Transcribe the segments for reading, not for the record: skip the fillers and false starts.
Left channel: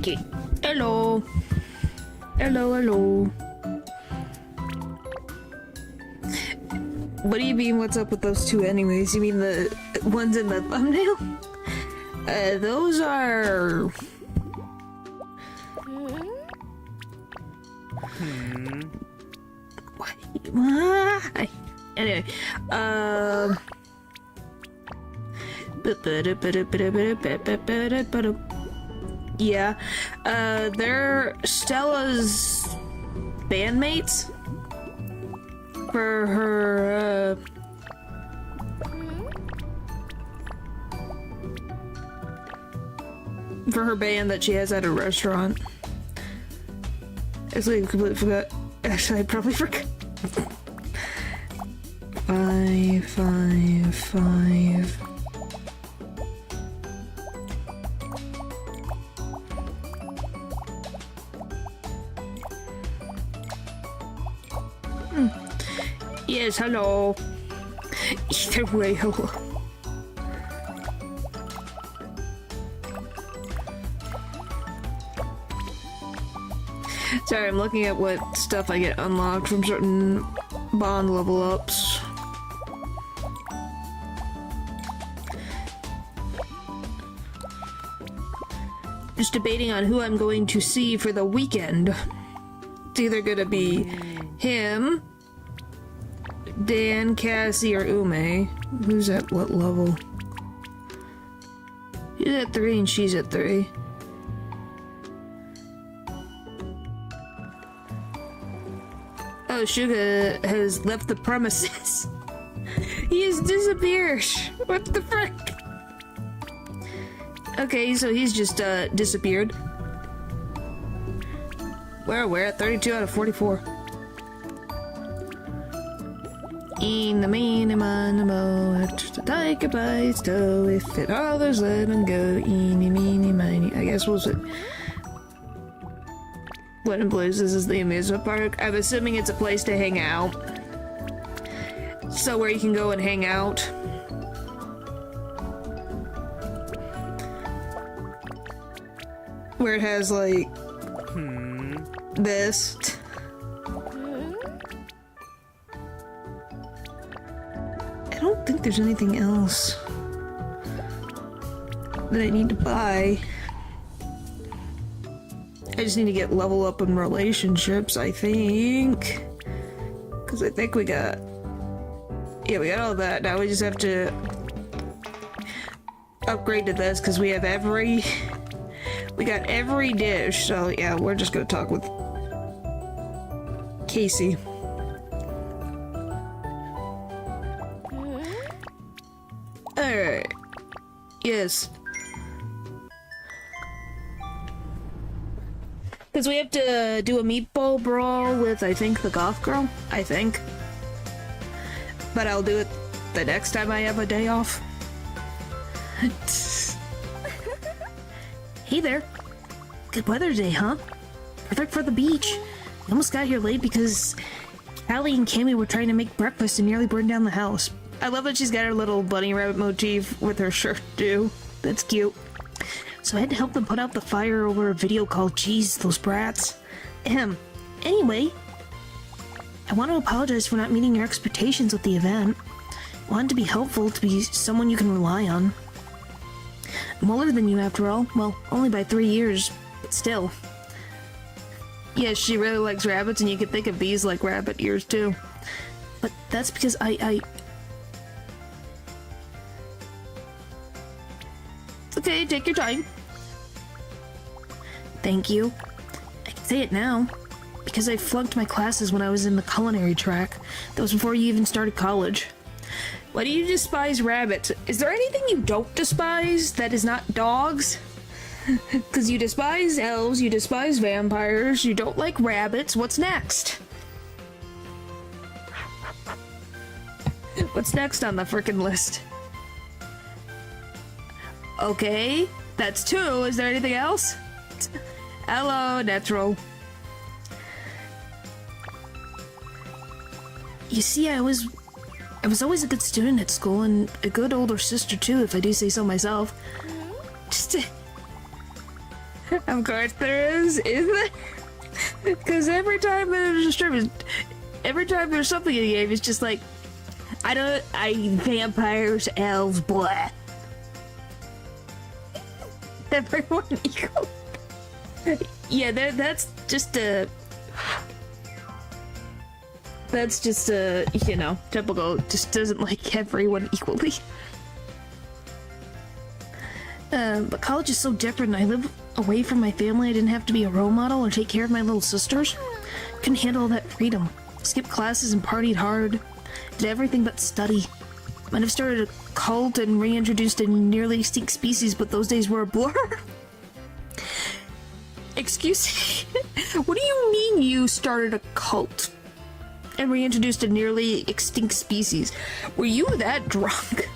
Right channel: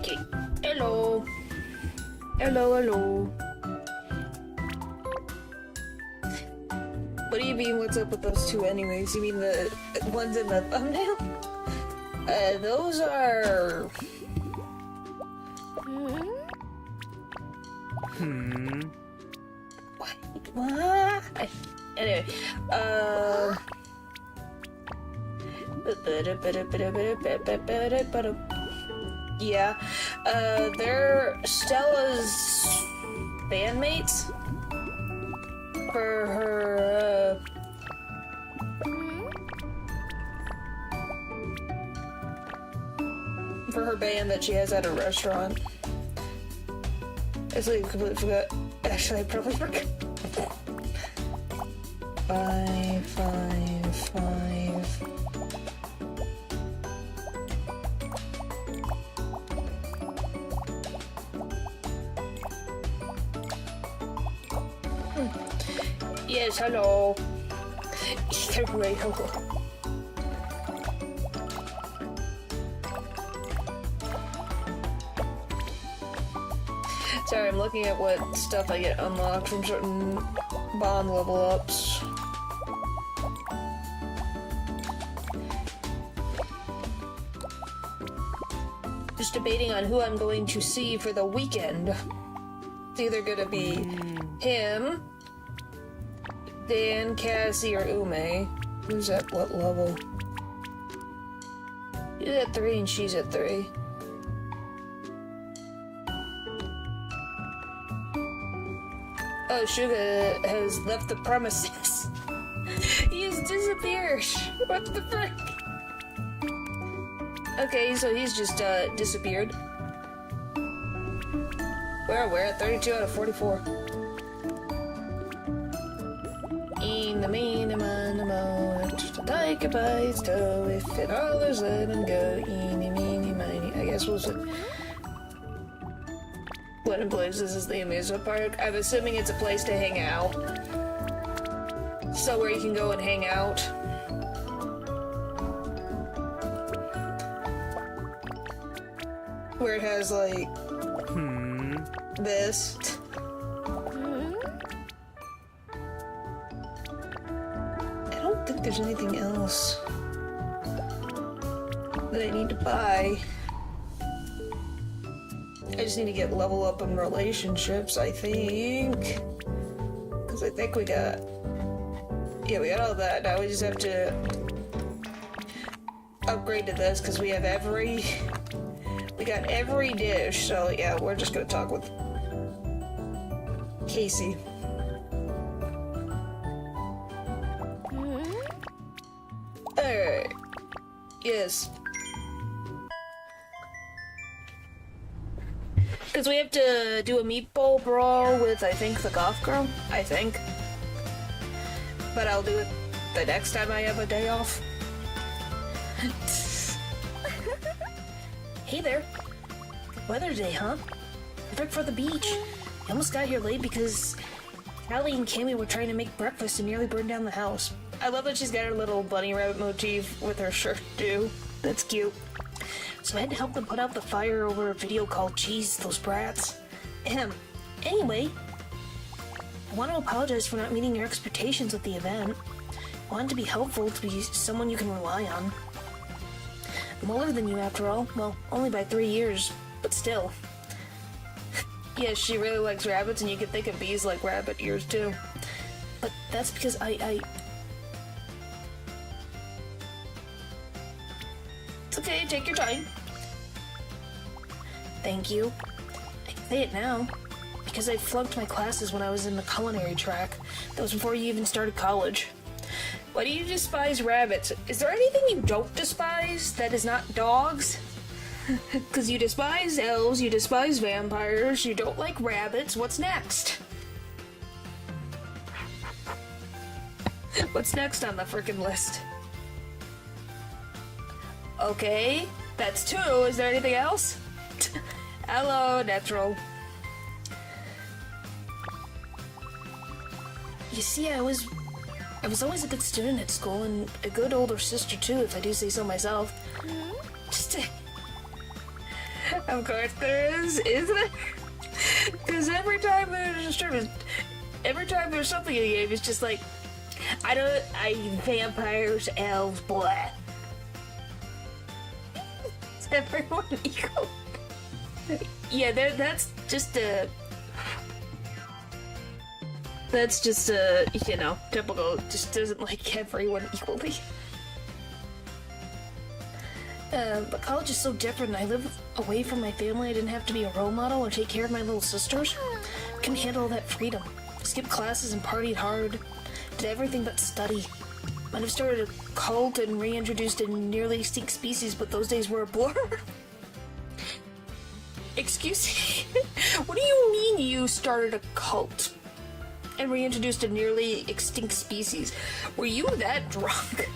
Okay. Hello. Hello, hello. What do you mean, what's up with those two anyways? You mean the ones in the thumbnail? Those are... What? Anyway, yeah, they're Stella's bandmates for her, band that she has at a restaurant. Actually, I completely forgot. Actually, I probably forgot. 5, 5, 5. Yes, hello. Either way, hello. Sorry, I'm looking at what stuff I get unlocked from certain bond level ups. Just debating on who I'm going to see for the weekend. It's either gonna be him, Dan, Cassie, or Ume. Who's at what level? He's at 3 and she's at 3. Oh, Suga has left the premises. He has disappeared. What the frick? Okay, so he's just disappeared. We're at 32 out of 44. In the minimum, to take a bite, so if it all is let him go. Eeny, meeny, miny. I guess we'll say. What in places is the amusement park? I'm assuming it's a place to hang out. So where you can go and hang out. Where it has like this. I don't think there's anything else that I need to buy. I just need to get level up in relationships, I think. Because I think we got... Yeah, we got all that. Now we just have to upgrade to this because we have every... We got every dish, so yeah, we're just gonna talk with Casey. Alright. Yes. Because we have to do a meatball brawl with, I think, the goth girl. I think. But I'll do it the next time I have a day off. Hey there. Good weather today, huh? Perfect for the beach. I almost got here late because Callie and Cammy were trying to make breakfast and nearly burned down the house. I love that she's got her little bunny rabbit motif with her shirt too. That's cute. So I had to help them put out the fire over a video call. Jeez, those brats. Anyway, I want to apologize for not meeting your expectations with the event. I wanted to be helpful, to be someone you can rely on. I'm older than you after all. Well, only by 3 years, but still. Yes, she really likes rabbits, and you could think of bees like rabbit ears too. But that's because It's okay, take your time. Thank you. I can say it now. Because I flunked my classes when I was in the culinary track. That was before you even started college. Why do you despise rabbits? Is there anything you don't despise that is not dogs? Because you despise elves, you despise vampires, you don't like rabbits. What's next? What's next on the frickin' list? Okay, that's 2. Is there anything else? Hello, natural. You see, I was always a good student at school, and a good older sister too, if I do say so myself. Of course there is there? Because every time there's something in the game, it's just like, vampires, elves, blah. Is everyone equal? Yeah, that's just a, you know, typical, just doesn't like everyone equally. But college is so different. I live away from my family. I didn't have to be a role model or take care of my little sisters. Couldn't handle all that freedom. Skipped classes and partied hard. Did everything but study. Might have started a cult and reintroduced a nearly extinct species, but those days were a blur. Excuse me? What do you mean you started a cult and reintroduced a nearly extinct species? Were you that drunk?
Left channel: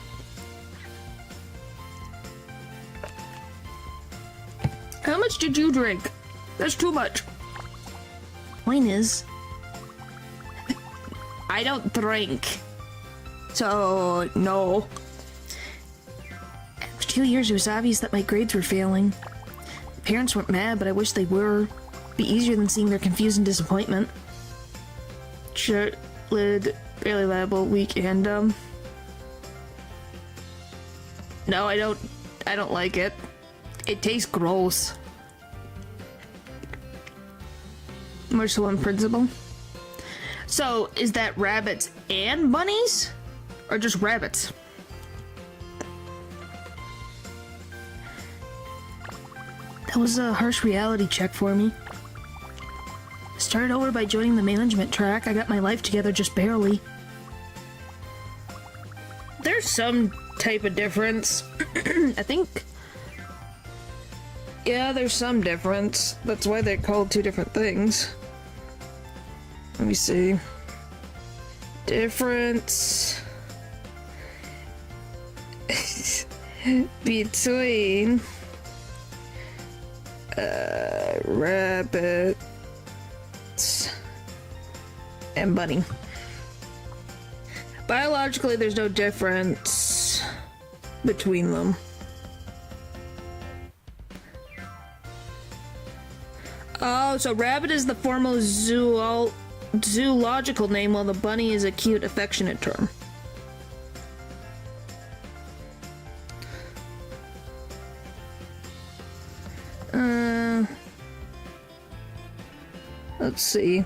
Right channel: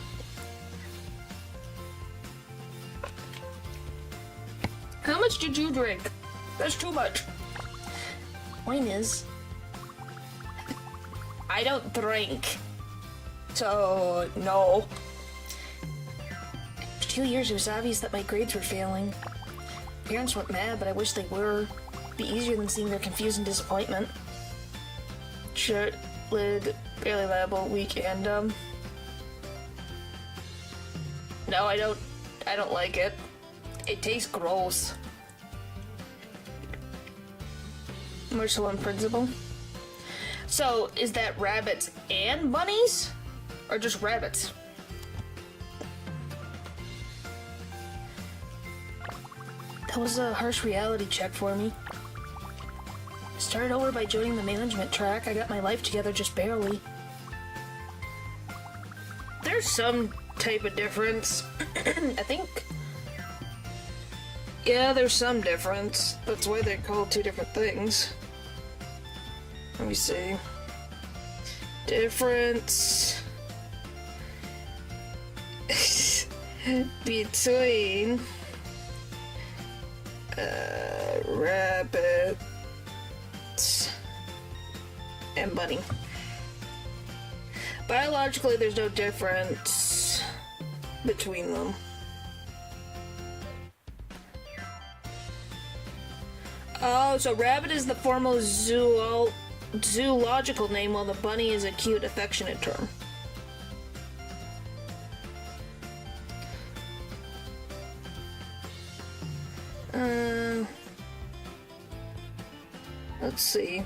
How much did you drink? That's too much. Point is, I don't drink. So, no. After 2 years, it was obvious that my grades were failing. Parents weren't mad, but I wish they were. It'd be easier than seeing their confused and disappointment. Short lid, barely liable, weak, and no, I don't like it. It tastes gross. Marshall and principal. So, is that rabbits and bunnies? Or just rabbits? That was a harsh reality check for me. Started over by joining the management track. I got my life together just barely. There's some type of difference. I think... Yeah, there's some difference. That's why they're called two different things. Let me see. Difference... between... rabbits and bunny. Biologically, there's no difference between them. Oh, so rabbit is the formal zoological name, while the bunny is a cute, affectionate term. Let's see.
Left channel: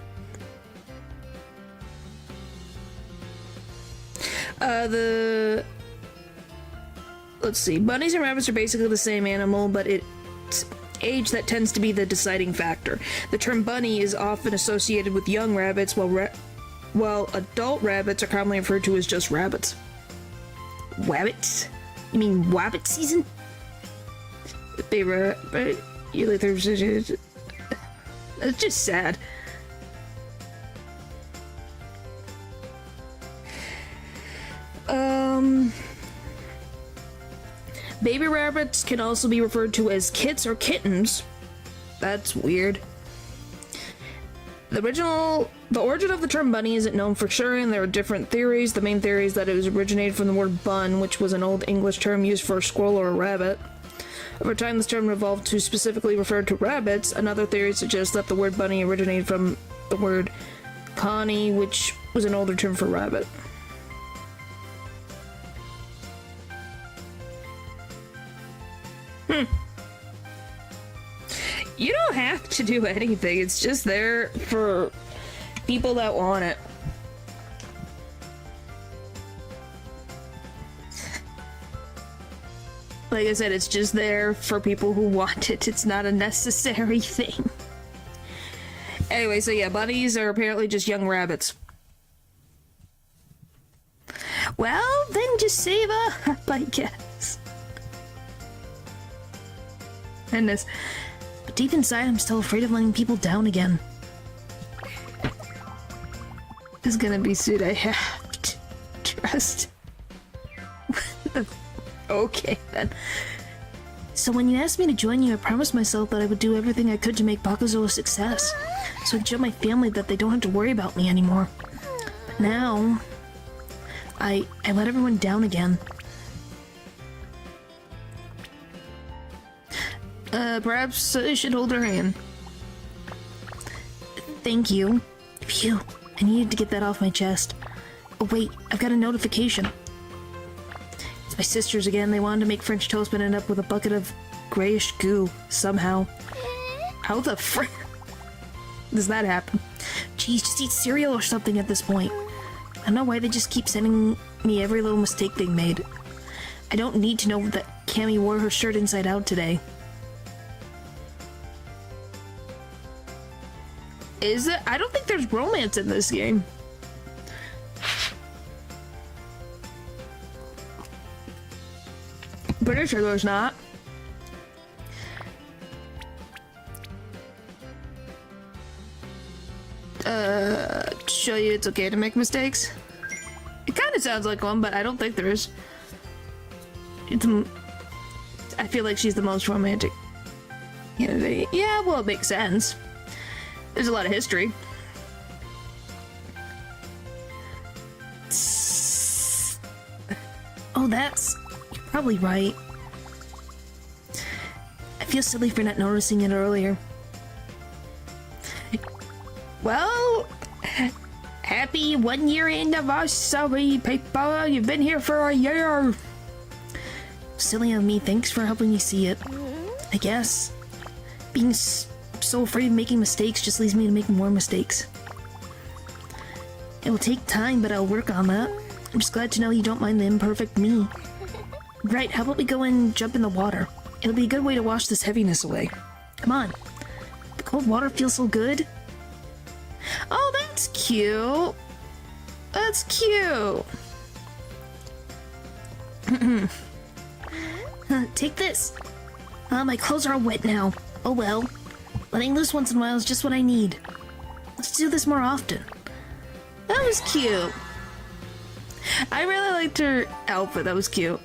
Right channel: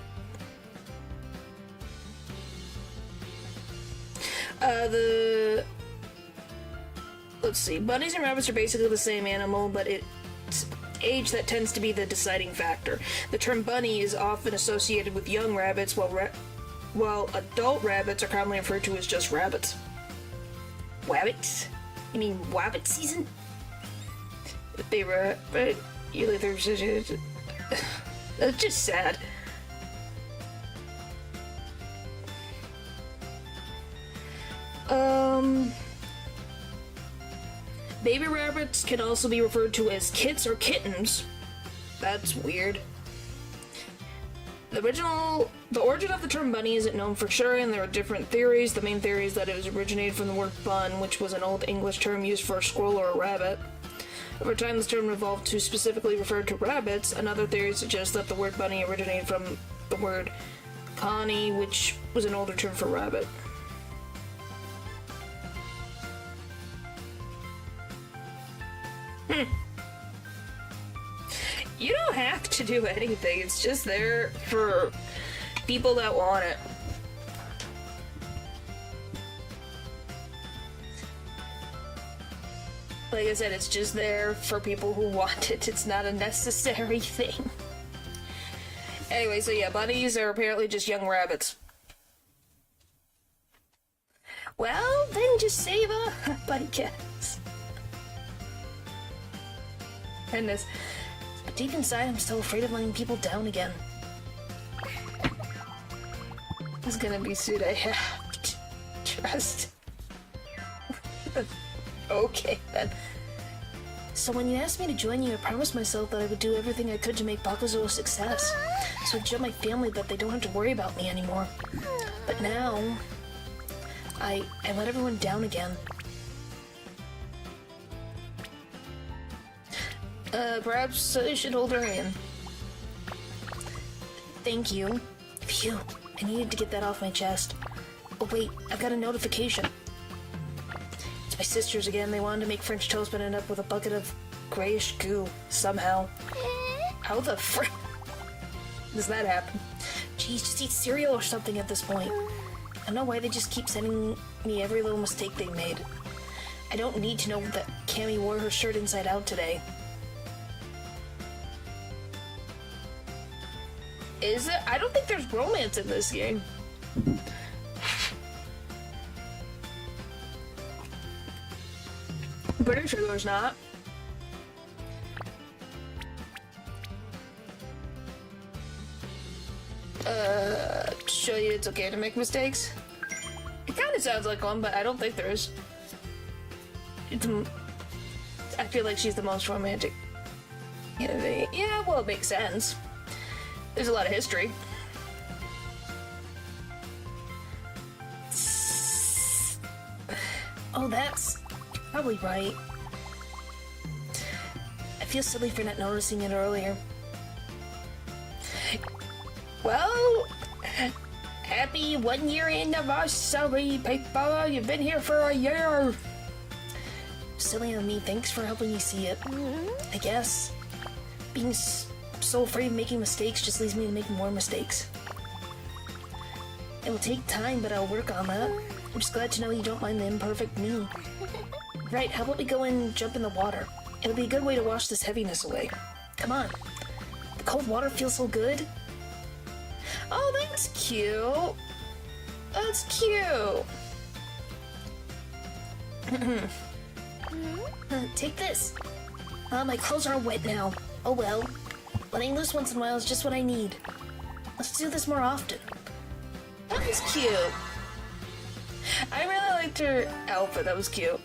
Let's see. Bunnies and rabbits are basically the same animal, but it's age that tends to be the deciding factor. The term bunny is often associated with young rabbits, while adult rabbits are commonly referred to as just rabbits. Wabbits? You mean wabbit season? They were, but it's just sad. Baby rabbits can also be referred to as kits or kittens. That's weird. The origin of the term bunny isn't known for sure, and there are different theories. The main theory is that it was originated from the word bun, which was an old English term used for a squirrel or a rabbit. Over time, this term evolved to specifically refer to rabbits. Another theory suggests that the word bunny originated from the word connie, which was an older term for rabbit. You don't have to do anything. It's just there for people that want it. Like I said, it's just there for people who want it. It's not a necessary thing. Anyway, so yeah, bunnies are apparently just young rabbits. Well, then just save up, I guess. Goodness. But deep inside, I'm still afraid of letting people down again. This is gonna be suit I have to trust. Okay, then. So when you asked me to join you, I promised myself that I would do everything I could to make Bakuzo a success. So I'd show my family that they don't have to worry about me anymore. But now... I let everyone down again. Perhaps you should hold her hand. Thank you. Phew, I needed to get that off my chest. Oh wait, I've got a notification. It's my sisters again. They wanted to make French toast but ended up with a bucket of grayish goo, somehow. How the frick does that happen? Geez, just eat cereal or something at this point. I don't know why they just keep sending me every little mistake they made. I don't need to know that Cammy wore her shirt inside out today. Is it? I don't think there's romance in this game. I'm pretty sure there's not. Show you it's okay to make mistakes? It kind of sounds like one, but I don't think there is. I feel like she's the most romantic candidate. Yeah, well, it makes sense. There's a lot of history. Oh, you're probably right. I feel silly for not noticing it earlier. Well, happy 1 year anniversary, paper. You've been here for a year. Silly of me. Thanks for helping me see it. I guess being so afraid of making mistakes just leads me to make more mistakes. It will take time, but I'll work on that. I'm just glad to know you don't mind the imperfect me. Right, how about we go and jump in the water? It'll be a good way to wash this heaviness away. Come on. The cold water feels so good. Oh, that's cute. That's cute. Take this. My clothes are all wet now. Oh well. Letting loose once in a while is just what I need. Let's do this more often. That was cute. I really liked her outfit. That was cute.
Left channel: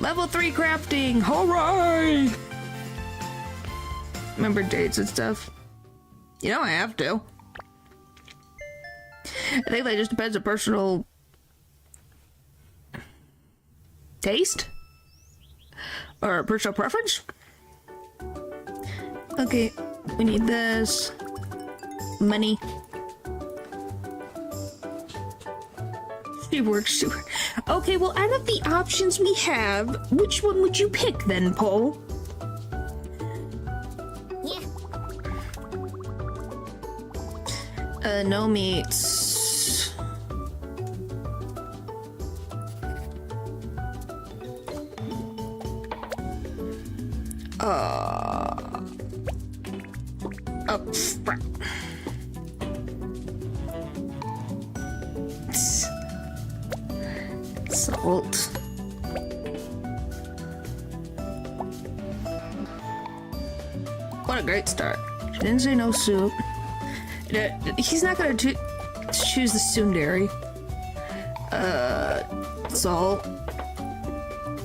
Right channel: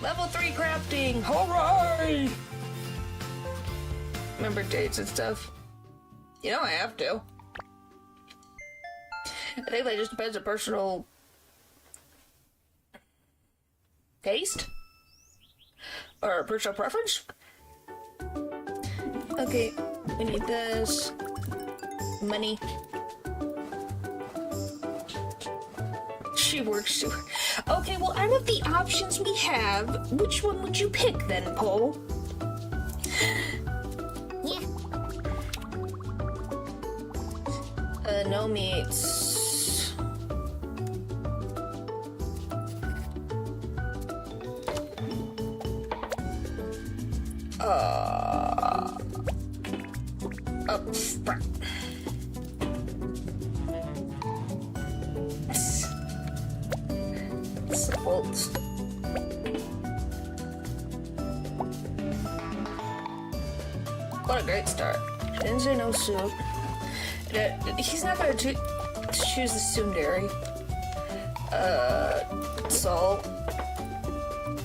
Level 3 crafting. Hooray! Remember dates and stuff? You know I have to. I think that just depends on personal taste or personal preference. Okay, we need this money. She works super. Okay, well, out of the options we have, which one would you pick then, Paul? Yeah. No meats. Oh, crap. Salt. What a great start. She didn't say no soup. He's not gonna choose the tsundere. Salt.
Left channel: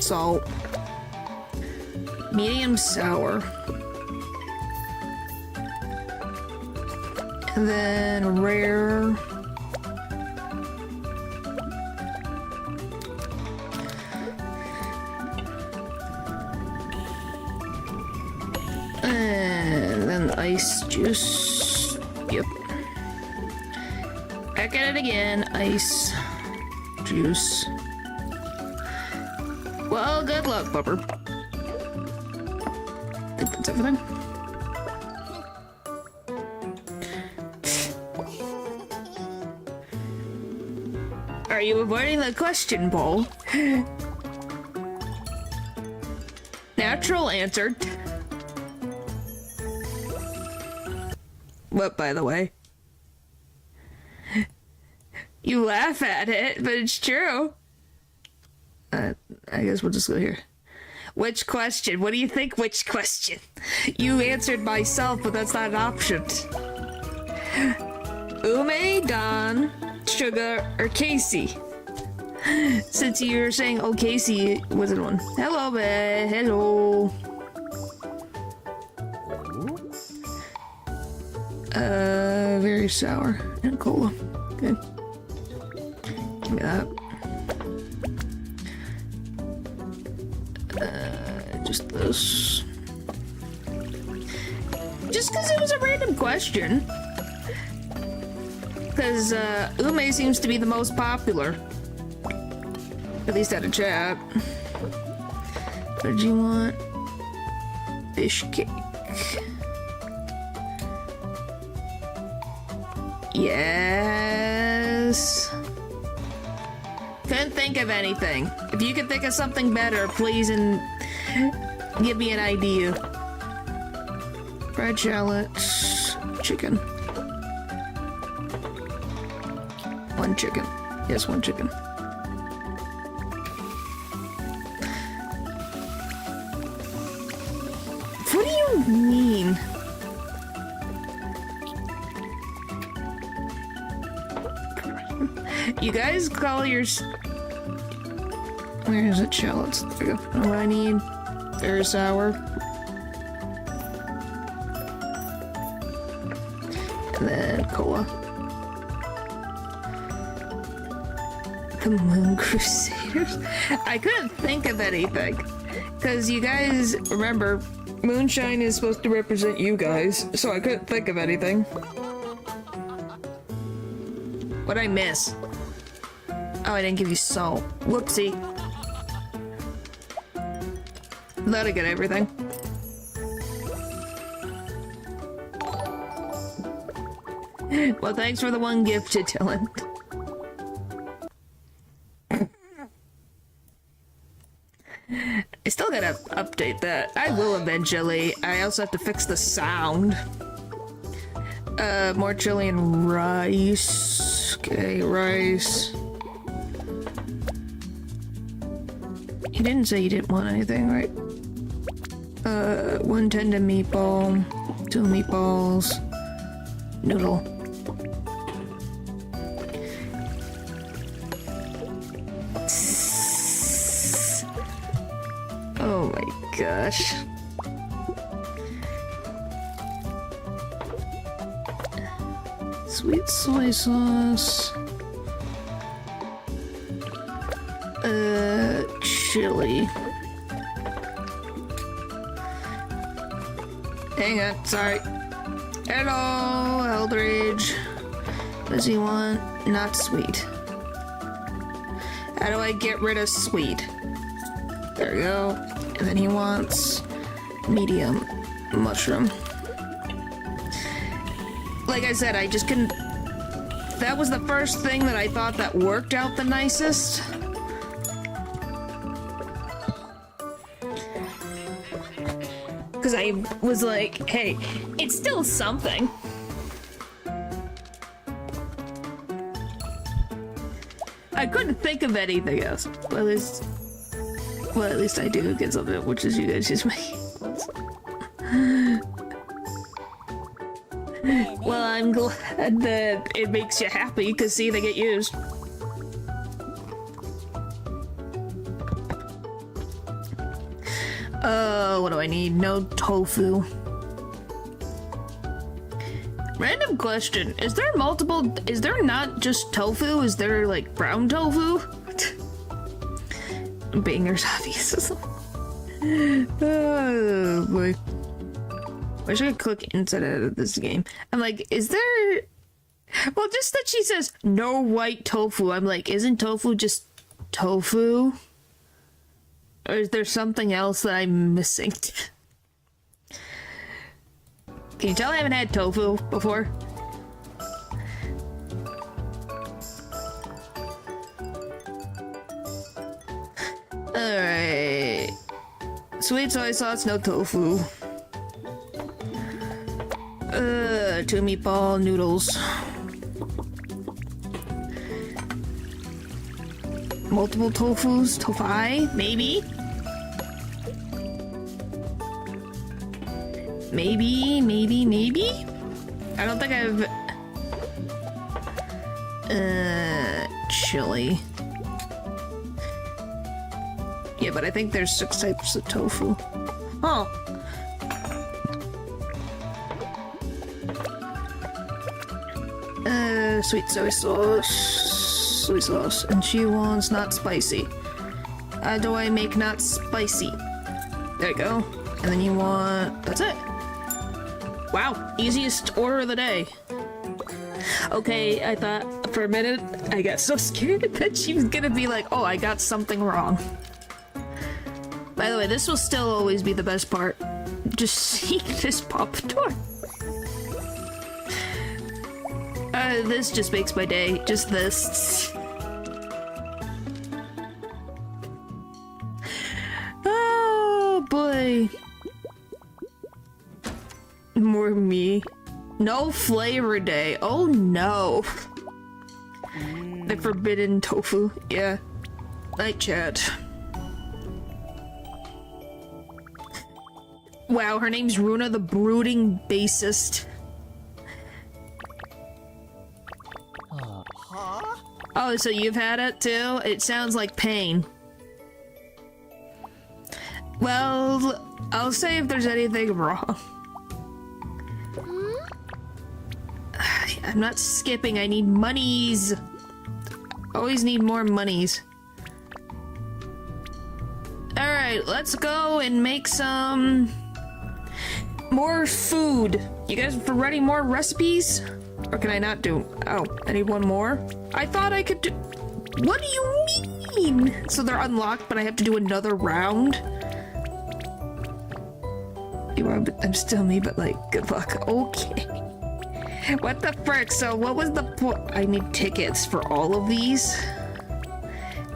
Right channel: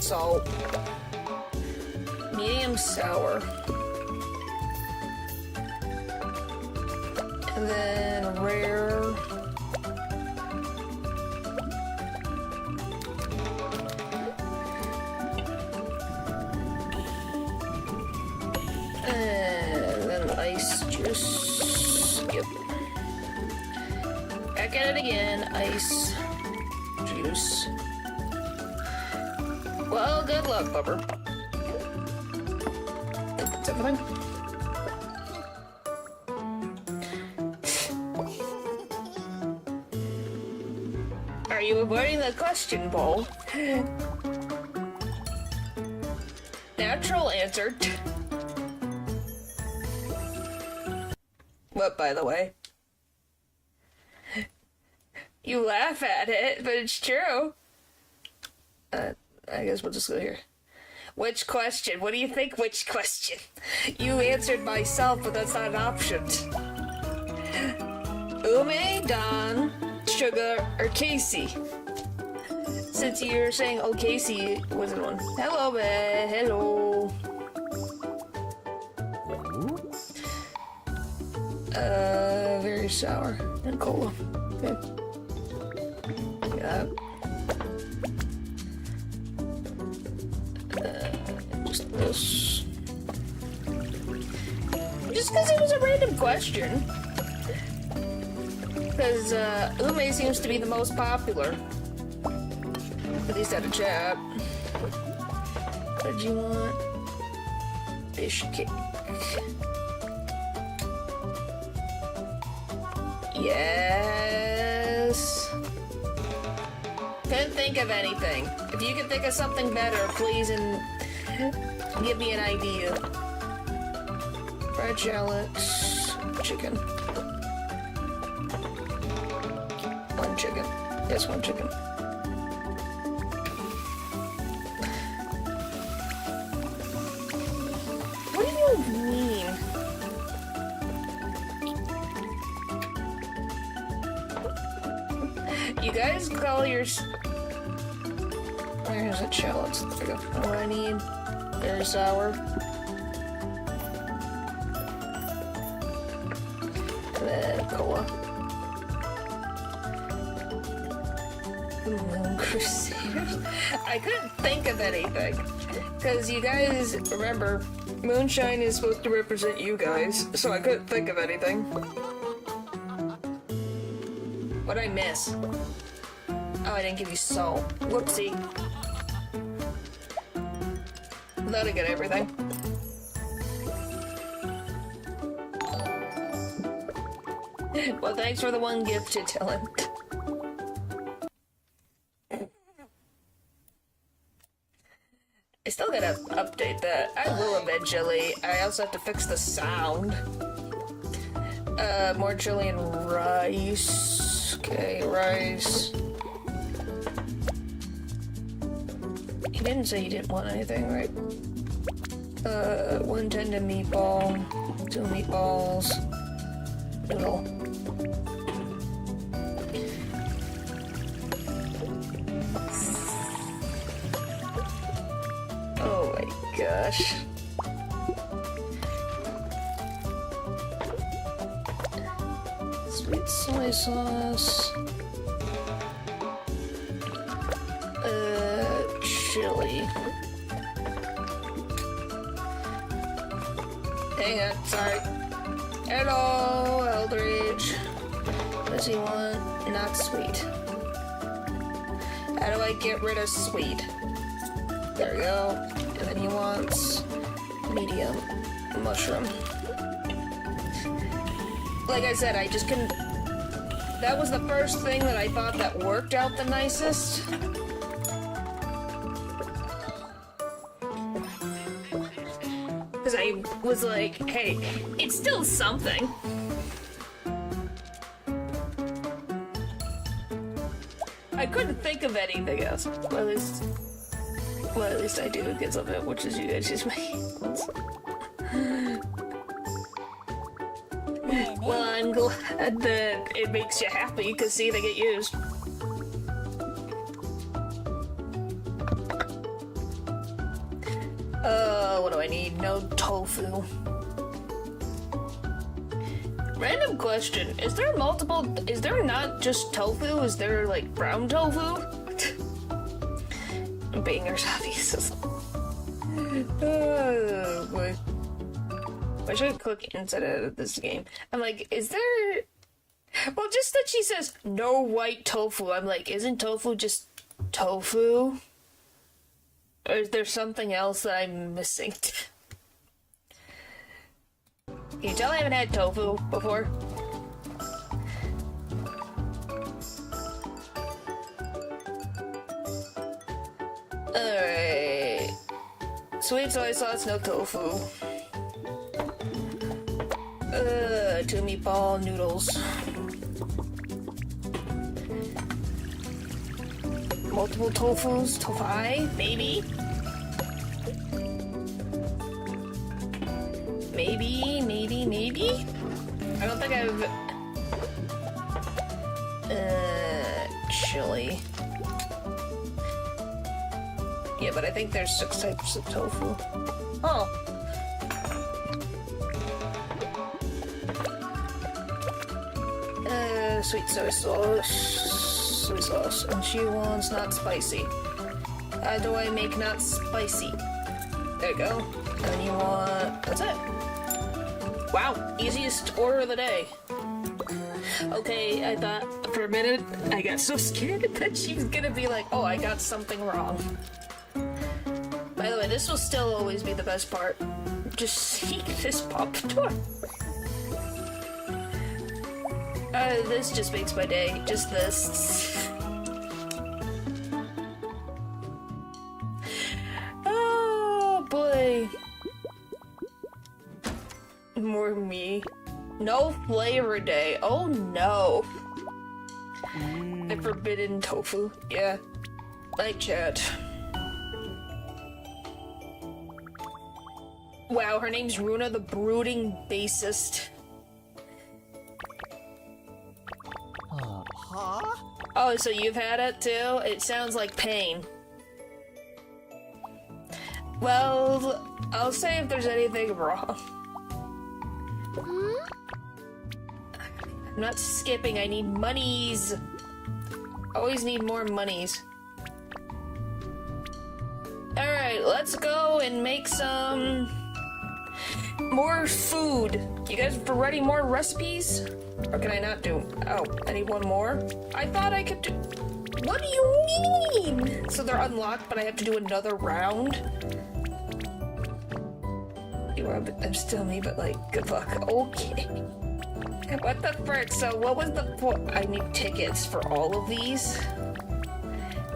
Salt. Medium sour. And then rare. And then the ice juice. Yep. Back at it again. Ice juice. Well, good luck, Pupper. I think that's everything. Are you avoiding the question, Paul? Natural answer. What, by the way? You laugh at it, but it's true. I guess we'll just go here. Which question? What do you think? Which question? You answered myself, but that's not an option. Ume, Don, Sugar, or Casey? Since you're saying, oh, Casey wasn't one. Hello, man. Hello. Very sour. And cola. Okay. Give me that. this. Just because it was a random question. Because ume seems to be the most popular. At least out of chat. What did you want? Fish cake. Yes. Couldn't think of anything. If you can think of something better, please and give me an idea. Fried shallots. Chicken. One chicken. Yes, one chicken. What do you mean? You guys call your... Where is it? Shallots. There we go. What I need. Very sour. And then cola. The Moon Crusaders? I couldn't think of anything. Because you guys, remember, moonshine is supposed to represent you guys, so I couldn't think of anything. What'd I miss? Oh, I didn't give you salt. Whoopsie. Thought I got everything. Well, thanks for the one gifted, Dylan. I still gotta update that. I will eventually. I also have to fix the sound. More chili and rice. Okay, rice. You didn't say you didn't want anything, right? One tender meatball, 2 meatballs, noodle. Oh my gosh. Sweet soy sauce. Chili. Hang on, sorry. Hello, Eldridge. What does he want? Not sweet. How do I get rid of sweet? There we go. And then he wants medium mushroom. Like I said, I just couldn't... That was the first thing that I thought that worked out the nicest. Because I was like, hey, it's still something. I couldn't think of anything else. Well, at least I do get something, which is you guys use my emails. Well, I'm glad that it makes you happy, because see, they get used. What do I need? No tofu. Random question. Is there not just tofu? Is there, like, brown tofu? Bangers, obvious. Oh, boy. Wish I could click inside of this game. I'm like, is there... Well, just that she says, no white tofu. I'm like, isn't tofu just tofu? Or is there something else that I'm missing? Can you tell I haven't had tofu before? Alright. Sweet soy sauce, no tofu. 2 meatball noodles. Multiple tofus? Tofu? Maybe? Maybe? I don't think I've... Chili. Yeah, but I think there's 6 types of tofu. Oh. Sweet soy sauce, and she wants not spicy. How do I make not spicy? There you go. And then you want... That's it. Wow, easiest order of the day. Okay, I thought for a minute, I got so scared that she was gonna be like, oh, I got something wrong. By the way, this will still always be the best part. Just seeing this pop door. This just makes my day. Just this. Oh, boy. More me. No flavor day. Oh, no. The forbidden tofu. Yeah. Night chat. Wow, her name's Runa the Brooding Bassist. Huh? Oh, so you've had it too? It sounds like pain. Well, I'll say if there's anything wrong. I'm not skipping, I need monies. Always need more monies. Alright, let's go and make some more food. You guys ready more recipes? Or can I not do? Oh, I need one more? I thought I could do... What do you mean? So they're unlocked, but I have to do another round? I'm still me, but like, good luck. Okay. What the frick? So what was the point? I need tickets for all of these?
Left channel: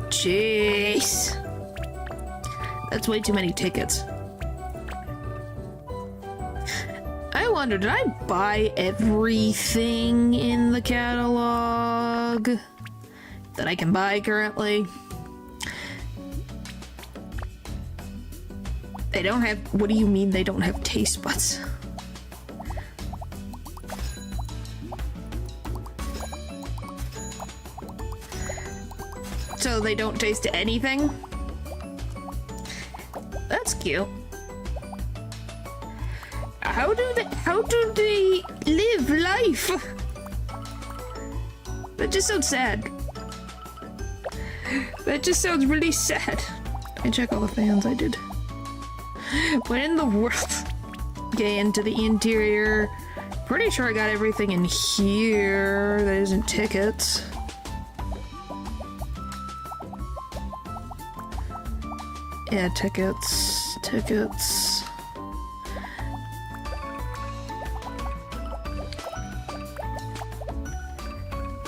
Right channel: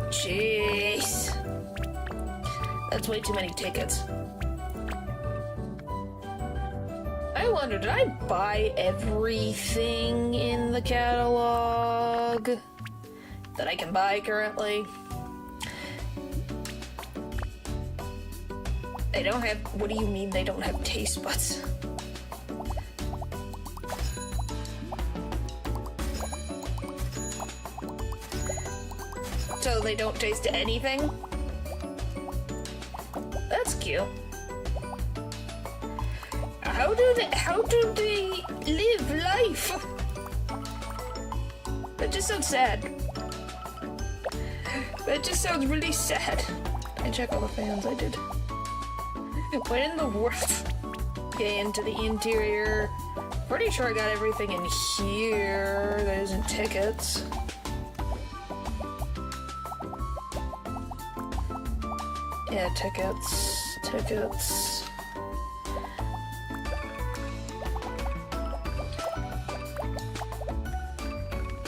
Jeez. That's way too many tickets. I wonder, did I buy everything in the catalog that I can buy currently? They don't have... What do you mean they don't have taste buds? So they don't taste anything? That's cute. How do they live life? That just sounds sad. That just sounds really sad. I check all the fans, I did. What in the world? Okay, into the interior. Pretty sure I got everything in here that isn't tickets. Yeah, tickets. Tickets.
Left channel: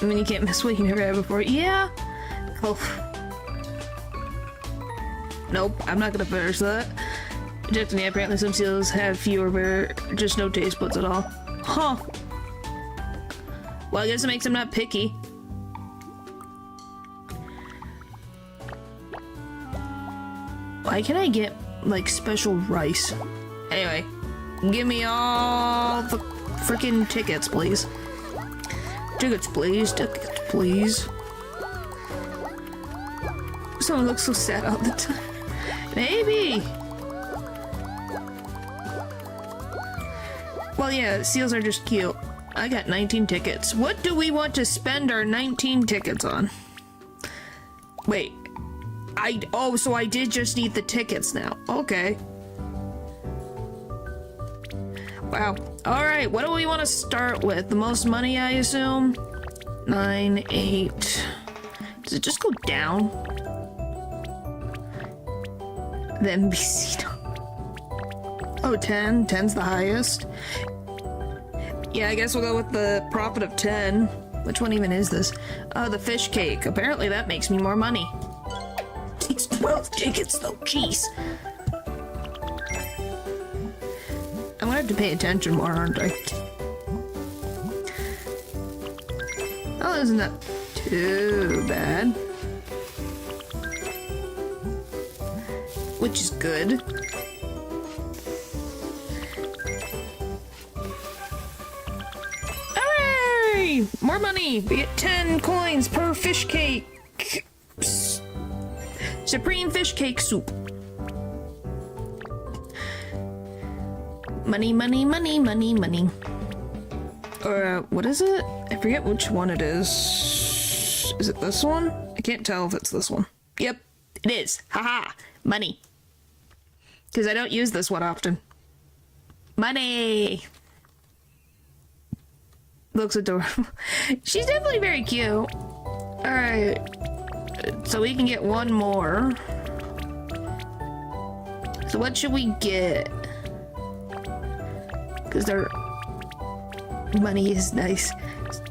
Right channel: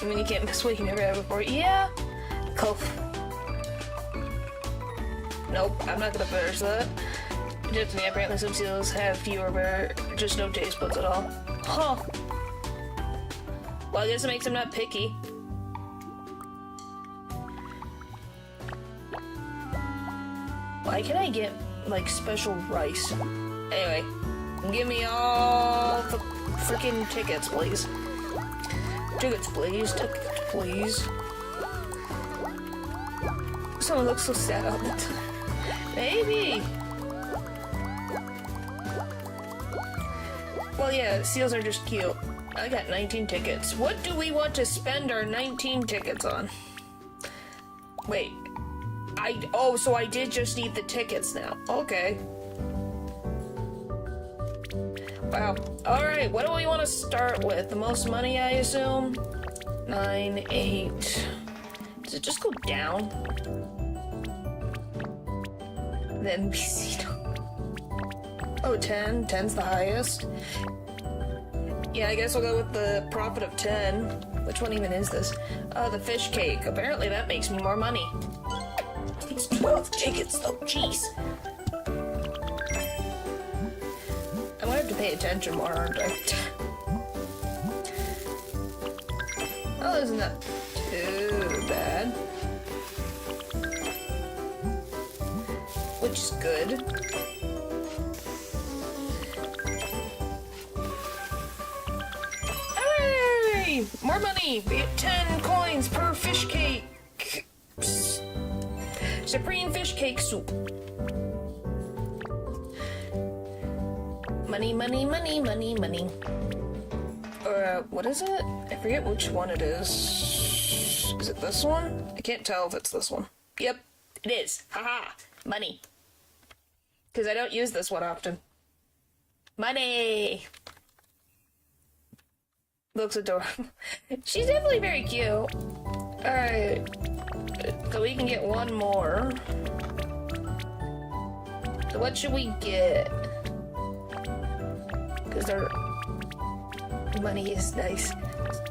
I mean, you can't miss what you never had before. Yeah. Cool. Nope, I'm not gonna finish that. Destiny, apparently some seals have fewer, but just no taste buds at all. Huh. Well, I guess it makes them not picky. Why can I get, like, special rice? Anyway, give me all the freaking tickets, please. Tickets, please. Tickets, please. Someone looks so sad all the time. Maybe. Well, yeah, seals are just cute. I got 19 tickets. What do we want to spend our 19 tickets on? Wait. Oh, so I did just need the tickets now. Okay. Wow. Alright, what do we want to start with? The most money, I assume? 9, 8. Does it just go down? The NBC. Oh, 10. 10's the highest. Yeah, I guess we'll go with the profit of 10. Which one even is this? Oh, the fish cake. Apparently that makes me more money. It's 12 tickets though, jeez. I'm gonna have to pay attention more, aren't I? Oh, isn't that too bad? Which is good. Hey! More money! We get 10 coins per fish cake! Psst. Supreme fish cake soup. Money, money, money, money, money. Or, what is it? I forget which one it is. Is it this one? I can't tell if it's this one. Yep, it is. Haha, money. Because I don't use this one often. Money! Looks adorable. She's definitely very cute. Alright. So we can get one more. So what should we get? Because their money is nice.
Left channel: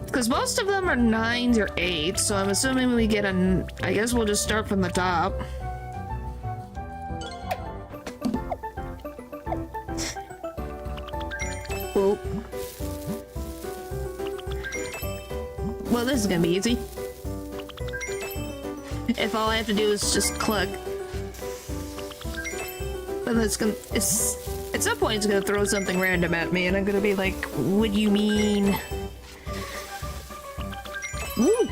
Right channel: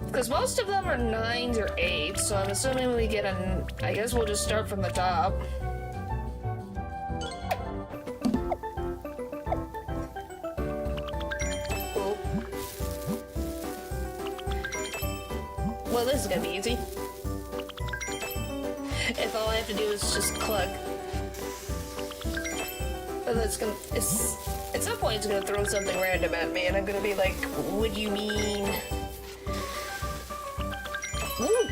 Because most of them are 9s or 8s, so I'm assuming we get a... I guess we'll just start from the top. Oop. Well, this is gonna be easy. If all I have to do is just click. But it's gonna... at some point it's gonna throw something random at me, and I'm gonna be like, what do you mean? Woo!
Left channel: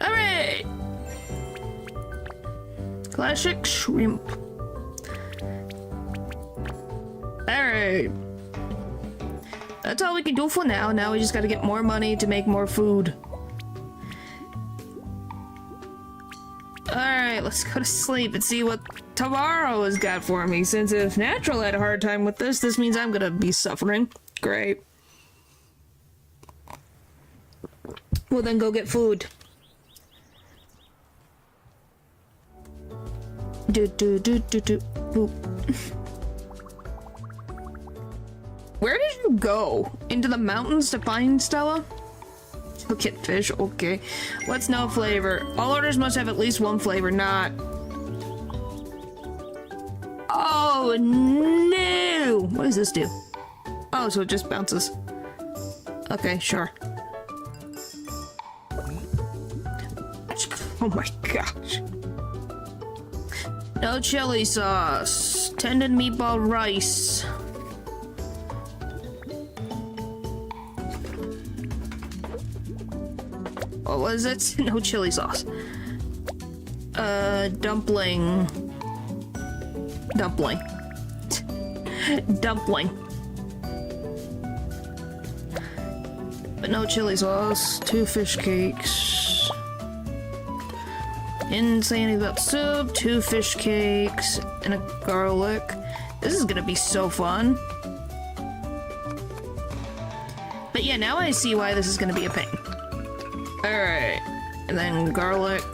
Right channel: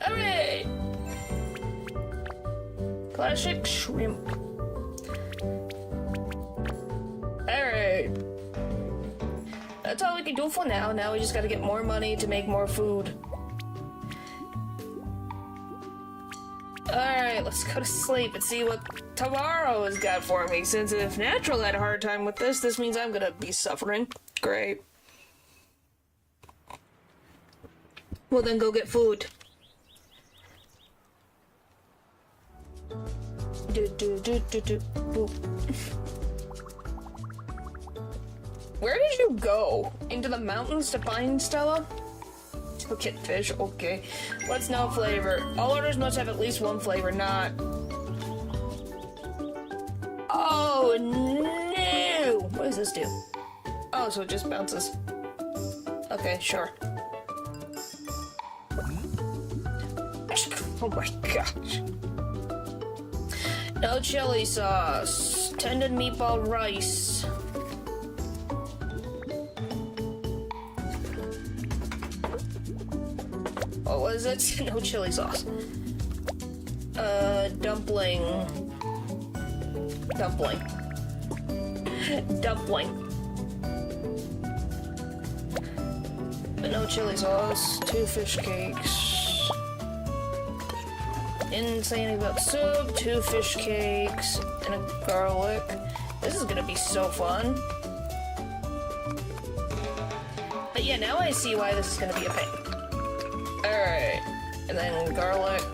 Alright! Classic shrimp. Alright. That's all we can do for now. Now we just gotta get more money to make more food. Alright, let's go to sleep and see what tomorrow has got for me. Since if Natural had a hard time with this, this means I'm gonna be suffering. Great. Well then go get food. Boop. Where did you go? Into the mountains to find Stella? To get fish, okay. What's no flavor? All orders must have at least one flavor, not... Oh no! What does this do? Oh, so it just bounces. Okay, sure. Oh my gosh. No chili sauce. Tendon meatball rice. Oh, what is it? No chili sauce. Dumpling. Dumpling. Dumpling. But no chili sauce. 2 fish cakes. Didn't say anything about soup. 2 fish cakes. And a garlic. This is gonna be so fun. But yeah, now I see why this is gonna be a pain. Alright. And then garlic.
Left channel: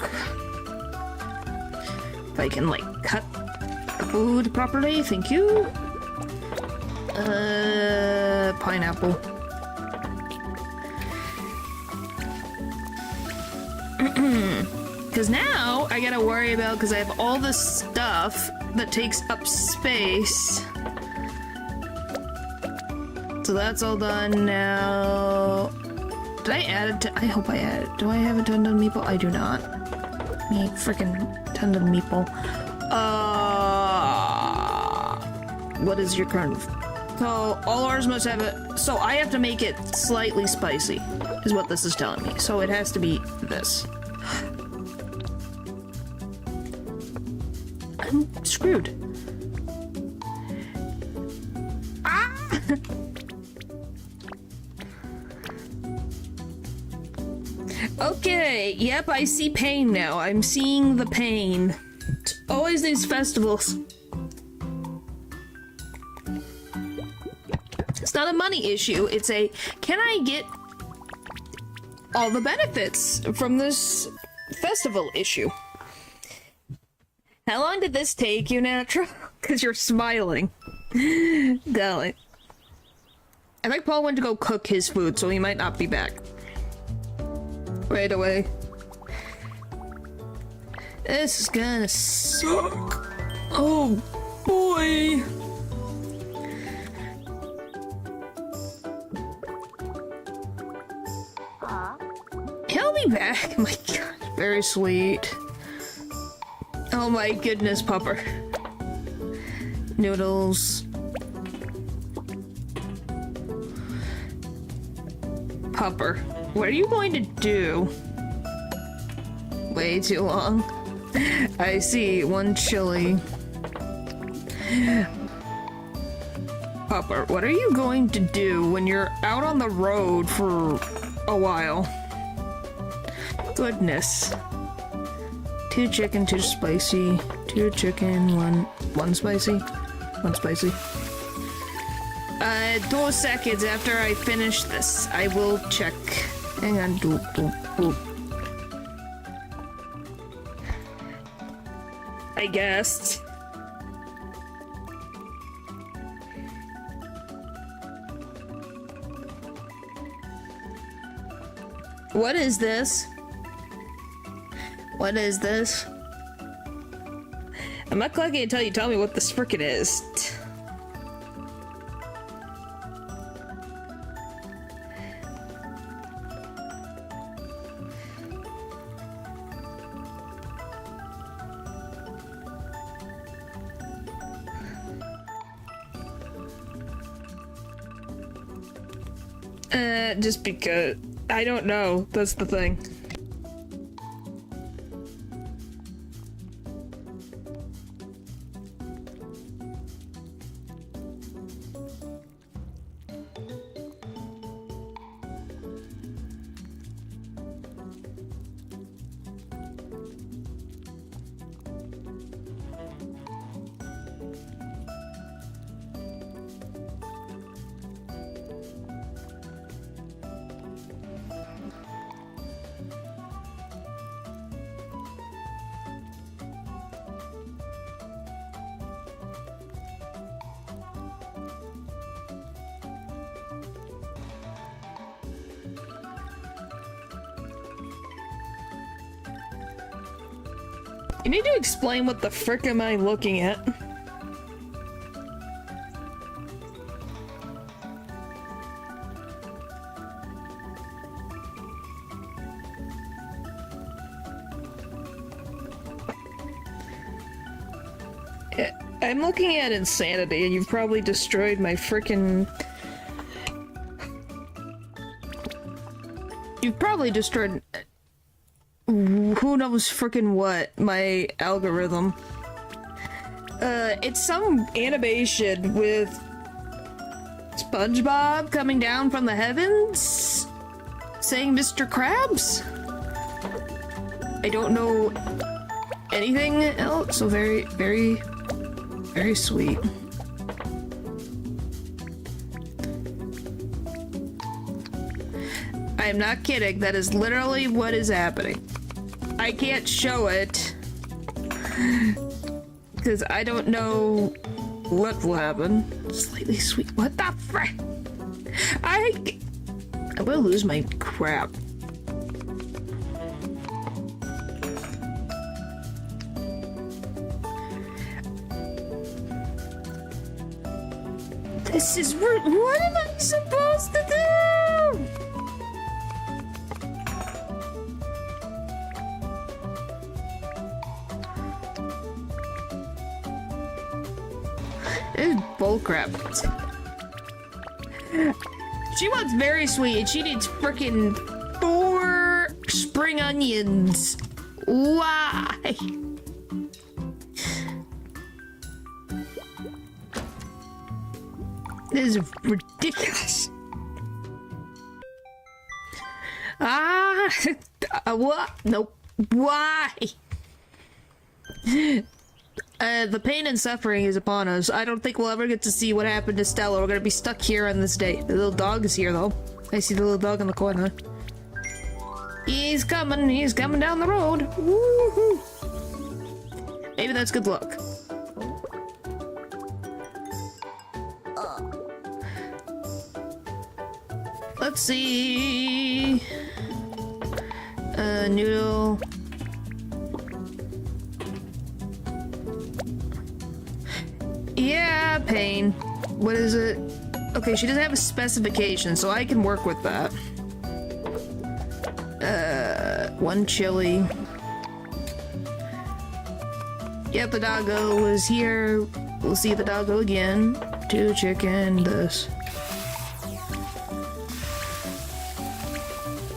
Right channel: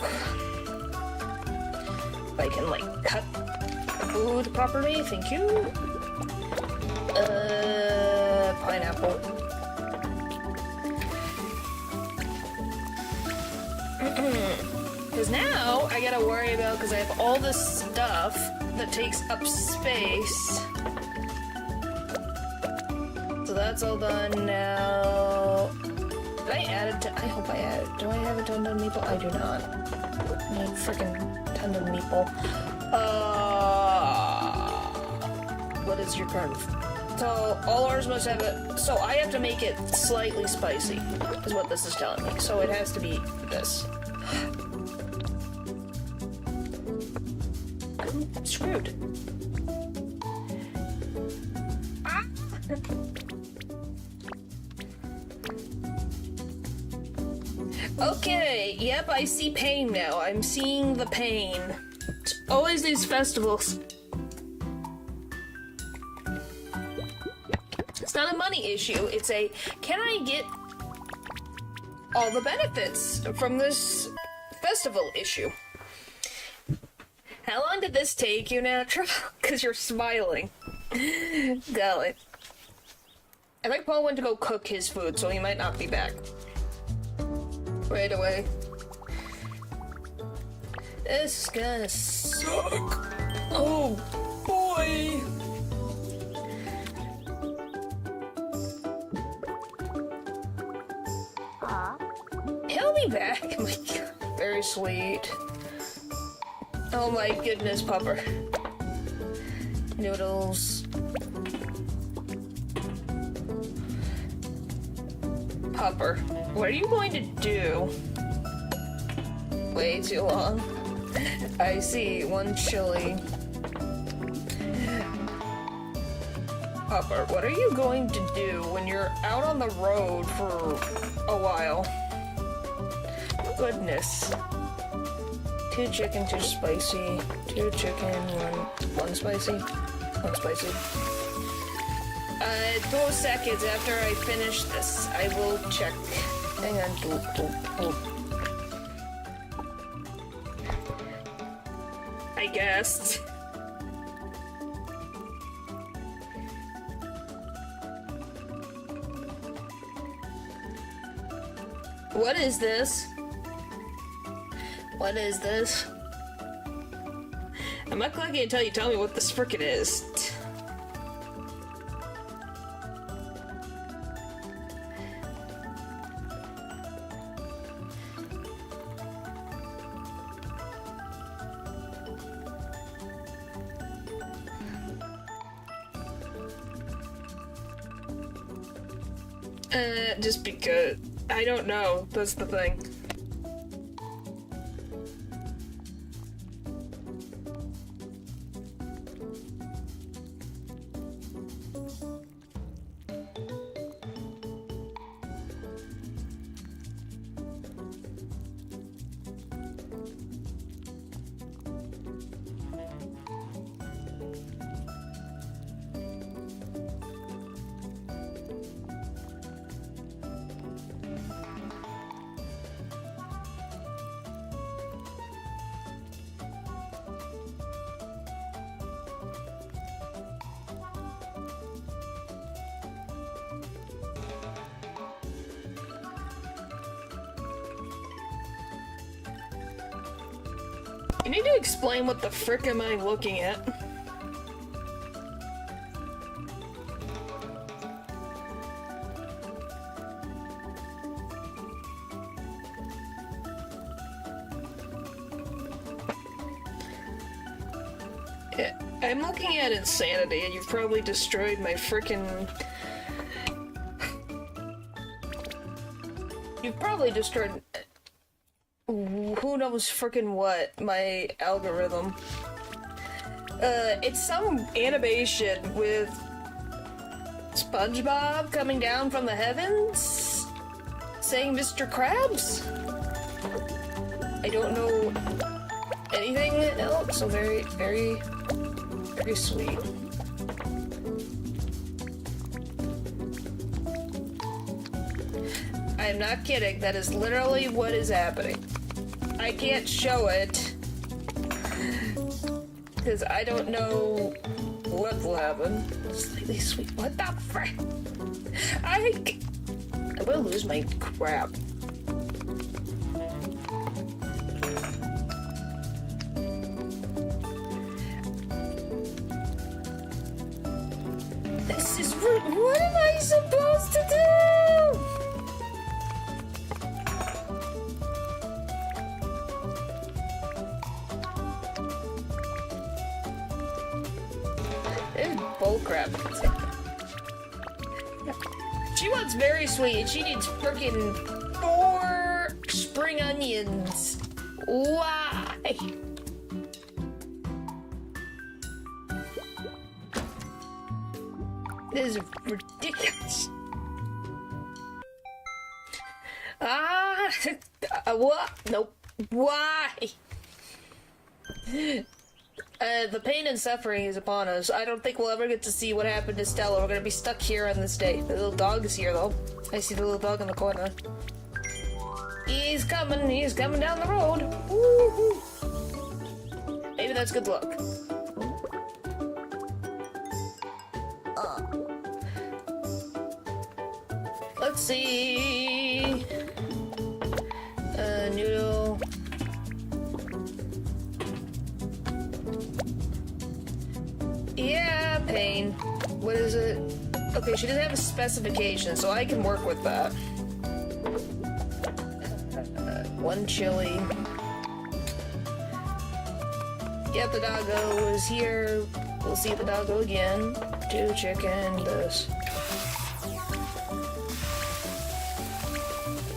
If I can, like, cut the food properly, thank you. Pineapple. Because now I gotta worry about, because I have all this stuff that takes up space. So that's all done now. Did I add it to... I hope I added it. Do I have a tendon meatball? I do not. Me freaking tendon meatball. What is your current... So, all ours must have it... So, I have to make it slightly spicy, is what this is telling me. So, it has to be this. I'm screwed. Ah! Okay, yep, I see pain now. I'm seeing the pain. It's always these festivals. It's not a money issue, it's a, can I get all the benefits from this festival issue? How long did this take you, Natural? Because you're smiling. Golly. I think Paul went to go cook his food, so he might not be back right away. This is gonna suck. Oh, boy. He'll be back. My God, very sweet. Oh my goodness, Pupper. Noodles. Pupper, what are you going to do? Way too long. I see, 1 chili. Pupper, what are you going to do when you're out on the road for a while? Goodness. 2 chicken, 2 spicy. 2 chicken, 1 spicy. 1 spicy. 2 seconds after I finish this, I will check. Hang on. I guessed. What is this? What is this? I'm not clocking until you tell me what this frickin' is. Just because I don't know. That's the thing. You need to explain what the frick am I looking at? I'm looking at insanity, and you've probably destroyed my frickin'... You've probably destroyed... who knows frickin' what, my algorithm. It's some animation with SpongeBob coming down from the heavens, saying Mr. Krabs? I don't know anything else, so very sweet. I'm not kidding, that is literally what is happening. I can't show it because I don't know what will happen. Slightly sweet. What the frick? I'm gonna lose my crap. This is rude. What am I supposed to do? This is bullcrap. She wants very sweet, and she needs frickin' 4 spring onions. Why? This is ridiculous. What? Nope. Why? The pain and suffering is upon us. I don't think we'll ever get to see what happened to Stella. We're gonna be stuck here on this day. The little dog is here, though. I see the little dog in the corner. He's coming down the road. Woohoo! Maybe that's good luck. Let's see. Noodle. Yeah, pain. What is it? Okay, she doesn't have a specification, so I can work with that. 1 chili. Yep, the doggo is here. We'll see the doggo again. 2 chicken, this.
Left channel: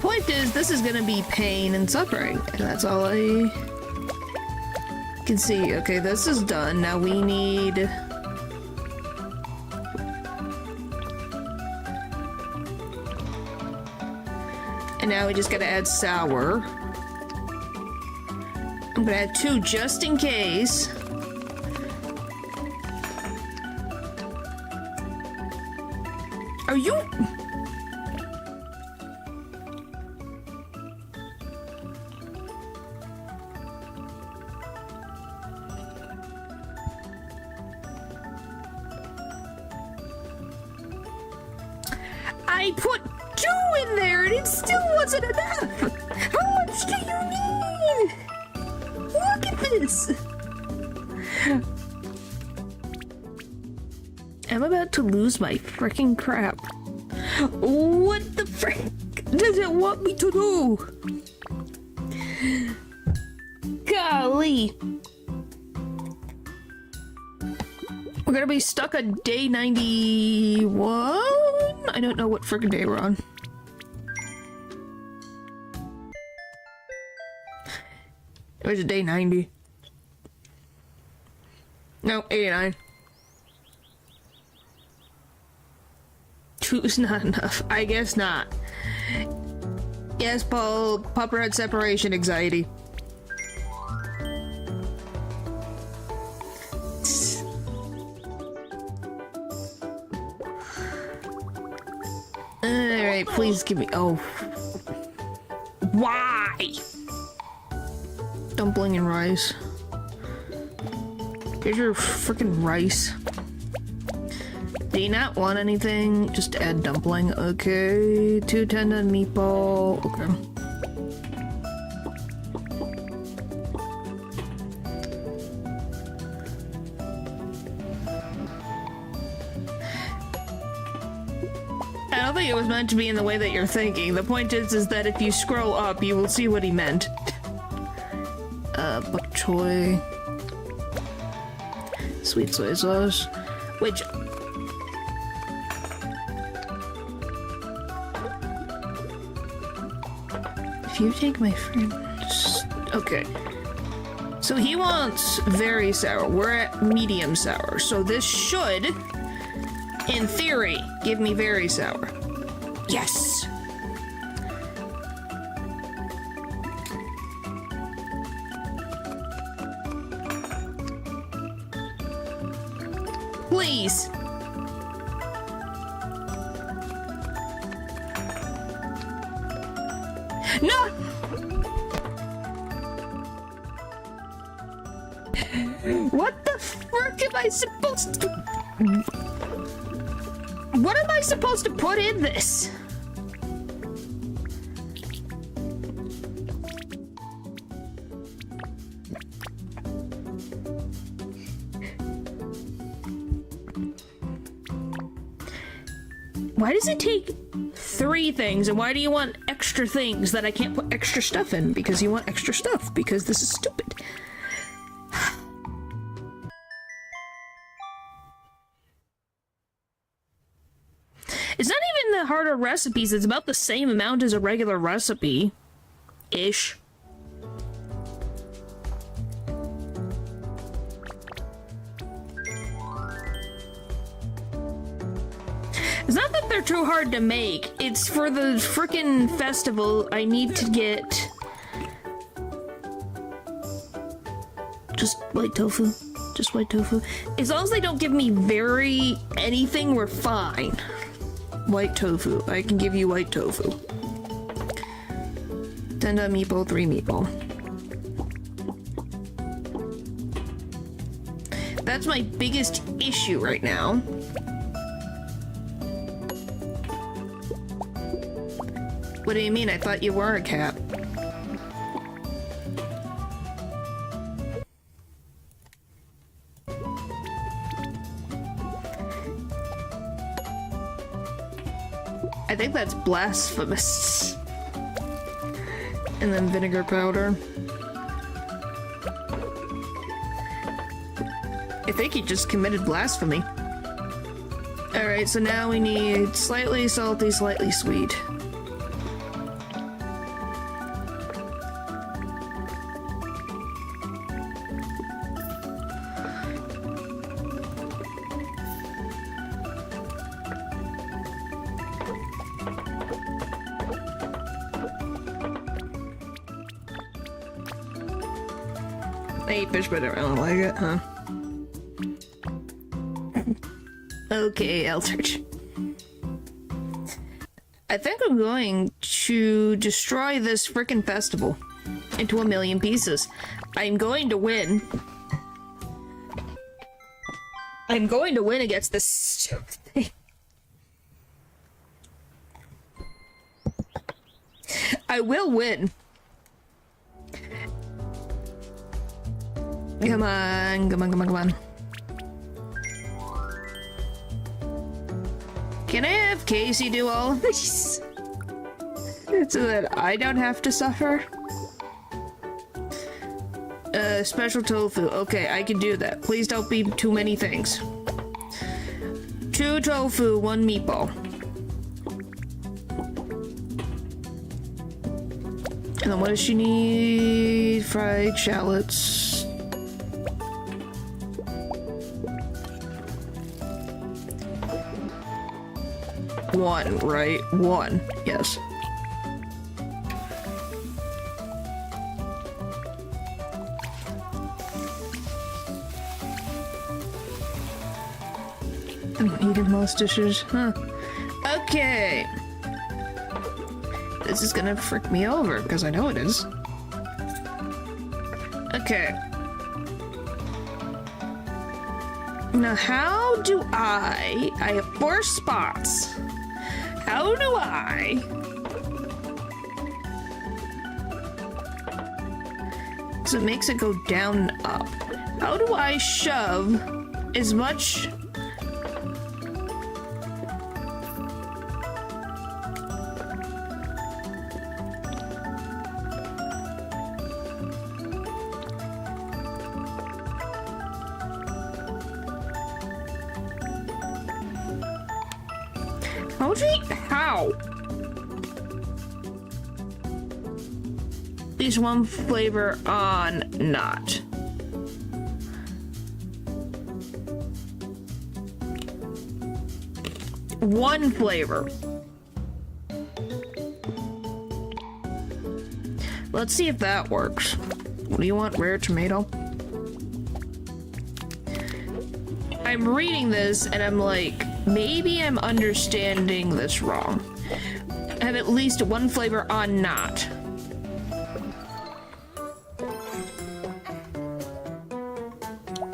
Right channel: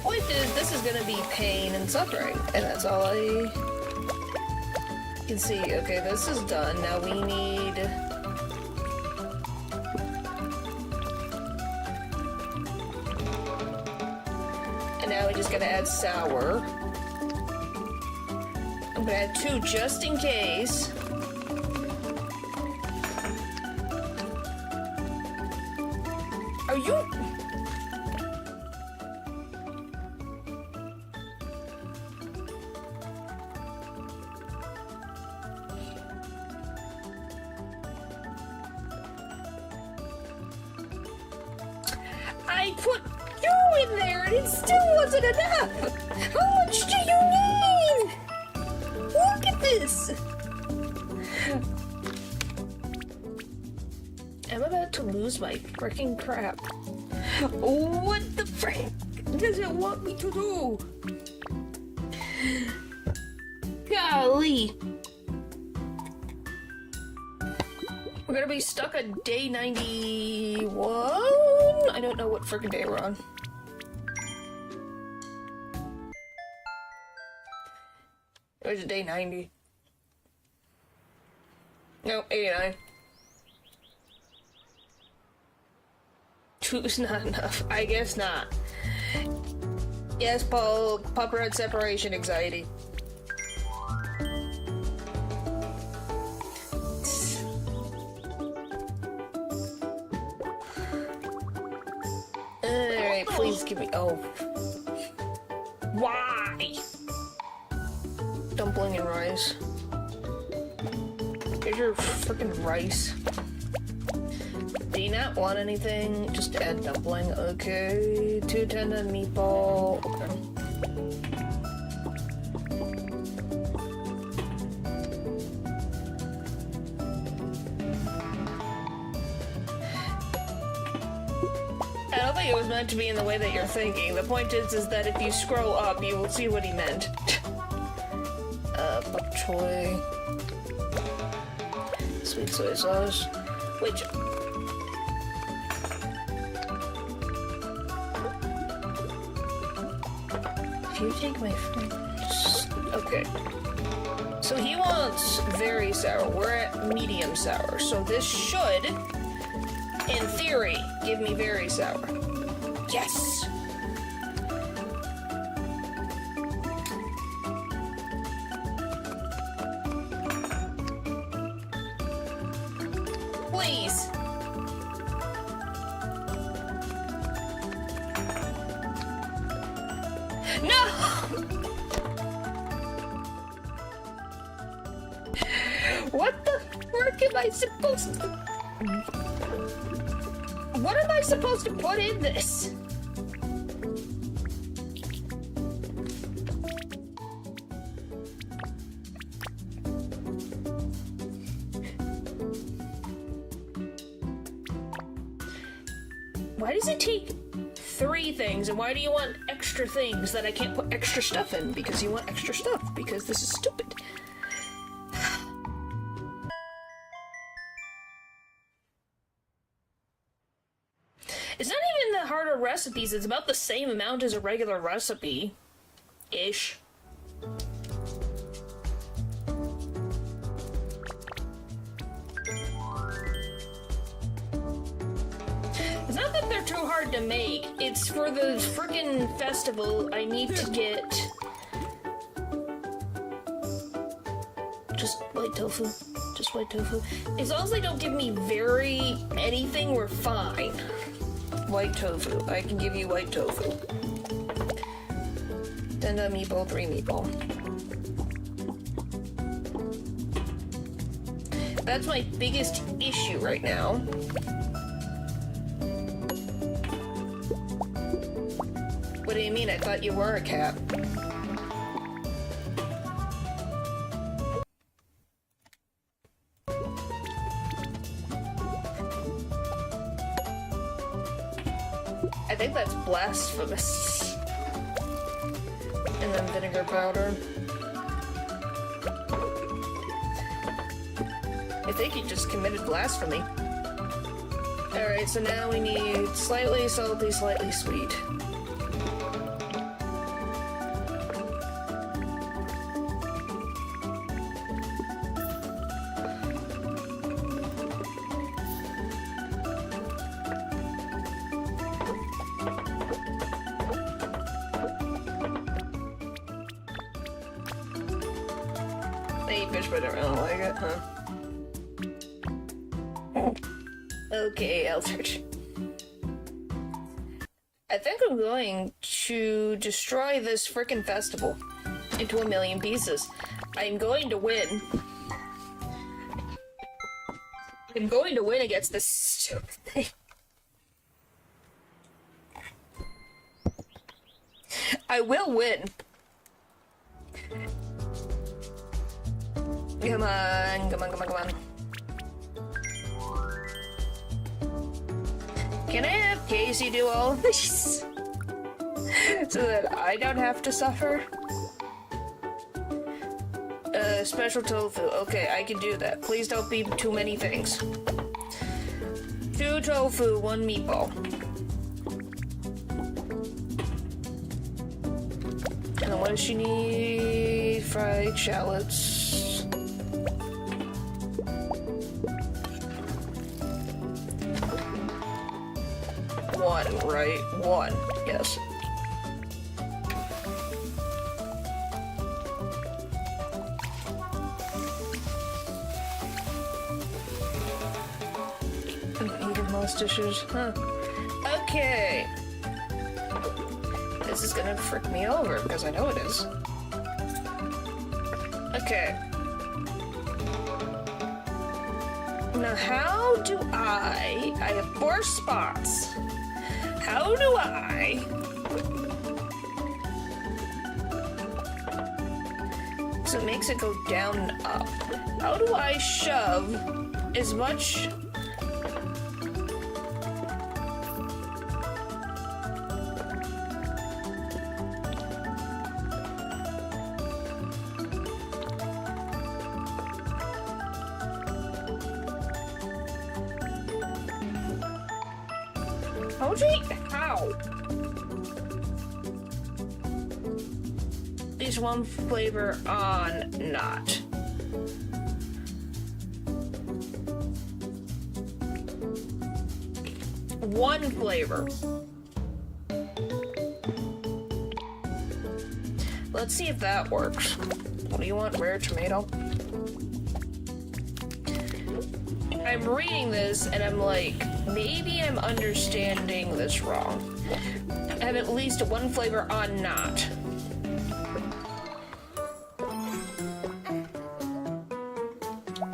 Point is, this is gonna be pain and suffering, and that's all I can see. Okay, this is done. Now we need... And now we just gotta add sour. I'm gonna add 2 just in case. Are you... I put 2 in there and it still wasn't enough! How much do you need? Look at this! I'm about to lose my freaking crap. What the frick does it want me to do? Golly! We're gonna be stuck on day 91? I don't know what friggin' day we're on. It was day 90. No, 89. 2 is not enough. I guess not. Yes, Paul, Pupper had separation anxiety. Alright, please give me... Oh. Why? Dumpling and rice. Here's your freaking rice. Do you not want anything? Just add dumpling. Okay. 2 tendon meatball. Okay. I don't think it was meant to be in the way that you're thinking. The point is that if you scroll up, you will see what he meant. Bok choy. Sweet soy sauce. Which... If you take my friends... Okay. So he wants very sour. We're at medium sour. So this should, in theory, give me very sour. Yes! Please! No! What the frick am I supposed to... What am I supposed to put in this? Why does it take 3 things, and why do you want extra things that I can't put extra stuff in? Because you want extra stuff, because this is stupid. It's not even the harder recipes, it's about the same amount as a regular recipe. Ish. It's not that they're too hard to make, it's for the frickin' festival I need to get... Just white tofu. Just white tofu. As long as they don't give me very anything, we're fine. White tofu. I can give you white tofu. 10 meatball, 3 meatball. That's my biggest issue right now. What do you mean? I thought you were a cat. I think that's blasphemous. And then vinegar powder. I think he just committed blasphemy. Alright, so now we need slightly salty, slightly sweet. eat fish, but I don't like it, huh? Okay, Eldritch. I think I'm going to destroy this frickin' festival into a million pieces. I'm going to win. I'm going to win against this stupid thing. I will win. Come on, come on, come on, come on. Can I have Casey do all of these? So that I don't have to suffer? Special tofu. Okay, I can do that. Please don't be too many things. 2 tofu, 1 meatball. And then what does she need? Fried shallots. One, right? 1, yes. I'm eating most dishes, huh? Okay. This is gonna frick me over, because I know it is. Okay. Now, how do I have 4 spots. How do I... So it makes it go down and up. How do I shove as much... How? At least 1 flavor on not. One flavor. Let's see if that works. What do you want? Rare tomato? I'm reading this and I'm like, maybe I'm understanding this wrong. I have at least 1 flavor on not.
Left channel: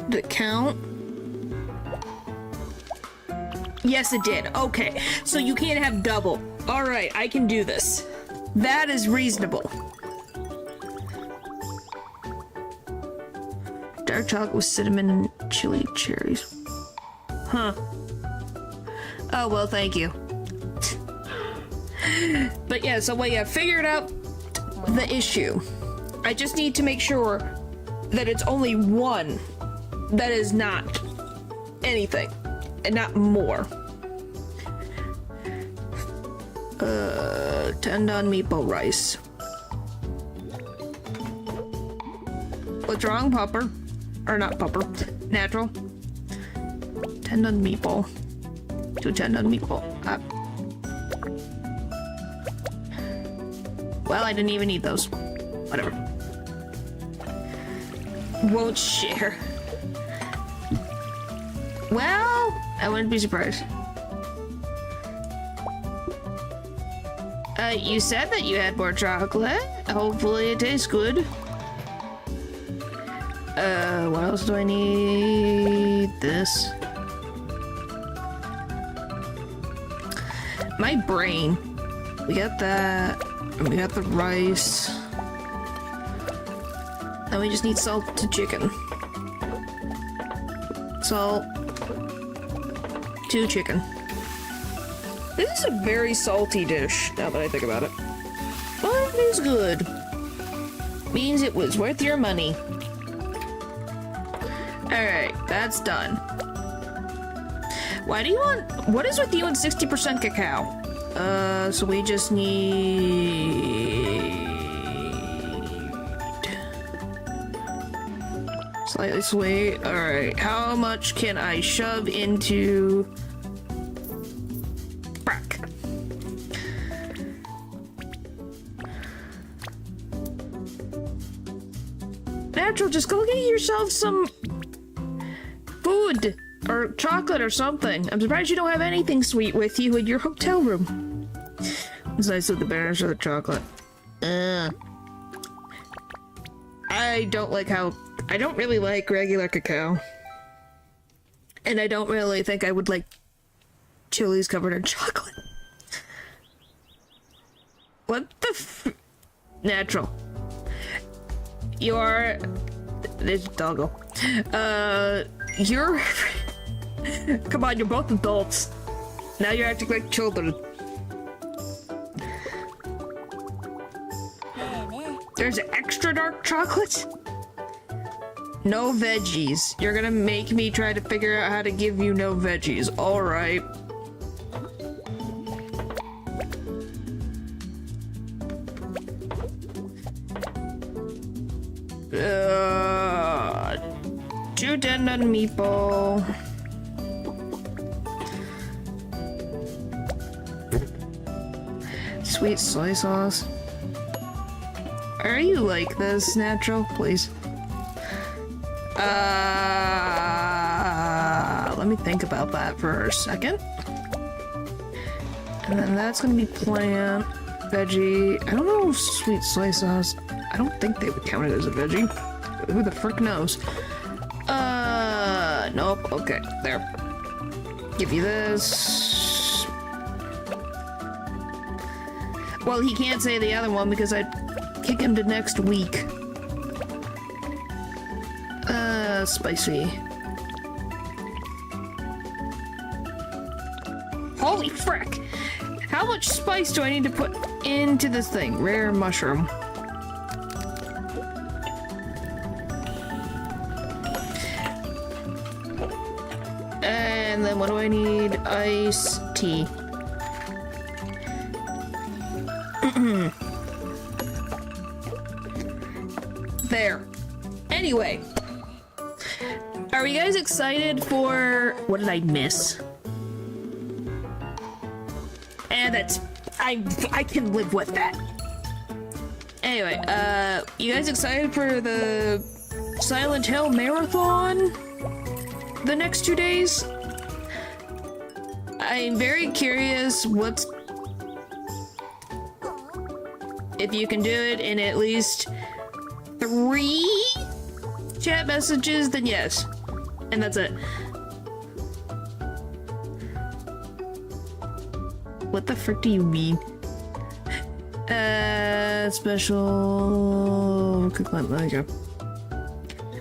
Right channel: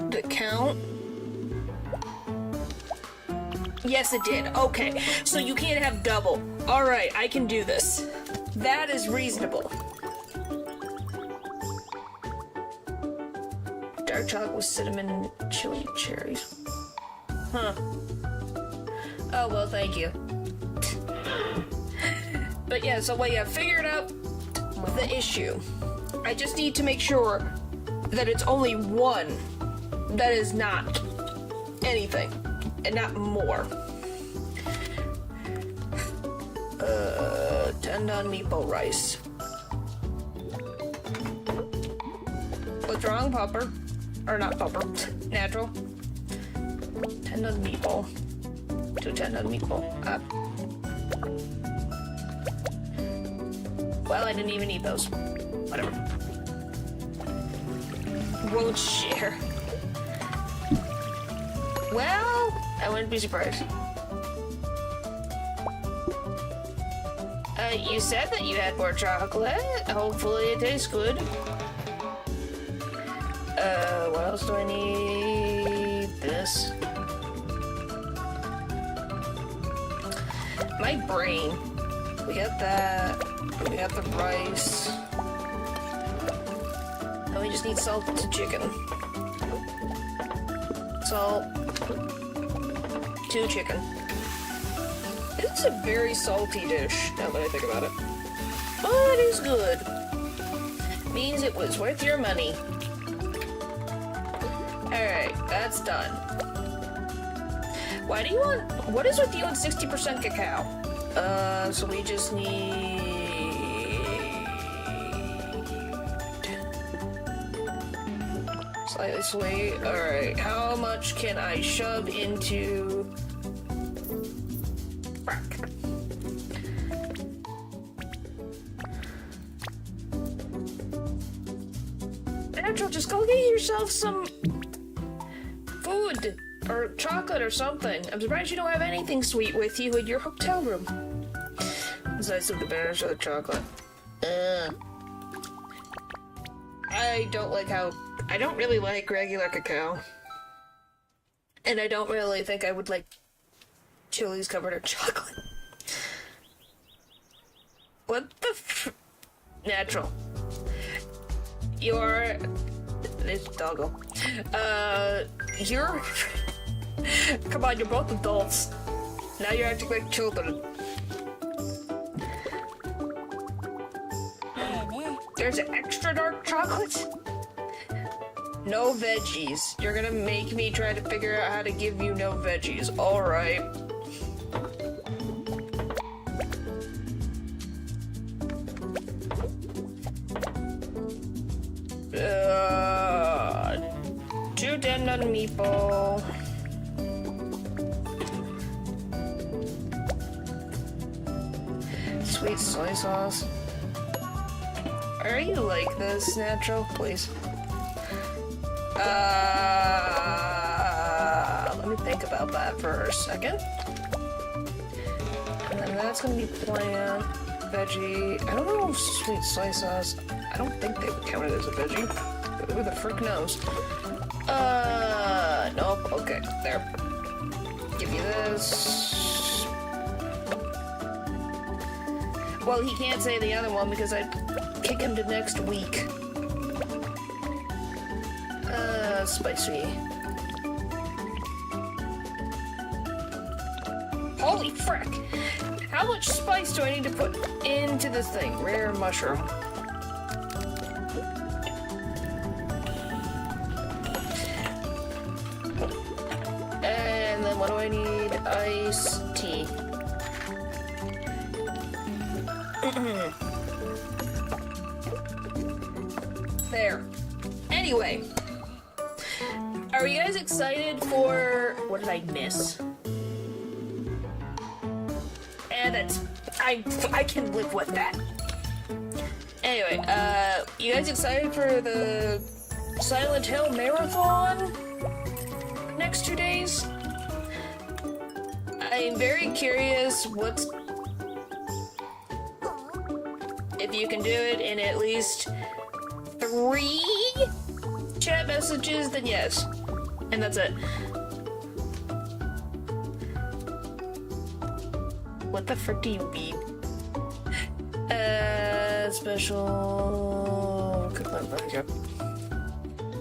Did it count? Yes, it did. Okay, so you can't have double. Alright, I can do this. That is reasonable. Dark chocolate with cinnamon and chili cherries. Huh. Oh, well, thank you. But yeah, so I figured out the issue. I just need to make sure that it's only 1 that is not anything, and not more. Tendon meatball rice. What's wrong, Pupper? Or not Pupper, natural. Tendon meatball. 2 tendon meatball. Well, I didn't even eat those. Whatever. Won't share. Well, I wouldn't be surprised. You said that you had more chocolate. Hopefully it tastes good. What else do I need? This. My brain. We got that. We got the rice. Then we just need salt to chicken. Salt to chicken. This is a very salty dish, now that I think about it. But it is good. Means it was worth your money. Alright, that's done. Why do you want... What is with you and 60% cacao? So we just need... Slightly sweet. Alright, how much can I shove into... Brack? Natural, just go get yourself some food or chocolate or something. I'm surprised you don't have anything sweet with you in your hotel room. It's nice of the bears or the chocolate. I don't really like regular cacao. And I don't really think I would like chilies covered in chocolate. What the Natural. This doggo. Come on, you're both adults. Now you're acting like children. There's extra dark chocolate? No veggies. You're gonna make me try to figure out how to give you no veggies. Alright. Two tendon meatball. Sweet soy sauce. Are you like this, Natural? Please. Let me think about that for a second. And then that's gonna be plant, veggie. I don't know if sweet soy sauce. I don't think they would count it as a veggie. Who the frick knows? Nope. Okay, there. Give you this. Well, he can't say the other one because I'd kick him to next week. Spicy. Holy frick! How much spice do I need to put into this thing? Rare mushroom. And then what do I need? Iced tea. There. Anyway. Are you guys excited for... What did I miss? And it's... I can live with that. Anyway, you guys excited for the Silent Hill Marathon? The next 2 days? I'm very curious what's... If you can do it in at least 3 chat messages, then yes. And that's it. What the frick do you mean? Special...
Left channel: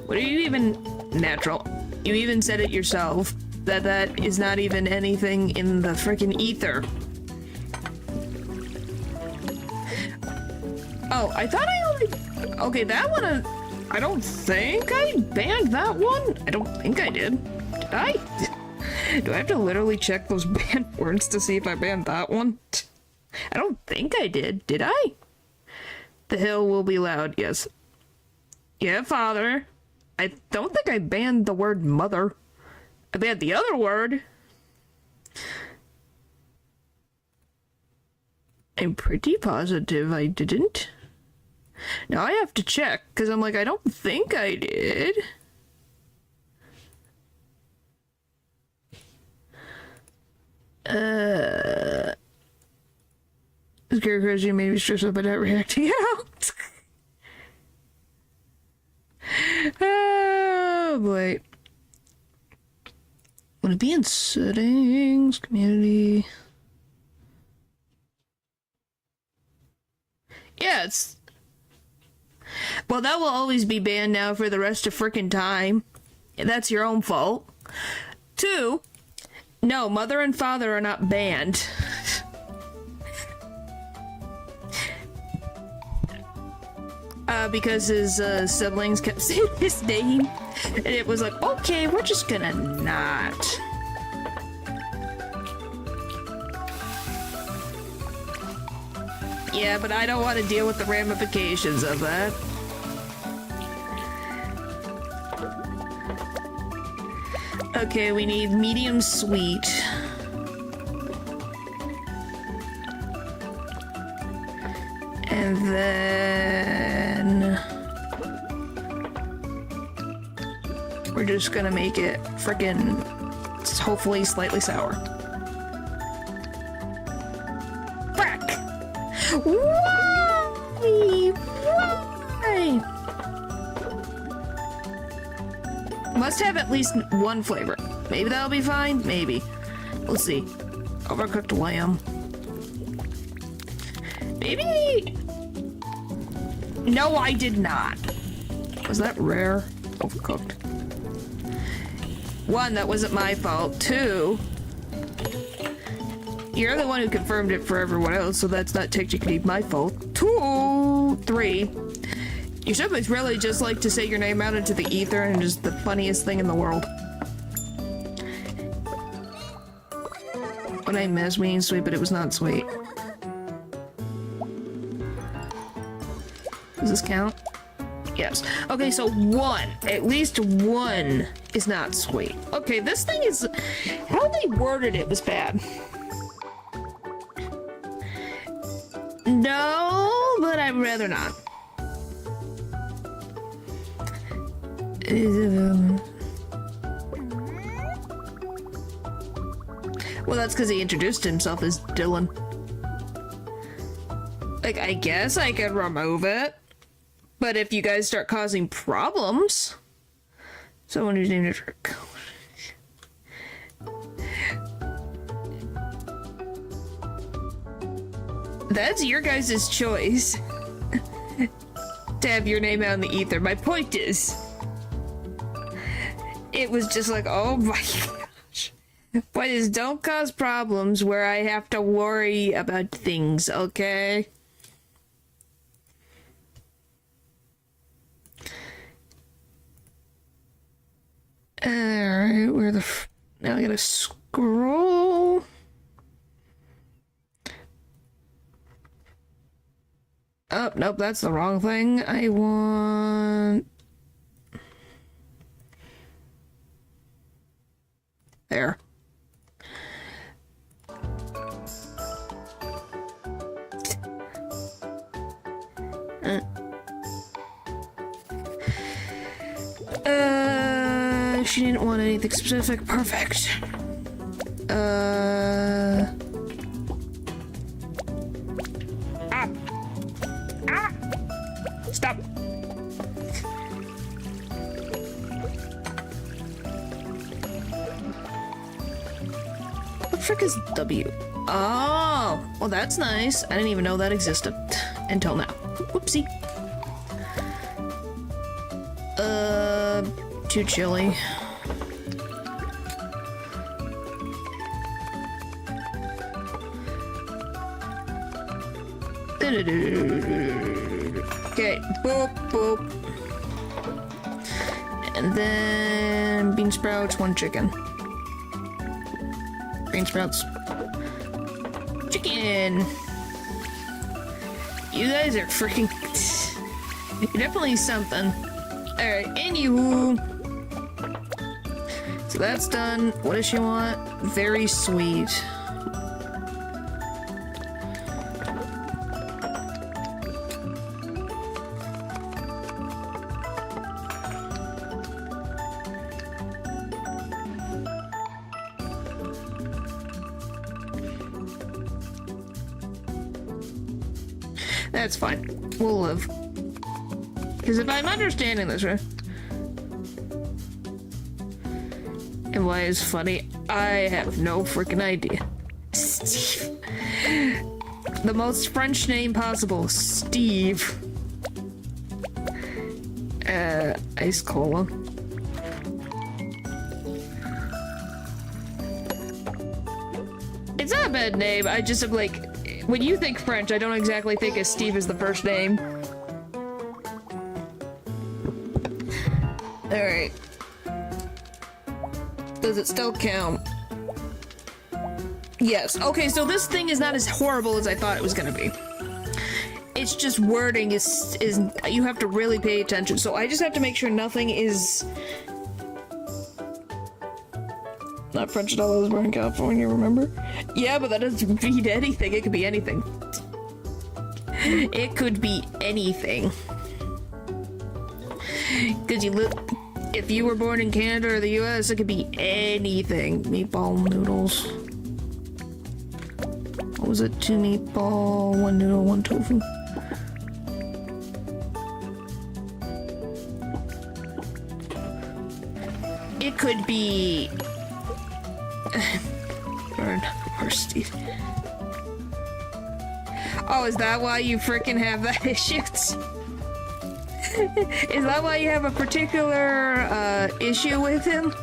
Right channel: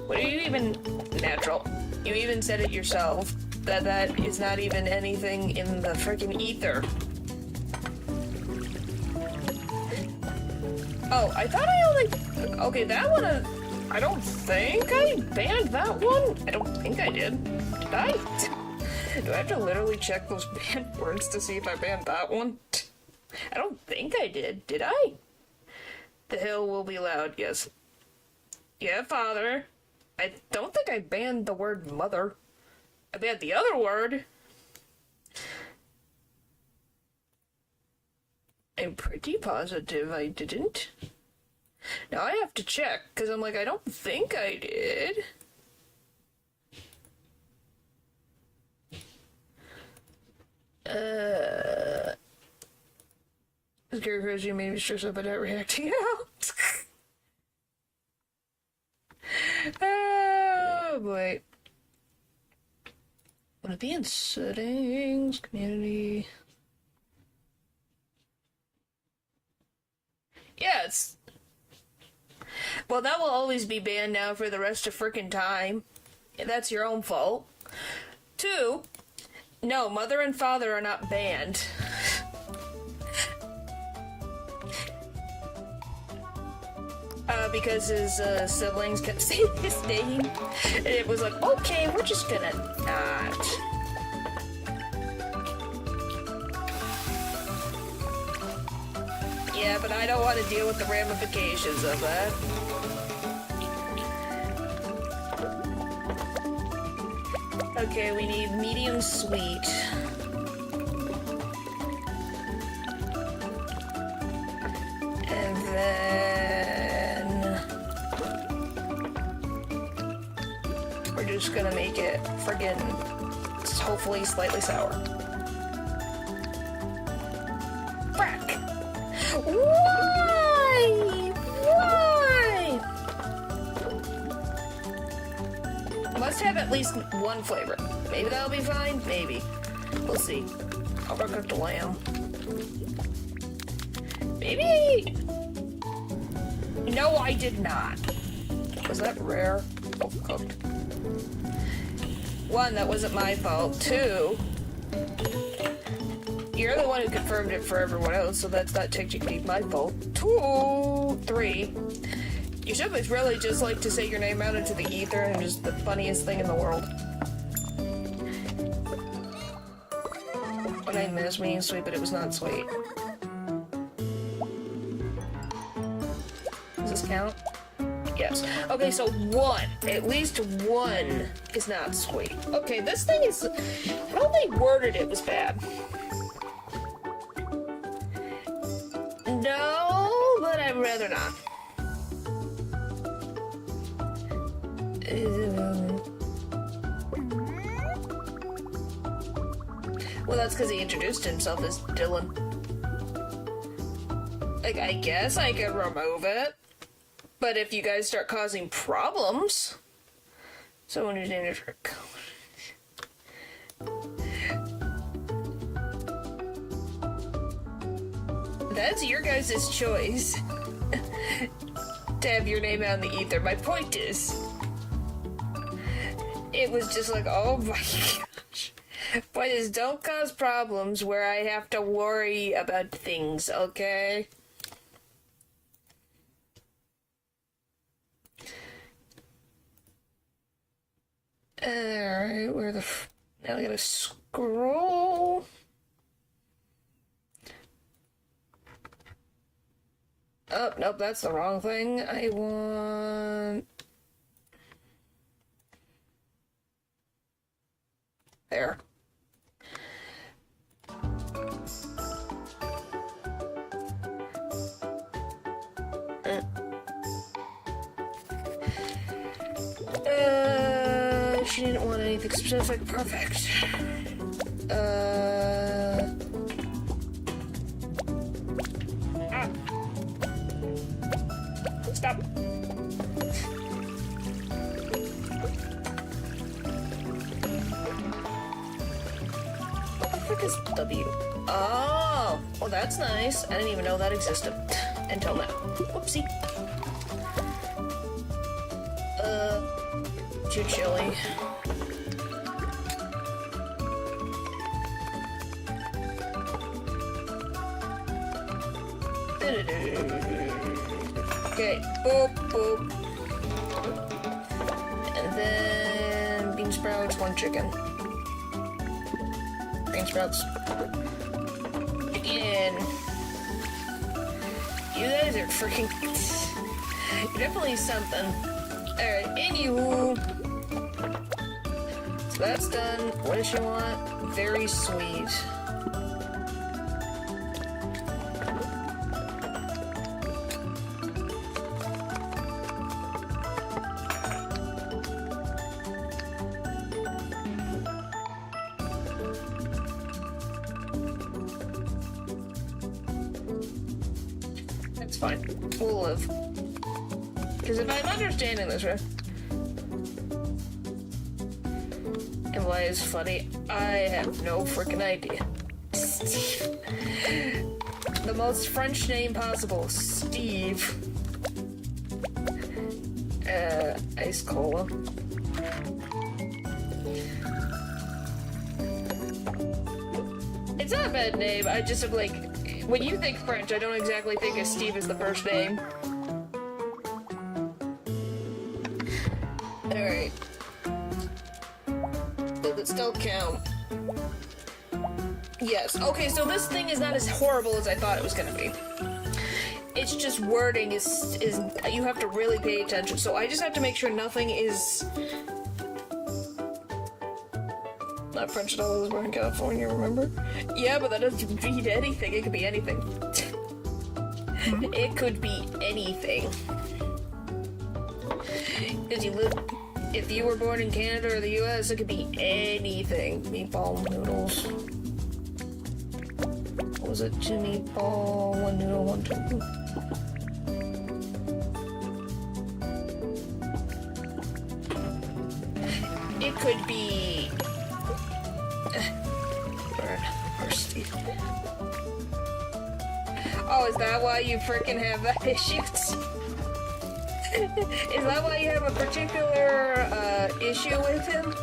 What are you even... Natural. You even said it yourself. That is not even anything in the frickin' ether. Oh, I thought I only... Okay, that one... I don't think I banned that one. I don't think I did. Did I? Do I have to literally check those banned words to see if I banned that one? I don't think I did. Did I? The hill will be loud, yes. Yeah, father. I don't think I banned the word mother. I banned the other word. I'm pretty positive I didn't. Now I have to check, because I'm like, I don't think I did. Scarecrows, you may be stressed out by not reacting out. Oh boy. Would it be in settings, community? Yeah, it's... Well, that will always be banned now for the rest of frickin' time. That's your own fault. 2, no, mother and father are not banned. Because his siblings kept saying his name. And it was like, okay, we're just gonna not. Yeah, but I don't want to deal with the ramifications of that. Okay, we need medium sweet. And then... just gonna make it friggin' hopefully slightly sour. Frack! Why? Why? Must have at least one flavor. Maybe that'll be fine. Maybe. We'll see. Overcooked lamb. Maybe. No, I did not. Was that rare? Overcooked. One, that wasn't my fault. Two, you're the one who confirmed it for everyone else, so that's not technically my fault. Two, three, you should really just like to say your name out into the ether and just the funniest thing in the world. What I miss meaning sweet, but it was not sweet. Does this count? Yes. Okay, so one. At least one is not sweet. Okay, this thing is... How they worded it was bad. No, but I'd rather not. Well, that's because he introduced himself as Dylan. Like, I guess I could remove it. But if you guys start causing problems... Someone who's named a trick. That's your guys' choice. To have your name out in the ether. My point is... It was just like, oh my gosh. Point is, don't cause problems where I have to worry about things, okay? Alright, where the now I gotta scroll. Oh, nope, that's the wrong thing. I want... There. She didn't want anything specific. Perfect. Stop. What the frick is W? Oh, well that's nice. I didn't even know that existed until now. Whoopsie. Too chilly. Okay, boop, boop. And then bean sprouts, one chicken. Bean sprouts. Chicken! You guys are freaking... You're definitely something. Alright, anywho. So that's done. What does she want? Very sweet. That's fine. We'll live. Because if I'm understanding this right... And why it's funny, I have no freaking idea. Steve. The most French name possible. Steve. Ice cola. It's not a bad name, I just am like... When you think French, I don't exactly think of Steve as the first name. Alright. Does it still count? Yes. Okay, so this thing is not as horrible as I thought it was gonna be. It's just wording is you have to really pay attention. So I just have to make sure nothing is... Not French dollars were in California, remember? Yeah, but that doesn't mean anything. It could be anything. It could be anything. Because you live... if you were born in Canada or the US, it could be anything. Meatball noodles. What was it? 2 meatball, 1 noodle, 1 tofu. It could be... Oh, is that why you freaking have that issues? Is that why you have a particular issue with him?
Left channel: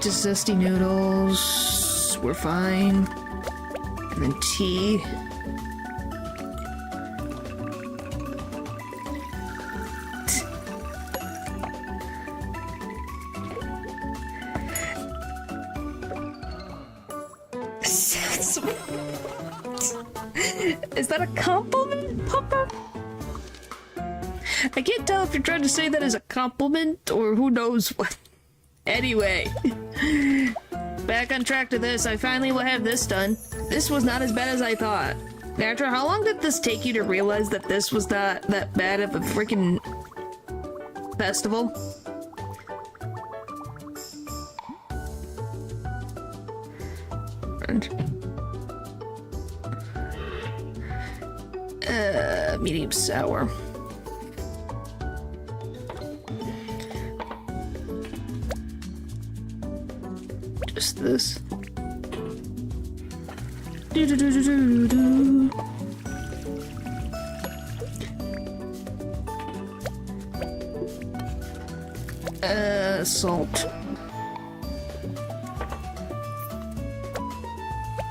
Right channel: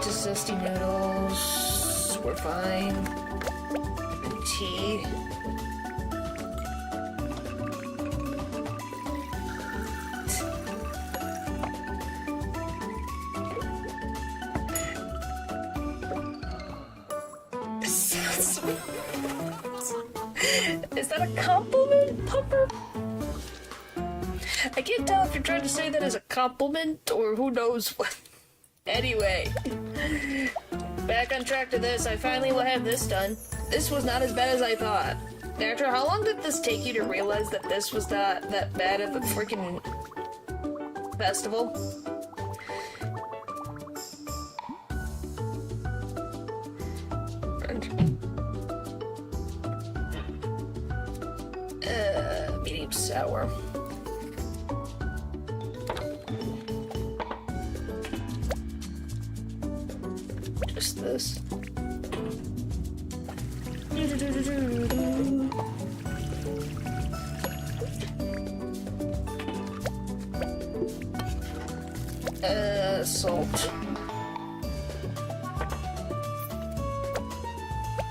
Just zesty noodles. We're fine. And then tea. Is that a compliment, Pupper? I can't tell if you're trying to say that as a compliment or who knows what. Anyway, back on track to this. I finally will have this done. This was not as bad as I thought. Natra, how long did this take you to realize that this was not that bad of a freaking festival? Medium sour. Just this. Salt.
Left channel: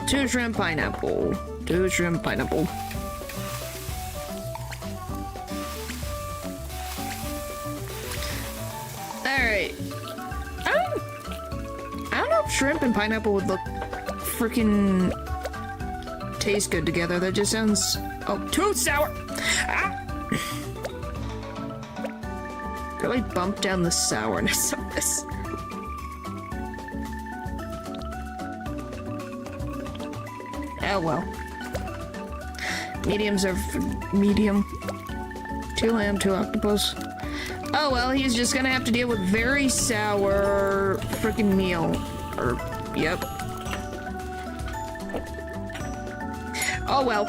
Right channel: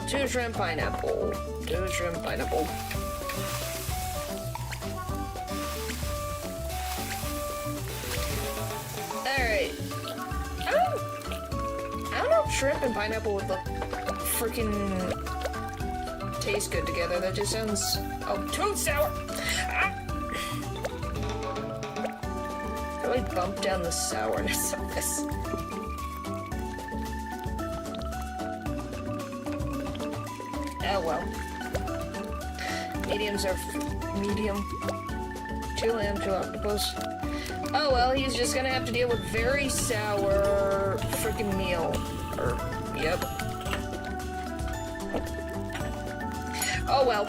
2 shrimp pineapple. 2 shrimp pineapple. Alright. I don't know if shrimp and pineapple would look freaking taste good together. That just sounds too sour. Really bump down the sourness of this. Oh well. Mediums are medium. 2 lamb, 2 octopus. Oh well, he's just gonna have to deal with very sour freaking meal. Yep. Oh well.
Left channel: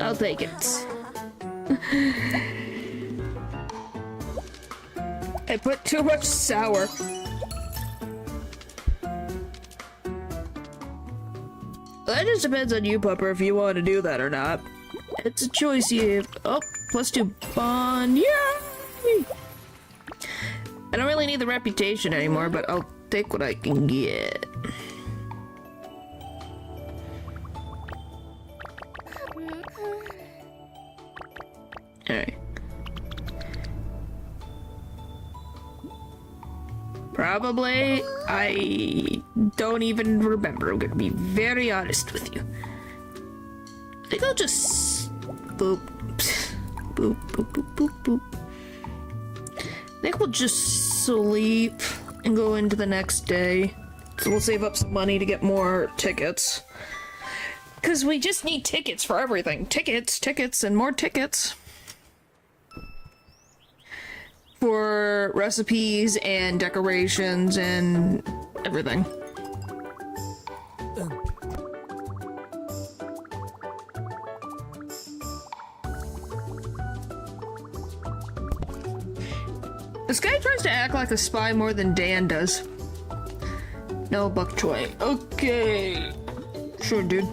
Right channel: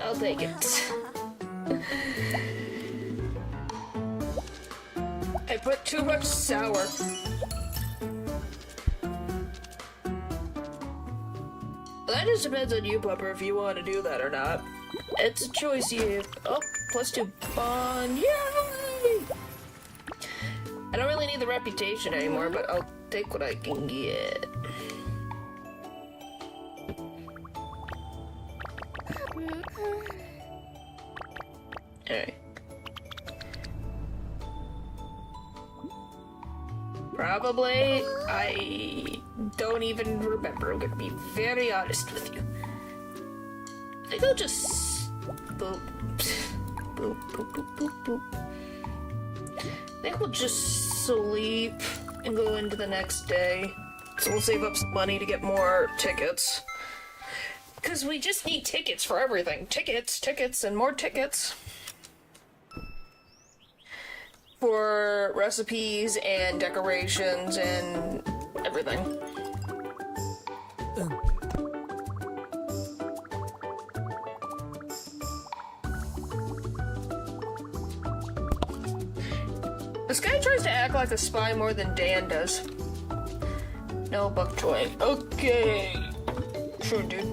I'll take it. I put too much sour. Well, that just depends on you, Pupper, if you want to do that or not. It's a choice you... Oh, +2 bond. Yay! I don't really need the reputation anymore, but I'll take what I can get. Alright. Probably, I don't even remember. I'm gonna be very honest with you. I think I'll just boop, boop, boop, boop, boop, boop. I think we'll just sleep and go into the next day. So we'll save up some money to get more tickets. Because we just need tickets for everything. Tickets, tickets, and more tickets. For recipes and decorations and everything. This guy tries to act like a spy more than Dan does. No bok choy. Okay. Sure, dude.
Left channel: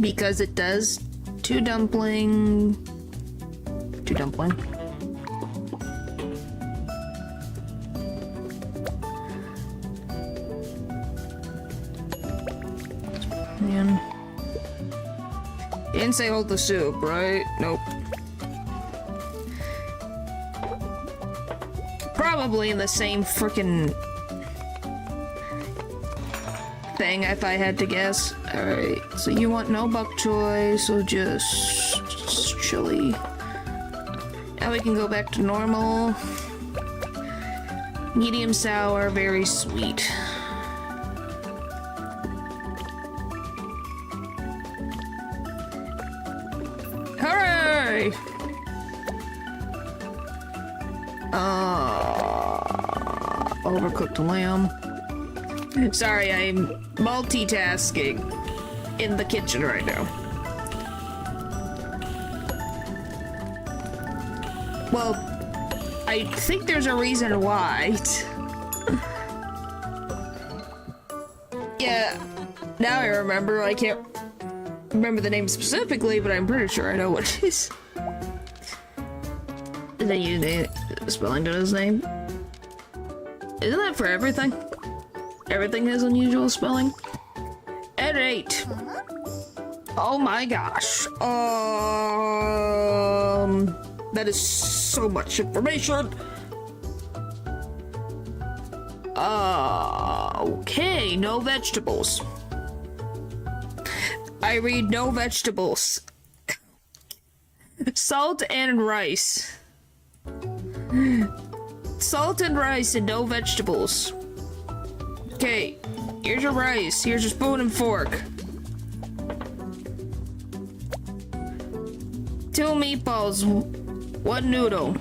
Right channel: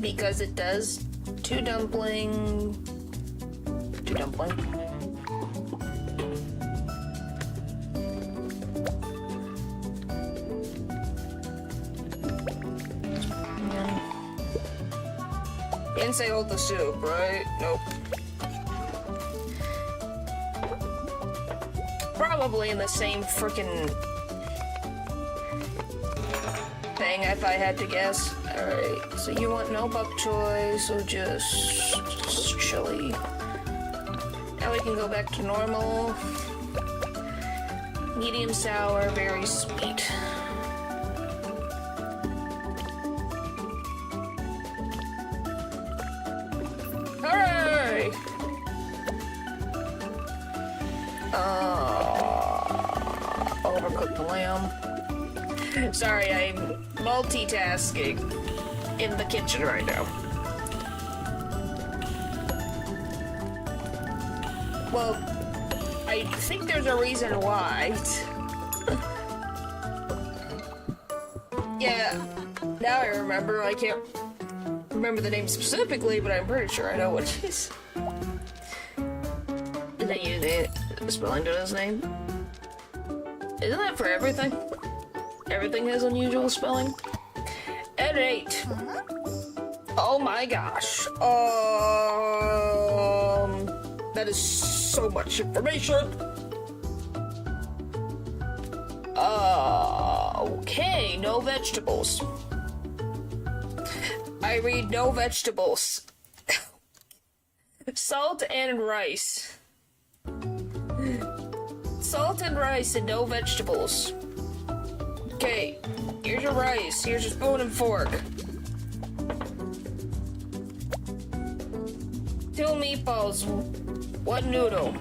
Because it does. 2 dumpling. 2 dumpling. Man. You didn't say hold the soup, right? Nope. Probably in the same frickin' thing if I had to guess. Alright, so you want no bok choy, so just chili. Now we can go back to normal. medium sour, very sweet. Hooray! Overcooked lamb. Sorry, I'm multitasking in the kitchen right now. Well, I think there's a reason why. Yeah, now I remember. I can't remember the name specifically, but I'm pretty sure I know what it is. Did they use the spelling to his name? Isn't that for everything? Everything has unusual spelling. At 8. Oh my gosh. That is so much information. Okay, no vegetables. I read no vegetables. Salt and rice. Salt and rice and no vegetables. Okay, here's your rice. Here's your spoon and fork. 2 meatballs, 1 noodle.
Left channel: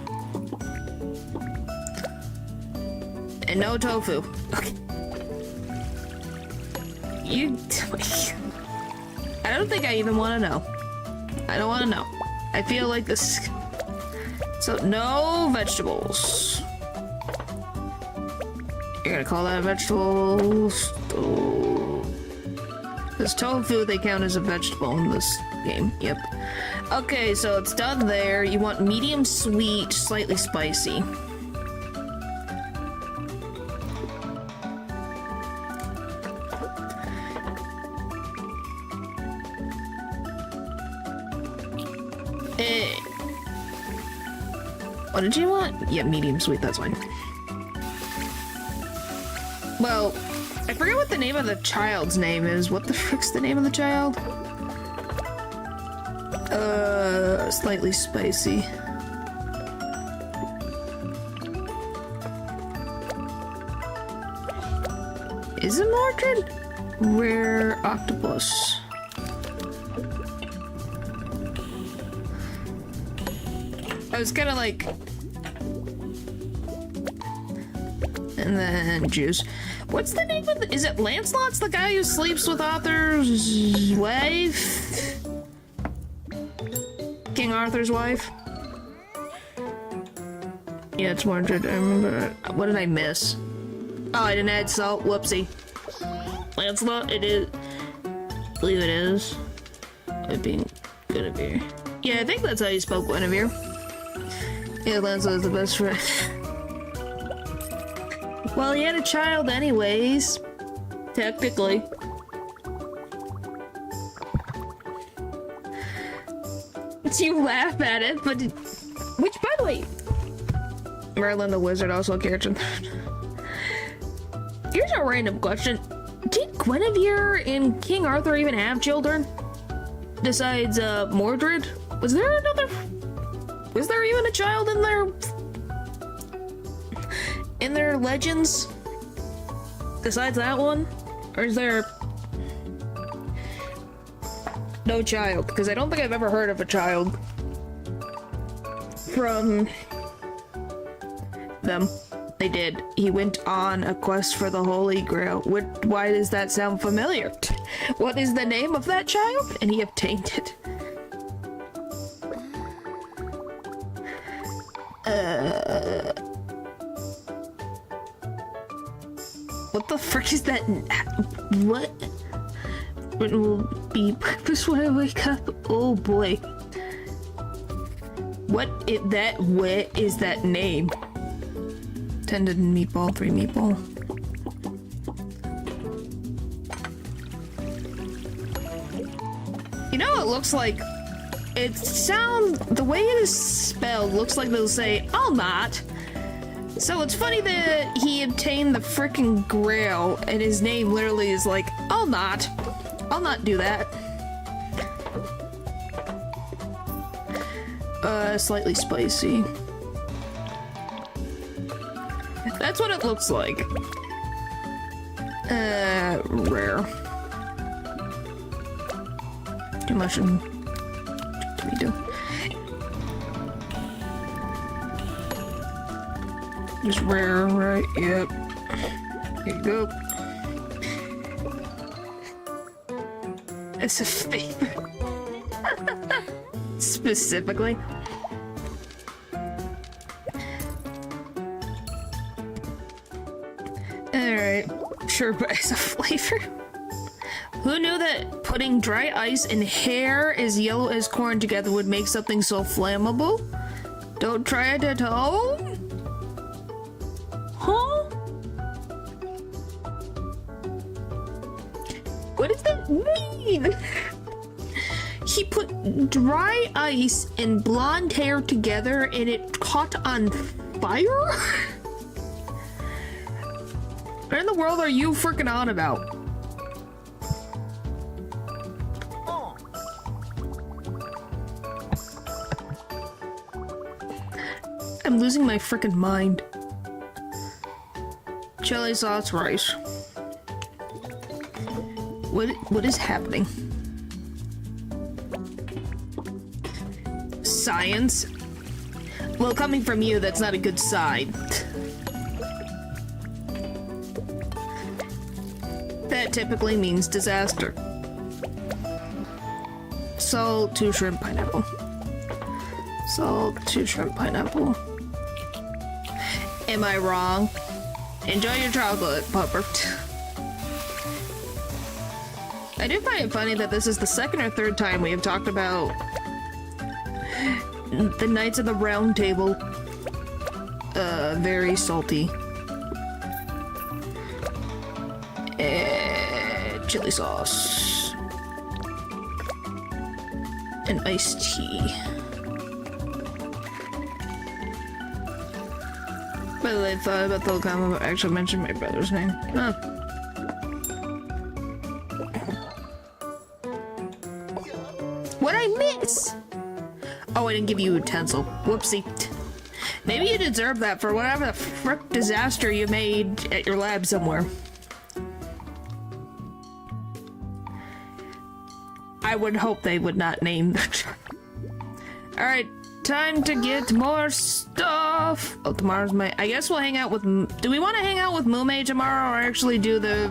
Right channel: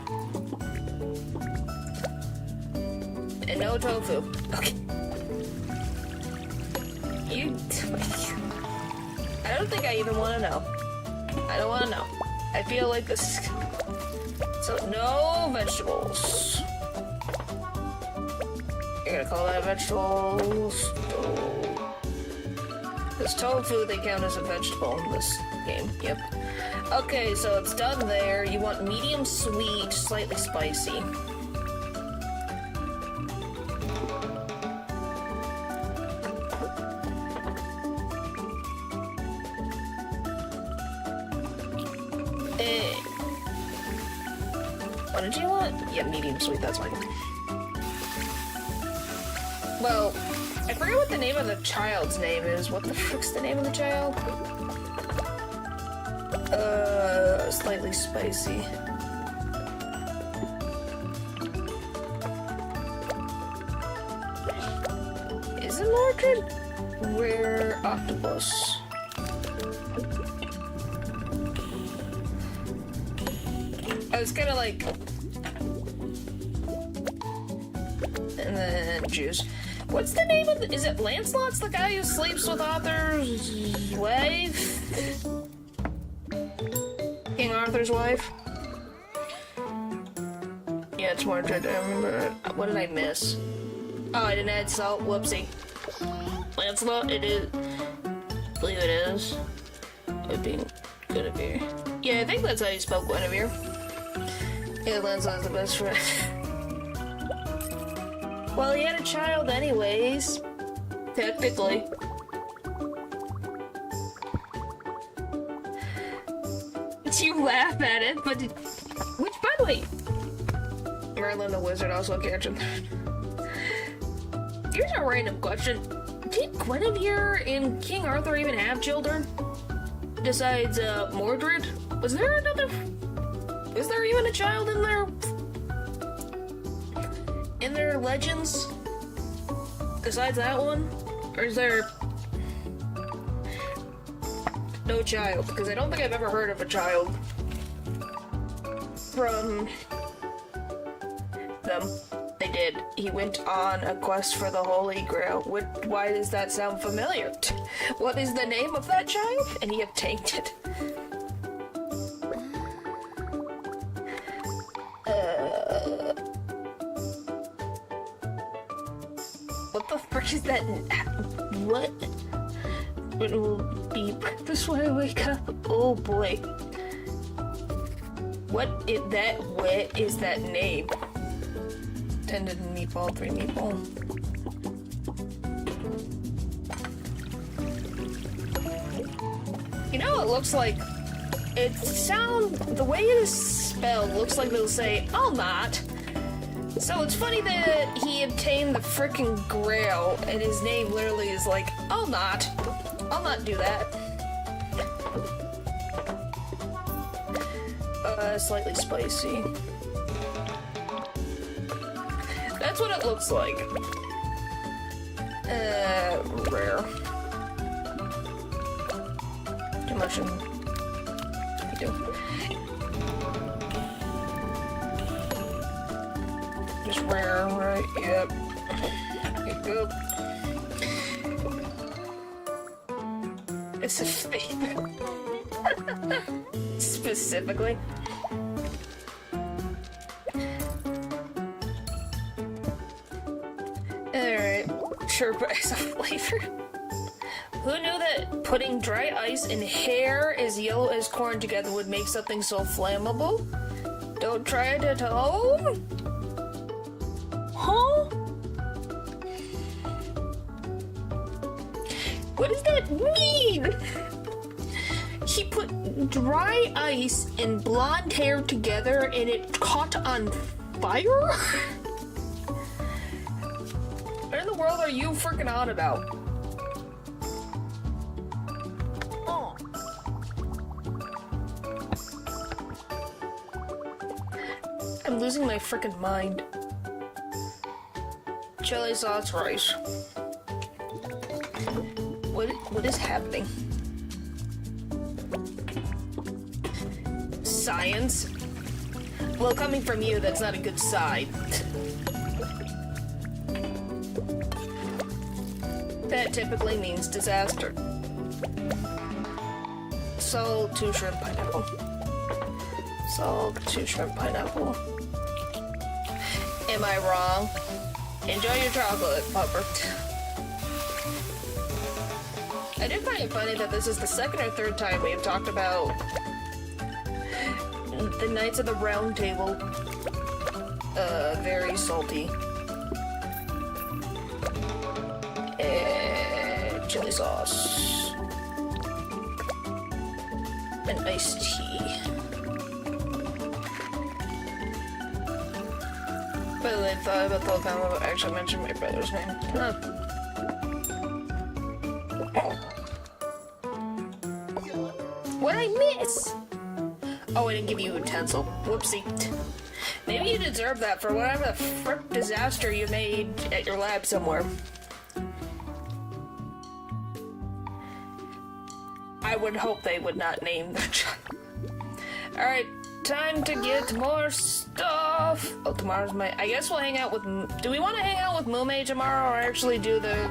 And no tofu. Okay. I don't think I even want to know. I don't want to know. I feel like this... So, no vegetables. You're gonna call that vegetables? Oh. This tofu, they count as a vegetable in this game. Yep. Okay, so it's done there. You want medium sweet, slightly spicy. What did you want? Yeah, medium sweet, that's fine. Well, I forget what the name of the child's name is. What the frick's the name of the child? Slightly spicy. Is it Mordred? Rare octopus. I was kind of like... And then juice. What's the name of the... Is it Lancelot's the guy who sleeps with Arthur's wife? King Arthur's wife? Yeah, it's Mordred. I remember... What did I miss? Oh, I didn't add salt. Whoopsie. Lancelot, it is... I believe it is. It being Guinevere. Yeah, I think that's how you spell Guinevere. Yeah, Lancelot is the best friend. Well, he had a child anyways. Technically. You laugh at it, but... Which, by the way... Merlin the Wizard also cares. Here's a random question. Did Guinevere and King Arthur even have children? Besides, Mordred? Was there another... Was there even a child in their... In their legends? Besides that one? Or is there... No child, because I don't think I've ever heard of a child from them. They did. He went on a quest for the Holy Grail. Why does that sound familiar? What is the name of that child? And he obtained it. What the frick is that? What? It will be breakfast when I wake up. Oh boy. What is that name? Tended meatball, 3 meatball. You know, it looks like... The way it is spelled looks like they'll say, I'll not. So it's funny that he obtained the frickin' Grail, and his name literally is like, I'll not do that. Slightly spicy. That's what it looks like. Rare. Too much in... We do. Just rare, right? Yep. Here you go. It's a favorite. Specifically. Alright. Sure, but it's a flavor. Who knew that putting dry ice and hair as yellow as corn together would make something so flammable? Don't try it at home? Huh? What does that mean? He put dry ice and blonde hair together and it caught on fire? What in the world are you freaking on about? I'm losing my freaking mind. Chili sauce rice. What is happening? Science? Well, coming from you, that's not a good sign. That typically means disaster. Salt, 2 shrimp, pineapple. Salt, 2 shrimp, pineapple. Am I wrong? Enjoy your chocolate, Pupper. I do find it funny that this is the second or third time we have talked about the Knights of the Round Table. Very salty. And chili sauce. And iced tea. By the way, I thought about the whole comment, I actually mentioned my brother's name. Huh. What'd I miss? Oh, I didn't give you a utensil. Whoopsie. Maybe you deserve that for whatever the frick disaster you made at your lab somewhere. I would hope they would not name the child. Alright, time to get more stuff. Oh, tomorrow's my... I guess we'll hang out with... Do we want to hang out with Mume tomorrow or actually do the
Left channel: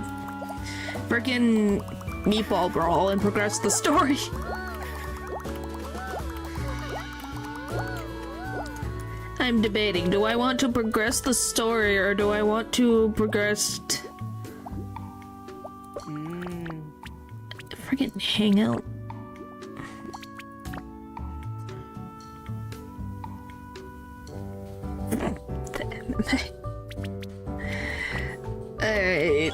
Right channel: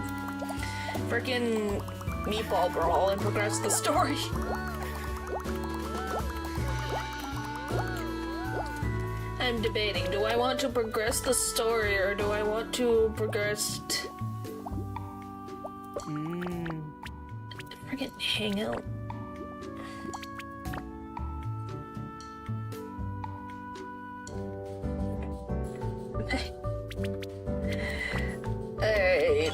frickin' meatball brawl and progress the story? I'm debating. Do I want to progress the story or do I want to progress... Frickin' hang out. Alright.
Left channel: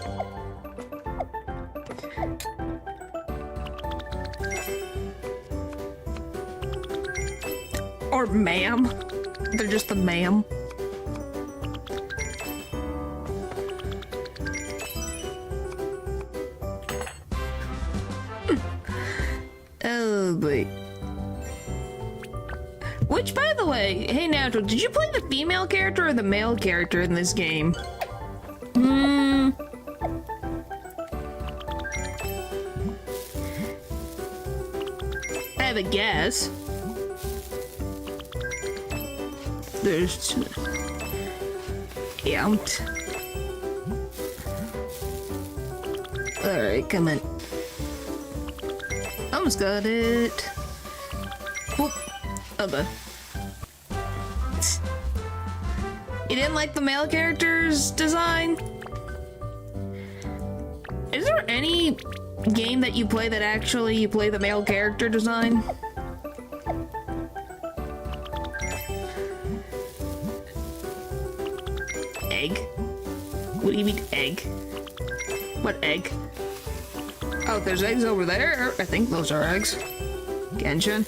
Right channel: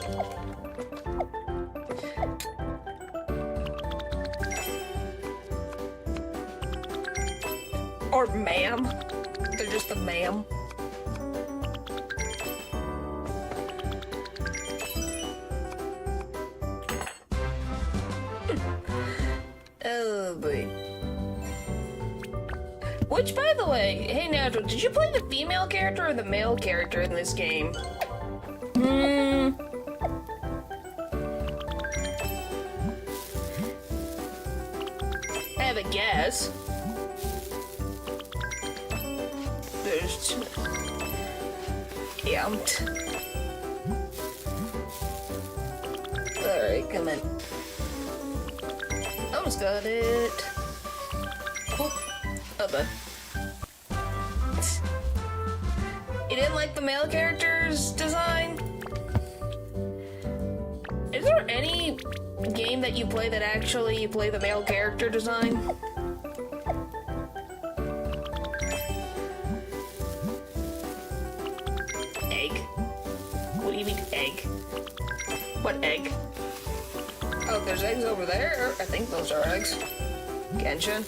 Or ma'am. They're just the ma'am. Oh boy. Which, by the way, hey Natural, did you play the female character or the male character in this game? I have a guess. There's... Yamt. Alright, come on. Almost got it. Okay. You didn't like the male character's design? Is there any game that you play that actually you play the male character design? Egg? What do you mean egg? What egg? Oh, there's eggs over there. I think those are eggs. Genshin.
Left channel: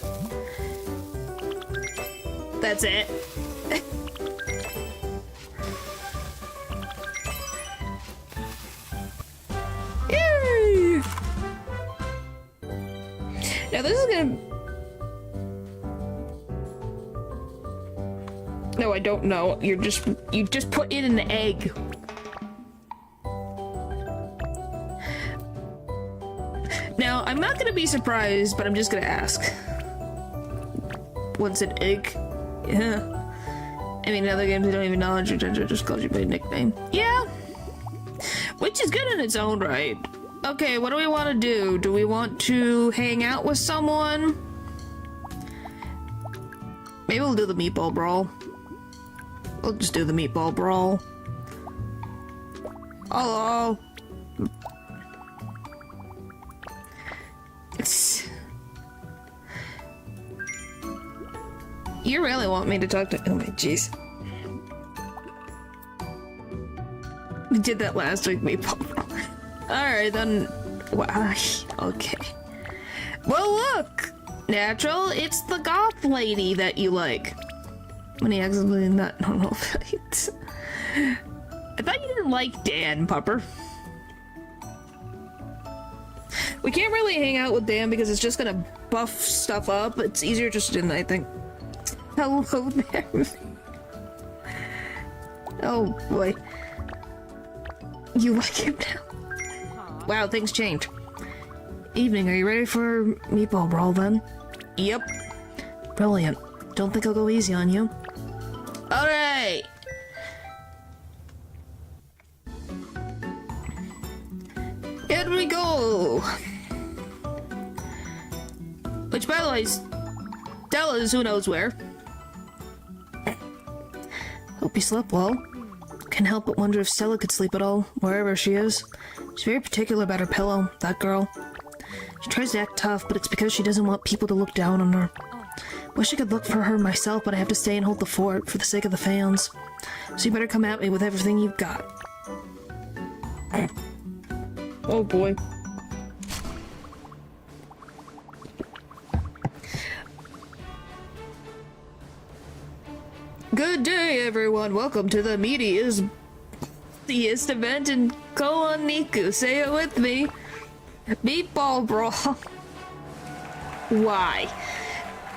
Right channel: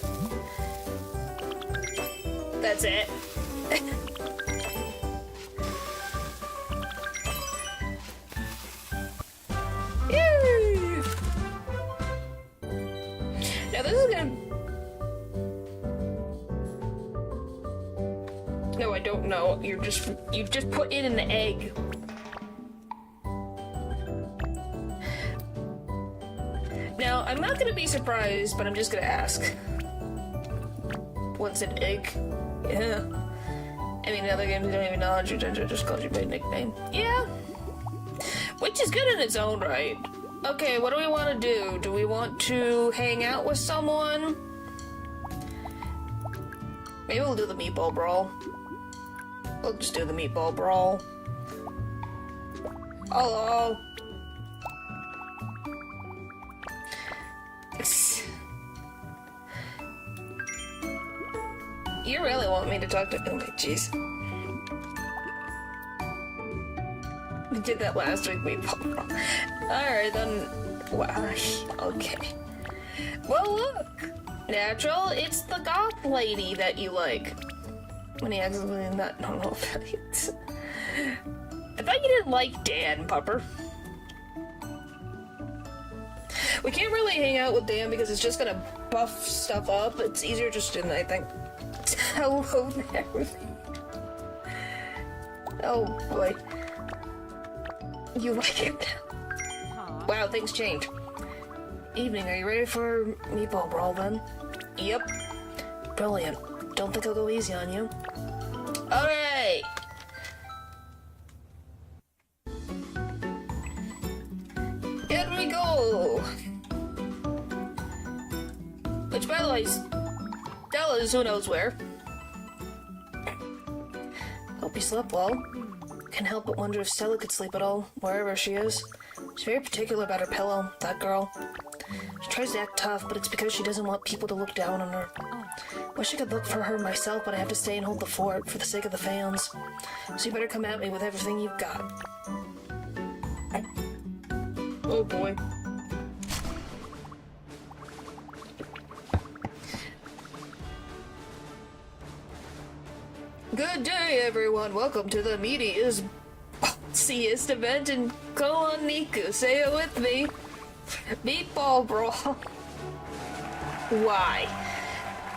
That's it. Yay! Now this is gonna... No, I don't know. You just put in an egg. Now, I'm not gonna be surprised, but I'm just gonna ask. What's an egg? Yeah. I mean, in other games, you don't even know how to just call you by a nickname. Yeah. Which is good in its own right. Okay, what do we want to do? Do we want to hang out with someone? Maybe we'll do the meatball brawl. We'll just do the meatball brawl. Hello. You really want me to talk to— oh my jeez. We did that last week, meatball brawl. Alright then. Wow. Okay. Well look! Natural, it's the goth lady that you like. When he accidentally not normal. I thought you didn't like Dan, Pupper. We can't really hang out with Dan because it's just gonna buff stuff up. It's easier just in, I think. Hello there. Oh boy. You like him now? Wow, things change. Evening, are you ready for meatball brawl then? Yep. Brilliant. Don't think I'll go easy on you. Alright! Here we go! Which, by the way, Stella is who knows where. Hope you slept well. Can't help but wonder if Stella could sleep at all, wherever she is. She's very particular about her pillow, that girl. She tries to act tough, but it's because she doesn't want people to look down on her. Wish I could look for her myself, but I have to stay and hold the fort for the sake of the fans. So you better come at me with everything you've got. Oh boy. Good day, everyone. Welcome to the meatiest, ballsiest event in KuloNiku. Say it with me. Meatball brawl. Why?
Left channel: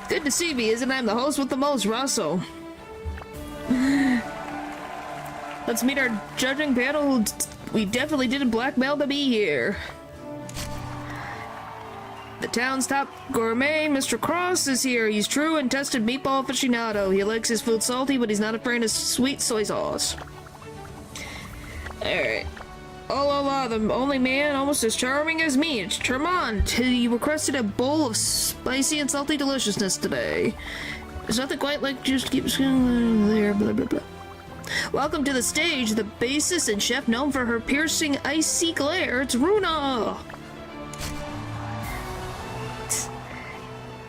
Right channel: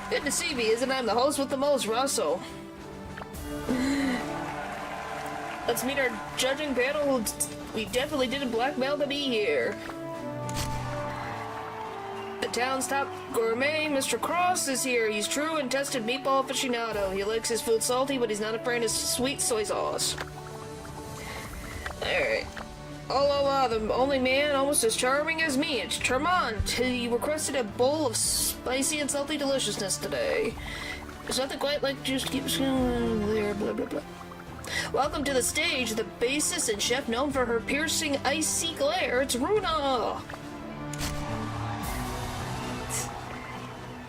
Good to see me, isn't it? I'm the host with the most, Russell. Let's meet our judging panel. We definitely didn't blackmail to be here. The town's top gourmet, Mr. Cross, is here. He's true and tested meatball aficionado. He likes his food salty, but he's not afraid of sweet soy sauce. Alright. Oh la la, the only man almost as charming as me. It's Tremont. He requested a bowl of spicy and salty deliciousness today. There's nothing quite like just keeps there, blah blah blah. Welcome to the stage, the bassist and chef known for her piercing icy glare. It's Runa!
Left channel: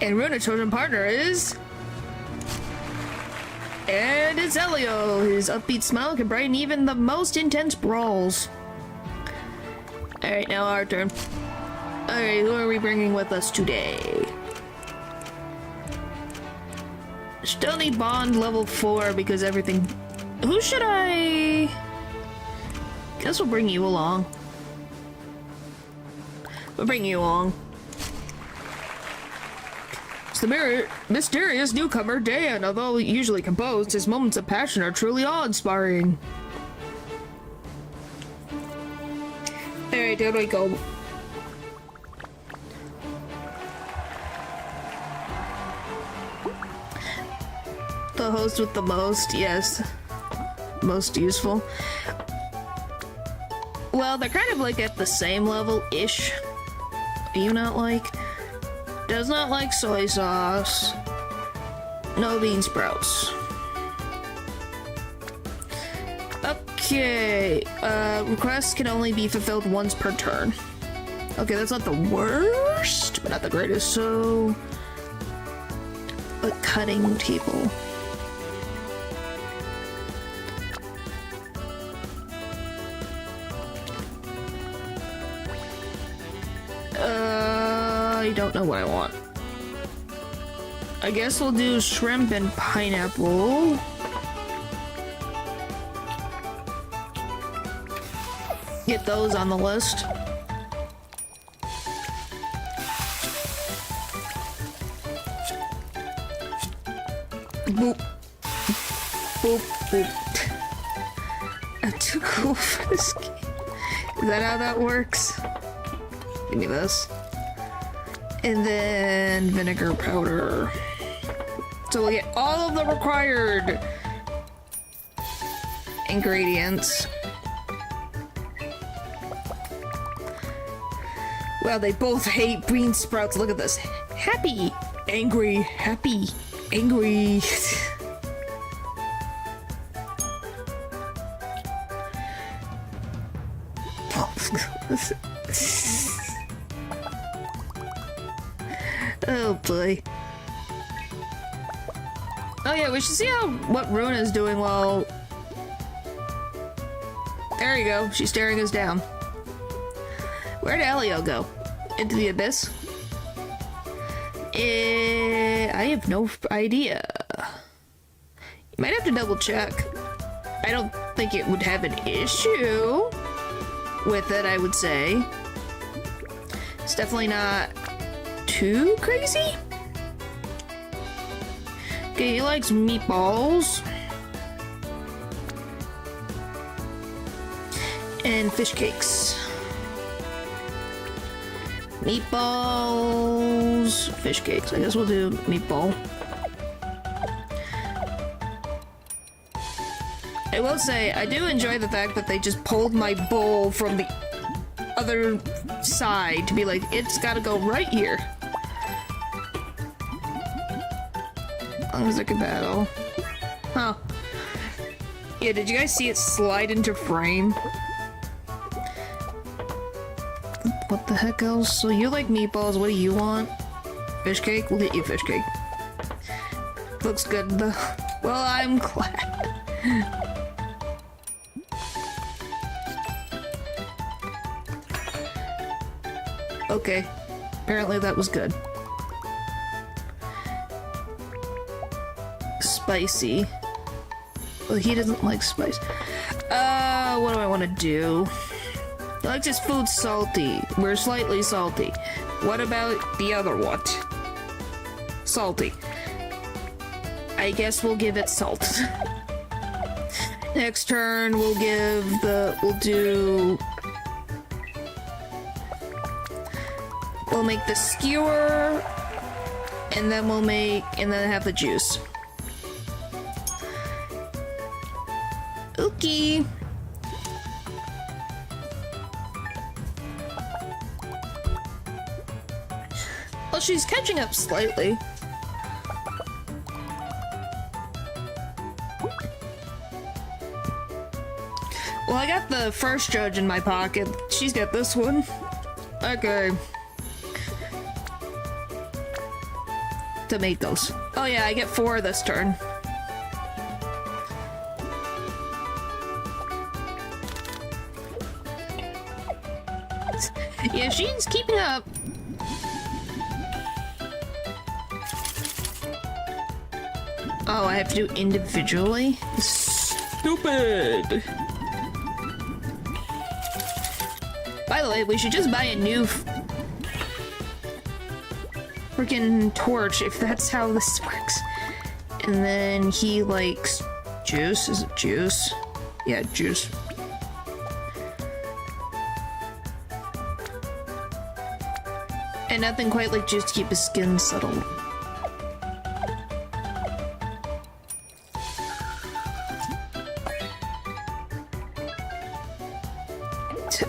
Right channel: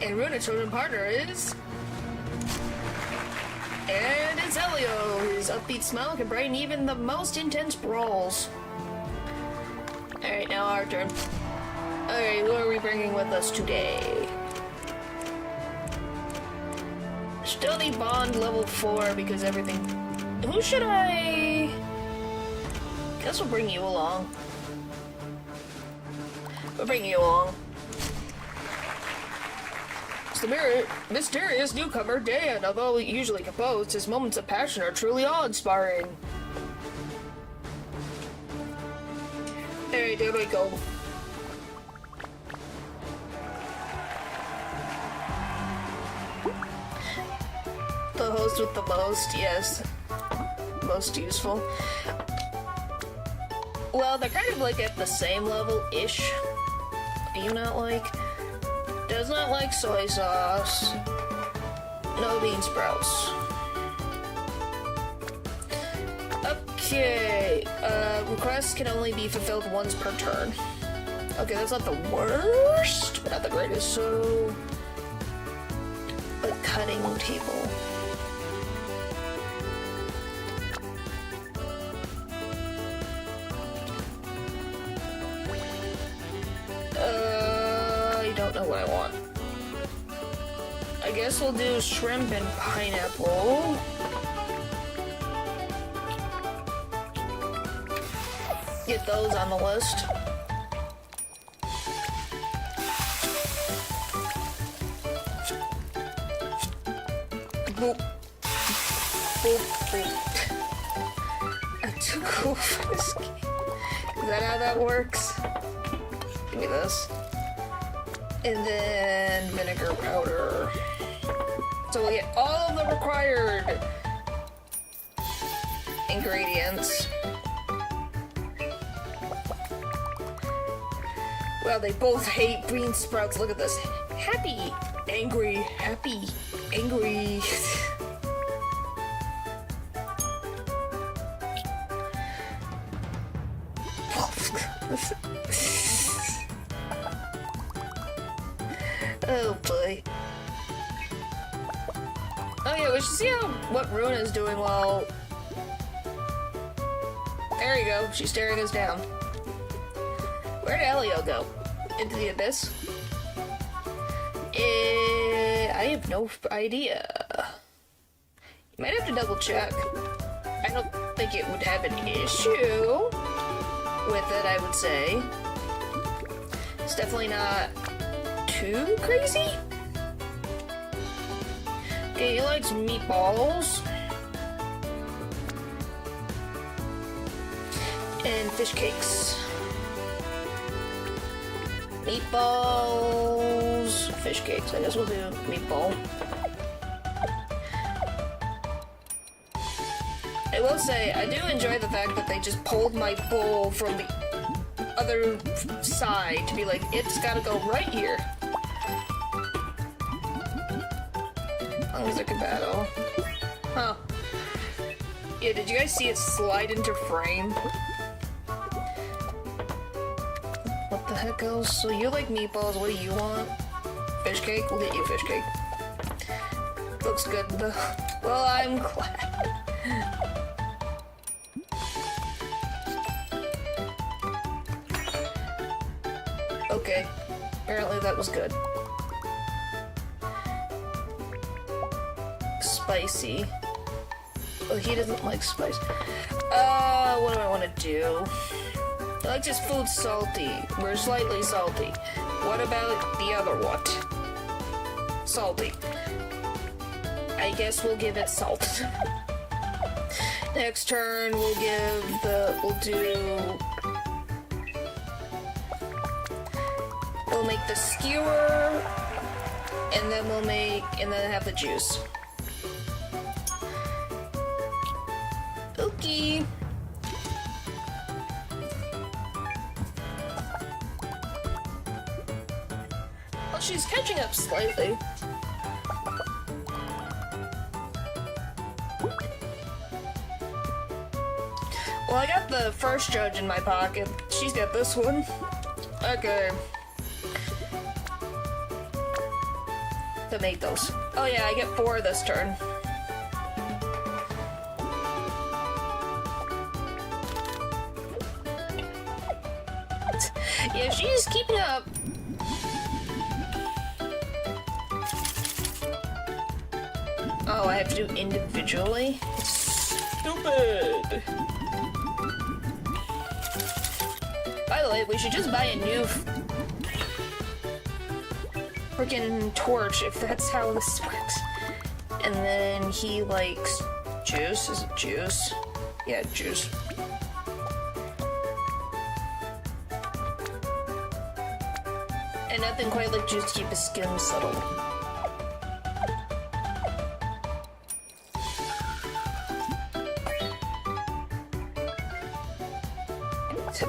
And Runa's chosen partner is... and it's Elio. His upbeat smile can brighten even the most intense brawls. Alright, now our turn. Alright, who are we bringing with us today? Study Bond level 4 because everything... Who should I... Guess we'll bring you along. We'll bring you along. It's the mysterious newcomer, Dan. Although usually composed, his moments of passion are truly awe-inspiring. Alright, there we go. The host with the most, yes. Most useful. Well, they're kind of like at the same level-ish. Do you not like? Does not like soy sauce. No bean sprouts. Okay, requests can only be fulfilled once per turn. Okay, that's not the worst, but not the greatest, so... But cutting table. I don't know what I want. I guess we'll do shrimp and pineapple. Get those on the list. Boop. boop, boop. I'm too cool for this game. Is that how that works? Give me this. And then vinegar powder. So we get all of the required ingredients. Well, they both hate bean sprouts. Look at this. Happy, angry, happy, angry. Oh boy. Oh yeah, we should see what Runa's doing while... There you go, she's staring us down. Where'd Elio go? Into the abyss? I have no idea. You might have to double check. I don't think it would have an issue with it, I would say. It's definitely not too crazy. Okay, he likes meatballs. And fish cakes. Meatballs, fish cakes. I guess we'll do meatball. I will say, I do enjoy the fact that they just pulled my bowl from the other side to be like, it's gotta go right here. As long as I can battle. Huh. Yeah, did you guys see it slide into frame? What the heck else? So you like meatballs, what do you want? Fish cake? We'll get you fish cake. Looks good though. Well, I'm glad. Okay. Apparently that was good. Spicy. Well, he doesn't like spice. What do I want to do? I like this food salty. We're slightly salty. What about the other one? Salty. I guess we'll give it salt. Next turn, we'll make the skewer, and then have the juice. Okay. Well, she's catching up slightly. Well, I got the first judge in my pocket. She's got this one. Okay. Tomatoes. Oh yeah, I get 4 this turn. Yeah, she's keeping up. Oh, I have to do individually? Stupid! By the way, we should just buy a new freaking torch if that's how this works. And then he likes juice. Is it juice? Yeah, juice. And nothing quite like juice to keep his skin settled.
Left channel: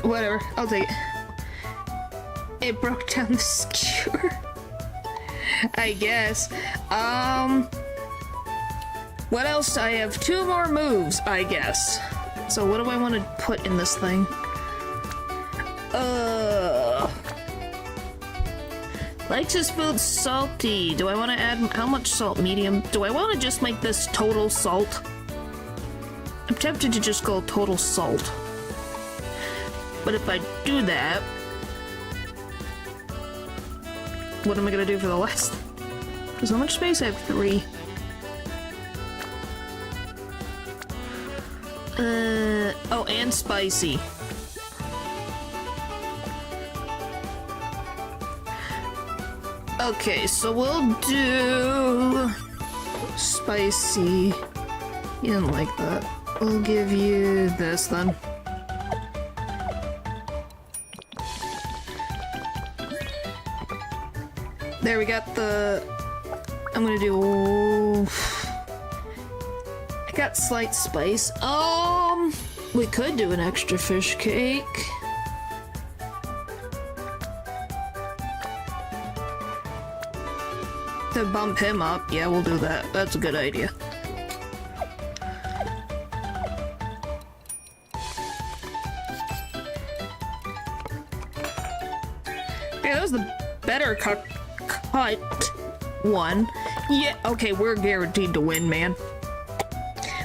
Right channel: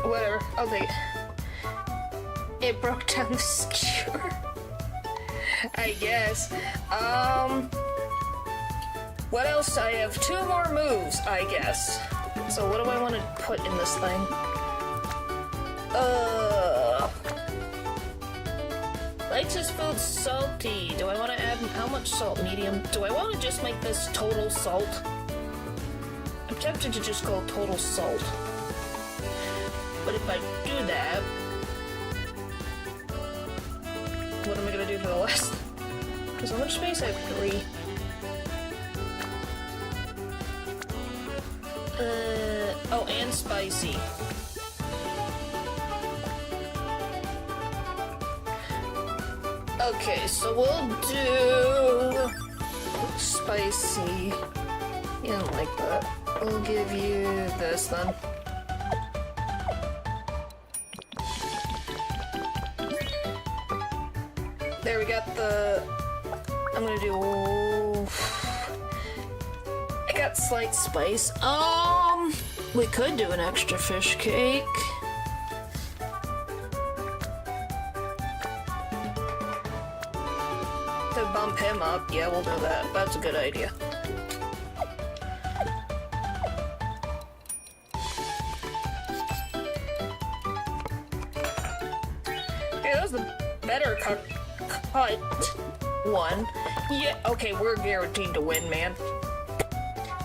Whatever, I'll take it. It broke down the skewer. I guess. What else? I have 2 more moves, I guess. So what do I want to put in this thing? Likes his food salty. Do I want to add how much salt? Medium. Do I want to just make this total salt? I'm tempted to just go total salt. But if I do that, what am I gonna do for the last? Because how much space? I have 3. Oh, and spicy. Okay, so we'll do spicy. You don't like that. We'll give you this then. There, we got the... I'm gonna do... I got slight spice. We could do an extra fish cake. To bump him up, yeah, we'll do that. That's a good idea. Yeah, that was the better cut one. Yeah, okay, we're guaranteed to win, man.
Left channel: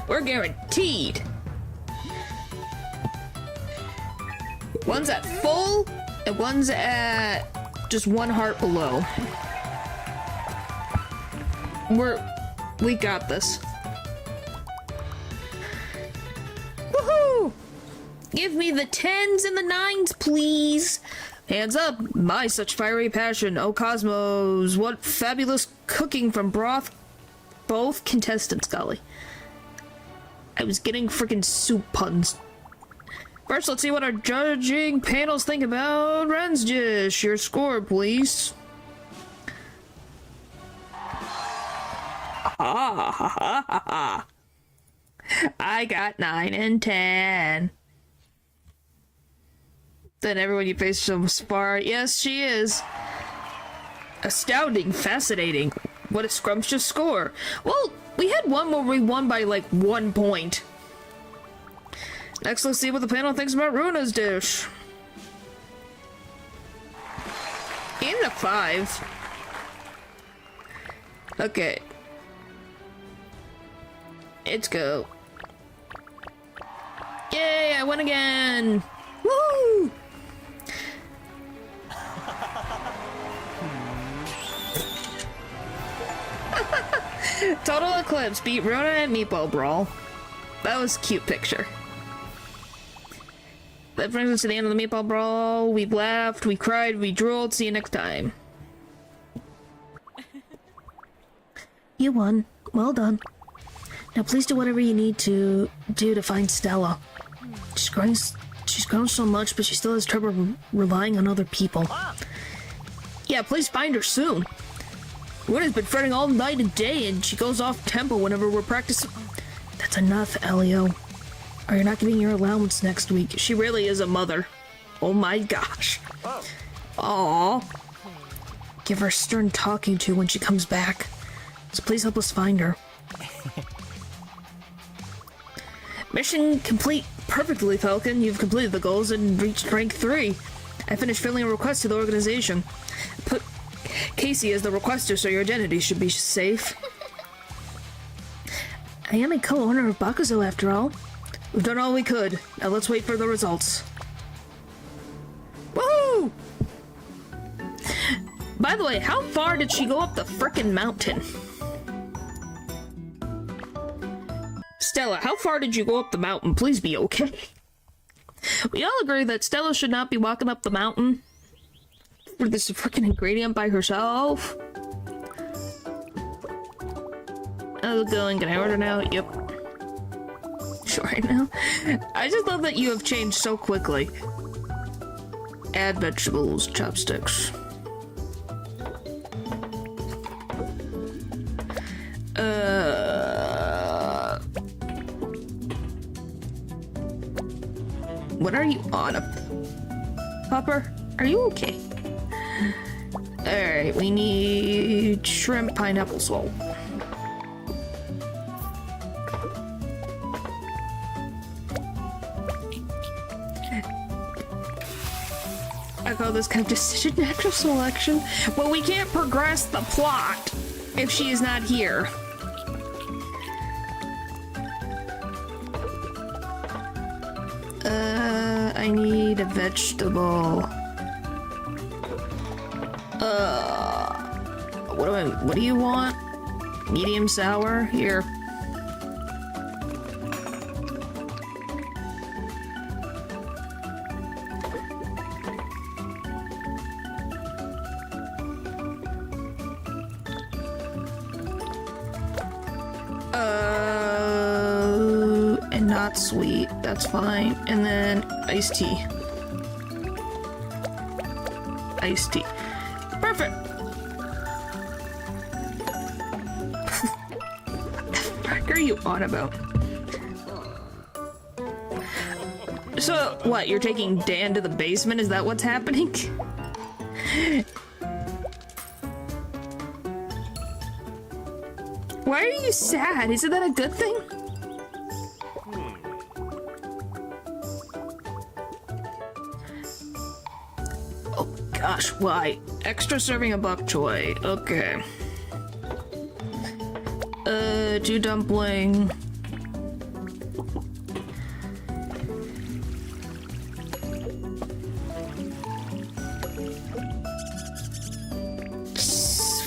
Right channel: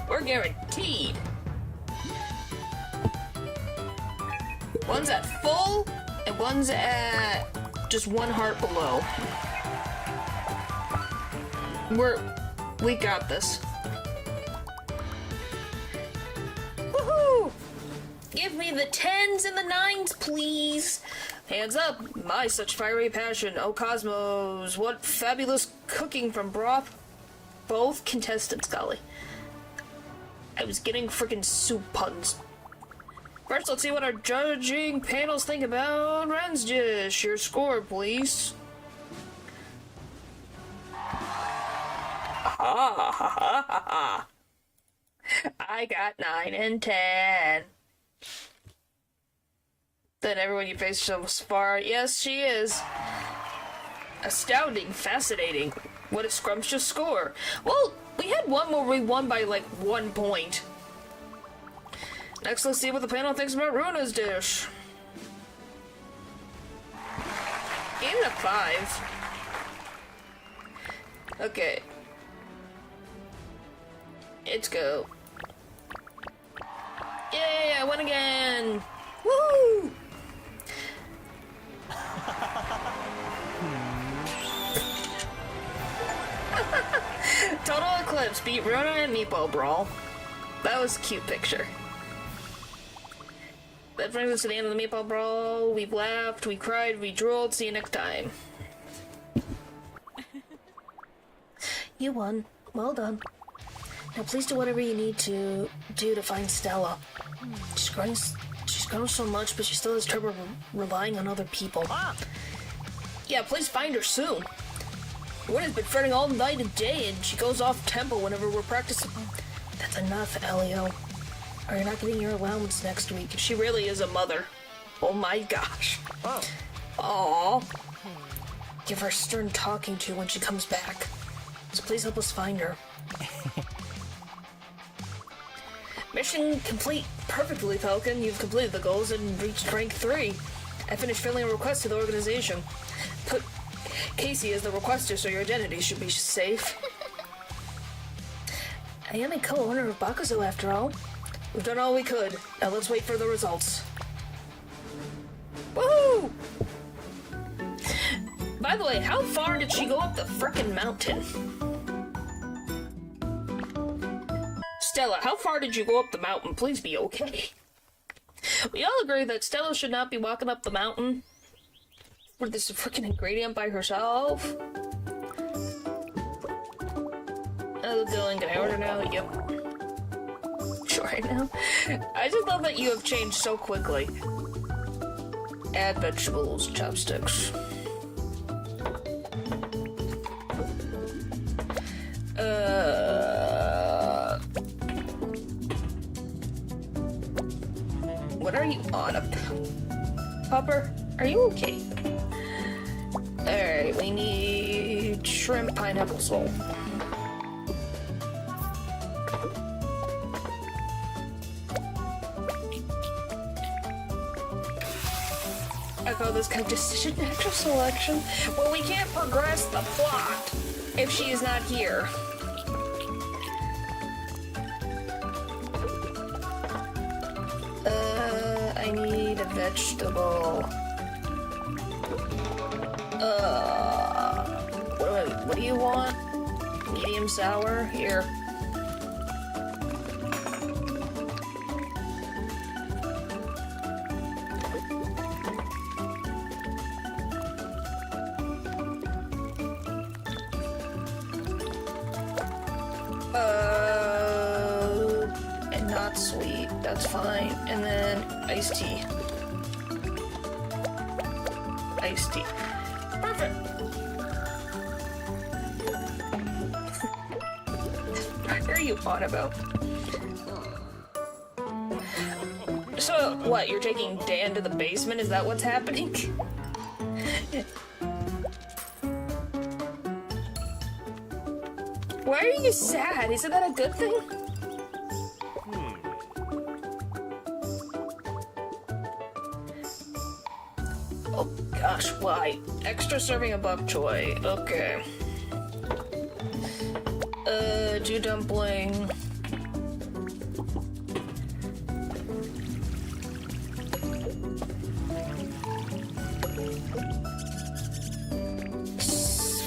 We're guaranteed. One's at full, and one's at just 1 heart below. We got this. Woohoo! Give me the 10s and the 9s, please. Hands up, my such fiery passion. Oh cosmos, what fabulous cooking from broth. Both contestants, golly. I was getting freaking soup puns. First, let's see what our judging panels think about Ren's dish. Your score, please. Ha ha ha ha ha. I got 9 and 10. Then everyone you face so far. Yes, she is. Astounding, fascinating. What a scrumptious score. Well, we had one where we won by like 1 point. Next, let's see what the panel thinks about Runa's dish. Gave it a 5. Okay. Let's go. Yay, I won again! Woo! Total Eclipse beat Rona and Meatball Brawl. That was a cute picture. That brings us to the end of the Meatball Brawl. We laughed, we cried, we drooled. See you next time. You won. Well done. Now please do whatever you need to do to find Stella. She's grown so much, but she still has trouble relying on other people. Yeah, please find her soon. Runa's been fretting all night and day, and she goes off tempo whenever we're practicing. That's enough, Elio. Or you're not getting your allowance next week. She really is a mother. Oh my gosh. Aww. Give her a stern talking to when she comes back. So please help us find her. Mission complete perfectly, Falcon. You've completed the goals and reached rank 3. I finished filling a request to the organization. Put Casey as the requester so your identity should be safe. I am a co-owner of Bakuzo after all. We've done all we could. Now let's wait for the results. Woo! By the way, how far did she go up the frickin' mountain? Stella, how far did you go up the mountain? Please be okay. We all agree that Stella should not be walking up the mountain for this freaking ingredient by herself. I'll go and get an order now. Yep. Sure, I know. I just love that you have changed so quickly. Add vegetables, chopsticks. What are you on Popper? Are you okay? Alright, we need shrimp pineapple sole. I call this kind of decision natural selection. Well, we can't progress the plot if she is not here. I need a vegetable. What do you want? Medium sour? Here. not sweet. That's fine. And then iced tea. Iced tea. Perfect. What are you on about? So, what, you're taking Dan to the basement? Is that what's happening? Why are you sad? Isn't that a good thing? Oh gosh, why? Extra serving of bok choy. Okay. 2 dumpling.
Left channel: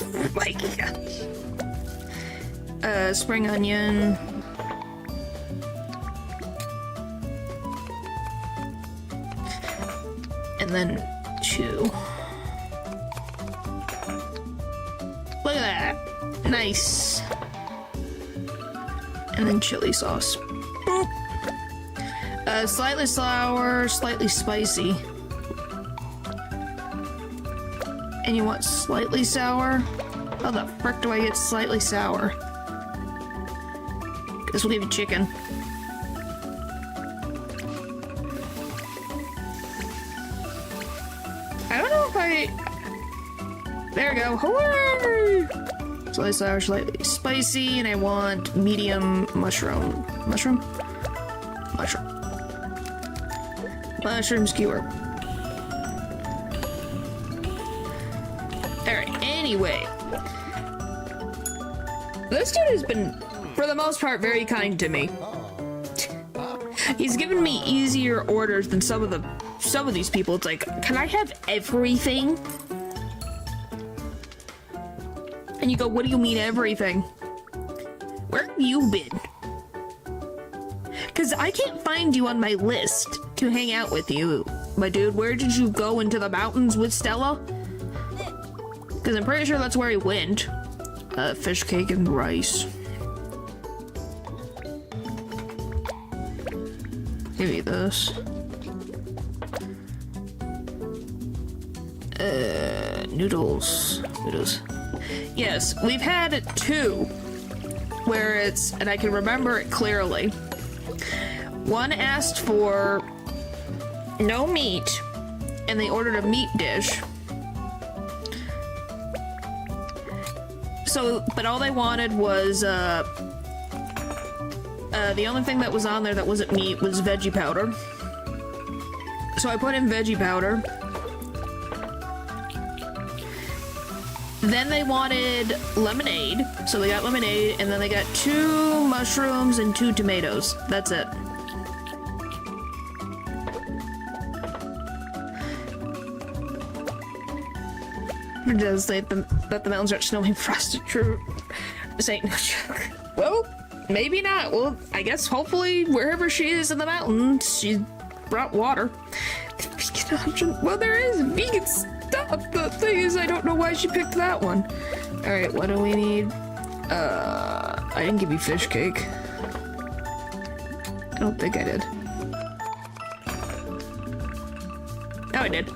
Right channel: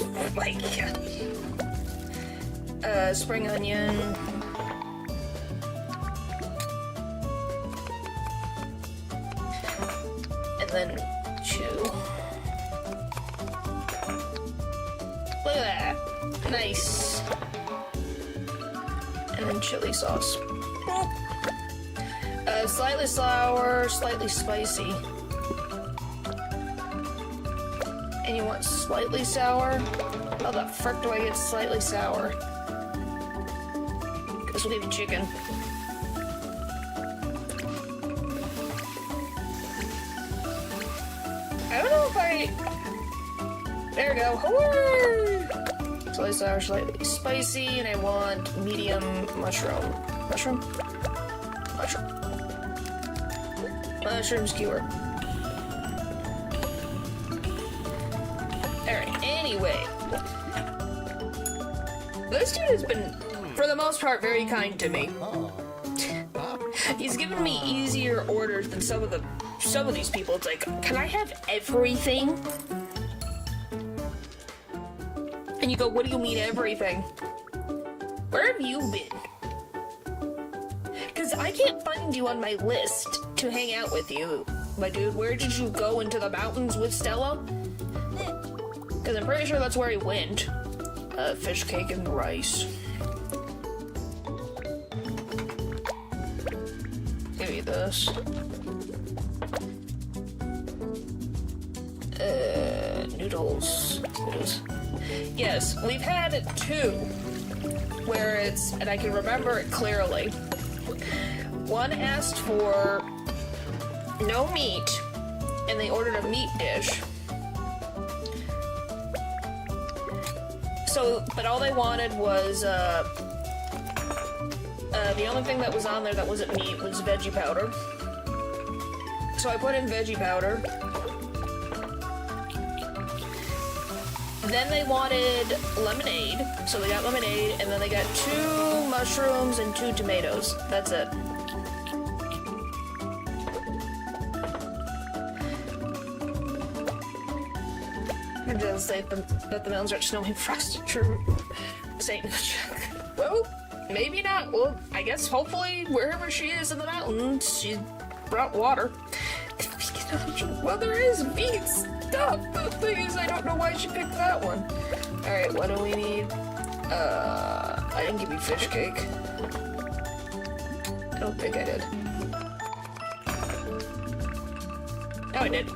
Oh my god. Spring onion. And then 2. Look at that. Nice. And then chili sauce. Slightly sour, slightly spicy. And you want slightly sour? How the frick do I get slightly sour? Guess we'll give you chicken. I don't know if I... There we go. Hooray! Slightly sour, slightly spicy, and I want medium mushroom. Mushroom? Mushroom. Mushroom skewer. Alright, anyway. This dude has been, for the most part, very kind to me. He's given me easier orders than some of these people. It's like, can I have everything? And you go, what do you mean everything? Where have you been? Because I can't find you on my list to hang out with you, my dude. Where did you go? Into the mountains with Stella? Because I'm pretty sure that's where he went. Fish cake and rice. Maybe this. Noodles. Noodles. Yes, we've had 2 where it's, and I can remember it clearly. One asked for no meat, and they ordered a meat dish. So, but all they wanted was, the only thing that was on there that wasn't meat was veggie powder. So I put in veggie powder. Then they wanted lemonade, so they got lemonade, and then they got 2 mushrooms and 2 tomatoes. That's it. It does say that the mountains are snowing frosted true. This ain't no joke. Well, maybe not. Well, I guess hopefully wherever she is in the mountains, she brought water. Vegan option. Well, there is vegan stuff. The thing is, I don't know why she picked that one. Alright, what do we need? I didn't give you fish cake. I don't think I did. Oh, I did.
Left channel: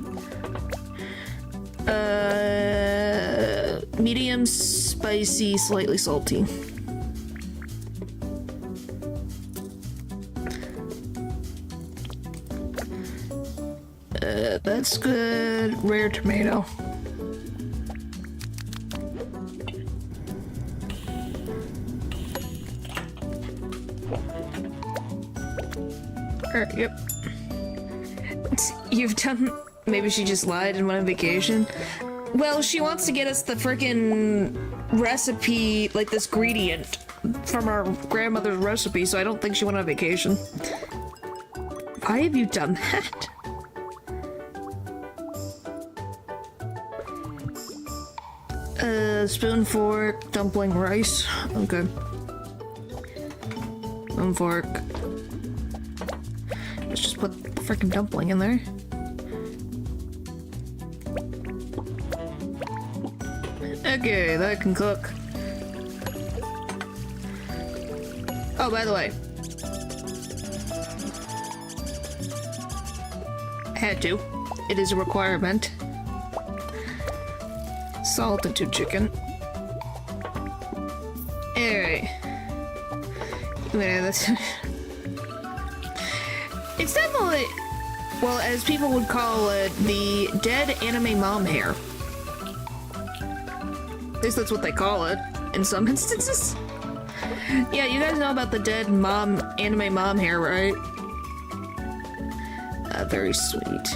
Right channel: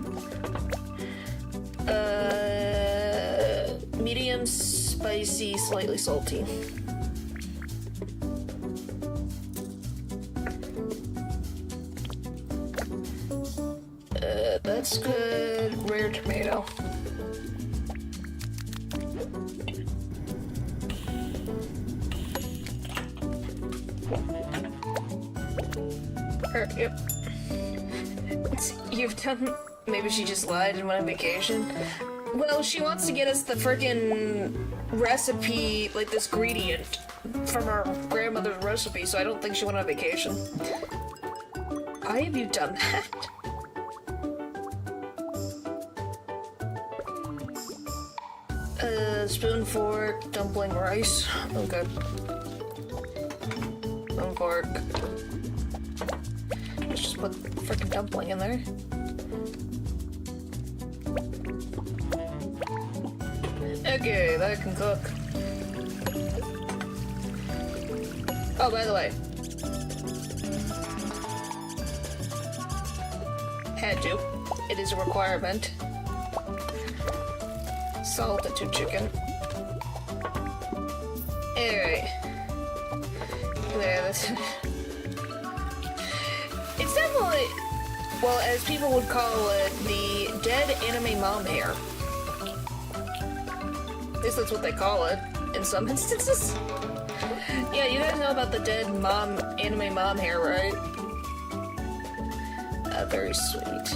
Medium spicy, slightly salty. That's good. Rare tomato. Yep. You've done... Maybe she just lied and went on vacation. Well, she wants to get us the frickin' recipe, like this ingredient from our grandmother's recipe, so I don't think she went on vacation. Why have you done that? Spoon, fork, dumpling, rice. Okay. Spoon, fork. Let's just put the frickin' dumpling in there. Okay, that can cook. Oh, by the way. Had to. It is a requirement. Salt into chicken. Alright. It's definitely, well, as people would call it, the dead anime mom hair. At least that's what they call it, in some instances. Yeah, you guys know about the dead anime mom hair, right? Very sweet.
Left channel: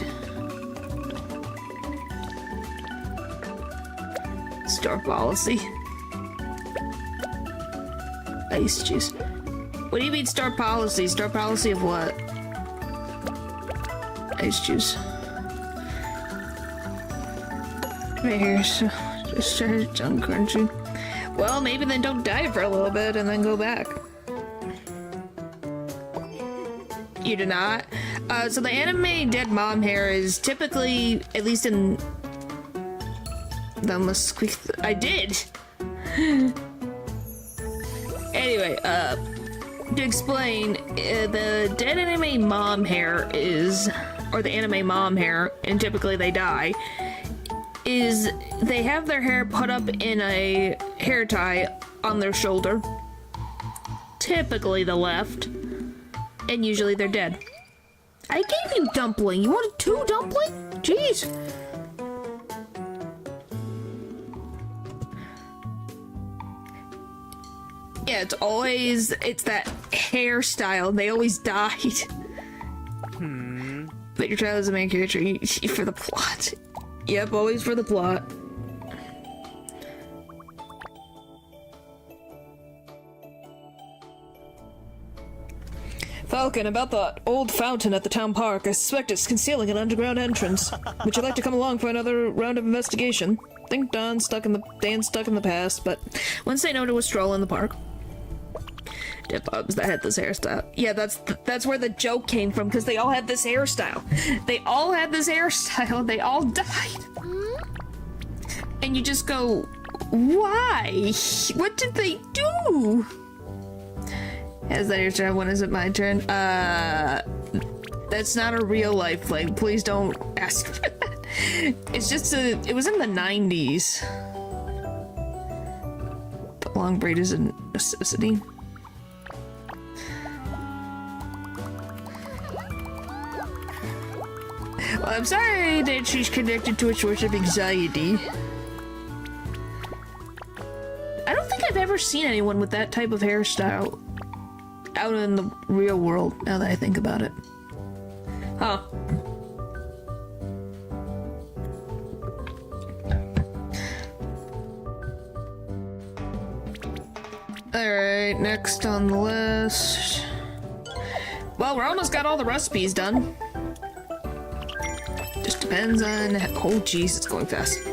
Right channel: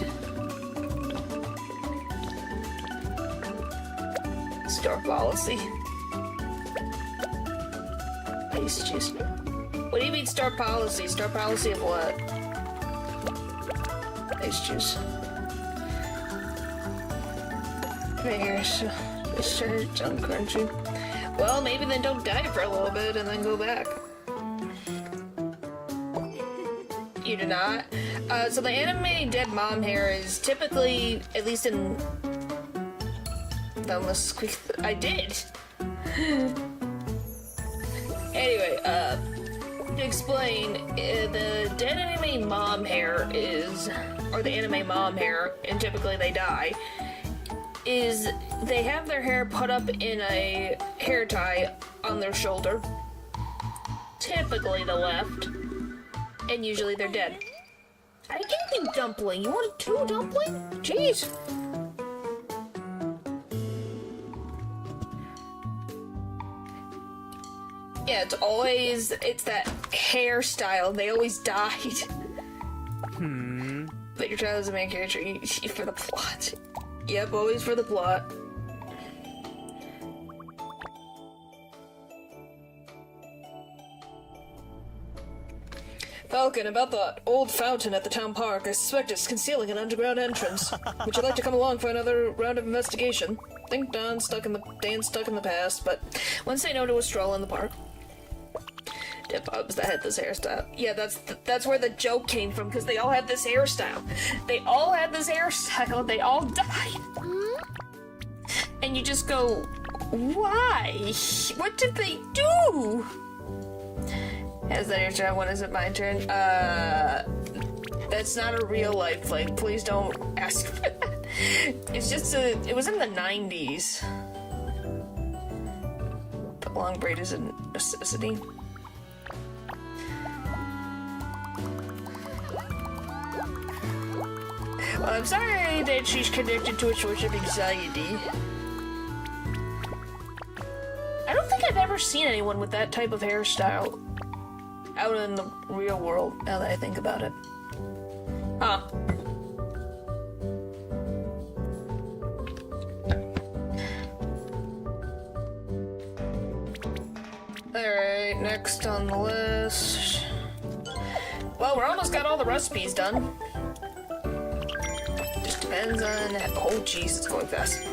Store policy. Ice juice. What do you mean store policy? Store policy of what? Ice juice. Right here, so just it's uncrunchy. Well, maybe then don't diet for a little bit and then go back. You do not? So the anime dead mom hair is typically, at least in... I did! Anyway, to explain, the dead anime mom hair is, or the anime mom hair, and typically they die, is they have their hair put up in a hair tie on their shoulder, typically the left, and usually they're dead. I gave you dumpling. You wanted 2 dumpling? Jeez. Yeah, it's that hairstyle. They always died. But your child is the main character for the plot. Yep, always for the plot. Falcon, about the old fountain at the town park, I suspect it's concealing an underground entrance. Would you like to come along for another round of investigation? Think Dan's stuck in the past, but once they know to a stroll in the park. Dip Bubs that had this hairstyle. Yeah, that's where the joke came from, because they all had this hairstyle. They all had this hairstyle, they all died. And you just go, why? What did they do? Is that your turn? When is it my turn? That's not a real life thing. Please don't ask for that. It's just it was in the 90s. But long braid is a necessity. Well, I'm sorry that she's connected to a source of anxiety. I don't think I've ever seen anyone with that type of hairstyle out in the real world, now that I think about it. Huh. Alright, next on the list. Well, we're almost got all the recipes done. Just depends on... Oh, jeez, it's going fast.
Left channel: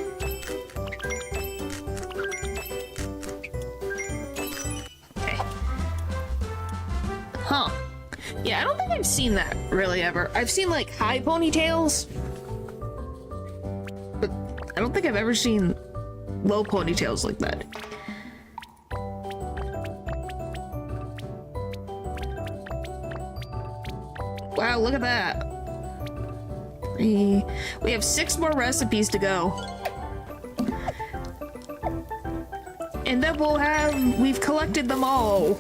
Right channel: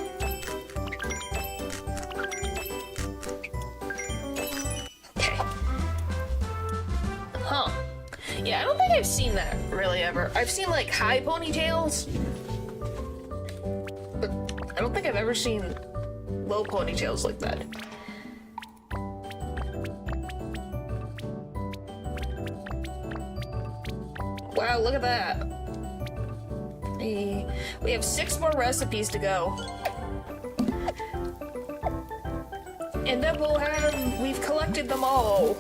Yeah, I don't think I've seen that really ever. I've seen like high ponytails, but I don't think I've ever seen low ponytails like that. Wow, look at that. We have 6 more recipes to go. And then we've collected them all.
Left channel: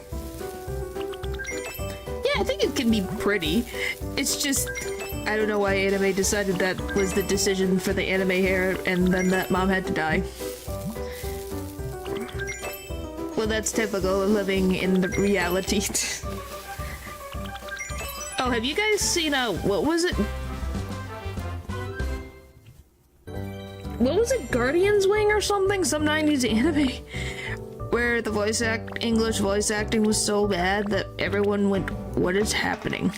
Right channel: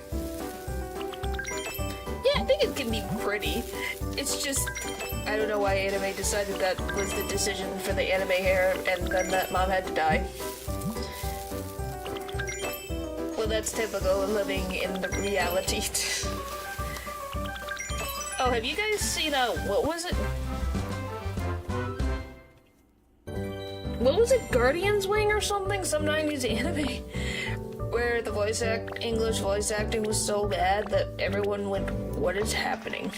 I think it can be pretty. It's just, I don't know why anime decided that was the decision for the anime hair and then that mom had to die. Well, that's typical of living in the reality. Oh, have you guys seen, what was it? What was it, Guardian's Wing or something? Some 90s anime? Where the English voice acting was so bad that everyone went, what is happening?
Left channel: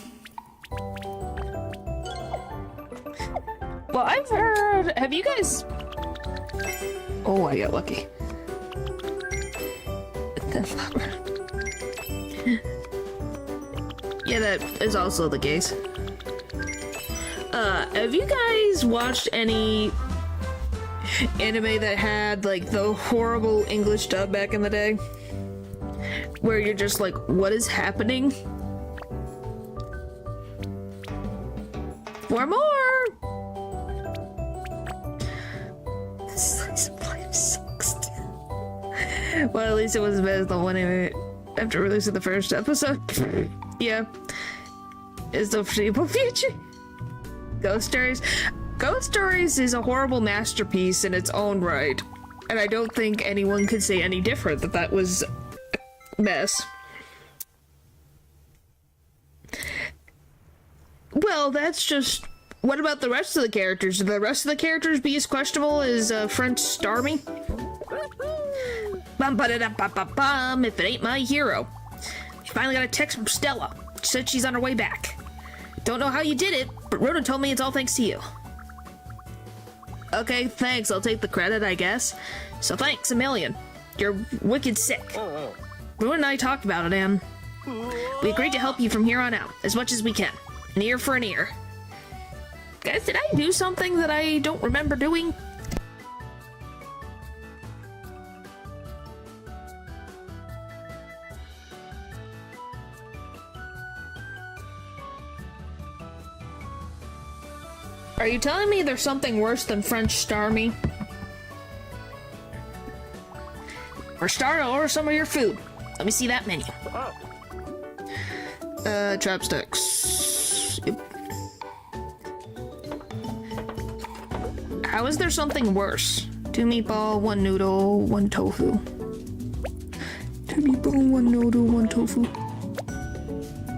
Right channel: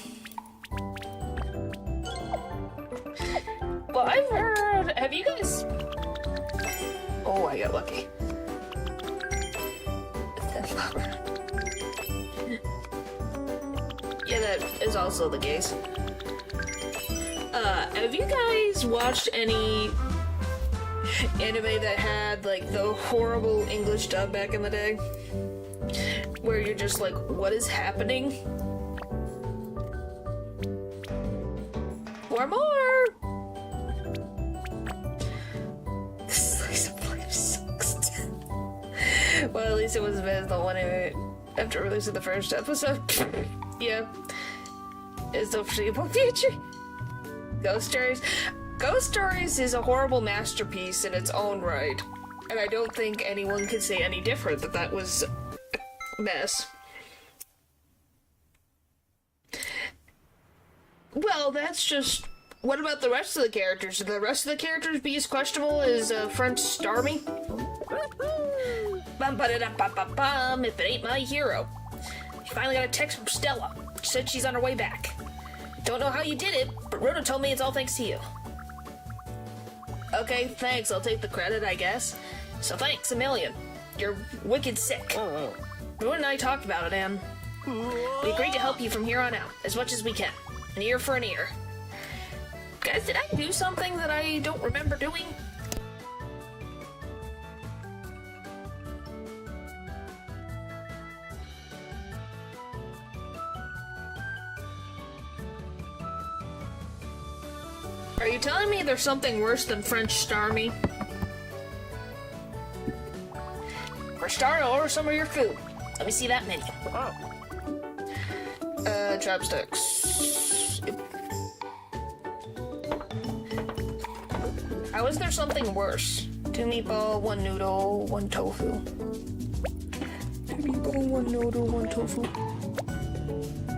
Well, I've heard, have you guys... Oh, I got lucky. Yeah, that is also the case. Have you guys watched any anime that had like the horrible English dub back in the day? Where you're just like, what is happening? 4 more! Well, at least it wasn't as bad as the one after releasing the first episode. Yeah. It's the foreseeable future. Ghost Stories. Ghost Stories is a horrible masterpiece in its own right. And I don't think anyone could say any different that that was a mess. Well, that's just... What about the rest of the characters? Should the rest of the characters be as questionable as French Starmie? Bum ba da da ba ba bum, if it ain't my hero. She finally got a text from Stella. She said she's on her way back. Don't know how you did it, but Rhoda told me it's all thanks to you. Okay, thanks. I'll take the credit, I guess. So thanks a million. You're wicked sick. Rhoda and I talked about it, and we agreed to help you from here on out, as much as we can. An ear for an ear. Guys, did I do something that I don't remember doing? Are you telling me there's something worse than French Starmie? For start, order some of your food. Let me see that menu. Chopsticks. Yep. How is there something worse? 2 meatball, 1 noodle, 1 tofu. 2 meatball, 1 noodle, 1 tofu.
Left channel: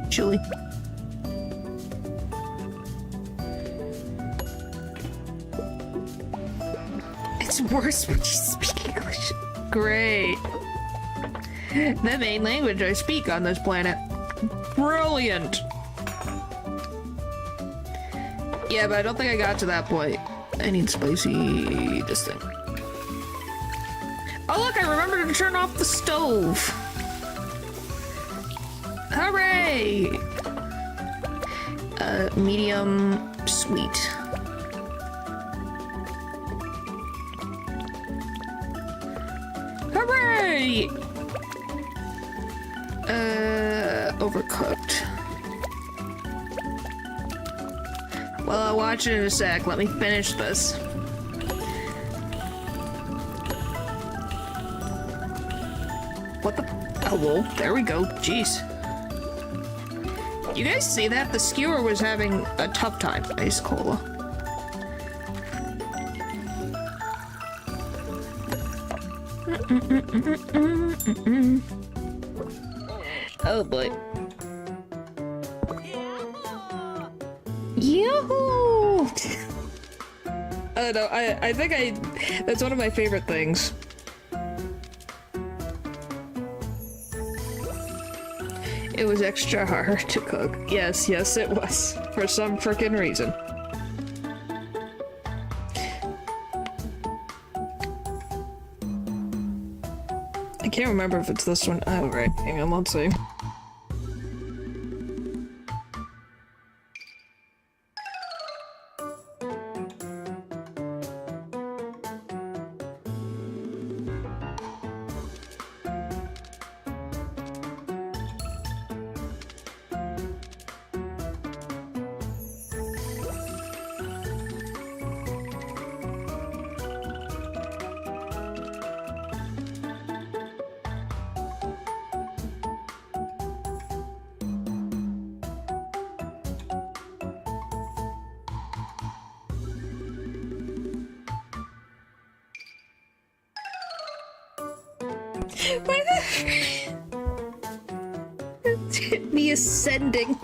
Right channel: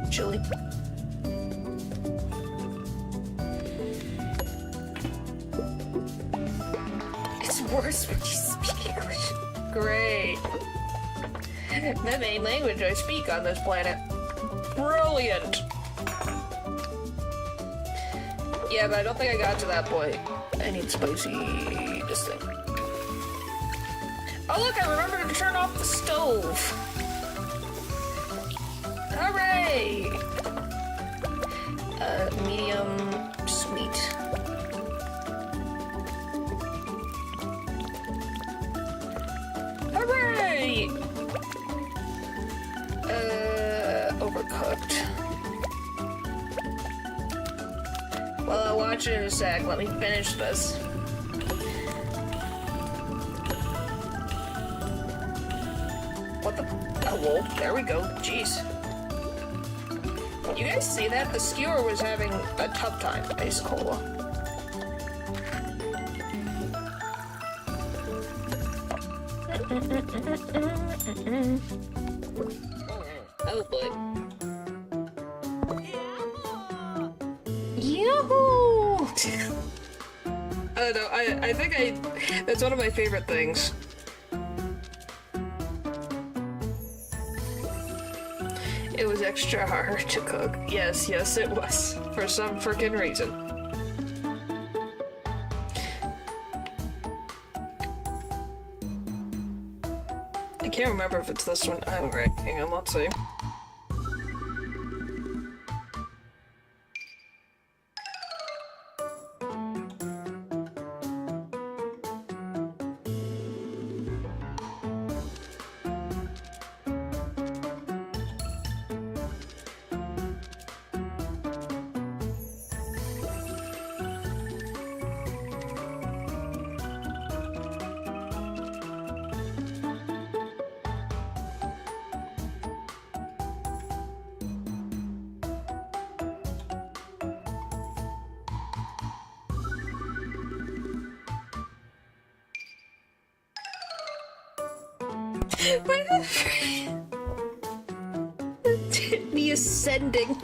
Chili. It's worse when you speak English. Great. The main language I speak on this planet. Brilliant. Yeah, but I don't think I got to that point. I need spicy this thing. Oh look, I remembered to turn off the stove. Hooray! Medium sweet. Hooray! Overcooked. Well, I'll watch it in a sec. Let me finish this. What the? Oh, well, there we go. Jeez. You guys see that? The skewer was having a tough time. Ice cola. Oh boy. Yahoo! I don't know, I think that's one of my favorite things. It was extra hard to cook. Yes, yes it was. For some frickin' reason. I can't remember if it's this one. Oh, right. Hang on, let's see. Me ascending.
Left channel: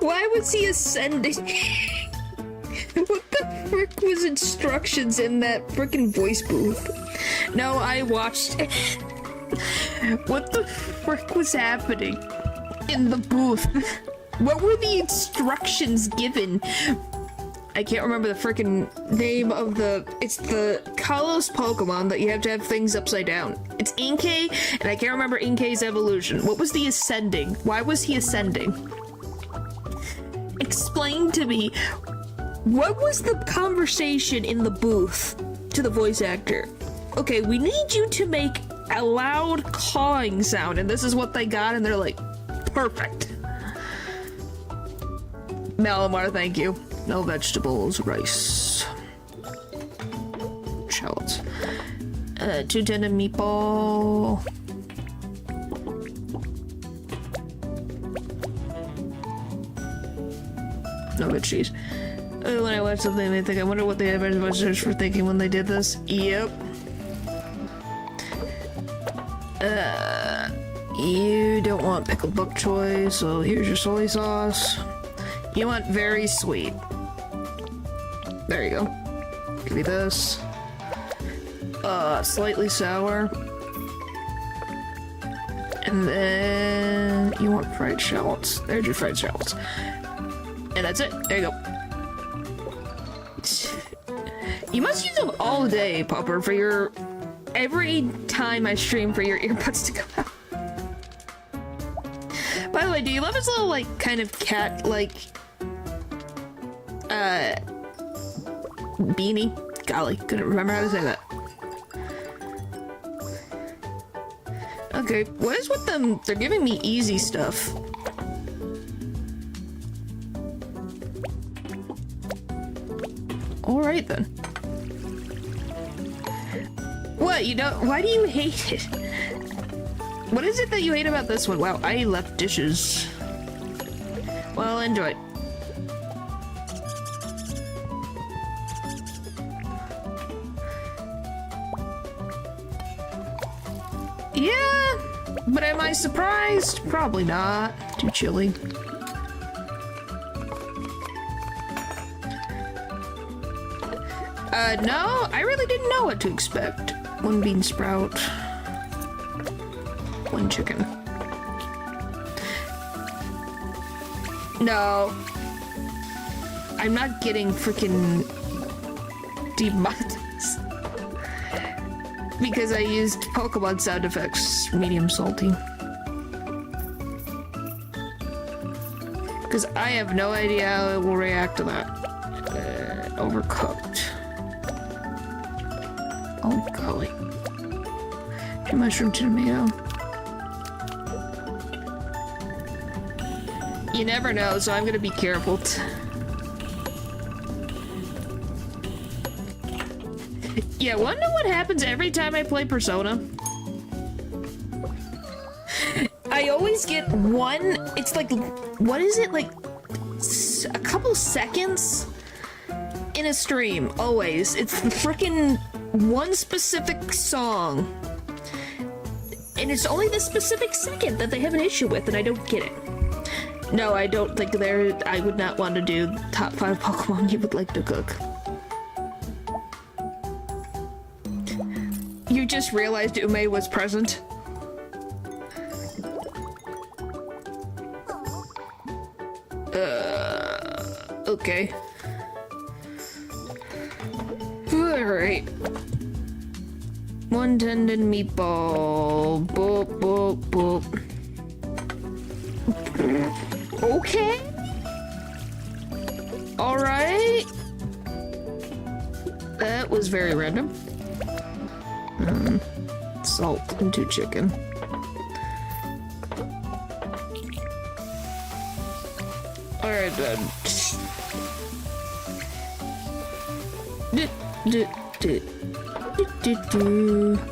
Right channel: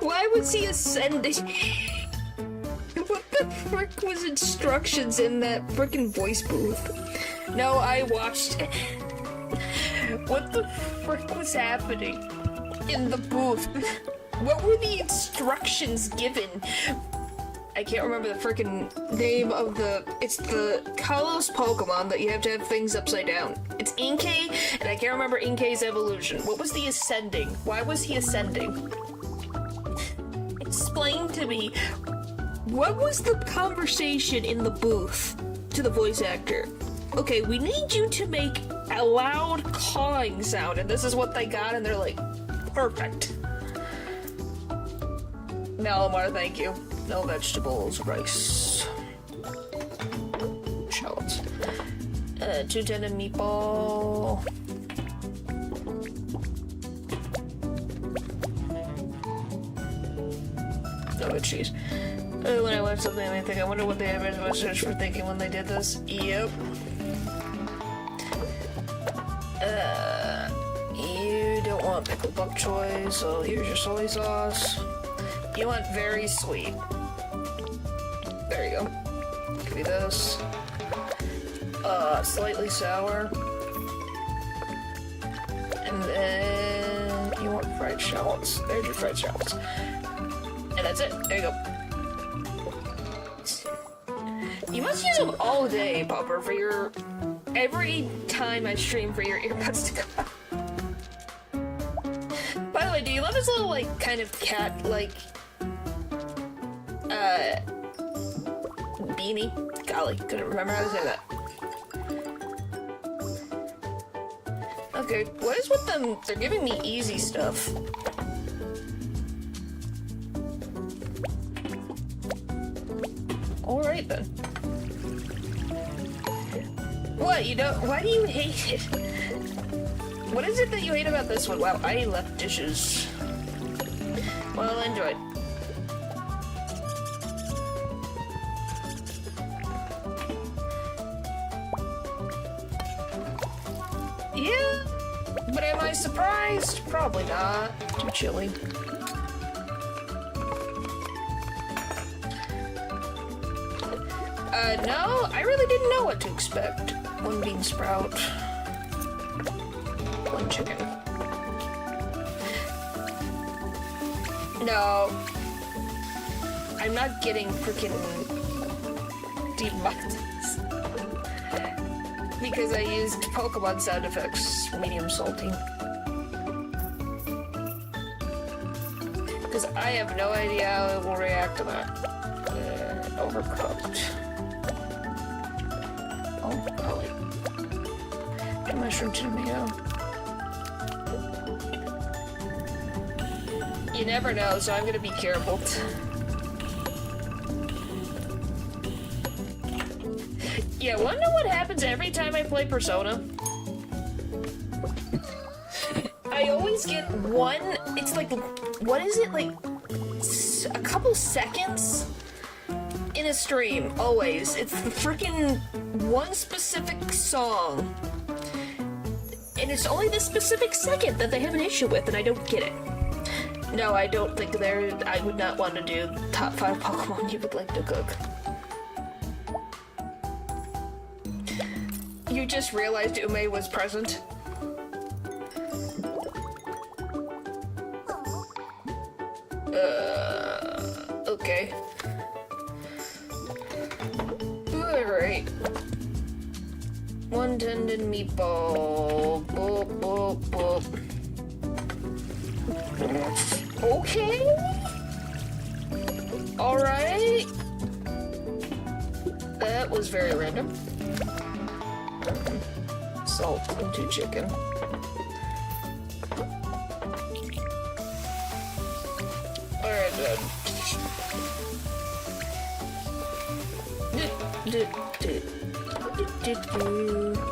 Why was he ascending? What the frick was instructions in that frickin' voice booth? No, I watched it. What the frick was happening in the booth? What were the instructions given? I can't remember the frickin' name of it's the Kalos Pokemon that you have to have things upside down. It's Inkay, and I can't remember Inkay's evolution. What was the ascending? Why was he ascending? Explain to me, what was the conversation in the booth to the voice actor? Okay, we need you to make a loud cawing sound, and this is what they got, and they're like, perfect. Malamar, thank you. No vegetables, rice, shallots. 2 tendon meatball. No good cheese. When I watch something, I think, I wonder what the advertisers were thinking when they did this. Yep. You don't want pickled bok choy, so here's your soy sauce. You want very sweet. There you go. Give me this. Slightly sour. And then you want fried shallots. There's your fried shallots. And that's it. There you go. You must use them all day, Popper, for your... every time I stream for your earbuds to come out. By the way, do you love his little, like, kind of cat, like... beanie? Golly, couldn't remember how to say that. Okay, what is with them? They're giving me easy stuff. Alright then. What, you don't- why do you hate it? What is it that you hate about this one? Wow, I left dishes. Well, enjoy. Yeah, but am I surprised? Probably not. Too chilly. No, I really didn't know what to expect. 1 bean sprout. 1 chicken. No. I'm not getting freaking demonetized. Because I used Pokemon sound effects, medium salty. Because I have no idea how it will react to that. Overcooked. Oh golly. Mushroom tomato. You never know, so I'm gonna be careful. Yeah, wanna know what happens every time I play Persona? I always get one, it's like, what is it, like, a couple seconds in a stream, always. It's the frickin' one specific song. And it's only this specific second that they have an issue with, and I don't get it. No, I don't think I would not want to do top 5 Pokemon you would like to cook. You just realized Ume was present? Okay. Alright. 1 tendon meatball. Boop, boop, boop. Okay. Alright. That was very random. Salt into chicken. Alright then.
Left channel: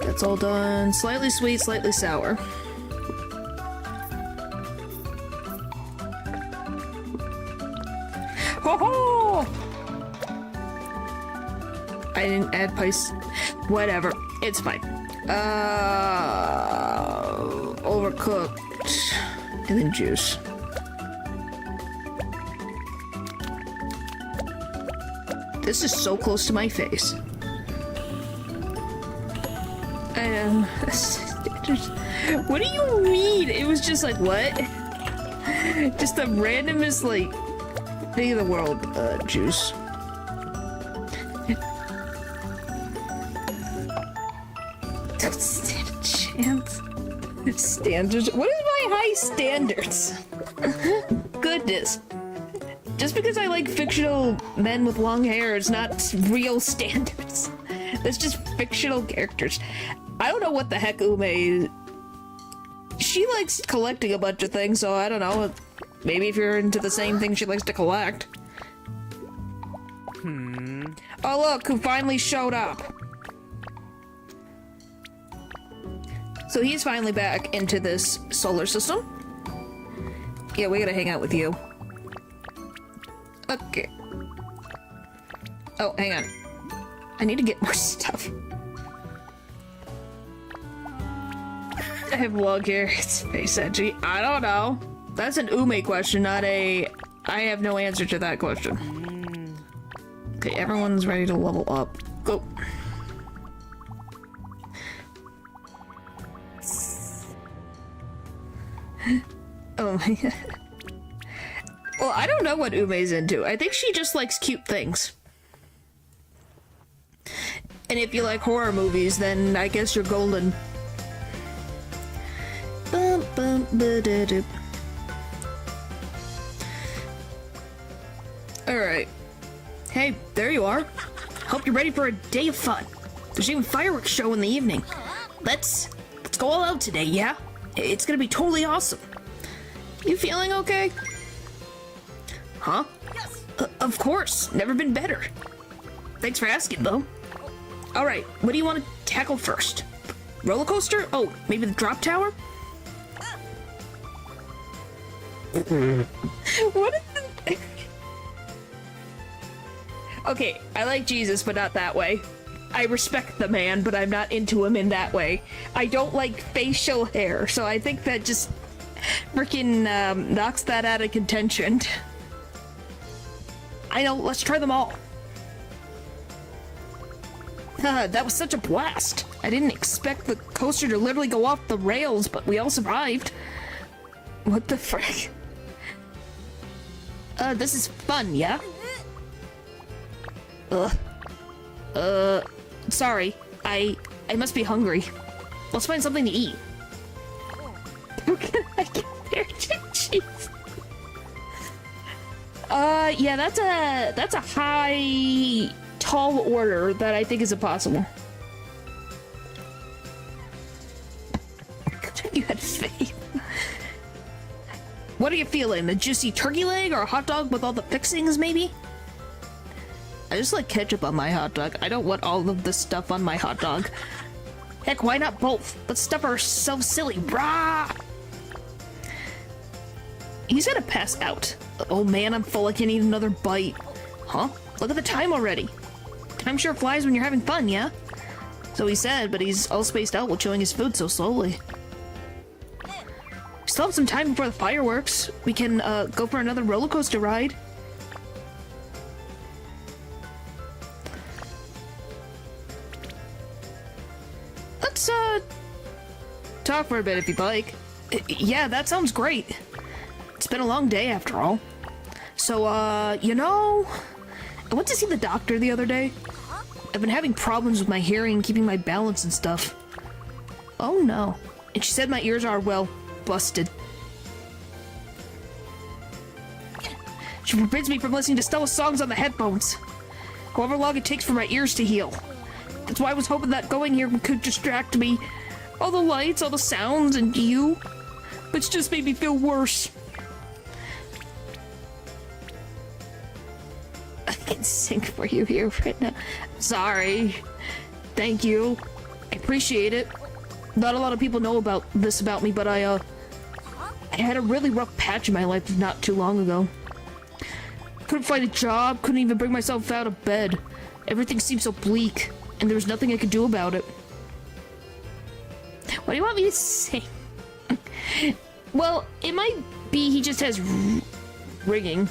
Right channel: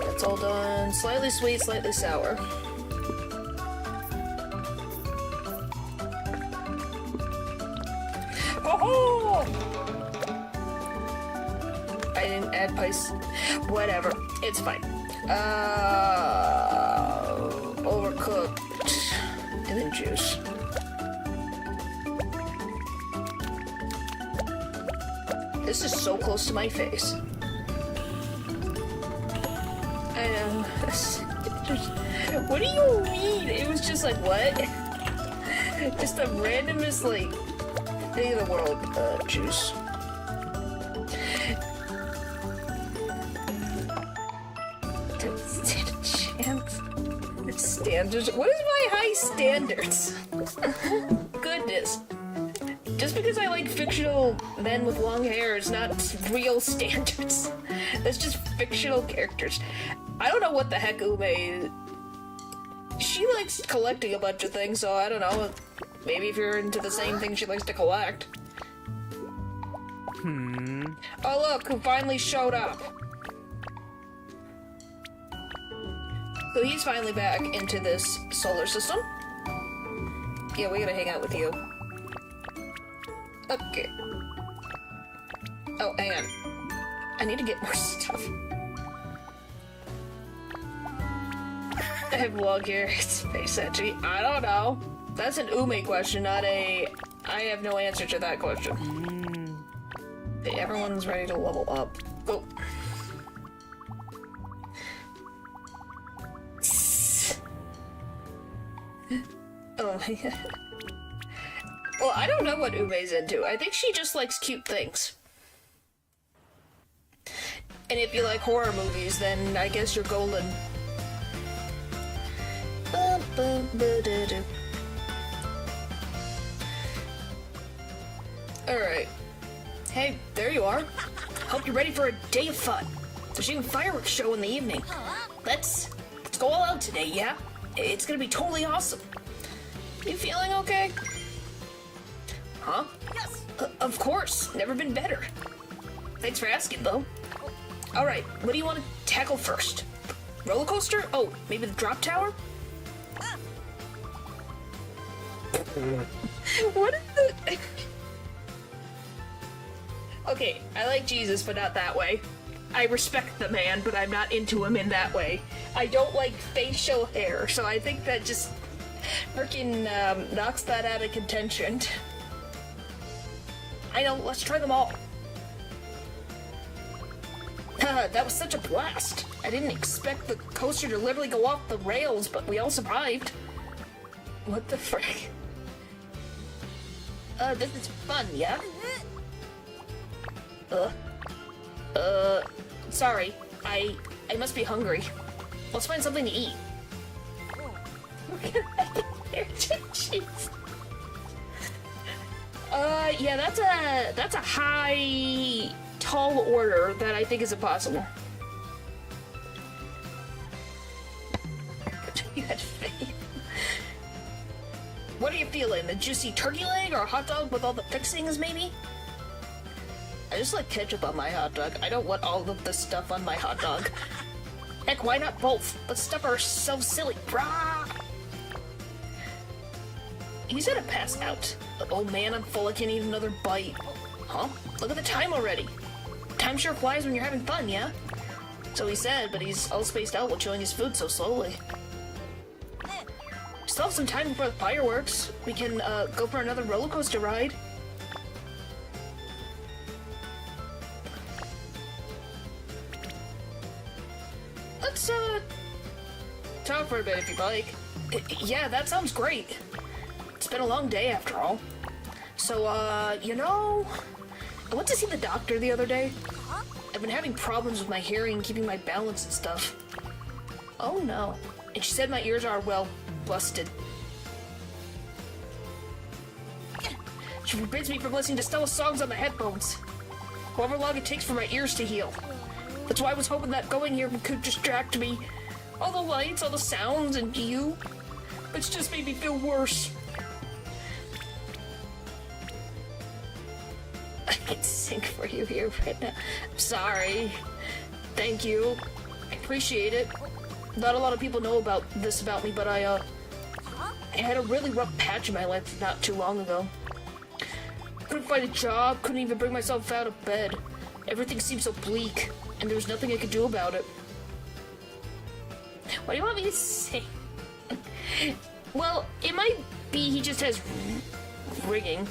That's all done. Slightly sweet, slightly sour. Ho ho! I didn't add spice. Whatever. It's fine. Overcooked. And then juice. This is so close to my face. I know. What do you mean? It was just like, what? Just the randomest, like, thing in the world. Juice. Don't stand a chance. Standards? What is my high standards? Goodness. Just because I like fictional men with long hair is not real standards. That's just fictional characters. I don't know what the heck Ume is. She likes collecting a bunch of things, so I don't know. Maybe if you're into the same thing she likes to collect. Oh look, who finally showed up. So he's finally back into this solar system. Yeah, we gotta hang out with you. Okay. Oh, hang on. I need to get more stuff. I have a log here. It's space edgy. I don't know. That's an Ume question, not a... I have no answer to that question. Okay, everyone's ready to level up. Go. Oh my god. Well, I don't know what Ume's into. I think she just likes cute things. And if you like horror movies, then I guess you're golden. Bum, bum, ba-da-da. Alright. Hey, there you are. Hope you're ready for a day of fun. There's even a fireworks show in the evening. Let's go all out today, yeah? It's gonna be totally awesome. You feeling okay? Huh? Yes. Of course. Never been better. Thanks for asking, though. Alright, what do you want to tackle first? Roller coaster? Oh, maybe the drop tower? What is it? Okay, I like Jesus, but not that way. I respect the man, but I'm not into him in that way. I don't like facial hair, so I think that just freaking knocks that out of contention. I know, let's try them all. That was such a blast. I didn't expect the coaster to literally go off the rails, but we all survived. What the frick? This is fun, yeah? Sorry. I must be hungry. Let's find something to eat. How can I get there? Jeez. Yeah, that's a high, tall order that I think is impossible. You had faith. What are you feeling? A juicy turkey leg or a hot dog with all the fixings, maybe? I just like ketchup on my hot dog. I don't want all of this stuff on my hot dog. Heck, why not both? But stuff are so silly. Brah! He's gonna pass out. Oh man, I'm full. I can't eat another bite. Huh? Look at the time already. Time sure flies when you're having fun, yeah? So he said, but he's all spaced out while chewing his food so slowly. We still have some time before the fireworks. We can, go for another roller coaster ride. Let's, talk for a bit if you'd like. Yeah, that sounds great. It's been a long day after all. So, you know, I went to see the doctor the other day. I've been having problems with my hearing, keeping my balance and stuff. Oh no. And she said my ears are, well, busted. She forbids me from listening to Stella's songs on the headphones. However long it takes for my ears to heal. That's why I was hoping that going here could distract me. All the lights, all the sounds, and you. But it's just made me feel worse. I can sing for you here right now. I'm sorry. Thank you. I appreciate it. Not a lot of people know about this about me, but I had a really rough patch in my life not too long ago. Couldn't find a job, couldn't even bring myself out of bed. Everything seemed so bleak, and there was nothing I could do about it. What do you want me to sing? Well, it might be he just has rigging,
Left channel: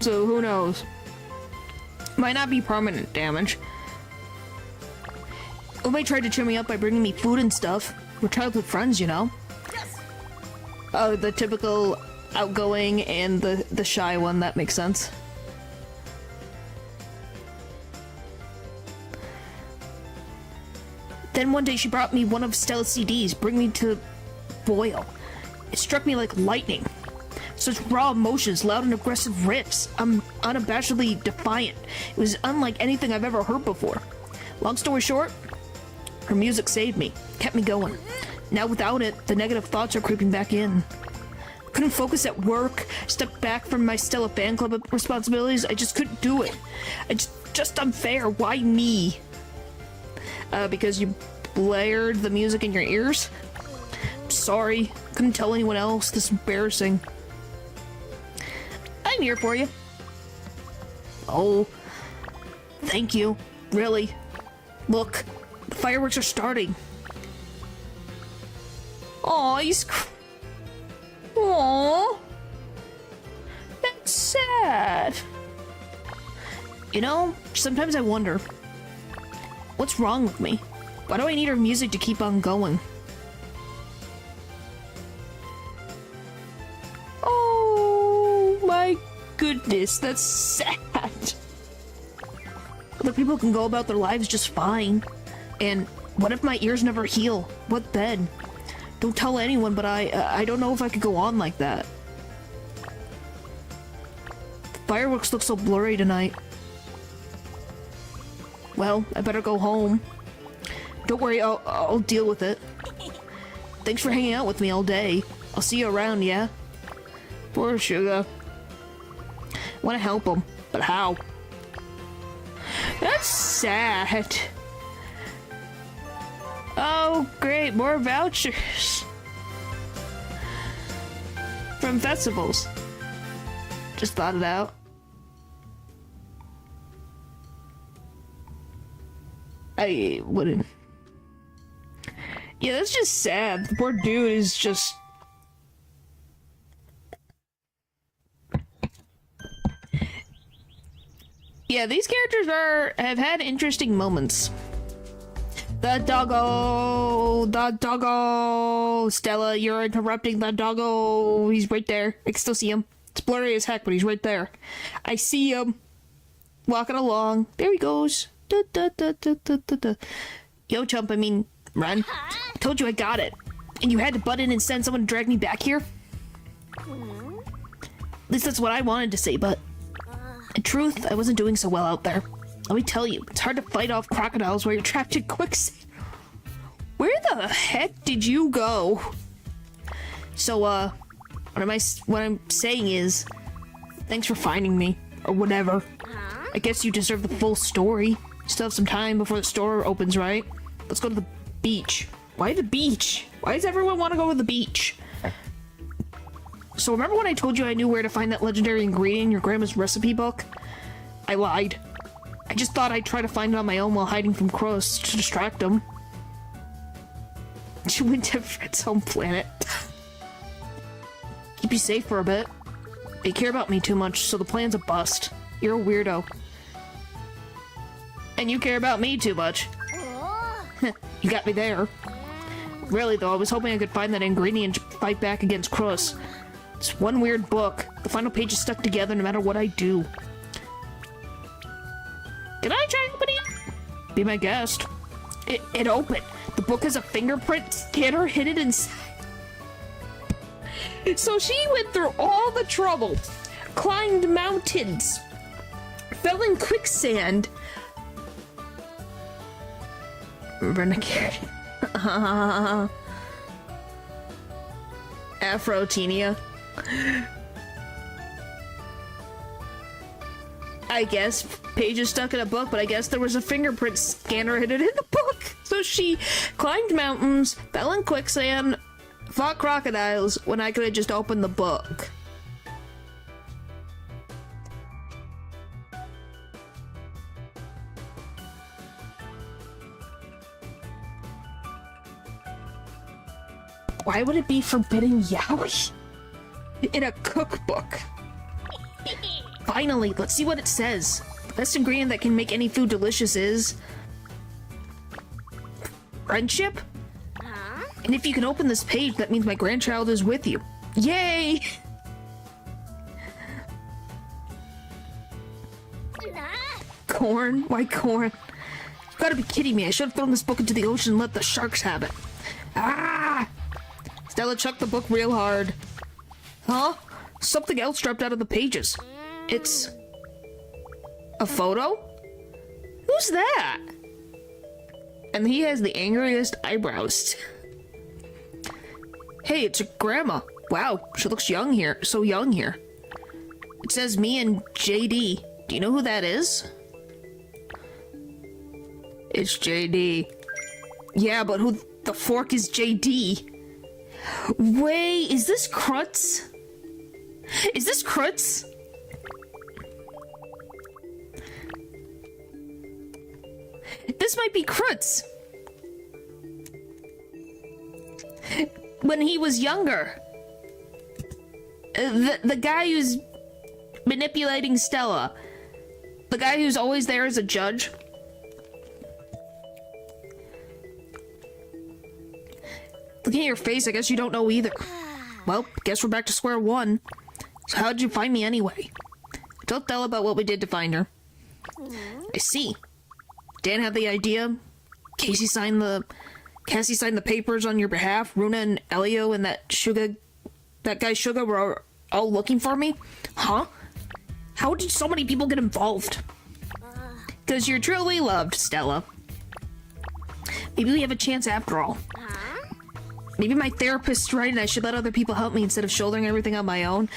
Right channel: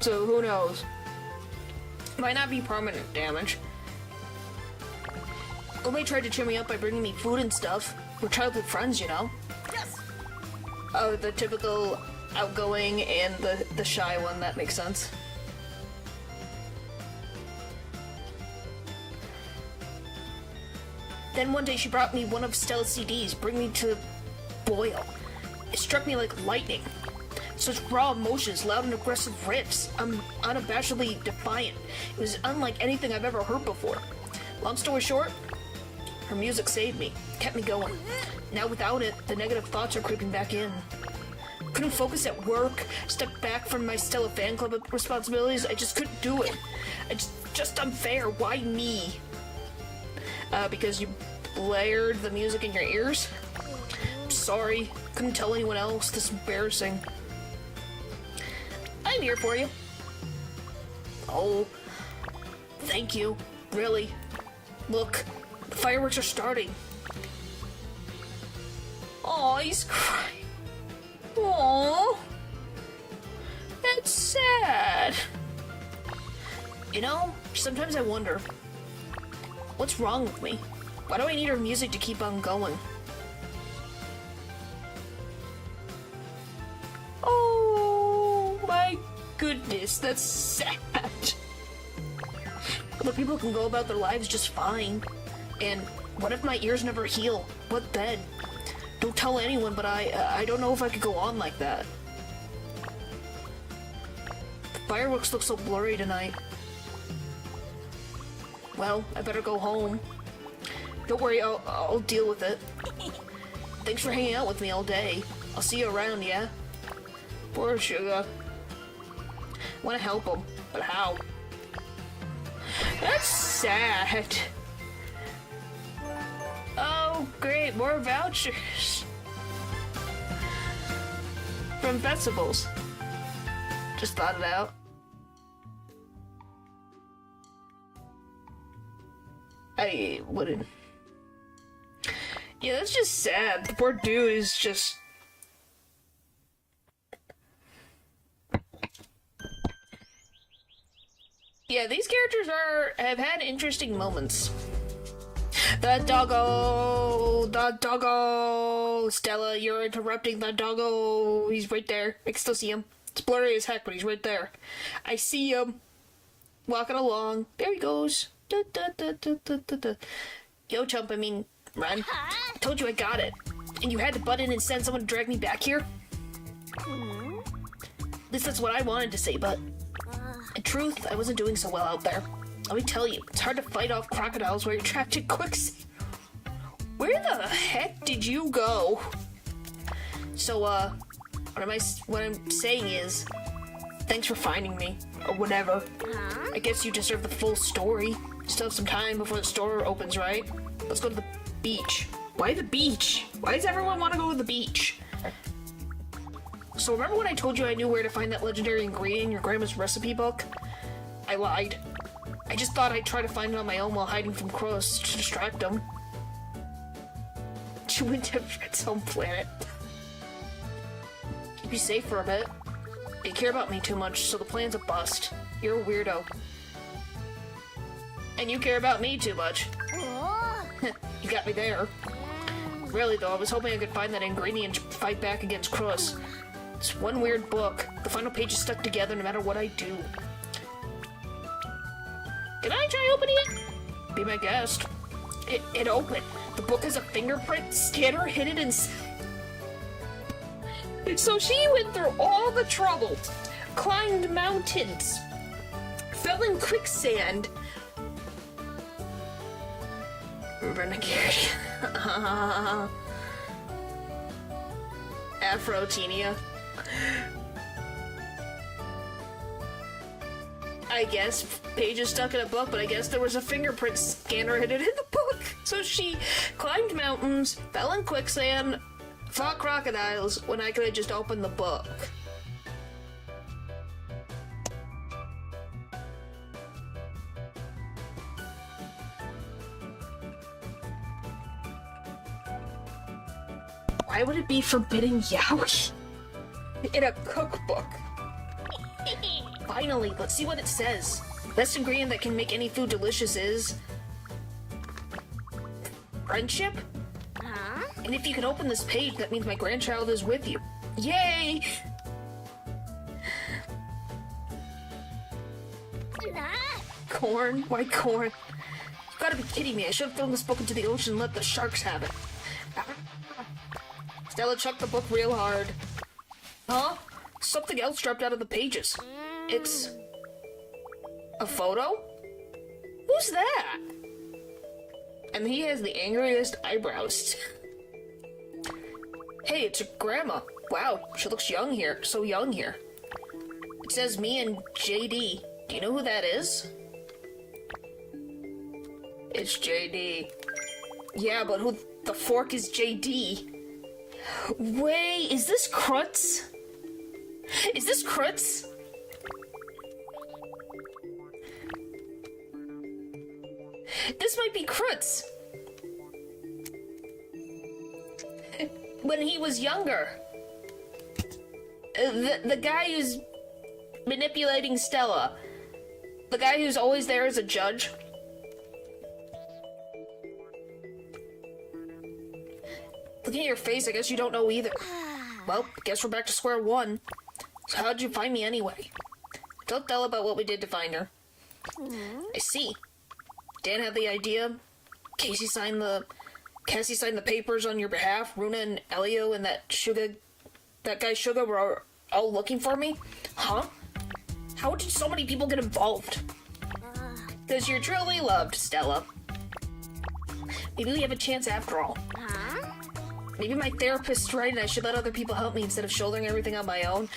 so who knows? Might not be permanent damage. Ome tried to cheer me up by bringing me food and stuff. We're childhood friends, you know? Yes! Oh, the typical outgoing and the shy one, that makes sense. Then one day she brought me one of Stella's CDs, bring me to boil. It struck me like lightning. Such raw emotions, loud and aggressive riffs. I'm unabashedly defiant. It was unlike anything I've ever heard before. Long story short, her music saved me, kept me going. Now without it, the negative thoughts are creeping back in. Couldn't focus at work, stepped back from my Stella fan club responsibilities. I just couldn't do it. It's just unfair. Why me? Because you blared the music in your ears? Sorry, couldn't tell anyone else. This is embarrassing. I'm here for you. Oh, thank you. Really. Look, the fireworks are starting. Aw, he's crying. Aw. That's sad. You know, sometimes I wonder, what's wrong with me? Why do I need her music to keep on going? Oh my goodness, that's sad. Other people can go about their lives just fine. And what if my ears never heal? What then? Don't tell anyone, but I don't know if I could go on like that. The fireworks look so blurry tonight. Well, I better go home. Don't worry, I'll deal with it. Thanks for hanging out with me all day. I'll see you around, yeah? Poor Sugar. I want to help him, but how? That's sad. Oh, great, more vouchers. From festivals. Just thought it out. I wouldn't. Yeah, that's just sad. The poor dude is just... Yeah, these characters have had interesting moments. The doggo! The doggo! Stella, you're interrupting the doggo! He's right there. I can still see him. It's blurry as heck, but he's right there. I see him. Walking along. There he goes. Da, da, da, da, da, da, da. Yo, chump, I mean, run. I told you I got it. And you had to butt in and send someone to drag me back here? At least that's what I wanted to say, but... in truth, I wasn't doing so well out there. Let me tell you, it's hard to fight off crocodiles while you're trapped in quicksand. Where the heck did you go? So, what I'm saying is, thanks for finding me, or whatever. I guess you deserve the full story. Still have some time before the store opens, right? Let's go to the beach. Why the beach? Why does everyone want to go to the beach? So remember when I told you I knew where to find that legendary ingredient in your grandma's recipe book? I lied. I just thought I'd try to find it on my own while hiding from crows to distract them. She went to Fred's home planet. Keep you safe for a bit. You care about me too much, so the plan's a bust. You're a weirdo. And you care about me too much. You got me there. Really though, I was hoping I could find that ingredient to fight back against crows. It's one weird book. The final page is stuck together no matter what I do. Can I try opening it? Be my guest. It opened. The book has a fingerprint scanner hidden inside. So she went through all the trouble, climbed mountains, fell in quicksand. Renegade. Afro-Tenia. I guess pages stuck in a book, but I guess there was a fingerprint scanner hidden in the book. So she climbed mountains, fell in quicksand, fought crocodiles when I could have just opened the book. Why would it be forbidden yaoi in a cookbook? Finally, let's see what it says. The best ingredient that can make any food delicious is... friendship? And if you can open this page, that means my grandchild is with you. Yay! Corn? Why corn? You gotta be kidding me. I should have thrown this book into the ocean and let the sharks have it. Ah! Stella chucked the book real hard. Huh? Something else dropped out of the pages. It's... a photo? Who's that? And he has the angriest eyebrows. Hey, it's a grandma. Wow, she looks young here. So young here. It says me and JD. Do you know who that is? It's JD. Yeah, but who the fork is JD? Wait, is this Krutz? Is this Krutz? This might be Krutz. When he was younger. The guy who's manipulating Stella. The guy who's always there as a judge. Looking at your face, I guess you don't know either. Well, guess we're back to square one. So how'd you find me anyway? Tell Stella about what we did to find her. I see. Dan had the idea. Cassie signed the papers on your behalf. Runa and Elio and that guy Suga were all looking for me? Huh? How did so many people get involved? Because you're truly loved, Stella. Maybe we have a chance after all. Maybe my therapist's right and I should let other people help me instead of shouldering everything on my own.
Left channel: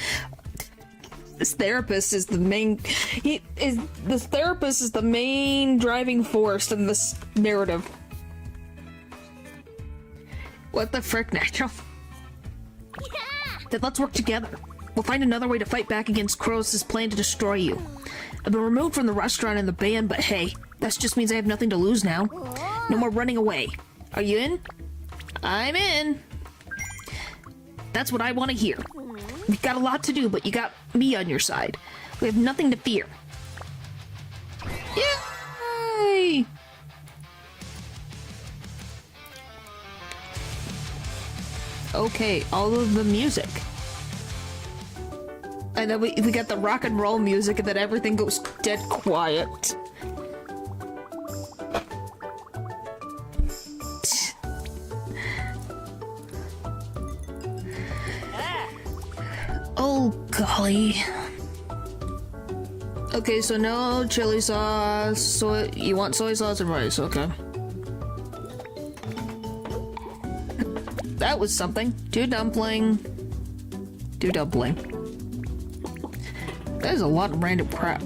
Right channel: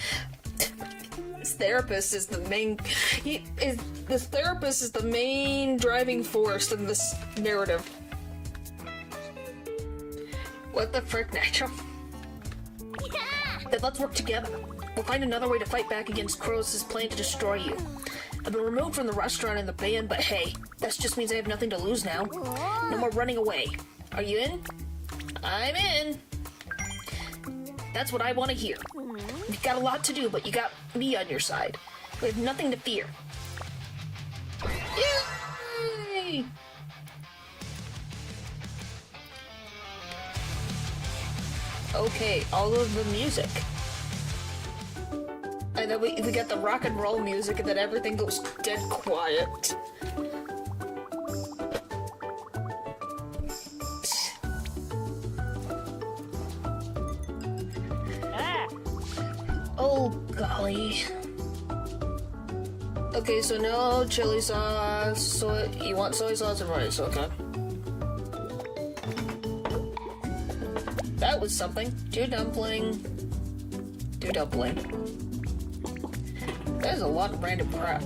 This therapist is the main... This therapist is the main driving force in this narrative. What the frick, Nitro? Then let's work together. We'll find another way to fight back against Kronos' plan to destroy you. I've been removed from the restaurant and the band, but hey, that just means I have nothing to lose now. No more running away. Are you in? I'm in. That's what I want to hear. You've got a lot to do, but you got me on your side. We have nothing to fear. Yay! Okay, all of the music. And then we get the rock and roll music and then everything goes dead quiet. Oh, golly. Okay, so no chili sauce, you want soy sauce and rice, okay. That was something. Two dumpling. That is a lot of random crap.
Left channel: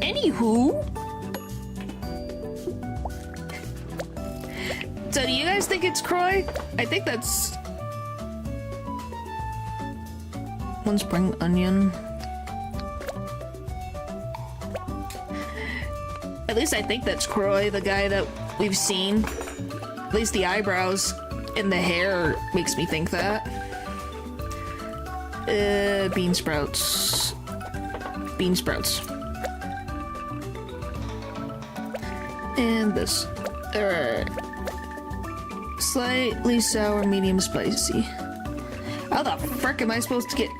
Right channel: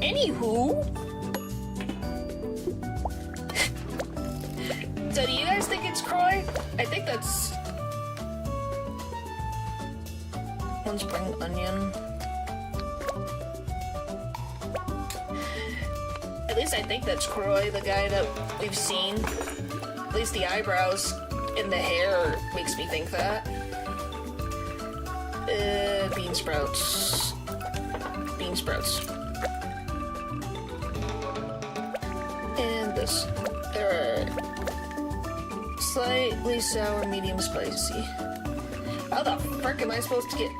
Anywho. So do you guys think it's Croy? I think that's... one spring onion. At least I think that's Croy, the guy that we've seen. At least the eyebrows and the hair makes me think that. Bean sprouts. Bean sprouts. And this. Alright. Slightly sour, medium spicy. How the frick am I supposed to get...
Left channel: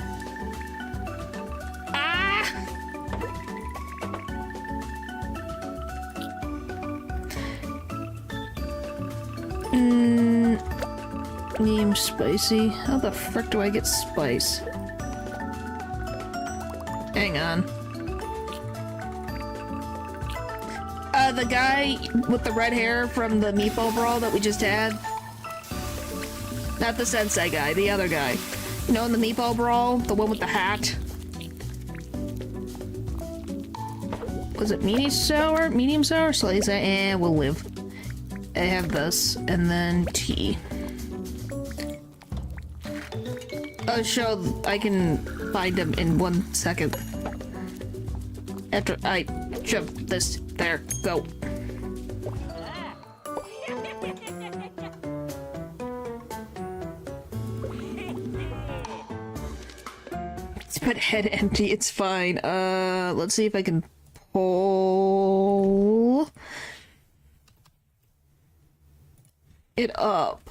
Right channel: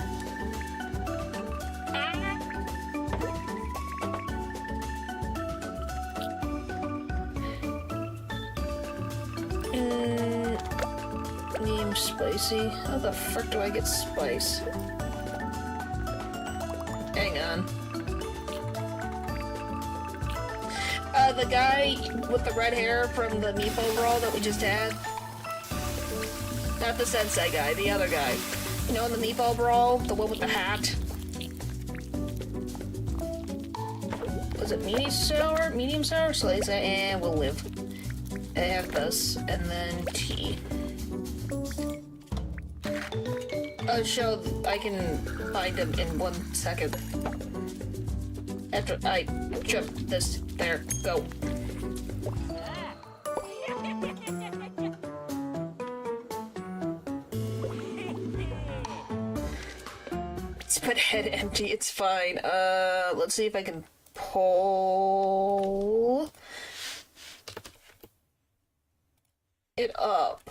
Medium spicy. How the frick do I get spice? Hang on. The guy with the red hair from the meatball brawl that we just had. Not the sensei guy, the other guy. You know, in the meatball brawl, the one with the hat. Was it medium sour? Medium sour? Slice it, and we'll live. I have this, and then tea. I'll show I can find him in 1 second. After I jump this, there, go. It's put head empty, it's fine. Let's see if I can pull it up.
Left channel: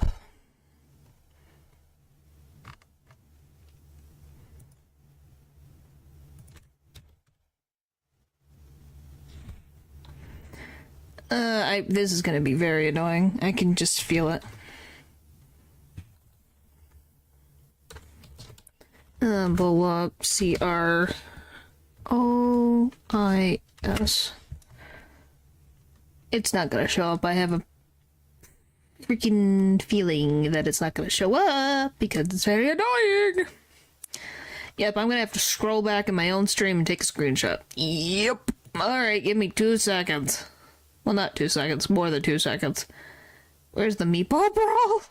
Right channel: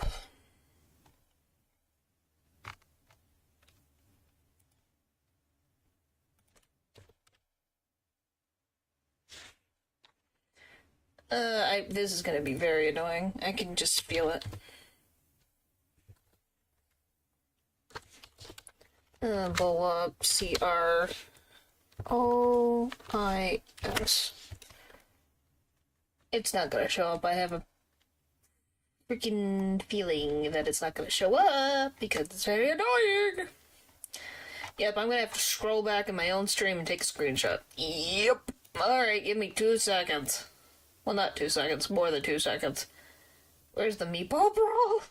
This is gonna be very annoying. I can just feel it. Blow up, CROIS. It's not gonna show up. I have a freaking feeling that it's not gonna show up because it's very annoying. Yep, I'm gonna have to scroll back in my own stream and take a screenshot. Yep. Alright, give me 2 seconds. Well, not 2 seconds, more than 2 seconds. Where's the meatball brawl?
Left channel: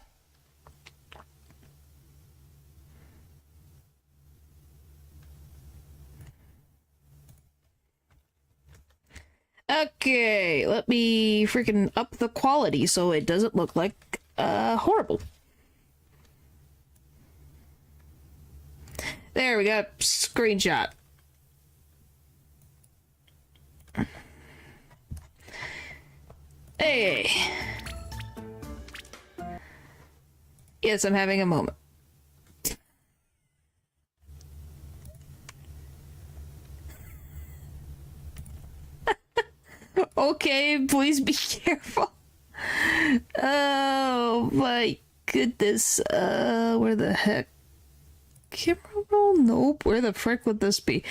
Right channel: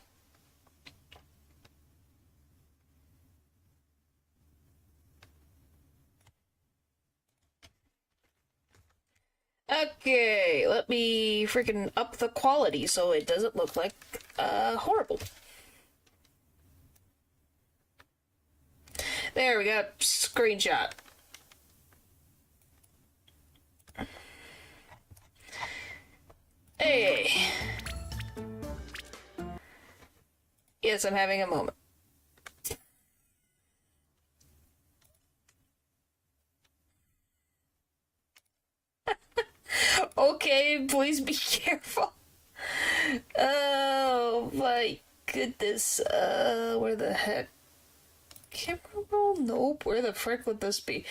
Okay, let me freaking up the quality so it doesn't look like, horrible. There we go, screenshot. Hey. Yes, I'm having a moment. Okay, please be careful. Oh my goodness. Where the heck? Camera roll? Nope. Where the frick would this be?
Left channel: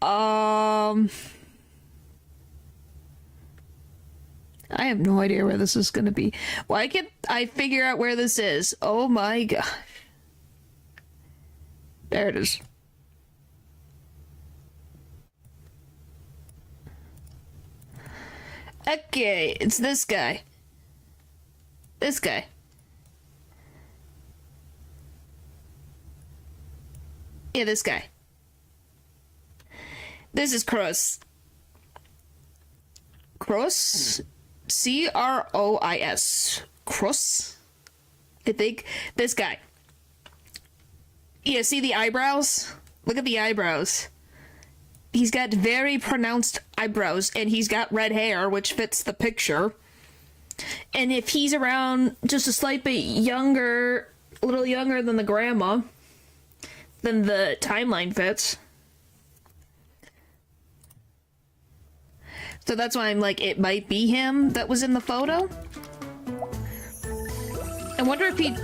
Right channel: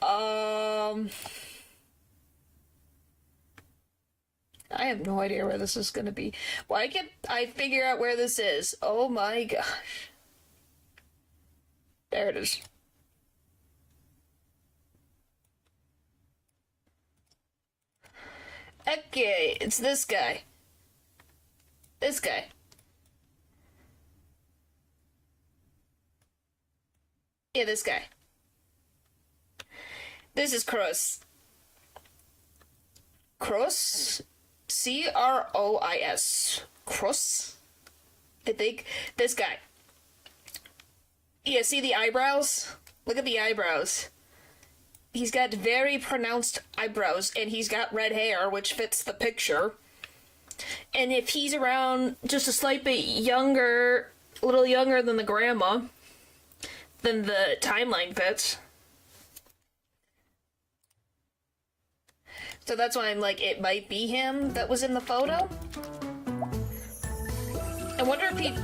I have no idea where this is gonna be. Why can't I figure out where this is? Oh my gosh. There it is. Okay, it's this guy. This guy. Yeah, this guy. This is Cross. Cross? C-R-O-I-S. Cross? I think. This guy. Yeah, see the eyebrows? Look at the eyebrows. He's got very pronounced eyebrows, and he's got red hair, which fits the picture. And if he's around just a slight bit younger, a little younger than the grandma, then the timeline fits. So that's why I'm like, it might be him that was in the photo. I wonder if he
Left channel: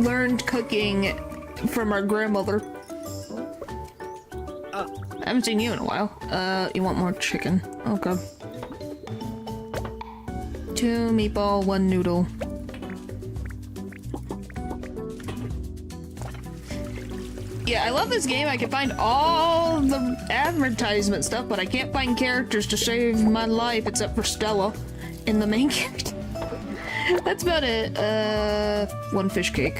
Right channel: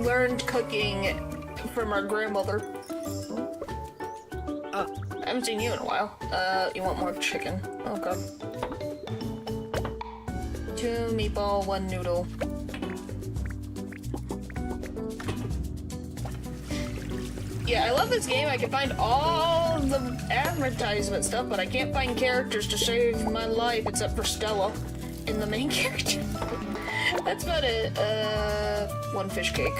learned cooking from our grandmother. I haven't seen you in a while. You want more chicken? Okay. 2 meatball, 1 noodle. Yeah, I love this game. I can find all the advertisement stuff, but I can't find characters to save my life except for Stella in the main character. That's about it. 1 fish cake.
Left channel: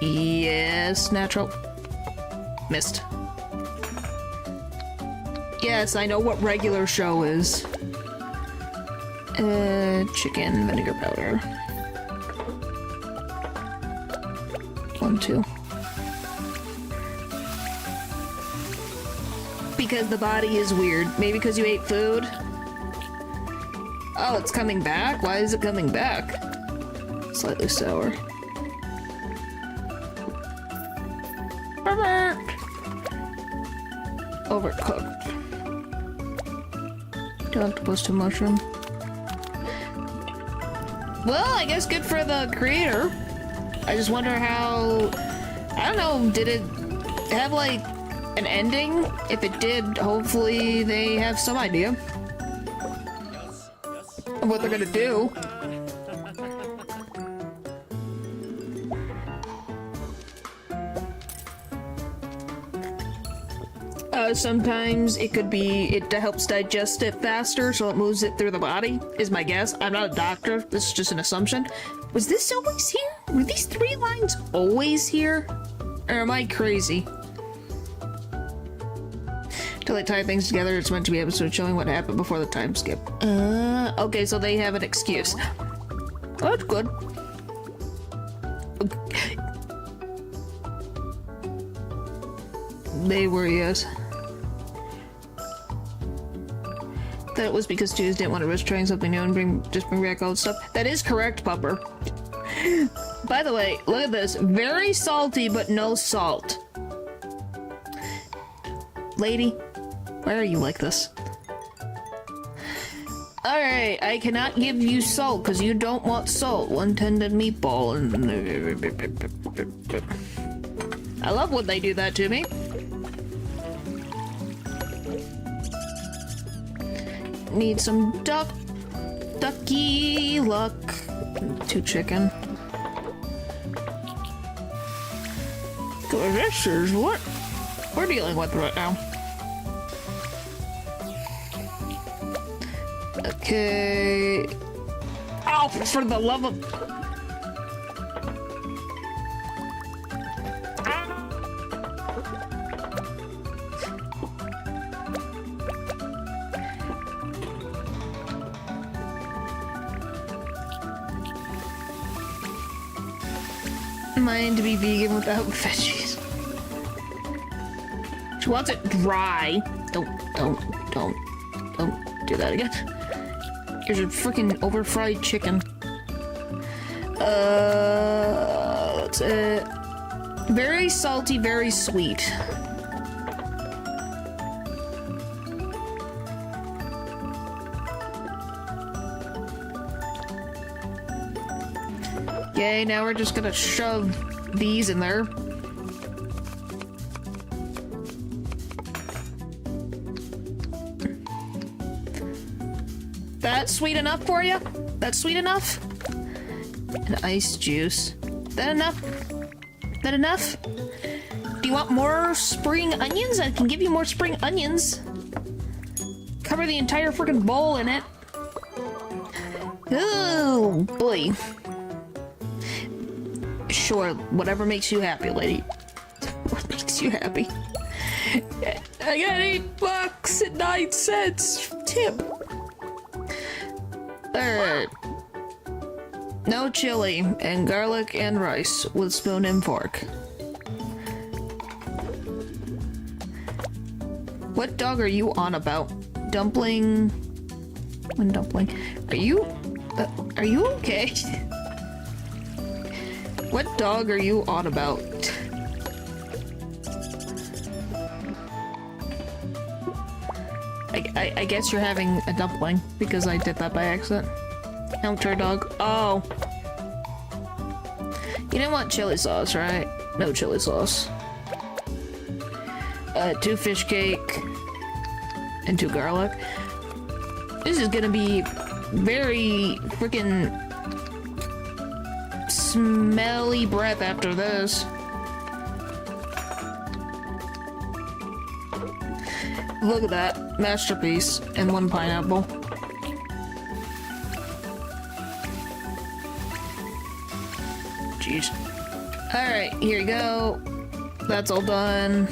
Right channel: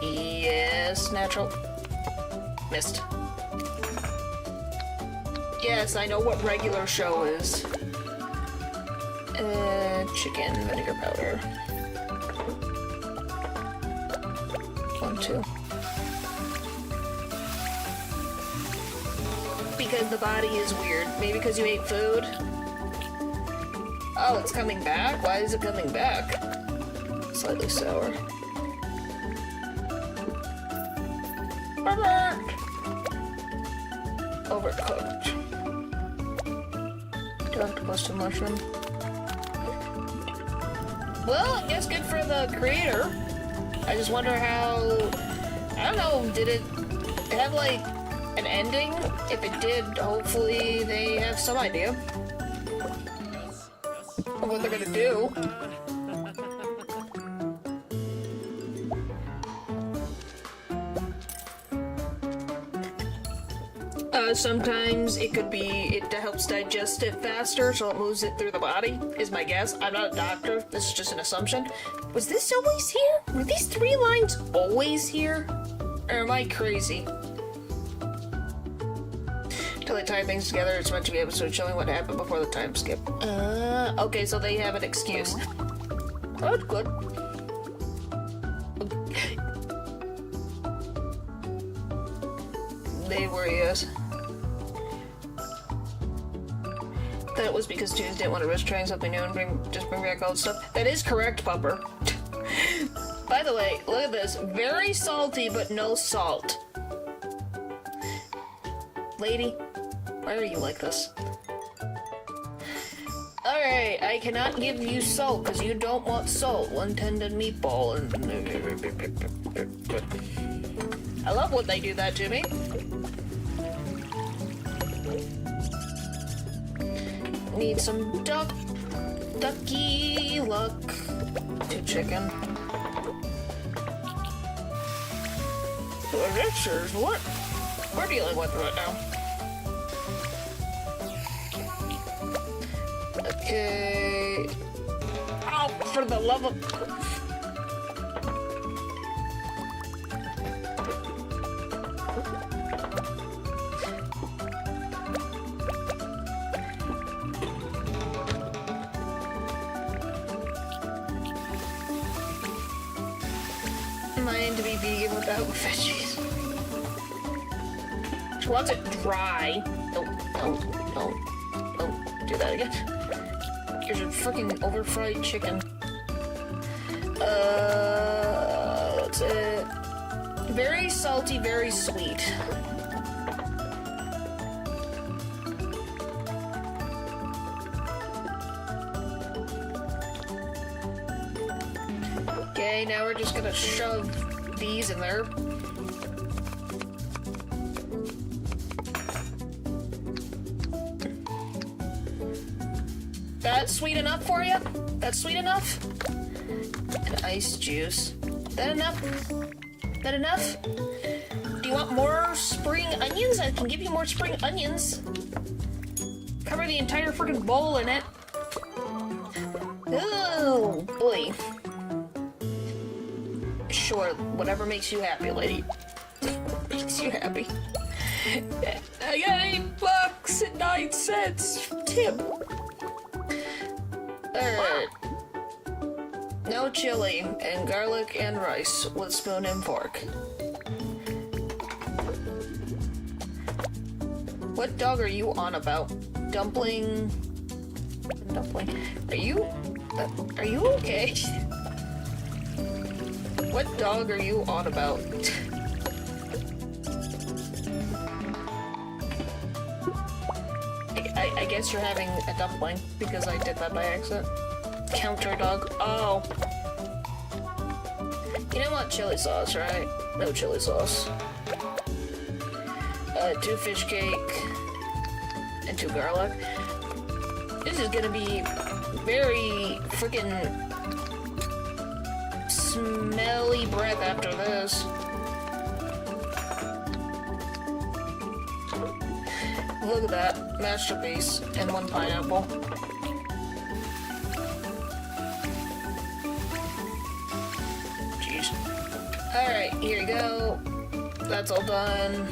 Yes, natural. Missed. Yes, I know what regular show is. Chicken vinegar powder. 1, 2. Because the body is weird. Maybe because you ate food? Oh, it's coming back? Why is it coming back? Slightly sour. Overcooked. Do octopus to mushroom. Well, I guess good for the creator. I just wonder how... I don't know, did it have, like, an ending? If it did, hopefully they have some idea of what they're gonna do. Sometimes it could be it helps digest it faster, so it moves it through the body, is my guess. I'm not a doctor, this is just an assumption. Was this always here? Were these 3 lines always here? Or am I crazy? Till they tie things together, it's meant to be episode showing what happened before the time skip. Okay, so they have an excuse. Oh, that's good. They were, yes. That it was because Jews didn't want to risk trying something new and bring back old stuff. That is correct, Pupper. By the way, look at this. Very salty, but no salt. Lady, why are you like this? Alright, I cannot give you salt because you don't want salt. 1 tendon meatball. I love when they do that to me. Need some ducky luck. 2 chicken. This is what we're dealing with right now. Okay. for the love of... Mine to be vegan without veggies. She wants it dry. Don't do that again. Here's your freaking overfried chicken. That's it. Very salty, very sweet. Okay, now we're just gonna shove these in there. That sweet enough for you? That's sweet enough? And ice juice. That enough? That enough? Do you want more spring onions? I can give you more spring onions. Cover the entire freaking bowl in it. Oh boy. Sure, whatever makes you happy, lady. What makes you happy? I got $8.09 tip. Alright. No chili, and garlic and rice with spoon and fork. What dog are you on about? Dumpling... Dumpling. Are you okay? What dog are you on about? I guess you're having a dumpling, because I did that by accident. Counter dog. Oh. You don't want chili sauce, right? No chili sauce. 2 fish cake. And 2 garlic. This is gonna be very freaking smelly breath after this. Look at that. Masterpiece. And 1 pineapple. Jeez. Alright, here you go. That's all done.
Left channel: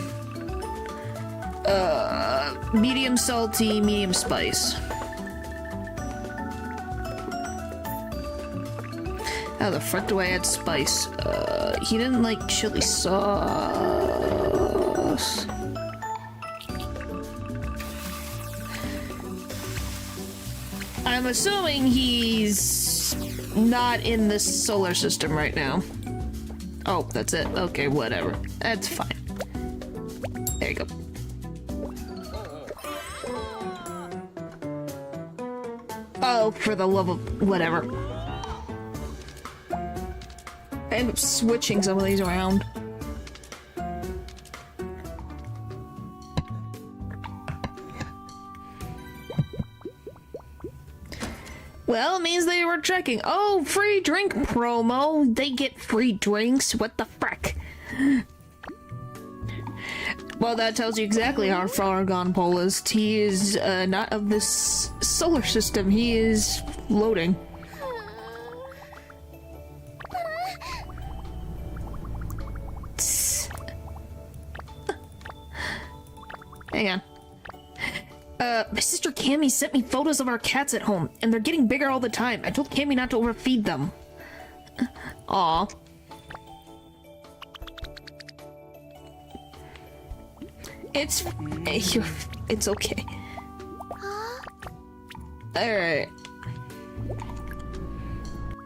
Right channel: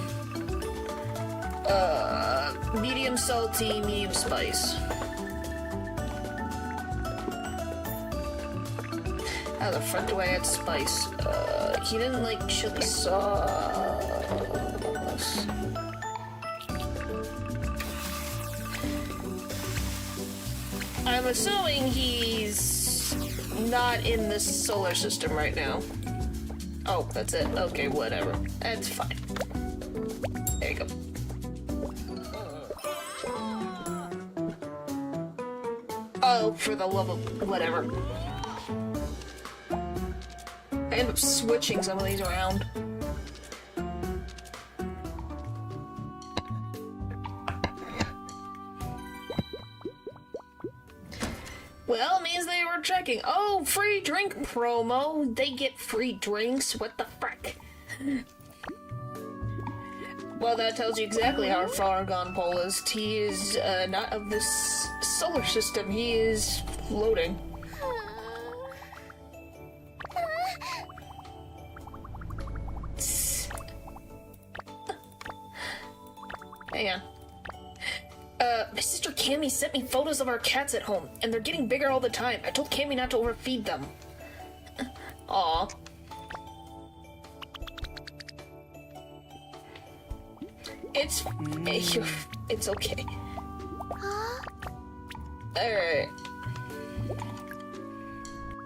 Medium salty, medium spice. How the frick do I add spice? He didn't like chili sauce. I'm assuming he's not in the solar system right now. Oh, that's it. Okay, whatever. That's fine. There you go. Oh, for the love of whatever. I end up switching some of these around. Well, it means they were checking. Oh, free drink promo. They get free drinks. What the frick? Well, that tells you exactly how far gone Paul is. He is not of this solar system. He is floating. Hang on. My sister Cammy sent me photos of our cats at home, and they're getting bigger all the time. I told Cammy not to overfeed them. Aw. It's okay. Alright.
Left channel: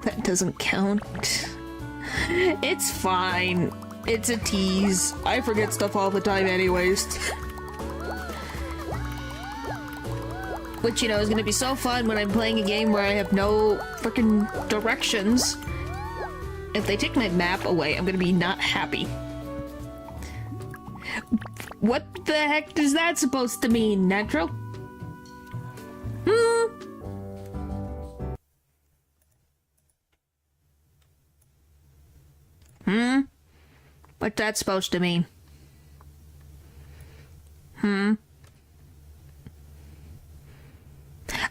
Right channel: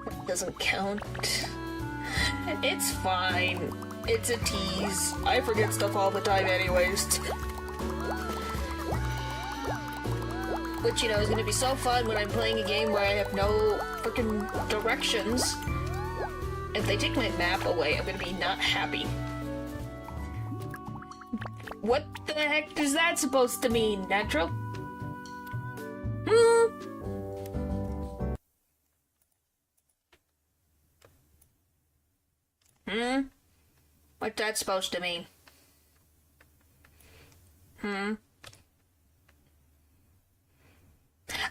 That doesn't count. It's fine. It's a tease. I forget stuff all the time anyways. Which, you know, is gonna be so fun when I'm playing a game where I have no freaking directions. If they take my map away, I'm gonna be not happy. What the heck is that supposed to mean, Natural? What's that supposed to mean?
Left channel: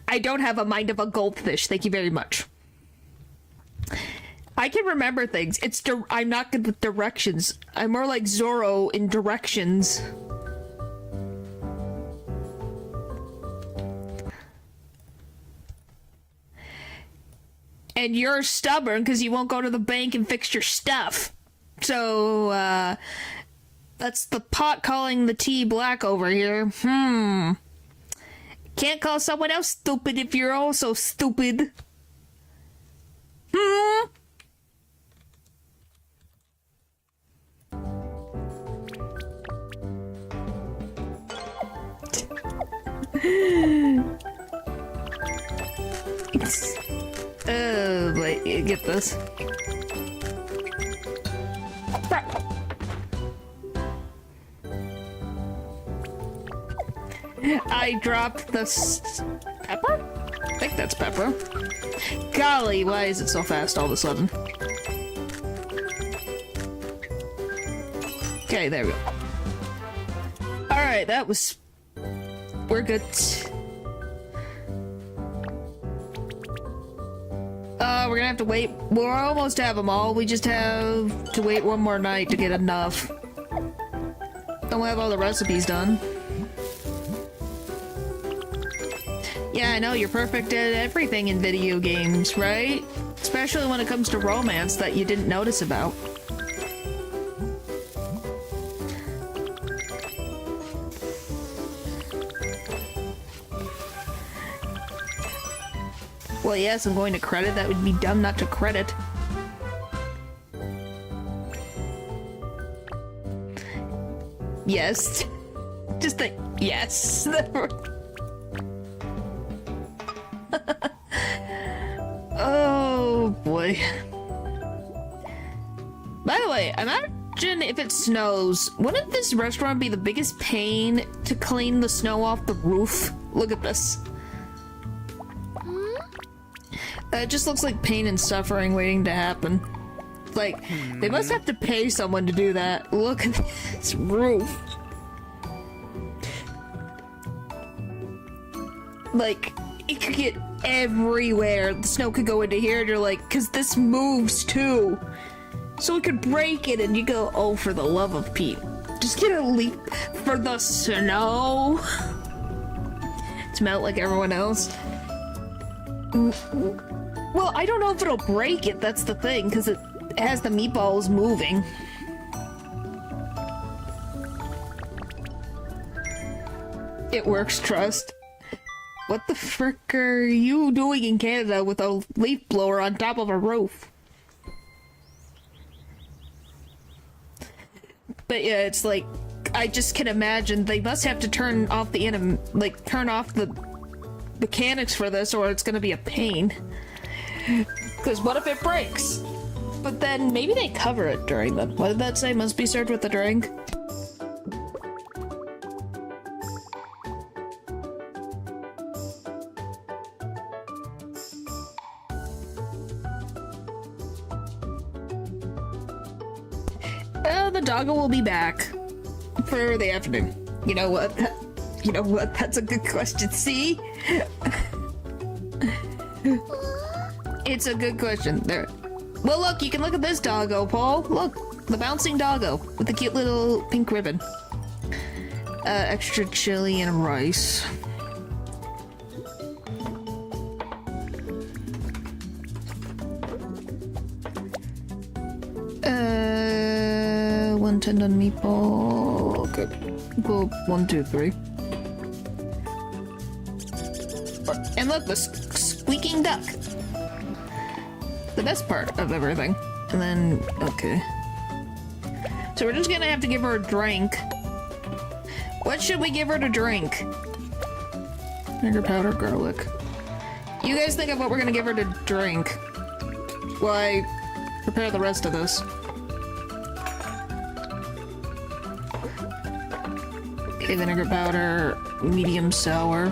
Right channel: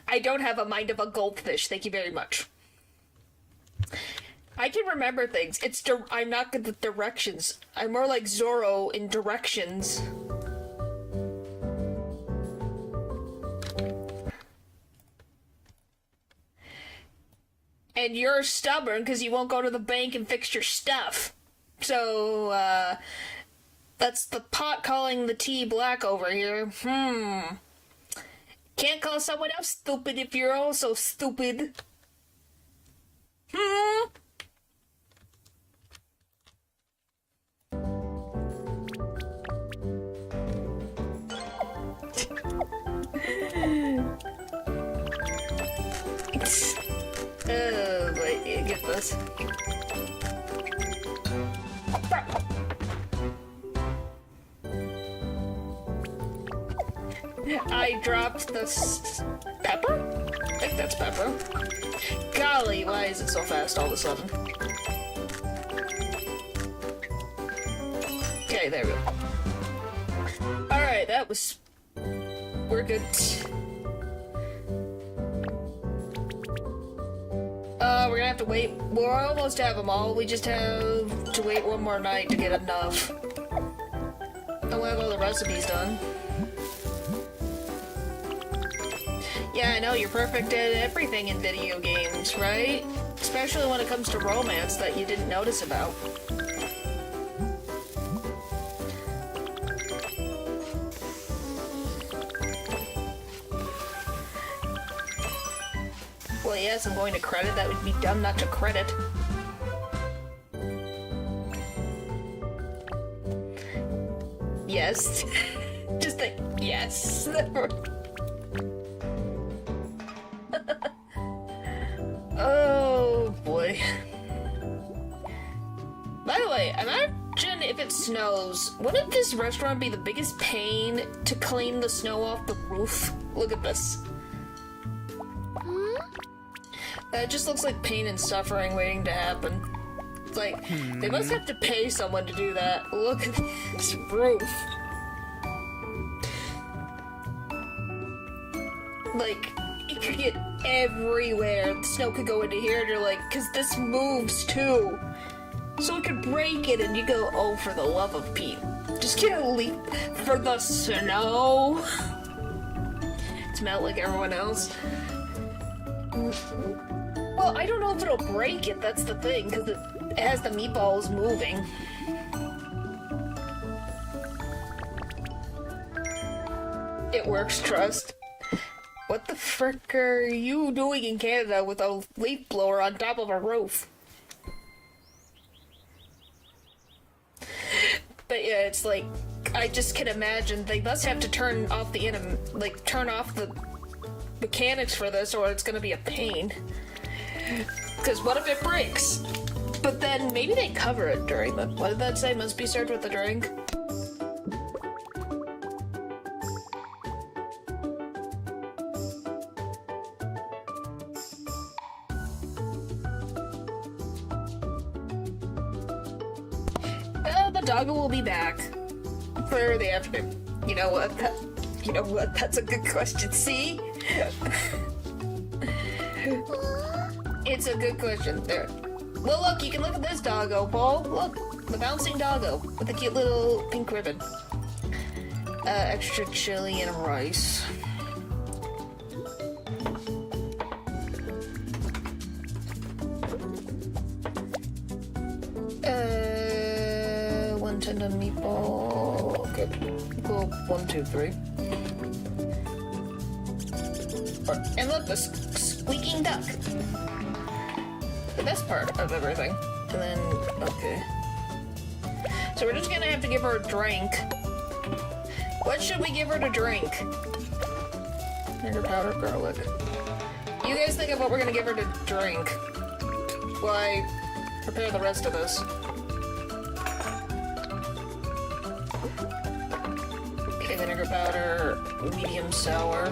I don't have a mind of a goldfish, thank you very much. I can remember things. I'm not good with directions. I'm more like Zorro in directions. And you're stubborn because you won't go to the bank and fix your stuff. So, that's the pot calling the tea black over here. Can't call someone else stupid if you're also stupid. Wait, get this. I dropped the pepper? I think that's pepper. Golly, why is it so fast all of a sudden? Okay, there we go. Alright, that was... We're good. We're gonna have to wait. We'll almost have them all. We just have to wait one more night to get enough. Then we'll have all the recipes done. Yeah, I know, you're perfect at everything in video games, right? Especially when it comes to romance that you didn't notice about. Well, yes, I'm going to credit. That would be dumb not to credit. Yes. Just a yes. Oh, boy. By the way, imagine if it snows. Wouldn't this restaurant be the biggest pain to clean the snow off the roof? Look at this. It just looks like pain and suffering waiting to happen. It's like, they must have to pay someone to do that. Look at this roof. Like, it could get everywhere. The snow could go into here, and you're like, because this moves too. So it could break it, and you go, oh, for the love of Pete. Just get a leap for the snow. To melt like everyone else. Well, I don't know if it'll break it, that's the thing, because it has the meatballs moving. It works, trust. What the frick are you doing in Canada with a leaf blower on top of a roof? But yeah, it's like, I just can imagine they must have to turn off the turn off the mechanics for this, or it's gonna be a pain. Because what if it breaks? But then maybe they cover it during the... What did that say? Must be served with a drink? The doggo will be back for the afternoon. You know what? You know what? That's a good question. See? It's a good question. There. Well, look, you can look at this doggo, Paul. Look, the bouncing doggo with the cute little pink ribbon. Extra chili and rice. One tendon meatball. Okay. Equal 1, 2, 3. And look, the squeaking duck. The best part of everything. And then, okay. So we're just gonna have to give her a drink. What should we give her to drink? Vinegar, powder, garlic. You guys think of what we're gonna give her to drink while I prepare the rest of this. Okay, vinegar powder, medium sour.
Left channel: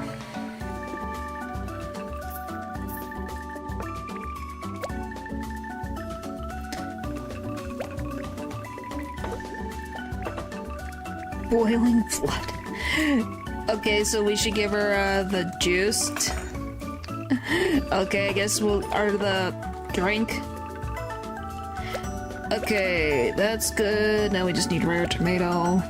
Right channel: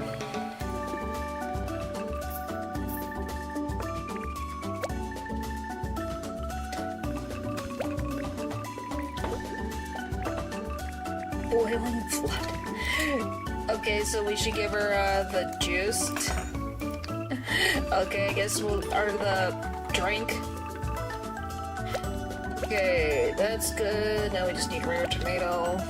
Boiling flood. Okay, so we should give her the juiced. Okay, I guess we'll... or the drink. Okay, that's good. Now we just need rare tomato.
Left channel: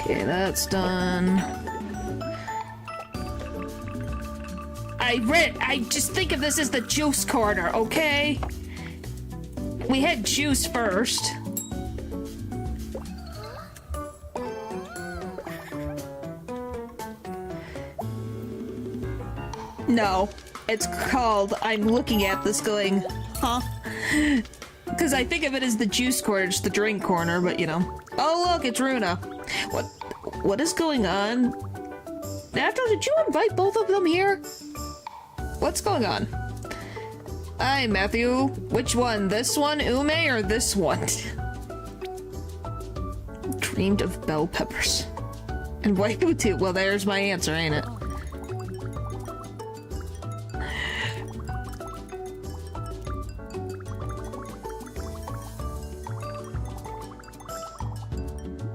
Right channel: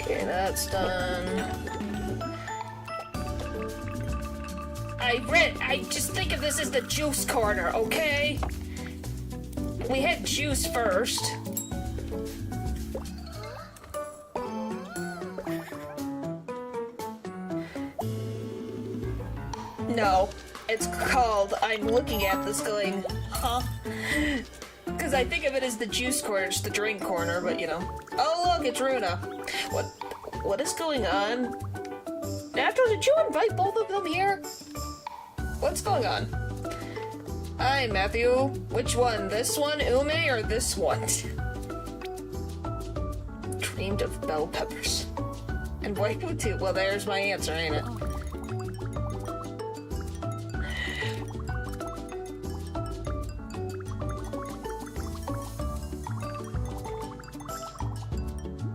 Okay, that's done. I just think of this as the juice corner, okay? We had juice first. No, it's called, I'm looking at this going, huh? Because I think of it as the juice corner, it's the drink corner, but you know. Oh look, it's Runa. What is going on? Natural, did you invite both of them here? What's going on? Hi, Matthew. Which one? This one, Ume, or this one? Dreamed of bell peppers. And white too. Well, there's my answer, ain't it?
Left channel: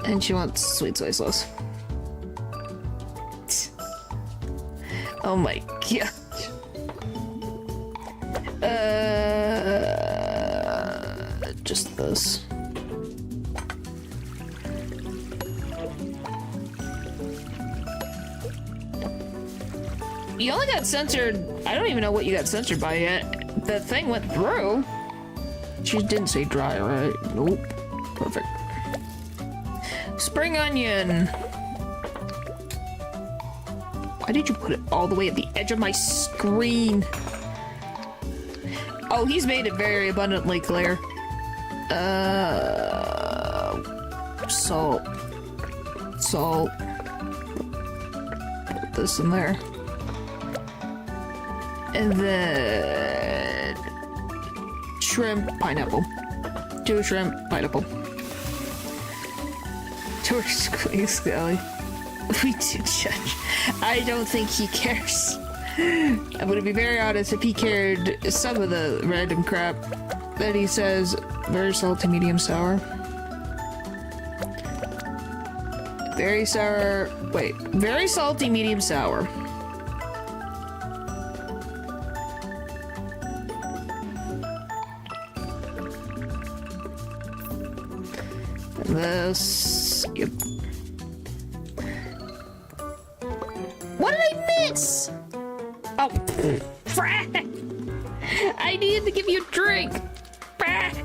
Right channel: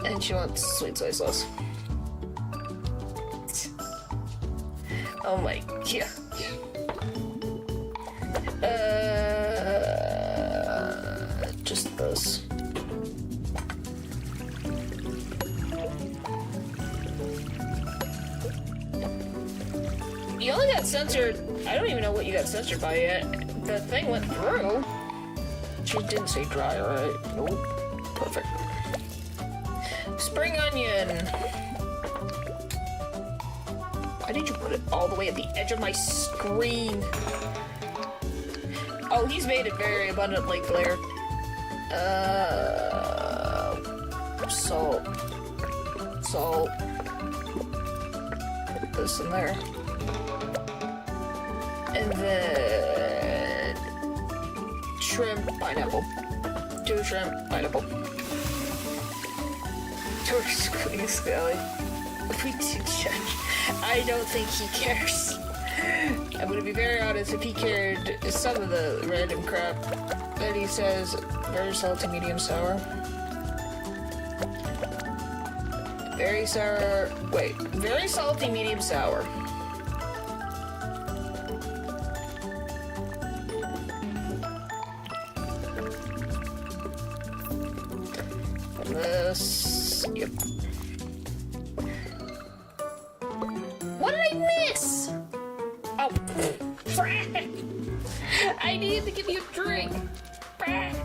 And she wants sweet soy sauce. Oh my god. Just this. You only got censored. I don't even know what you got censored by yet. The thing went through. She didn't say dry, right? Nope. Perfect. Spring onion. Why did you put it all the way at the edge of my screen? Oh, he's made it very abundantly clear. Salt. Salt. Put this in there. And then... shrimp, pineapple. 2 shrimp, pineapple. George Scully. We do judge. I don't think he cares. I'm gonna be very honest, if he cared, some of the random crap that he says, very salty, medium sour. Very sour, wait, very salty, medium sour. And this, yep. What did I miss? Oh, frack! I needed to give you a drink. Frack!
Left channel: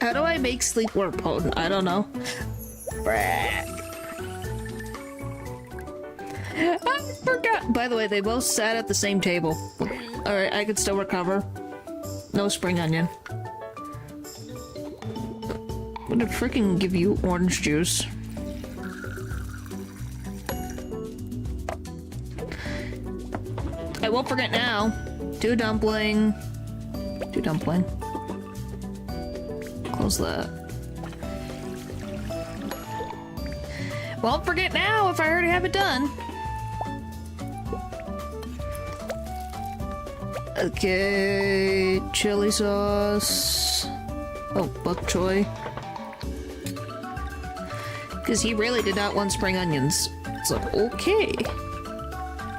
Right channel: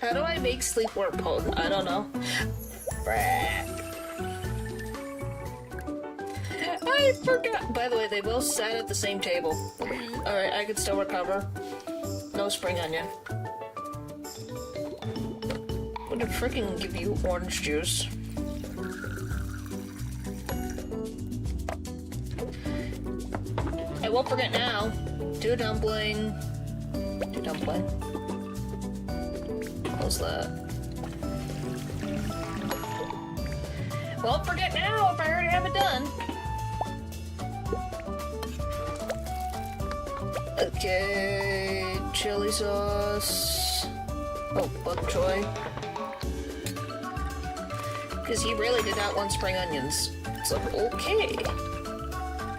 How do I make sleepwear pose? I don't know. Frack! I forgot. By the way, they both sat at the same table. Alright, I could still recover. No spring onion. I'm gonna freaking give you orange juice. I won't forget now. 2 dumpling. 2 dumpling. Close that. Won't forget now if I already have it done. Okay, chili sauce. Oh, bok choy. Because he really did not want spring onions. So, okay.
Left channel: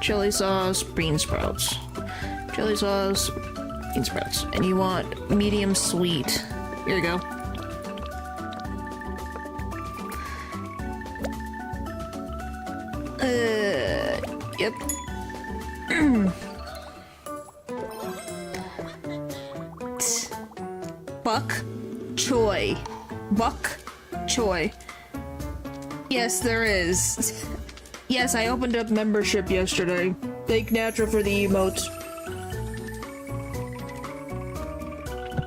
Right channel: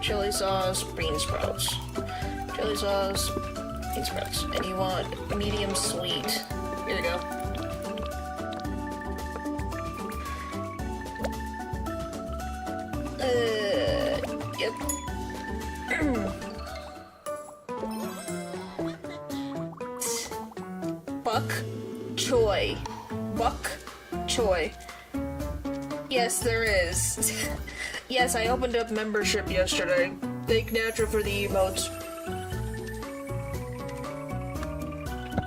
Chili sauce, bean sprouts. Chili sauce, bean sprouts. And you want medium sweet. Here you go. Yep. Bok choy. Bok choy. Yes, there is. Yes, I opened up membership yesterday. Thank Natural for the emotes.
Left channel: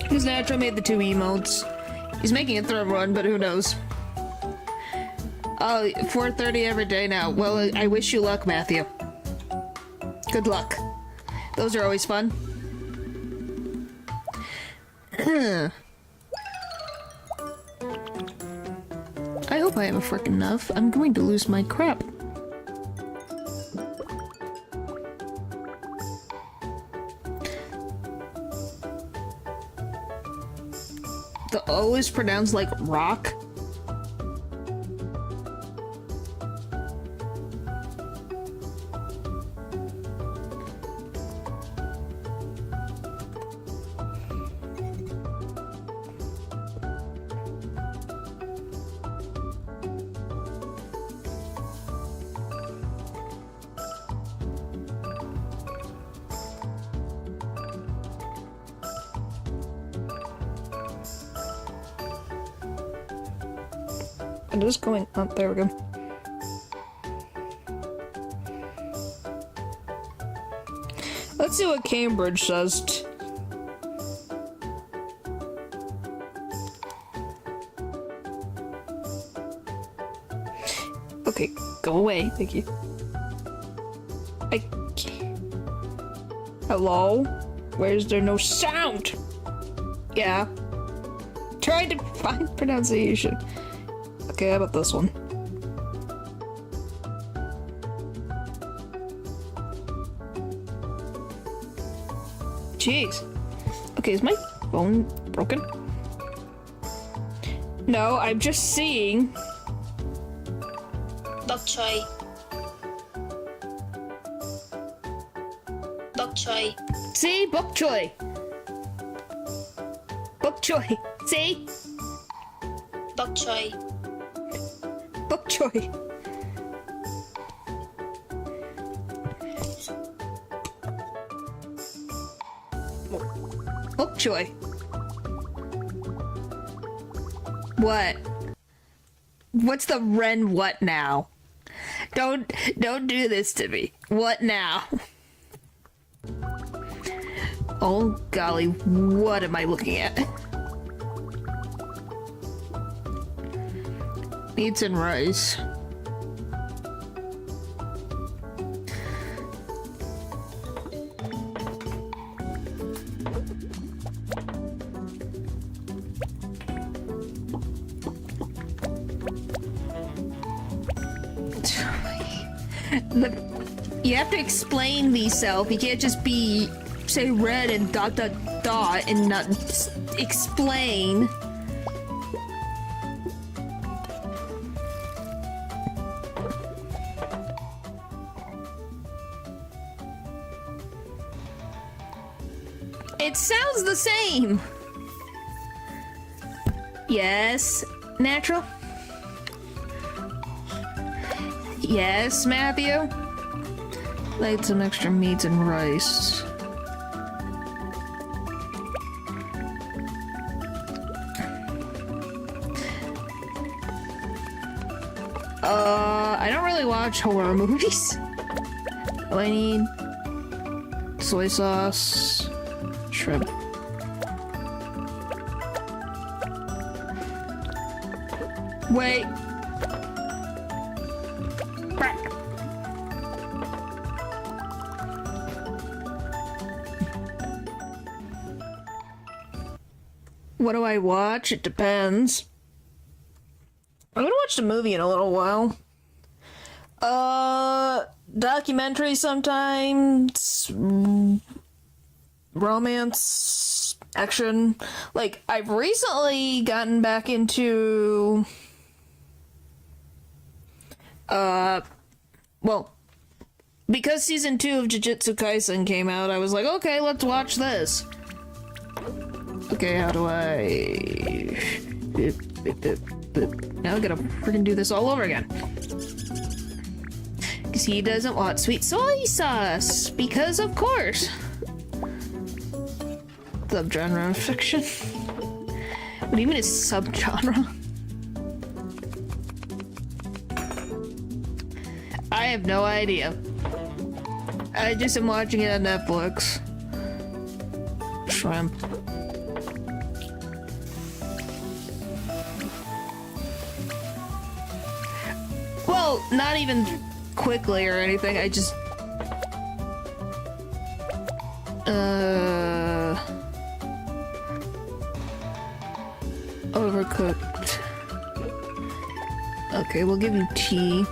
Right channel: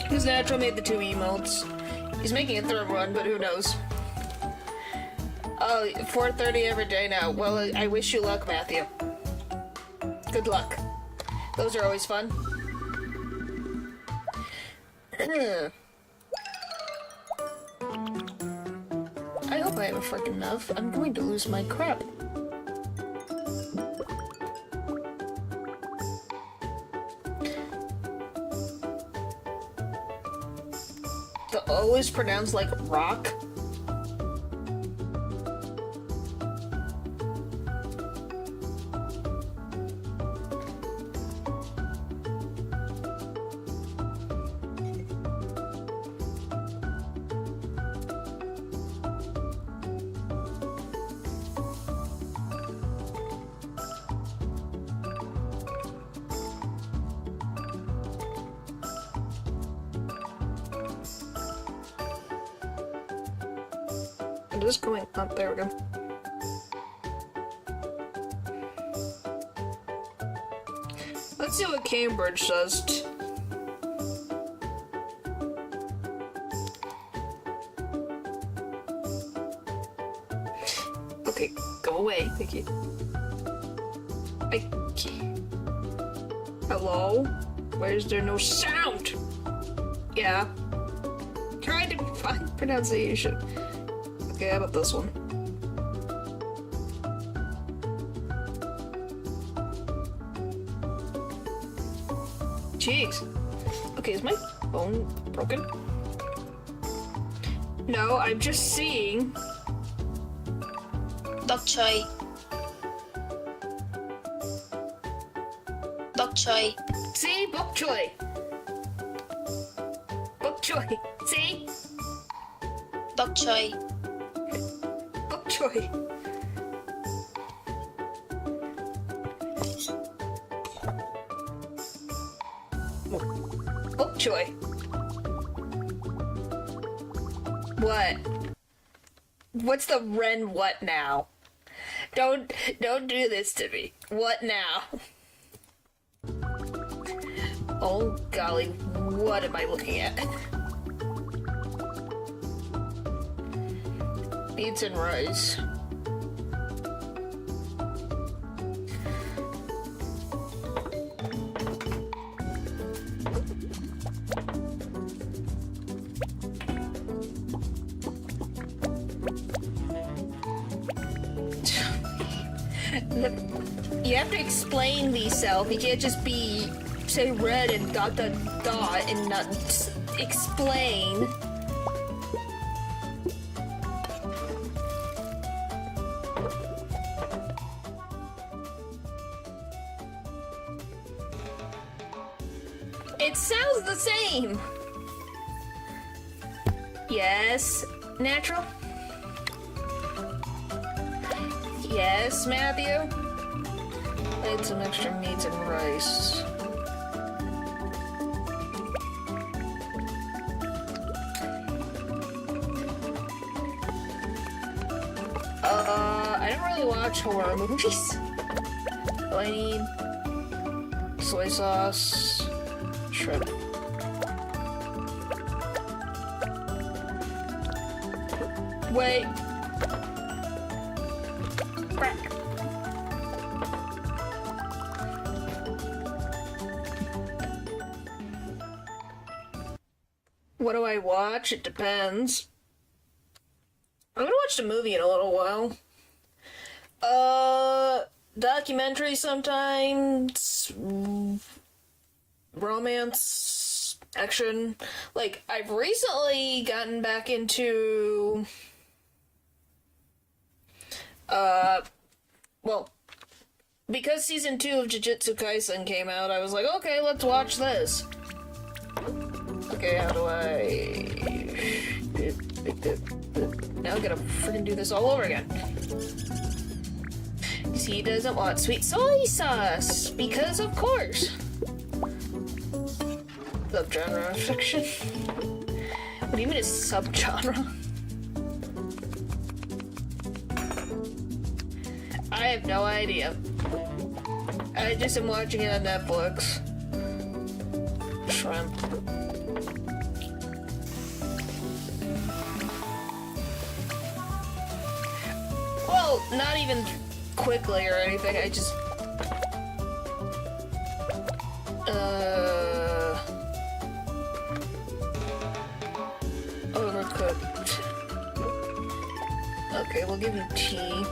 Because Natural made the 2 emotes. He's making a 3rd one, but who knows. Oh, 4:30 every day now. Well, I wish you luck, Matthew. Good luck. Those are always fun. I hope I have a frickin' enough. I'm going to lose my crap. The O is pronounced like rock. It is going up. There we go. Let's see what Cambridge says. Okay, go away. Thank you. Hello? Why is there no sound? Yeah. Trying to find pronunciation. Okay, how about this one? Jeez. Okay, is my phone broken? No, I'm just seeing. Bok choy. Bok choy. See? Bok choy. Bok choy. See? Bok choy. Bok choy. Bok choy. What? What's the Ren what now? Don't do this to me. What now? Oh golly, what am I looking at? Meats and rice. You have to explain yourself. You can't just say red and dot dot dot and not explain. It sounds the same. Yes, natural. Yes, Matthew? Laid some extra meats and rice. I don't really watch horror movies. I need soy sauce, shrimp. Wait. What do I watch? It depends. I haven't watched a movie in a little while. Documentary sometimes. Romance. Action. Like, I've recently gotten back into... well, because season 2 of Jujutsu Kaisen came out, I was like, okay, let's watch this. Okay, how do I... Now I gotta freaking do this all over again. Because he doesn't want sweet soy sauce. Because of course. Subgenre of fiction. What do you mean it's subgenre? I have no idea. I just am watching it on Netflix. Shrimp. Well, not even quickly or anything, I just... Overcooked. Okay, we'll give you tea.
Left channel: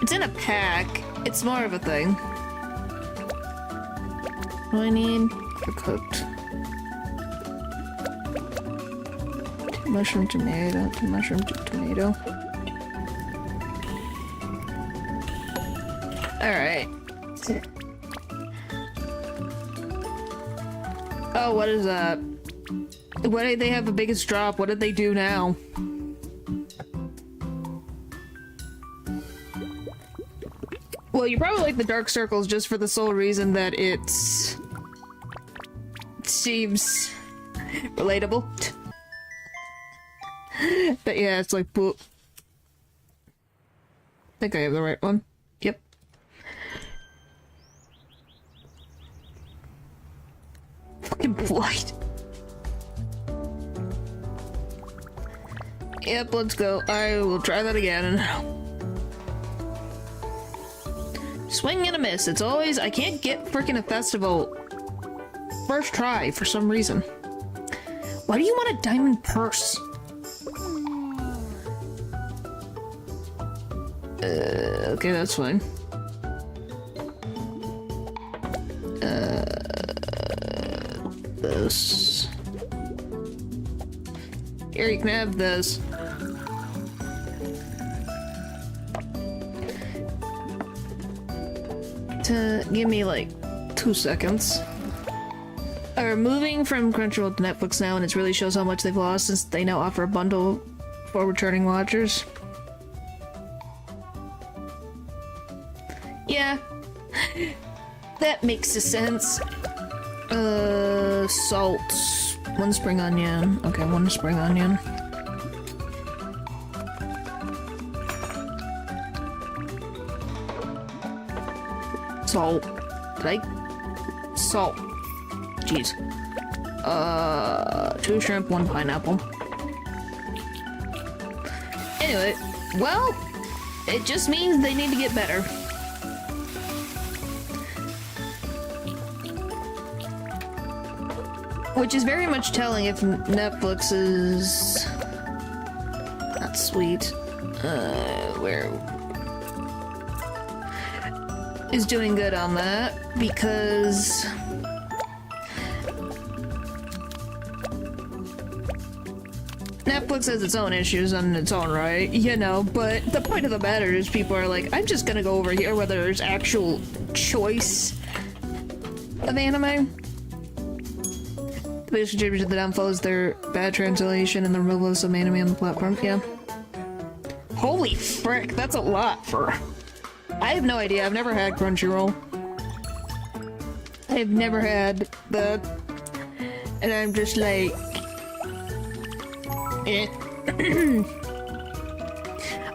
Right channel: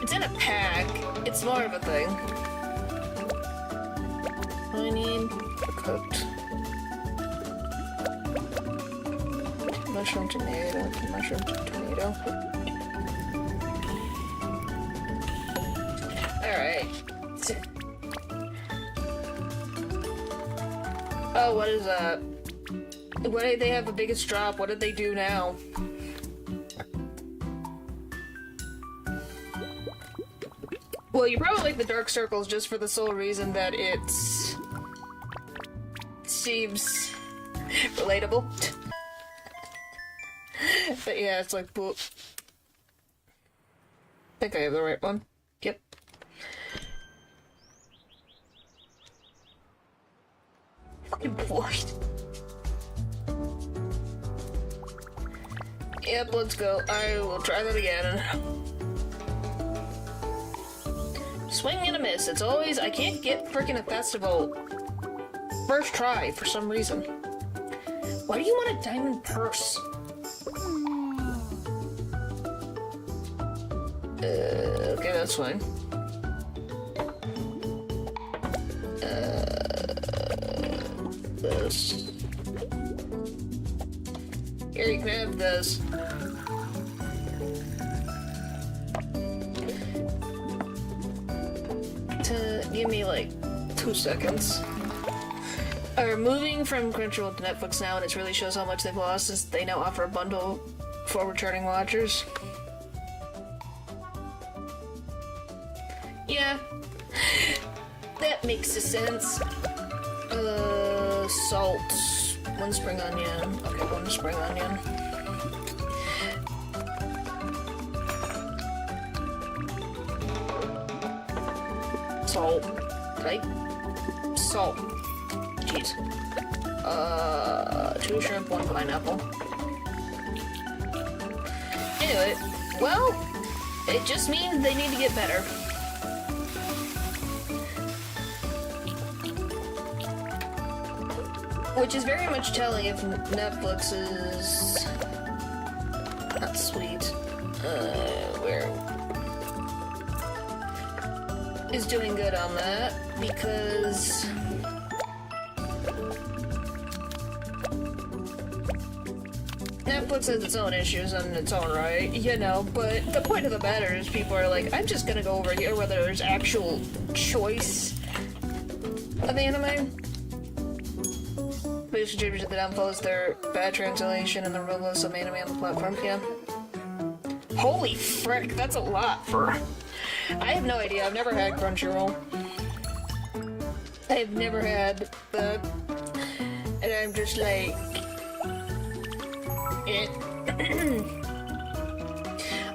It's in a pack. It's more of a thing. What do I need for cooked? Mushroom tomato, mushroom tomato. Alright. Oh, what is that? What did they have the biggest drop? What did they do now? Well, you probably like the Dark Circles just for the sole reason that it seems Relatable. But yeah, it's like, boop. I think I have the right one. Yep. Fucking blight. Yep, let's go. I will try that again. Swing and a miss. It's always... I can't get freaking a festival first try for some reason. Why do you want a diamond purse? Okay, that's fine. This. Here, you can have this. Give me like 2 seconds. Moving from Crunchyroll to Netflix now, and it really shows how much they've lost since they now offer a bundle for returning watchers. Yeah, that makes sense. Salt. 1 spring onion. Okay, 1 spring onion. Salt. Salt. Jeez. 2 shrimp, 1 pineapple. Anyway, well, it just means they need to get better. Which is very much telling if Netflix is not sweet. Where is doing good on that, because Netflix has its own issues in its own right, you know, but the point of the matter is people are like, I'm just gonna go over here where there's actual choice of anime. The biggest contributor to the downfall is their bad translation and the removal of some anime on the platform. Yeah. Holy frick, that's a lot for... I have no idea. I've never had Crunchyroll. I've never had that. And I'm just like... eh.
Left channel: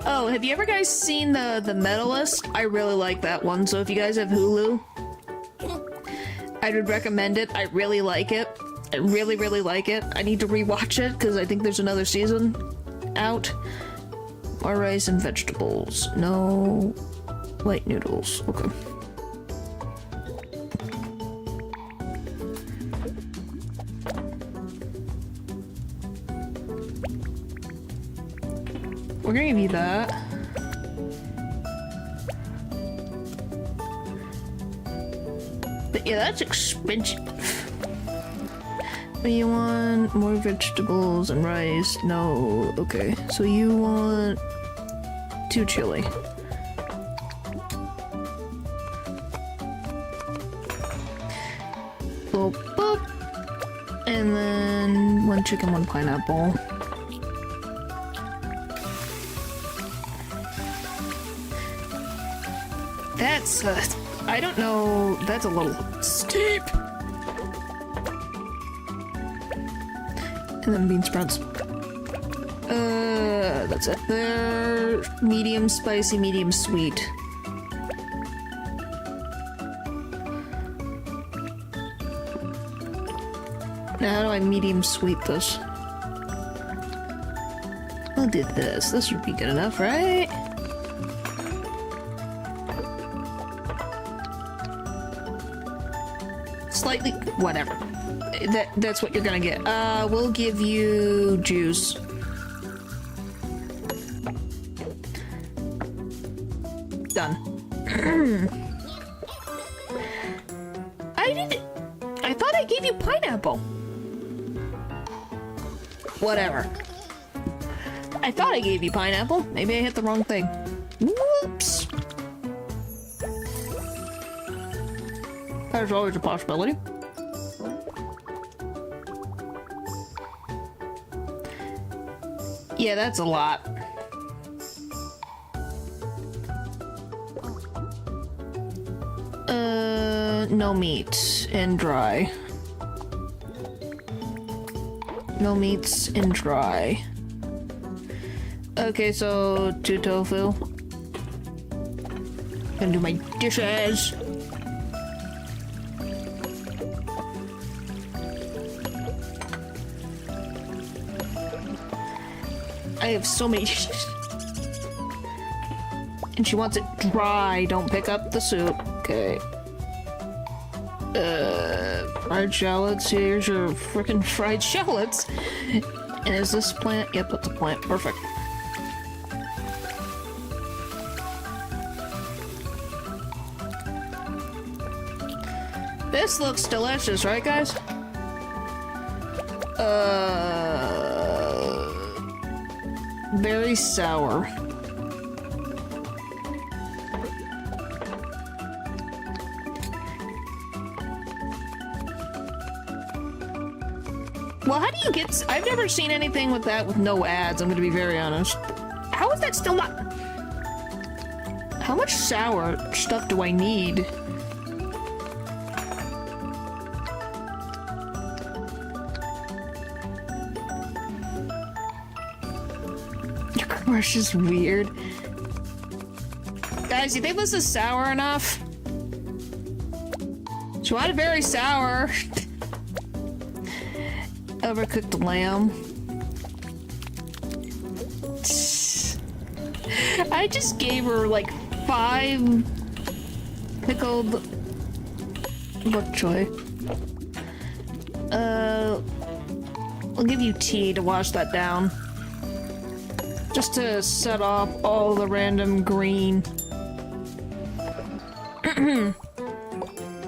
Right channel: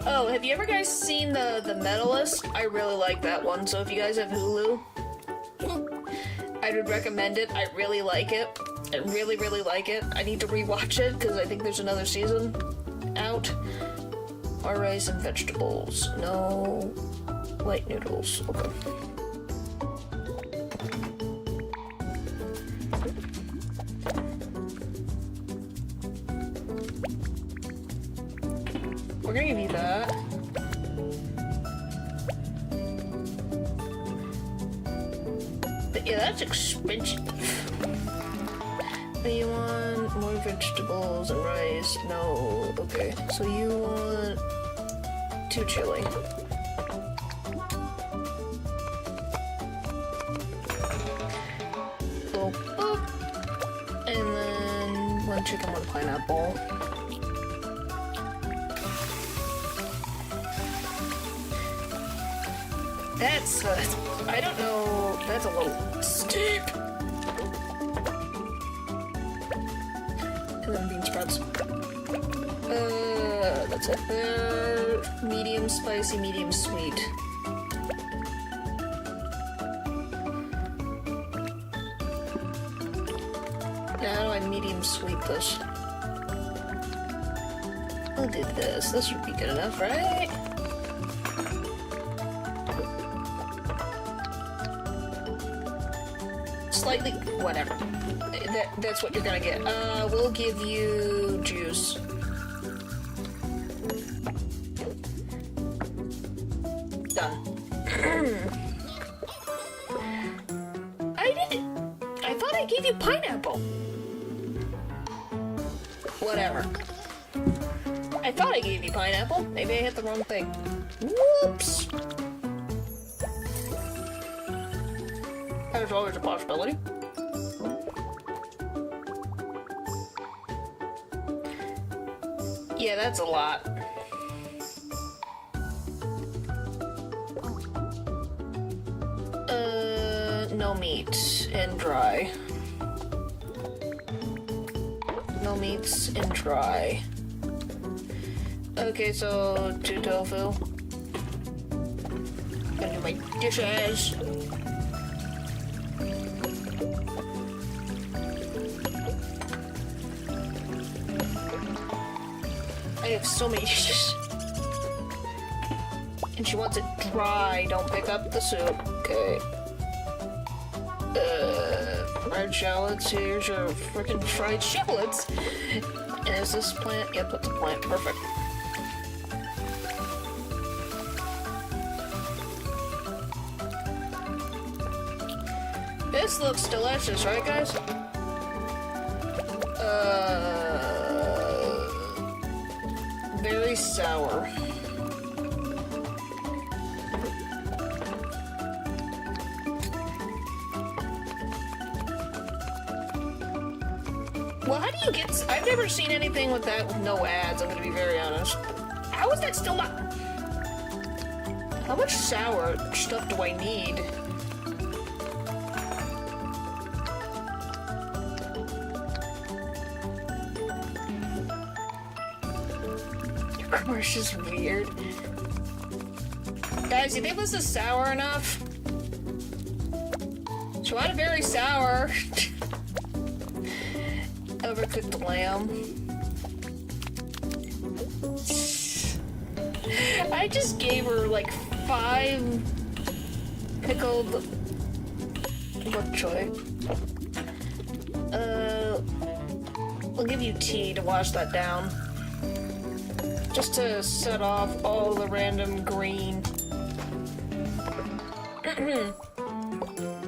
Oh, have you ever guys seen the Medalist? I really like that one, so if you guys have Hulu, I would recommend it. I really like it. I really, really like it. I need to rewatch it, because I think there's another season out. More rice and vegetables. No white noodles. Okay. We're gonna give you that. But yeah, that's expensive. You want more vegetables and rice? No. Okay. So you want 2 chili. Boop, boop. And then 1 chicken, 1 pineapple. That's, I don't know, that's a little steep. And then bean sprouts. That's it. They're medium spicy, medium sweet. Now how do I medium sweet this? I'll do this. This would be good enough, right? Slightly, whatever. That's what you're gonna get. We'll give you juice. Done. I thought I gave you pineapple. Whatever. I thought I gave you pineapple. Maybe I hit the wrong thing. Whoops. There's always a possibility. Yeah, that's a lot. No meat and dry. No meats and dry. Okay, so 2 tofu. Gonna do my dishes. I have so many dishes. And she wants it dry. Don't pick up the soup. Okay. Fried shallots. Here's your frickin' fried shallots. And is this plant? Yep, that's a plant. Perfect. This looks delicious, right, guys? Very sour. Well, how do you get... I've never seen anything with that with no ads, I'm gonna be very honest. How is that still not... How much sour stuff do I need? Your crush is weird. Guys, you think this is sour enough? She wanted very sour. Overcooked lamb. I just gave her like 5 pickled bok choy. I'll give you tea to wash that down. Just to set off all the random green.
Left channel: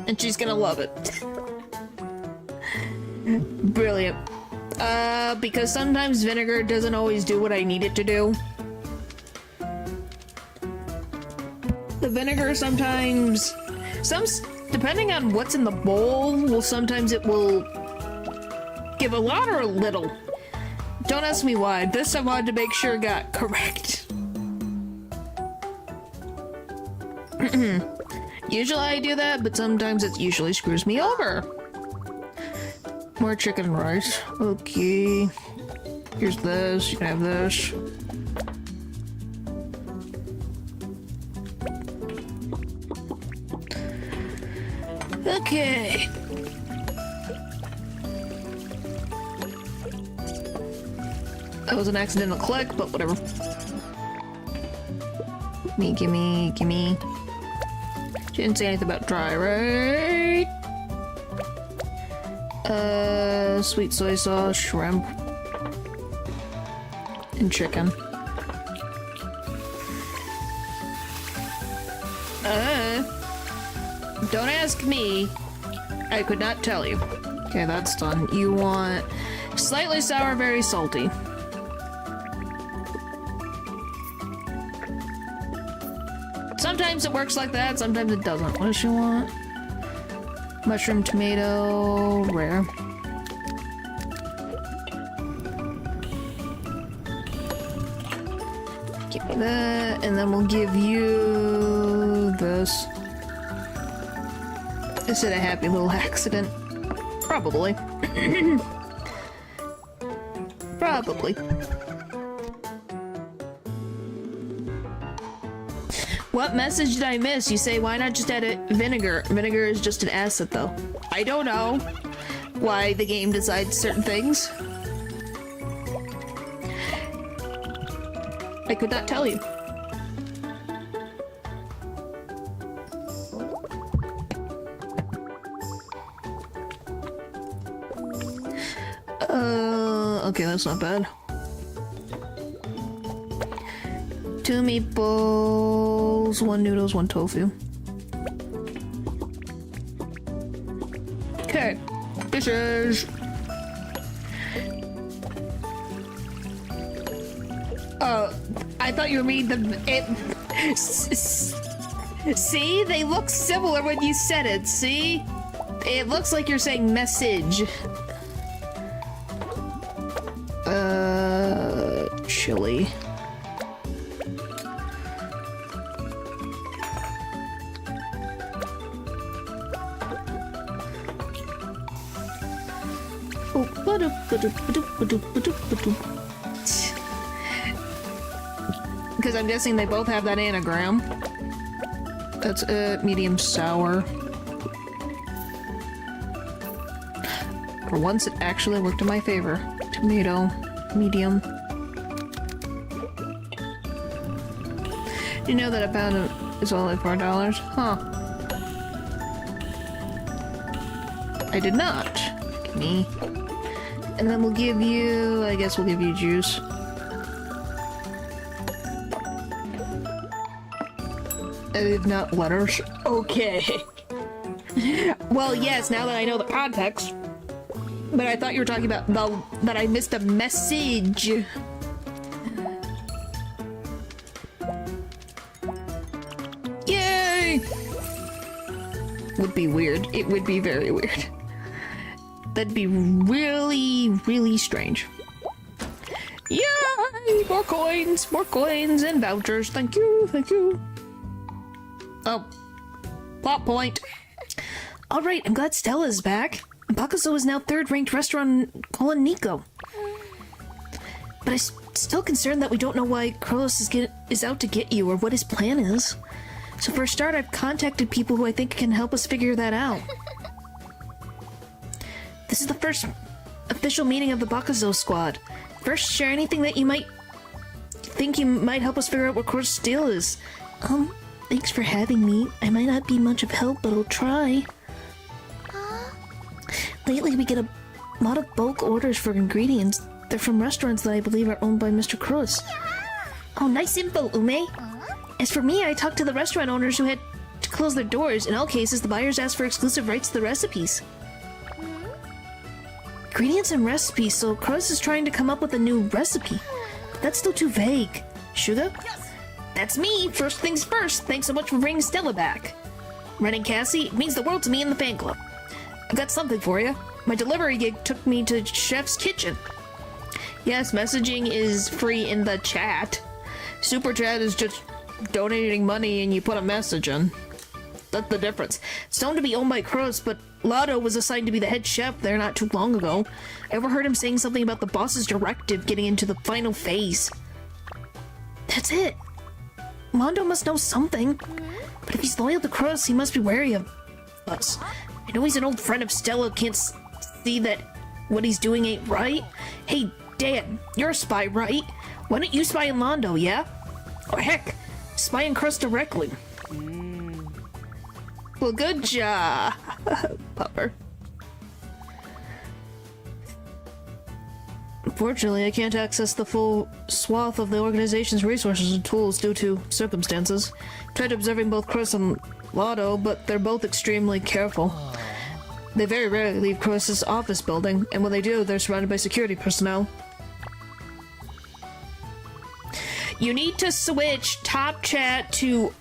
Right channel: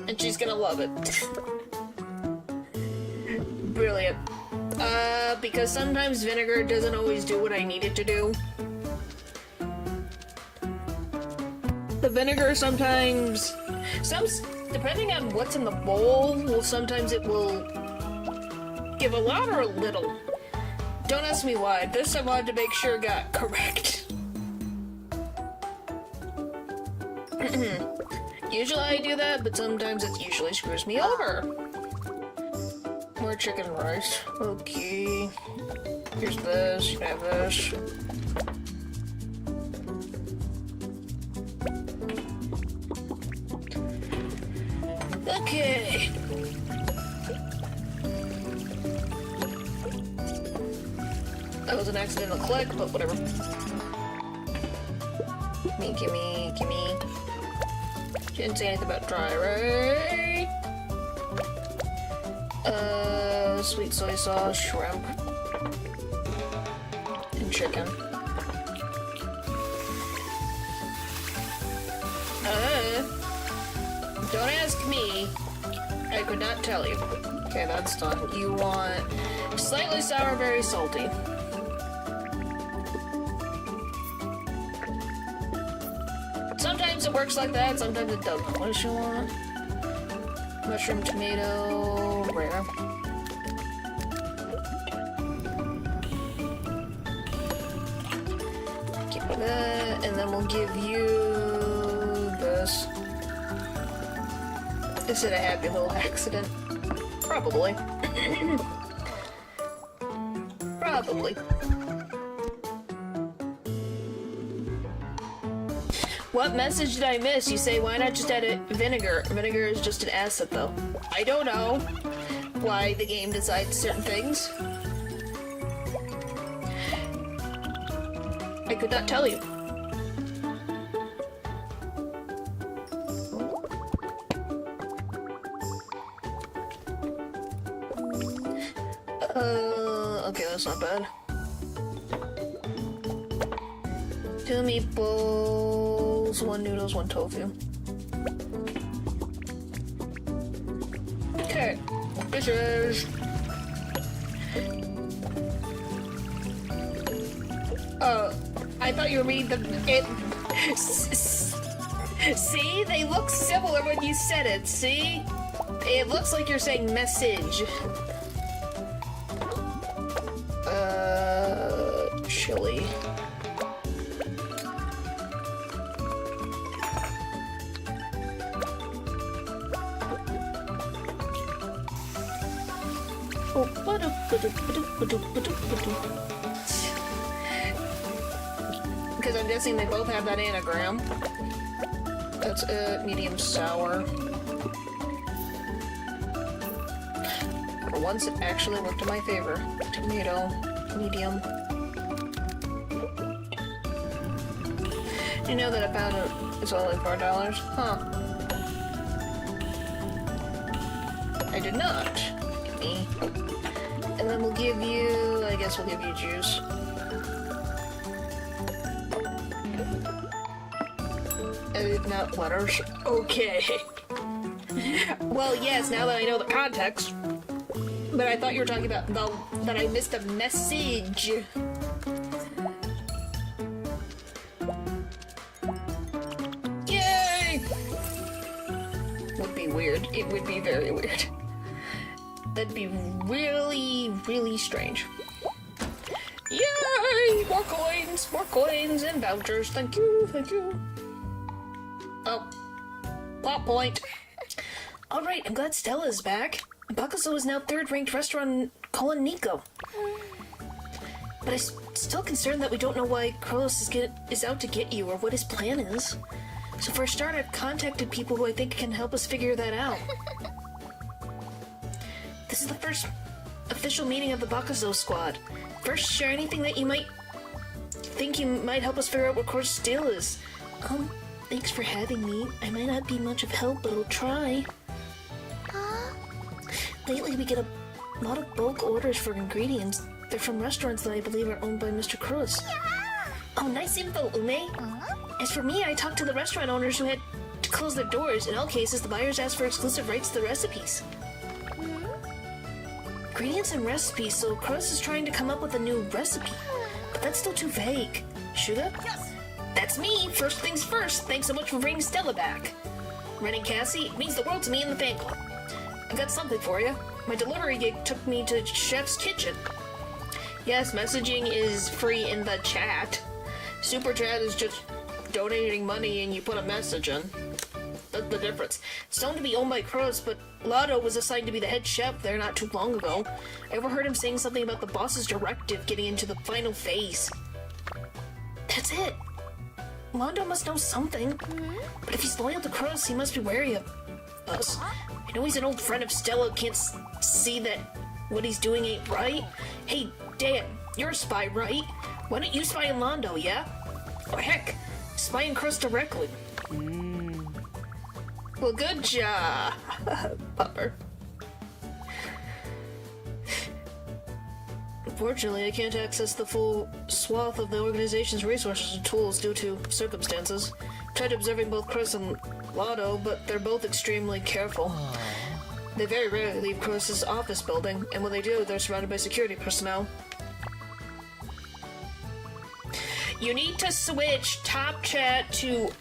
And she's gonna love it. Brilliant. Because sometimes vinegar doesn't always do what I need it to do. The vinegar sometimes... depending on what's in the bowl, sometimes it will give a lot or a little. Don't ask me why. This I wanted to make sure got correct. Usually I do that, but sometimes it usually screws me over. More chicken and rice. Okay. Here's this. You can have this. Okay. That was an accidental click, but whatever. Gimme. She didn't say anything about dry, right? Sweet soy sauce, shrimp, and chicken. Don't ask me. I could not tell you. Okay, that's done. You want slightly sour, very salty. Sometimes it works like that, sometimes it doesn't. What does she want? Mushroom, tomato, rare. Give me that, and then we'll give you this. Is it a happy little accident? Probably. Probably. What message did I miss? You say, why not just add it vinegar? Vinegar is just an acid, though. I don't know why the game decides certain things. I could not tell you. Okay, that's not bad. 2 meatballs, 1 noodles, 1 tofu. Okay, dishes. I thought you were reading it. See, they look similar when you said it. See, it looks like you're saying message. Chili. Because I'm guessing they both have that anagram. That's medium sour. For once, it actually worked in my favor. Tomato, medium. You know that a pound is only $4? Huh. I did not. Give me. And then we'll give you... I guess we'll give you juice. Not letters. Okay. Well, yes, now that I know the context. But I thought you were talking about that I missed a message. Yay! Would be weird. It would be very weird. That'd be really, really strange. Yay! More coins and vouchers. Thank you, thank you. Oh, plot point. Alright, I'm glad Stella's back. Bakuzo is now third-ranked restaurant in KuloNiku. But I'm still concerned that we don't know why Krolos is out to get you or what his plan is. So for a start, I've contacted people who I think can help us figure that out. This is the first official meeting of the Bakuzo squad. First, share anything that you might think you might help us figure out what Krolos' deal is. Thanks for having me. I might not be much of help, but I'll try. Lately, we get a lot of bulk orders for ingredients. They're from restaurants that I believe are owned by Mr. Krolos. Oh, nice info, Ume. As for me, I talked to the restaurant owners who had to close their doors. In all cases, the buyers asked for exclusive rights to the recipes. Ingredients and recipes, so Krolos is trying to come up with a new recipe. But that's still too vague. Shuga? Yes! That's me! First things first, thanks so much for bringing Stella back. Running Cassie, it means the world to me and the fan club. I got something for you. My delivery gig took me to Chef's Kitchen. Yes, messaging is free in the chat. Super chat is just donating money and you put a message in. That's the difference. It's known to be owned by Krolos, but Lotto was assigned to be the head chef there not too long ago. I overheard him saying something about the boss's directive getting into the final phase. That's it. Londo must know something. But if he's loyal to Krolos, he must be wary of us. I know he's an old friend of Stella, can't see that what he's doing ain't right. Hey, Dan, you're a spy, right? Why don't you spy on Londo, yeah? Or heck, spy on Krolos directly. Well, good job, Pupper. Unfortunately, I can't access the full swath of the organization's resources and tools due to circumstances. Tried observing both Krolos and Lotto, but they're both extremely careful. They very rarely leave Krolos' office building, and when they do, they're surrounded by security personnel. You need to switch top chat to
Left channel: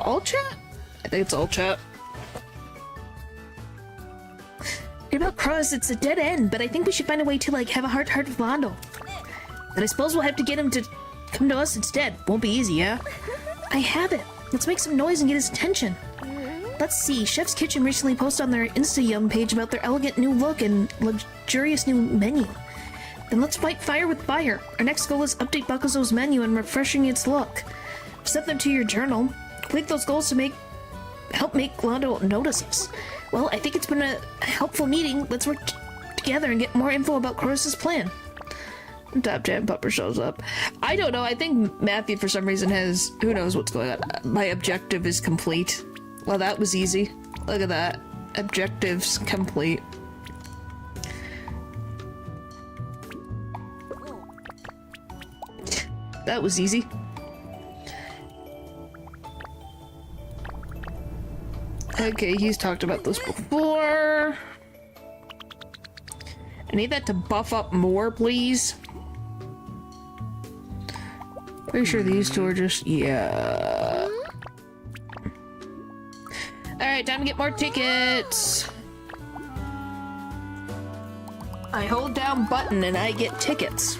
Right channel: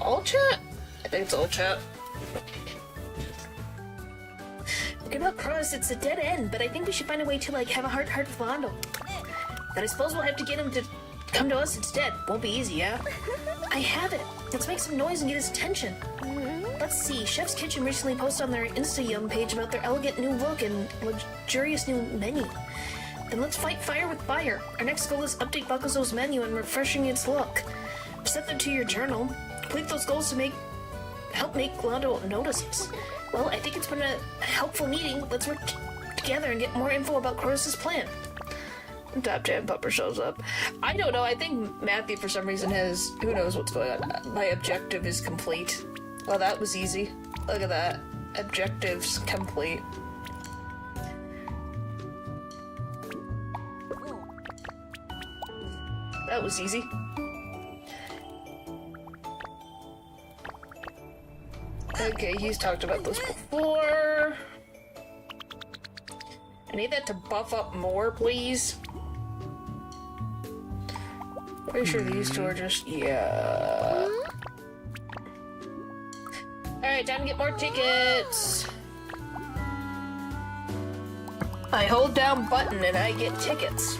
all chat? I think it's all chat. About Krolos, it's a dead end, but I think we should find a way to, like, have a heart-to-heart with Londo. But I suppose we'll have to get him to come to us instead. Won't be easy, yeah? I have it. Let's make some noise and get his attention. Let's see. Chef's Kitchen recently posted on their Insta-Yum page about their elegant new look and luxurious new menu. Then let's fight fire with fire. Our next goal is update Bakuzo's menu and refreshing its look. Set them to your journal. Complete those goals to help make Londo notice us. Well, I think it's been a helpful meeting. Let's work together and get more info about Krolos' plan. Top Chat Pupper shows up. I don't know, I think Matthew for some reason has... Who knows what's going on. My objective is complete. Well, that was easy. Look at that. Objectives complete. That was easy. Okay, he's talked about this before. I need that to buff up more, please. Pretty sure these two are just... yeah. Alright, time to get more tickets. I hold down button and I get tickets.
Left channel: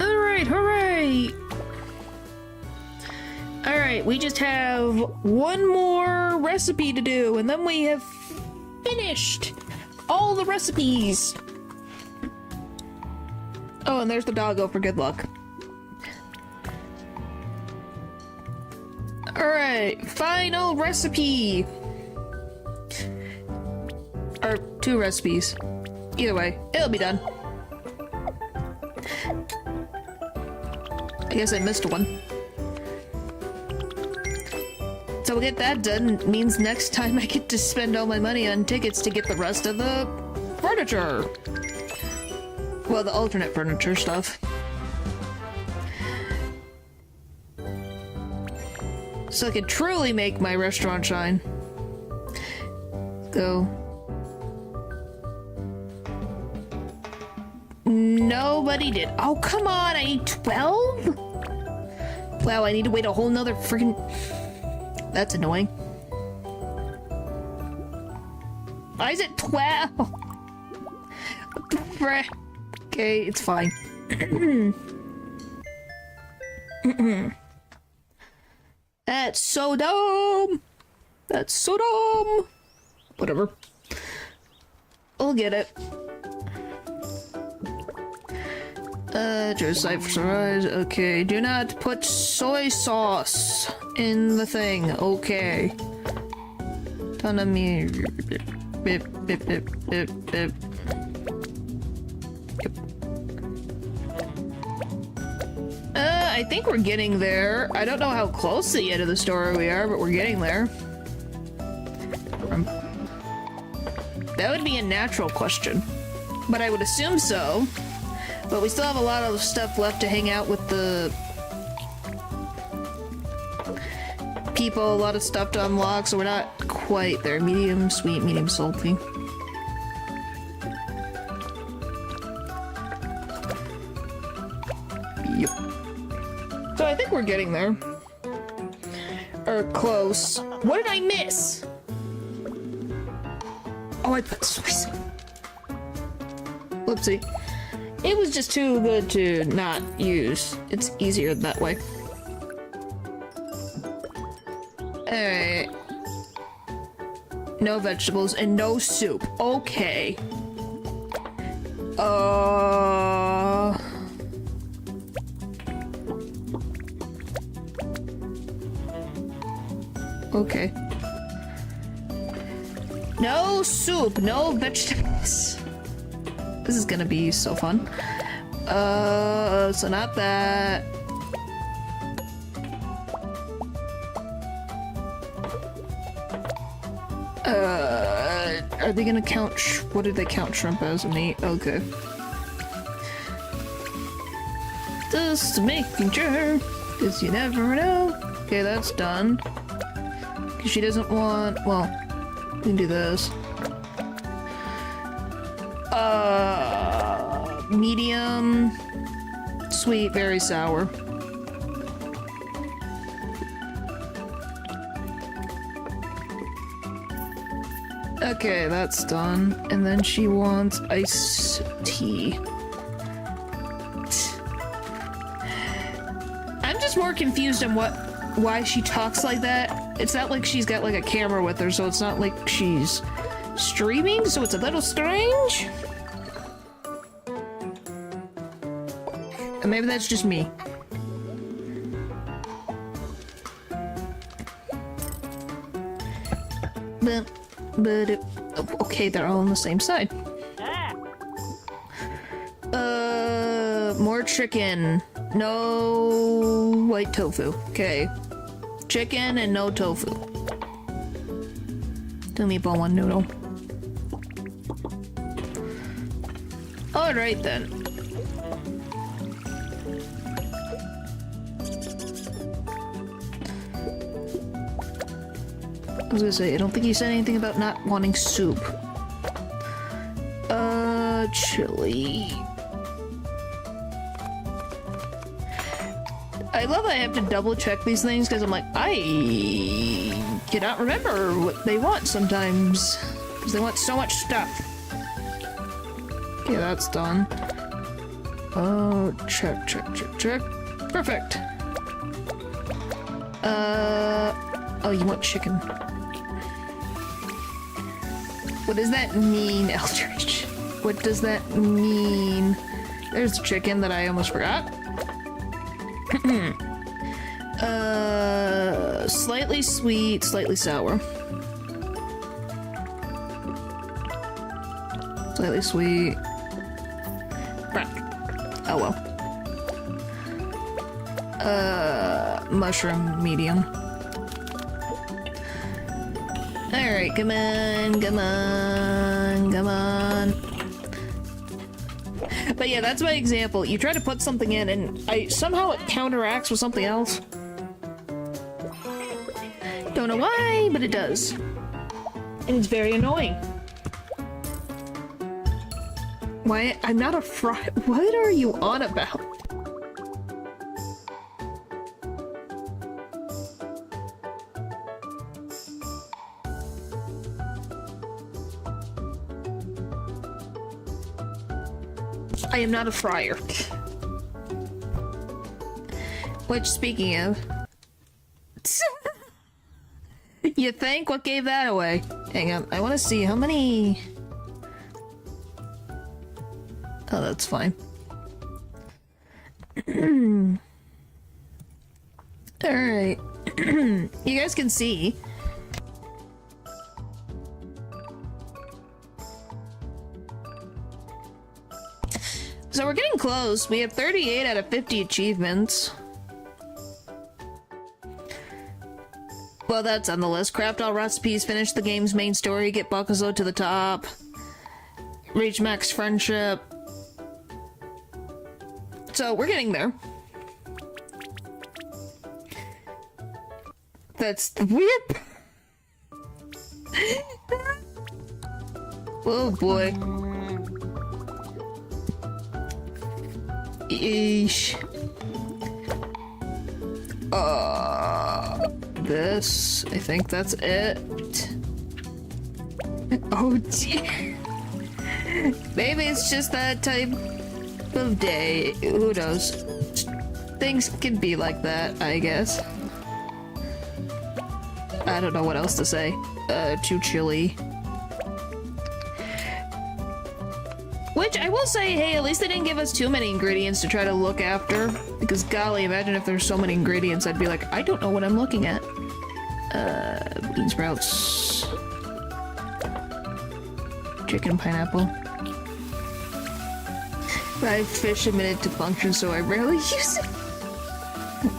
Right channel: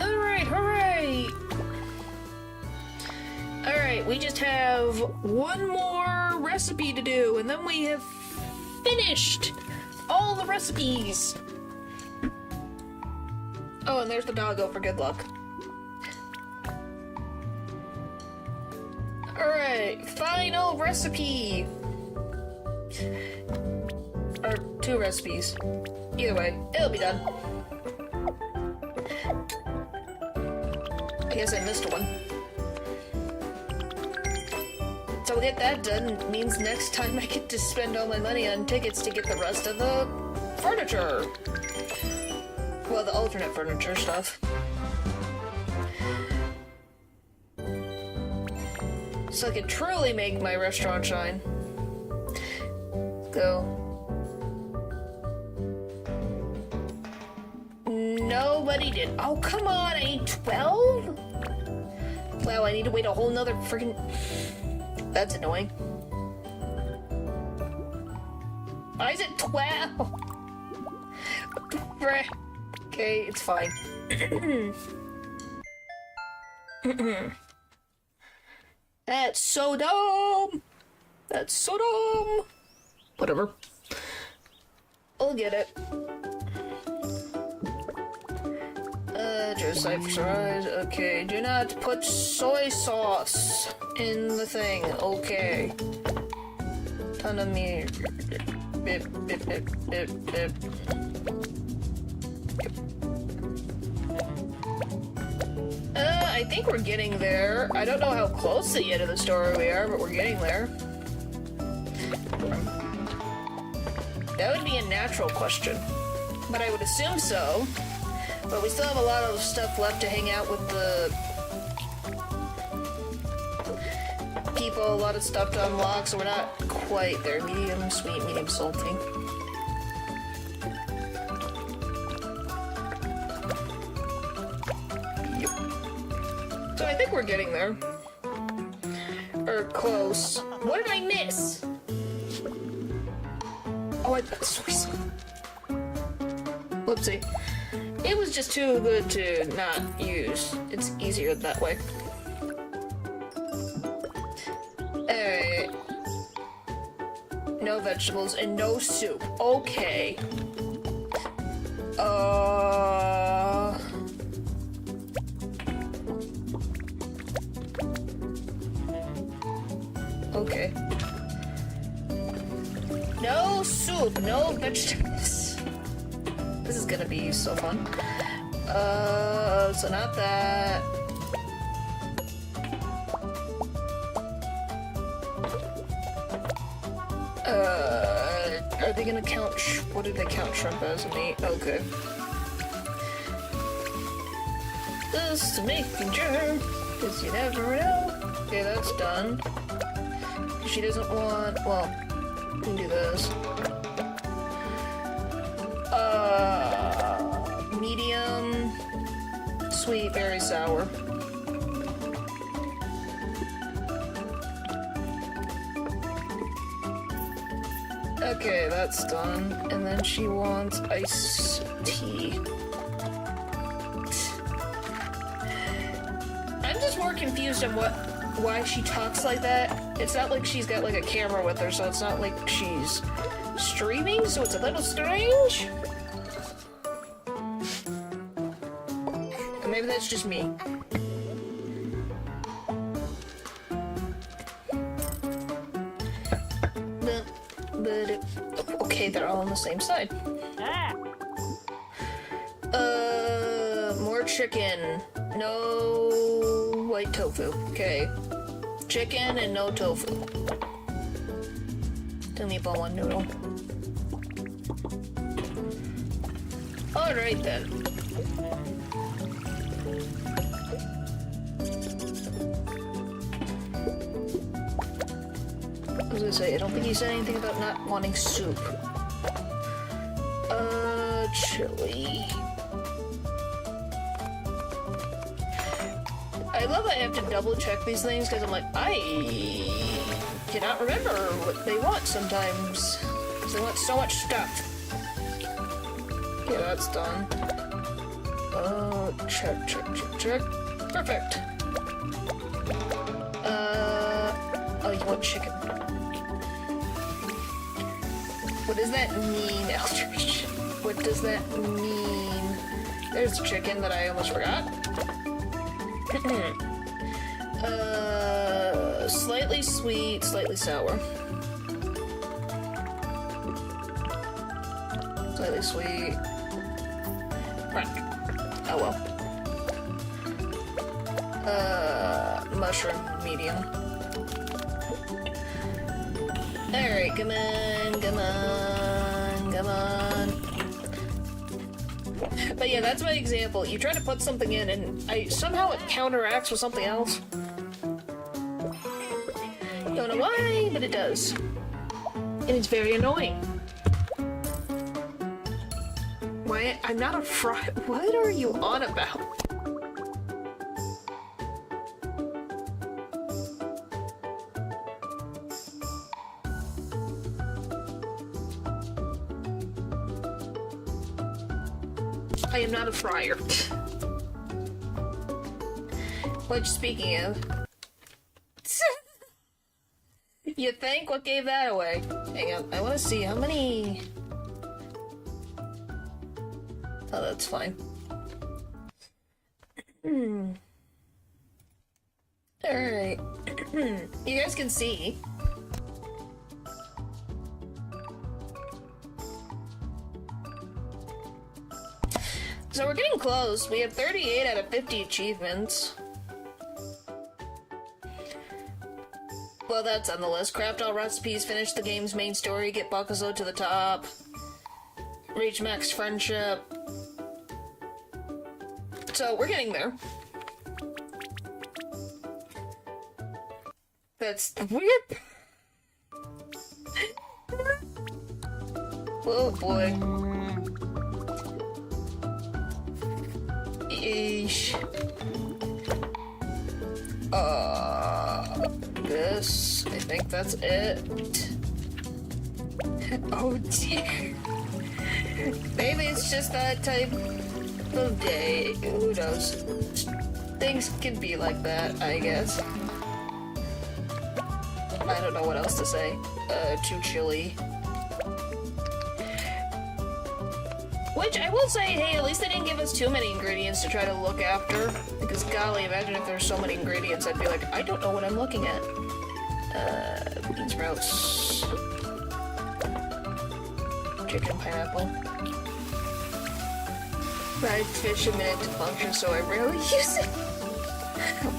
Alright, hooray! Alright, Alright, we just have one more recipe to do, and then we have finished all the recipes. Oh, and there's the doggo for good luck. Alright, final recipe. Or 2 recipes. Either way, it'll be done. I guess I missed one. So we'll get that done. It means next time I get to spend all my money on tickets to get the rest of the furniture. Well, the alternate furniture stuff. So I can truly make my restaurant shine. Go. Nobody did. Oh, come on, I need 12? Wow, I need to wait a whole nother freaking... That's annoying. Why is it 12? What the frick? Okay, it's fine. That's so dumb! That's so dumb! Whatever. I'll get it. Just fries. Okay, do not put soy sauce in the thing. Okay. Ton of me. Bip, bip, bip, bip, bip. Yep. I think we're getting there. I don't know how close to the end of the story we are, but we're getting there. That would be a natural question, but I would assume so. But we still have a lot of stuff left to hang out with the people, a lot of stuff to unlock, so we're not quite there. Medium sweet, medium salty. Yep. So I think we're getting there. Or close. What did I miss? Oh, I put soy sauce. Whoopsie. It was just too good to not use. It's easier that way. Alright. No vegetables and no soup. Okay. Okay. No soup, no vegetables. This is gonna be so fun. So not that. Are they gonna count what do they count shrimp as meat? Okay. Just making sure, cause you never know. Okay, that's done. Cause she doesn't want, well, we can do this. Medium, sweet, very sour. Okay, that's done. And then she wants iced tea. I'm just more confused on why she talks like that. It's not like she's got like a camera with her, so it's not like she's streaming, so it's a little strange. And maybe that's just me. But okay, they're all on the same side. More chicken. No white tofu. Okay. Chicken and no tofu. 2 meatball, 1 noodle. Alright then. I was gonna say, I don't think he said anything about not wanting soup. Chili. I love that I have to double check these things because I'm like, I cannot remember what they want sometimes. Because they want so much stuff. Okay, that's done. Oh, check. Perfect. you want chicken. What does that mean, Eldridge? What does that mean? There's chicken that I almost forgot. Slightly sweet, slightly sour. Slightly sweet. Right. Oh well. Mushroom medium. Alright, come on, come on, come on. But yeah, that's my example. You try to put something in and somehow it counteracts with something else. Don't know why, but it does. And it's very annoying. Why? I'm not a fry. What are you on about? I am not a fryer. Which, speaking of... You think? What gave that away? Hang on, I want to see how many... Oh, that's fine. Alright. You guys can see. So we're getting close. We have 38 out of 50 achievements. Well, that's on the list. Craft all recipes, finish the game's main story, get Bakuzo to the top, reach max friendship. So we're getting there. That's the weird. Oh boy. Eesh. This, I think that's it. Oh dear. Maybe it's just that type of day. Who knows? Things can be like that, I guess. I don't know what else to say. Too chilly. Which, I will say, hey, at least they didn't give us too many ingredients to try to look after. Because, golly, imagine if there's so many ingredients, I'd be like, I don't know what I'm looking at. Bean sprouts. Chicken pineapple. 5 fish a minute to function, so I rarely use it.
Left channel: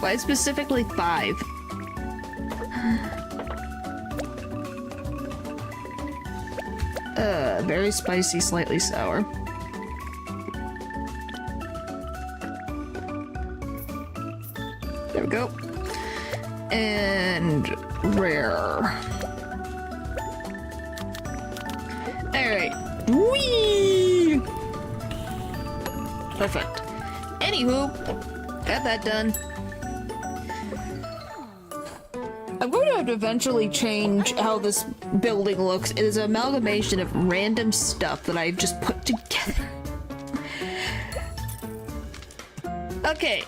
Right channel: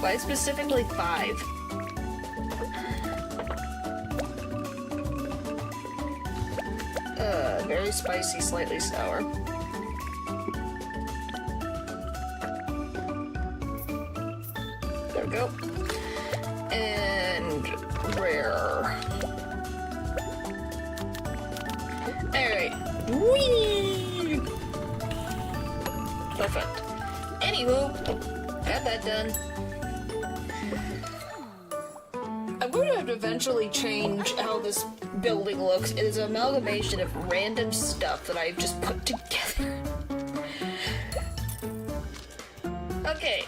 Why specifically 5? Very spicy, slightly sour. There we go. And rare. Alright. Whee! Perfect. Anywho, got that done. I'm going to have to eventually change how this building looks. It is an amalgamation of random stuff that I've just put together. Okay.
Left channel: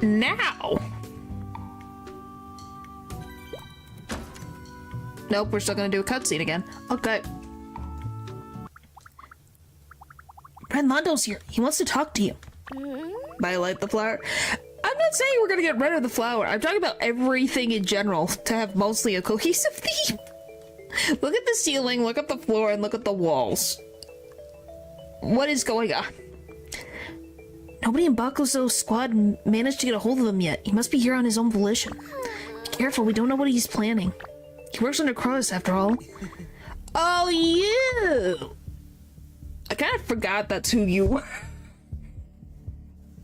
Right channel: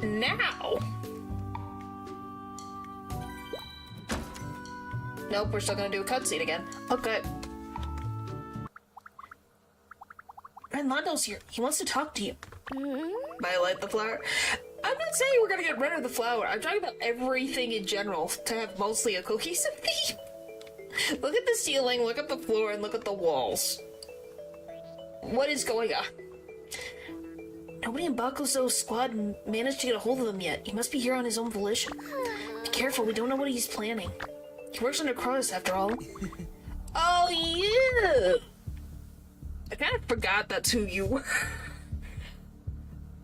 Now. Nope, we're still gonna do a cutscene again. Okay. Friend Lando's here. He wants to talk to you. Violate the flower. I'm not saying we're gonna get rid of the flower. I'm talking about everything in general to have mostly a cohesive theme. Look at the ceiling, look at the floor, and look at the walls. What is going on? Nobody in Bakuzo's squad managed to get a hold of him yet. He must be here on his own volition. Be careful, we don't know what he's planning. He works under Cross, after all. Oh, you! I kind of forgot that's who you were.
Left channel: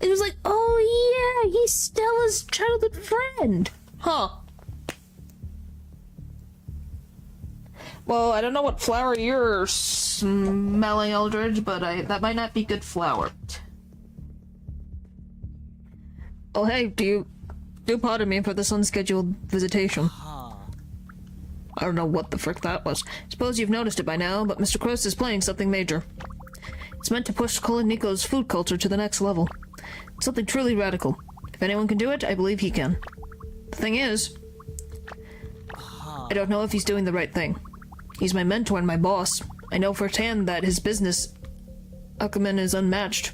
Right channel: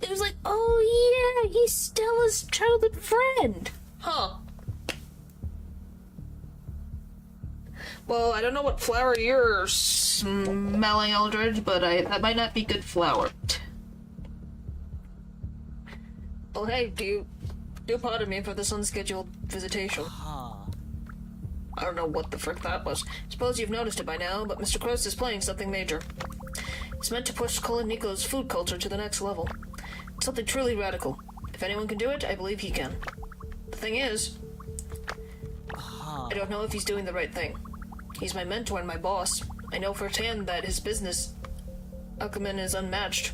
It was like, oh yeah, he's Stella's childhood friend. Huh. Well, I don't know what flower you're smelling, Eldridge, but that might not be good flower. Oh hey, do pardon me for this unscheduled visitation. I don't know what the frick that was. Suppose you've noticed it by now, but Mr. Cross is planning something major. It's meant to push KuloNiku's food culture to the next level. It's something truly radical. If anyone can do it, I believe he can. The thing is, I don't know if he's doing the right thing. He's my mentor and my boss. I know firsthand that his business acumen is unmatched.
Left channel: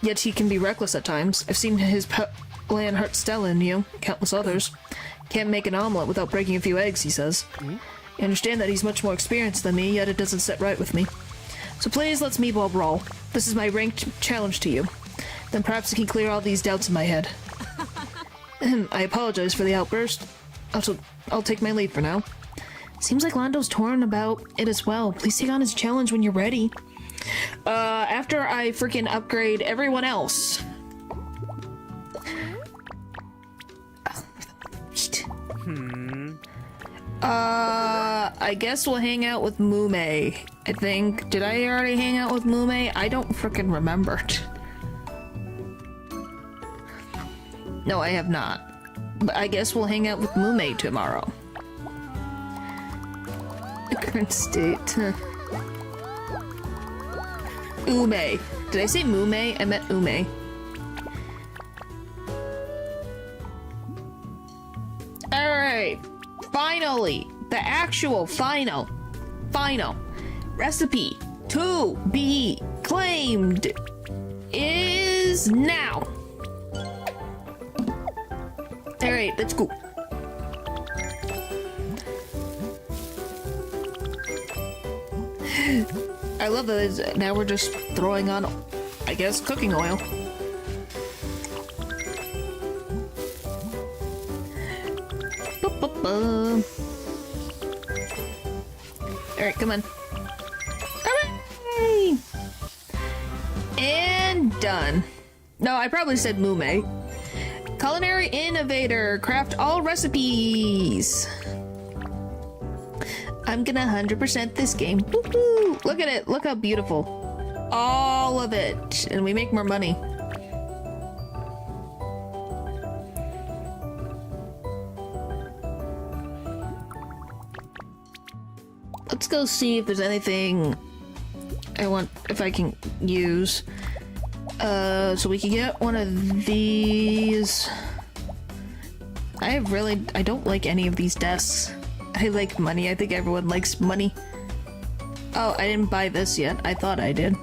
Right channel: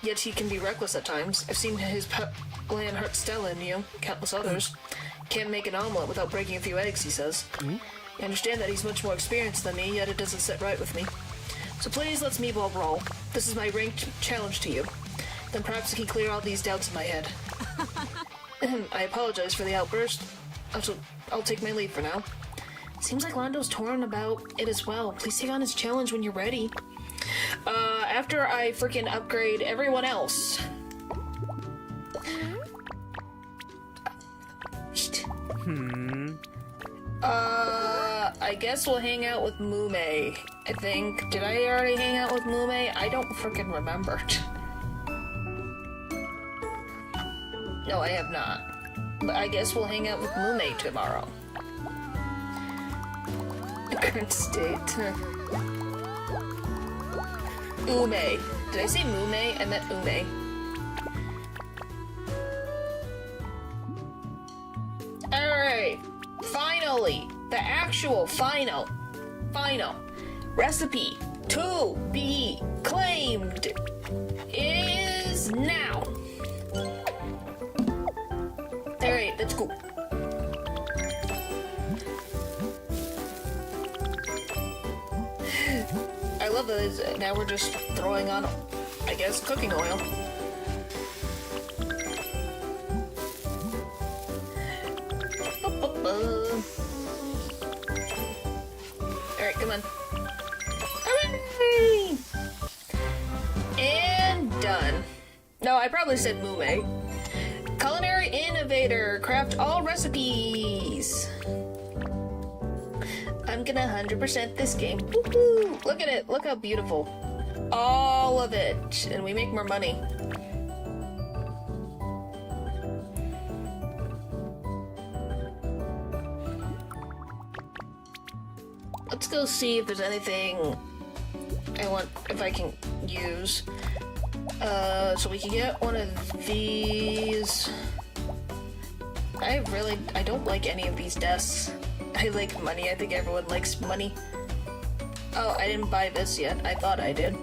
Yet he can be reckless at times. I've seen his plan hurt Stella and you, countless others. Can't make an omelet without breaking a few eggs, he says. I understand that he's much more experienced than me, yet it doesn't sit right with me. So please, let's meatball brawl. This is my ranked challenge to you. Then perhaps it can clear all these doubts in my head. I apologize for the outburst. I'll take my lead for now. Seems like Lando's torn about it as well. Please take on his challenge when you're ready. After I freaking upgrade everyone else. I guess we'll hang out with Mume, I think. Did I already hang out with Mume? I don't freaking remember. No, I have not. But I guess we'll hang out with Mume tomorrow. The current state. Ume. Did I say Mume? I meant Ume. Alright. Finally. The actual final recipe to be claimed is now. Alright, let's go. I love that now we're just throwing on, I guess, cooking oil. Alright, come on. Hooray! And done. No, I probably said Mume. Culinary innovator, craft all recipes. I'm gonna 100% this game. Woohoo! Look at it, look how beautiful. All of it. And we make more money. Let's go see if there's anything I want, if I can use. So we can get one of these. I don't like any of these desks. I like money. I think everyone likes money. Oh, I didn't buy this yet. I thought I did.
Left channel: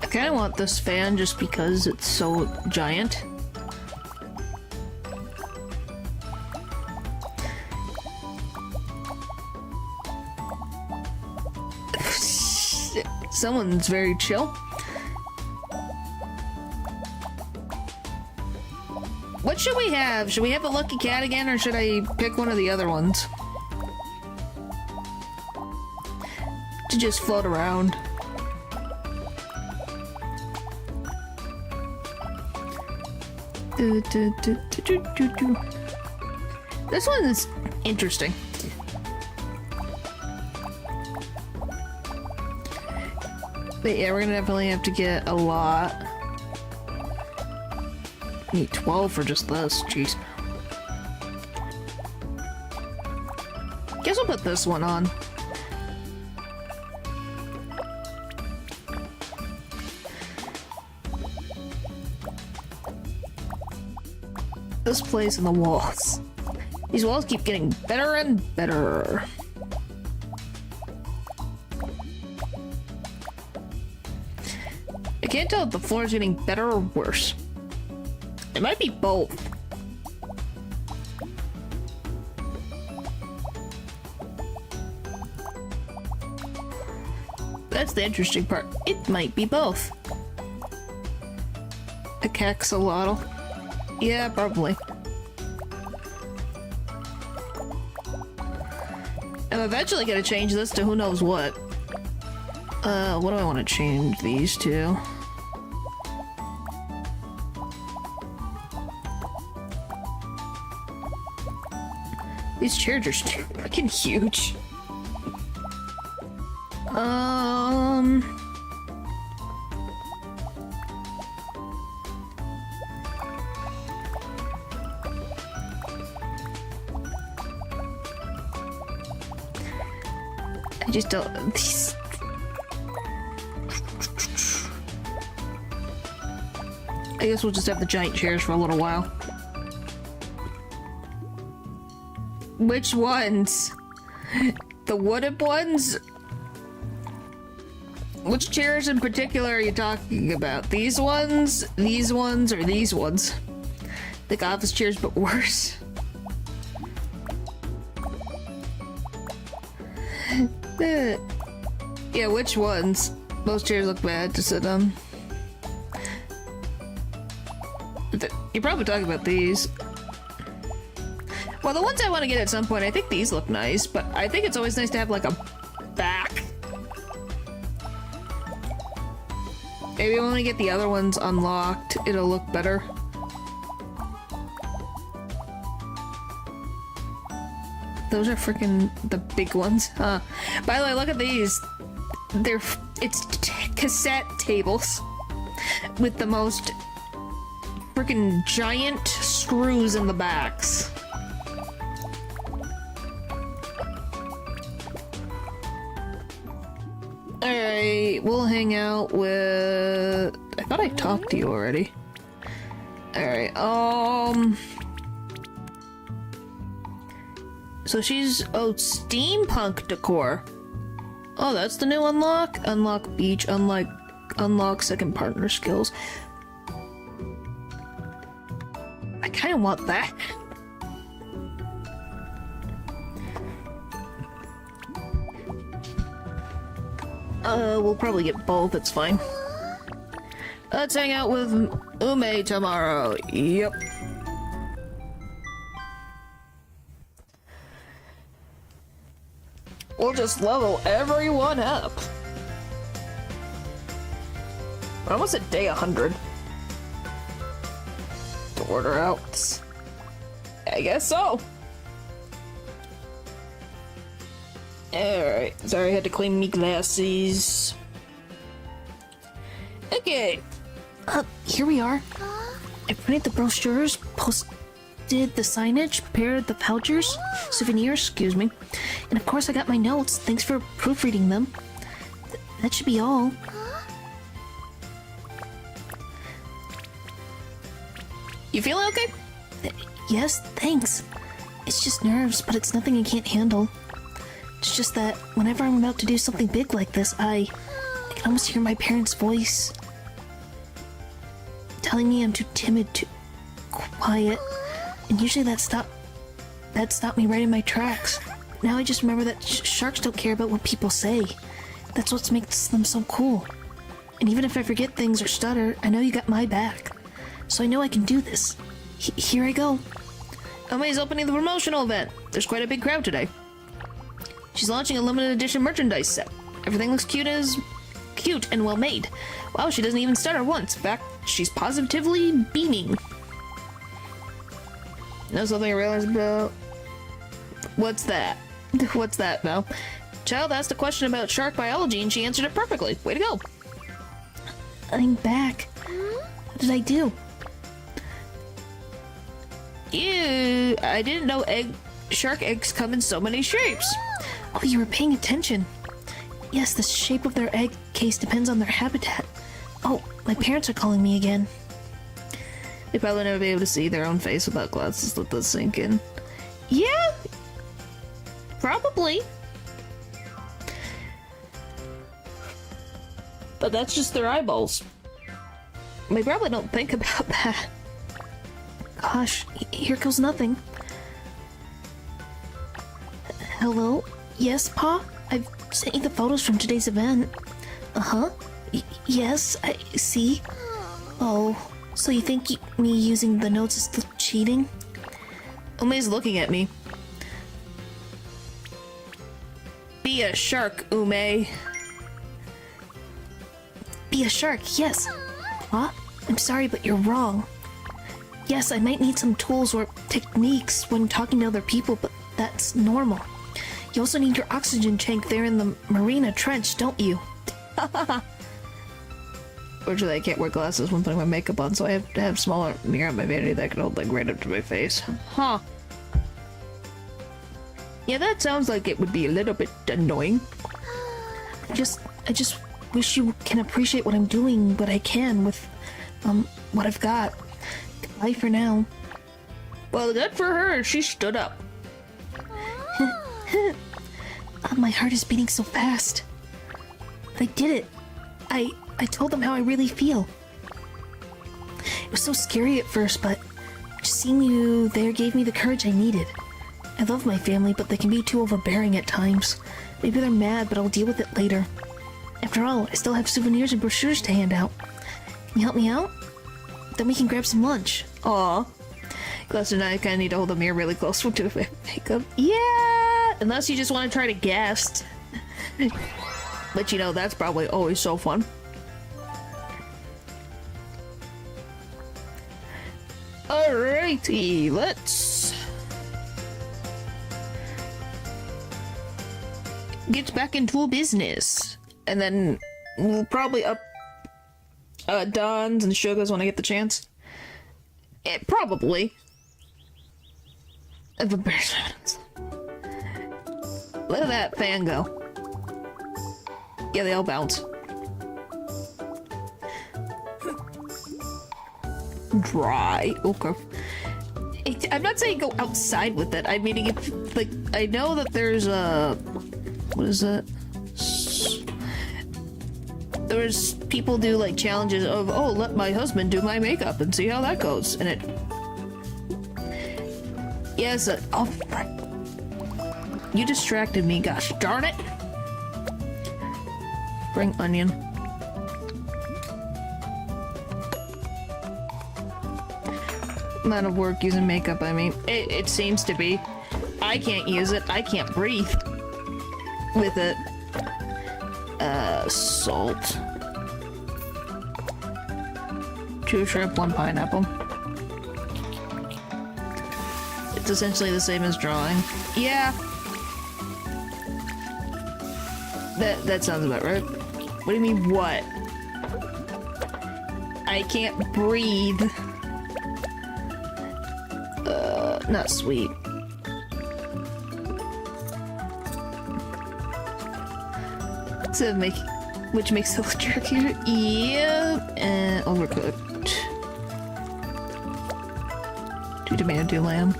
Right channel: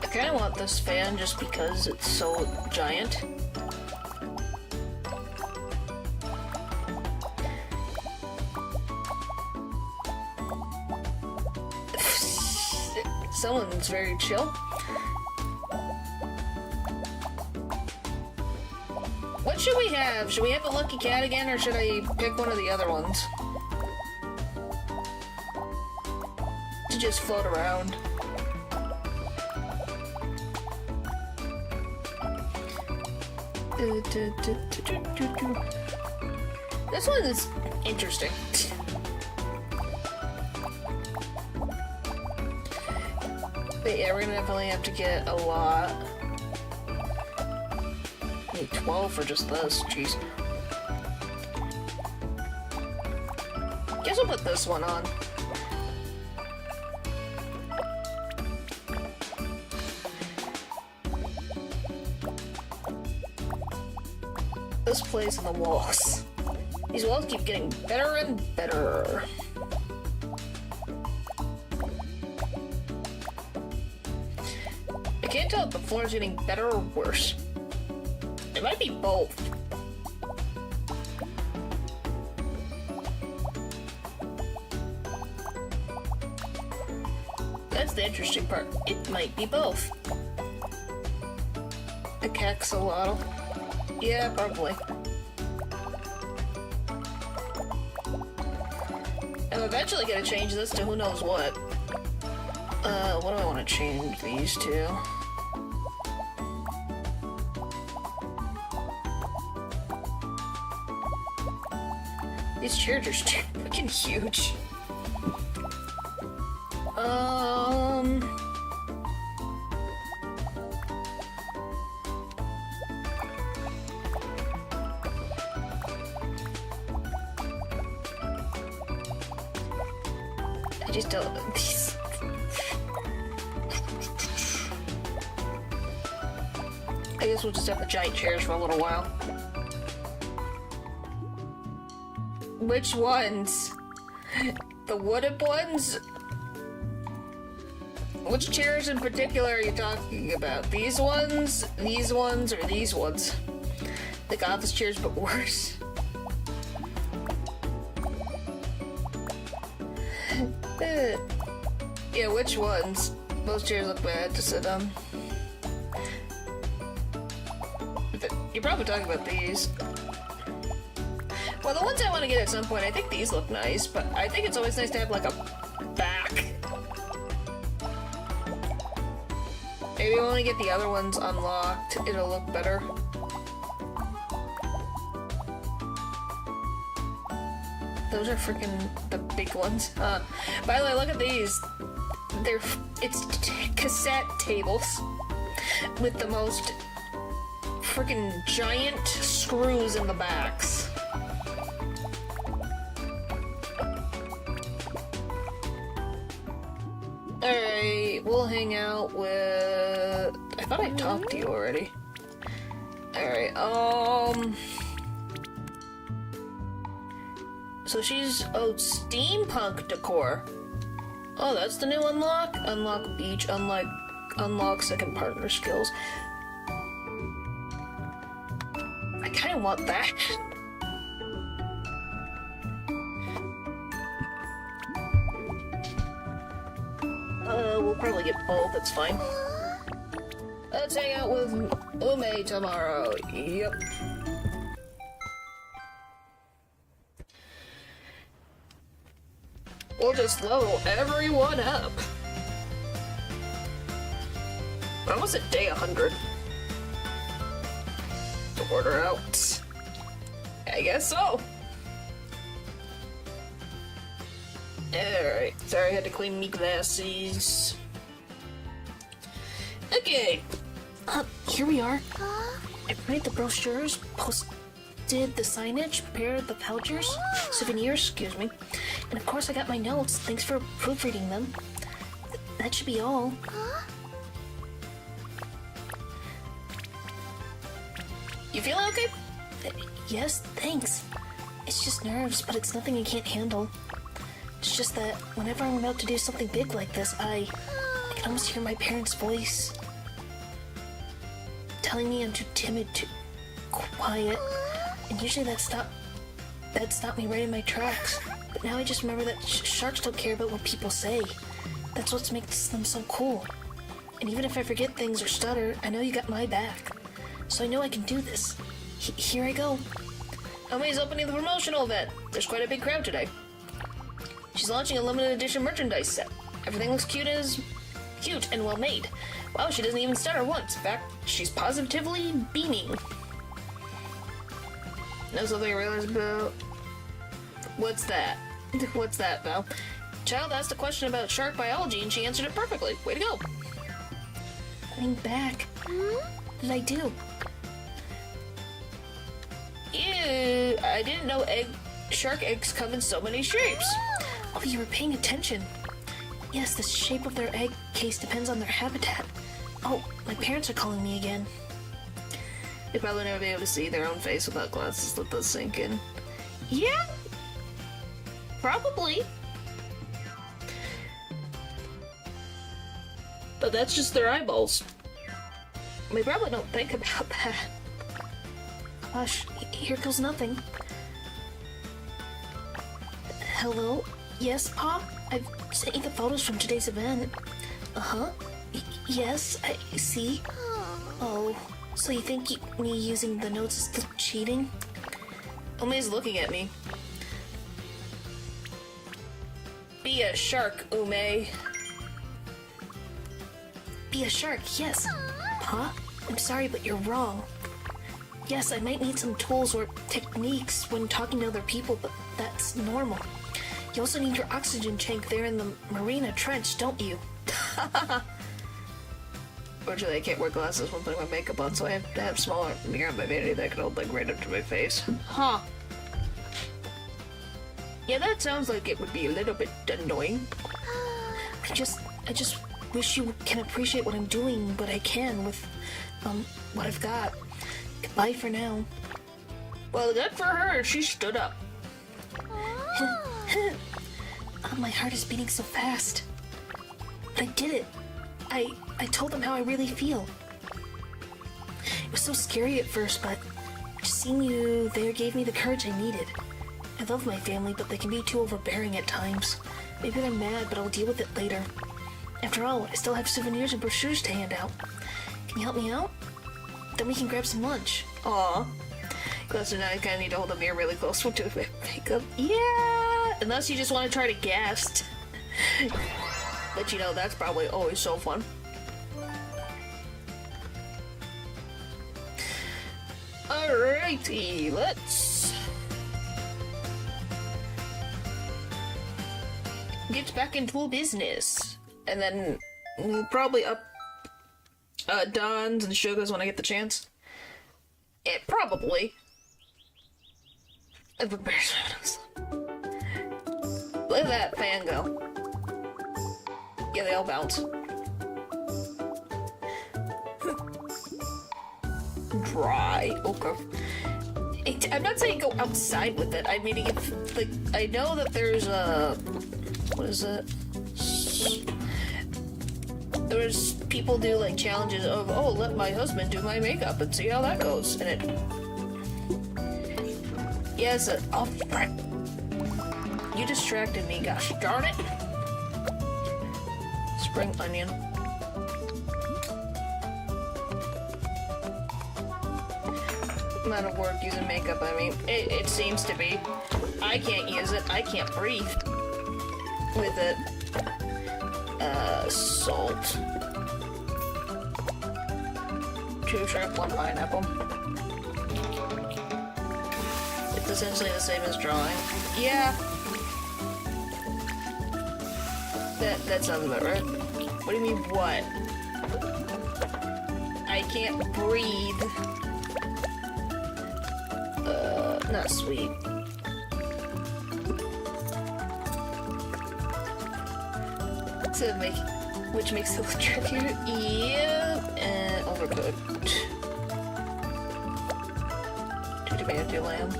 I kind of want this fan just because it's so giant. Someone's very chill. What should we have? Should we have a lucky cat again, or should I pick one of the other ones? To just float around. This one is interesting. But yeah, we're gonna definitely have to get a lot. Need 12 for just this, jeez. Guess I'll put this one on. This place and the walls. These walls keep getting better and better. I can't tell if the floor is getting better or worse. It might be both. That's the interesting part. It might be both. A caxolotl. Yeah, probably. I'm eventually gonna change this to who knows what. What do I want to change these to? These chairs are freaking huge. I just don't. These. I guess we'll just have the giant chairs for a little while. Which ones? The wooden ones? Which chairs in particular are you talking about? These ones, or these ones? Like office chairs, but worse. Yeah, which ones? Those chairs look bad to sit on. You're probably talking about these. Well, the ones I want to get at some point, I think these look nice, but I think it's always nice to have like a back. Maybe when we get the other ones unlocked, it'll look better. Those are freaking the big ones, huh? By the way, look at these. It's cassette tables with the most freaking giant screws in the backs. Alright, we'll hang out with... I thought I talked to you already. Alright, so she's... oh, steampunk decor. Oh, that's the new unlock? Unlock beach, unlock second partner skills. I kinda want that. We'll probably get both, it's fine. Let's hang out with Ume tomorrow. Yep. We'll just level everyone up. We're almost at day 100. To order out. I guess so. Alright, sorry I had to clean me glasses. Okay. Here we are. I printed the brochures, posted the signage, prepared the vouchers, souvenirs, excuse me. And of course I got my notes. Thanks for proofreading them. That should be all. You feeling okay? Yes, thanks. It's just nerves, but it's nothing I can't handle. It's just that whenever I'm about to do something big like this, I can almost hear my parents' voice telling me I'm too timid, too quiet, and usually that stopped me right in my tracks. But now I just remember that sharks don't care about what people say. That's what makes them so cool. And even if I forget things or stutter, I know you got my back. So I know I can do this. Here I go. Omi's opening the promotional event. There's quite a big crowd today. She's launching a limited edition merchandise set. Everything looks cute and well made. Wow, she doesn't even stutter once. In fact, she's positively beaming. Know something I realized about... What's that? What's that, Val? Child asked a question about shark biology and she answered it perfectly. Way to go. I'm back. What did I do? Ew, I didn't know shark eggs come in so many shapes. Oh, you were paying attention. Yes, the shape of their egg case depends on their habitat. Oh, my parents are calling me again. They probably never be able to see their own face without glasses. Let those sink in. Yeah, probably. But that's just their eyeballs. They probably don't think about that. Gosh, here goes nothing. Hello? Yes, Pa? I've sent you the photos from today's event. Uh-huh. Yes, I see. Oh, so you think me using the notes is still cheating? Ume's looking at me. Be a shark, Ume. Be a shark, yes. Pa? I'm sorry, but you're wrong. Yes, I might need some tools or techniques when talking to other people, but that's normal. You also need your oxygen tank there in the marina trench, don't you? Fortunately, I can't wear glasses when putting my makeup on, so I have to have a smaller mirror on my vanity that can hold like right up to my face. Huh. Yeah, that sounds like it would be a little bit annoying. I just wish you can appreciate what I'm doing, what I can, with what I've got. Goodbye for now. Well, good for her. She stood up. My heart is beating so fast. But I did it. I told them how I really feel. It was so scary at first, but just seeing you there gave me the courage I needed. I love my family, but they can be too overbearing at times. Maybe they're mad, but I'll deal with it later. After all, I still have souvenirs and brochures to hand out. Can you help me out? Then we can grab some lunch. Aw. Glasser and I kinda need to hold the mirror really close to the makeup. Yeah! Unless you just want to try to guess. But you know, that's probably always so fun. Alrighty, let's get back into business. And then we'll probably up Don's and Sugar's when I get the chance. Probably. Look at that fan go. Yeah, they all bounce. Dry. Okay. I'm not saying go outside with it. I mean, if, like, I know that there's a... What is it? There's people do, like, challenges of, oh, let my husband do my makeup and see how that goes. And it... Yes, oh, right. You distracted me, gosh darn it. Spring onion. Amount of work using makeup, I mean, it seems to be. I can't use it. I can't breathe with it. Salt. 2 shrimp, 1 pineapple. It's essentially the same as drawing. Yeah. That sounds about right. What do you mean, what? I can't breathe. Not sweet. To make, which makes it look trickier. Yeah, and overcooked. 2 tomato, 2 lamb.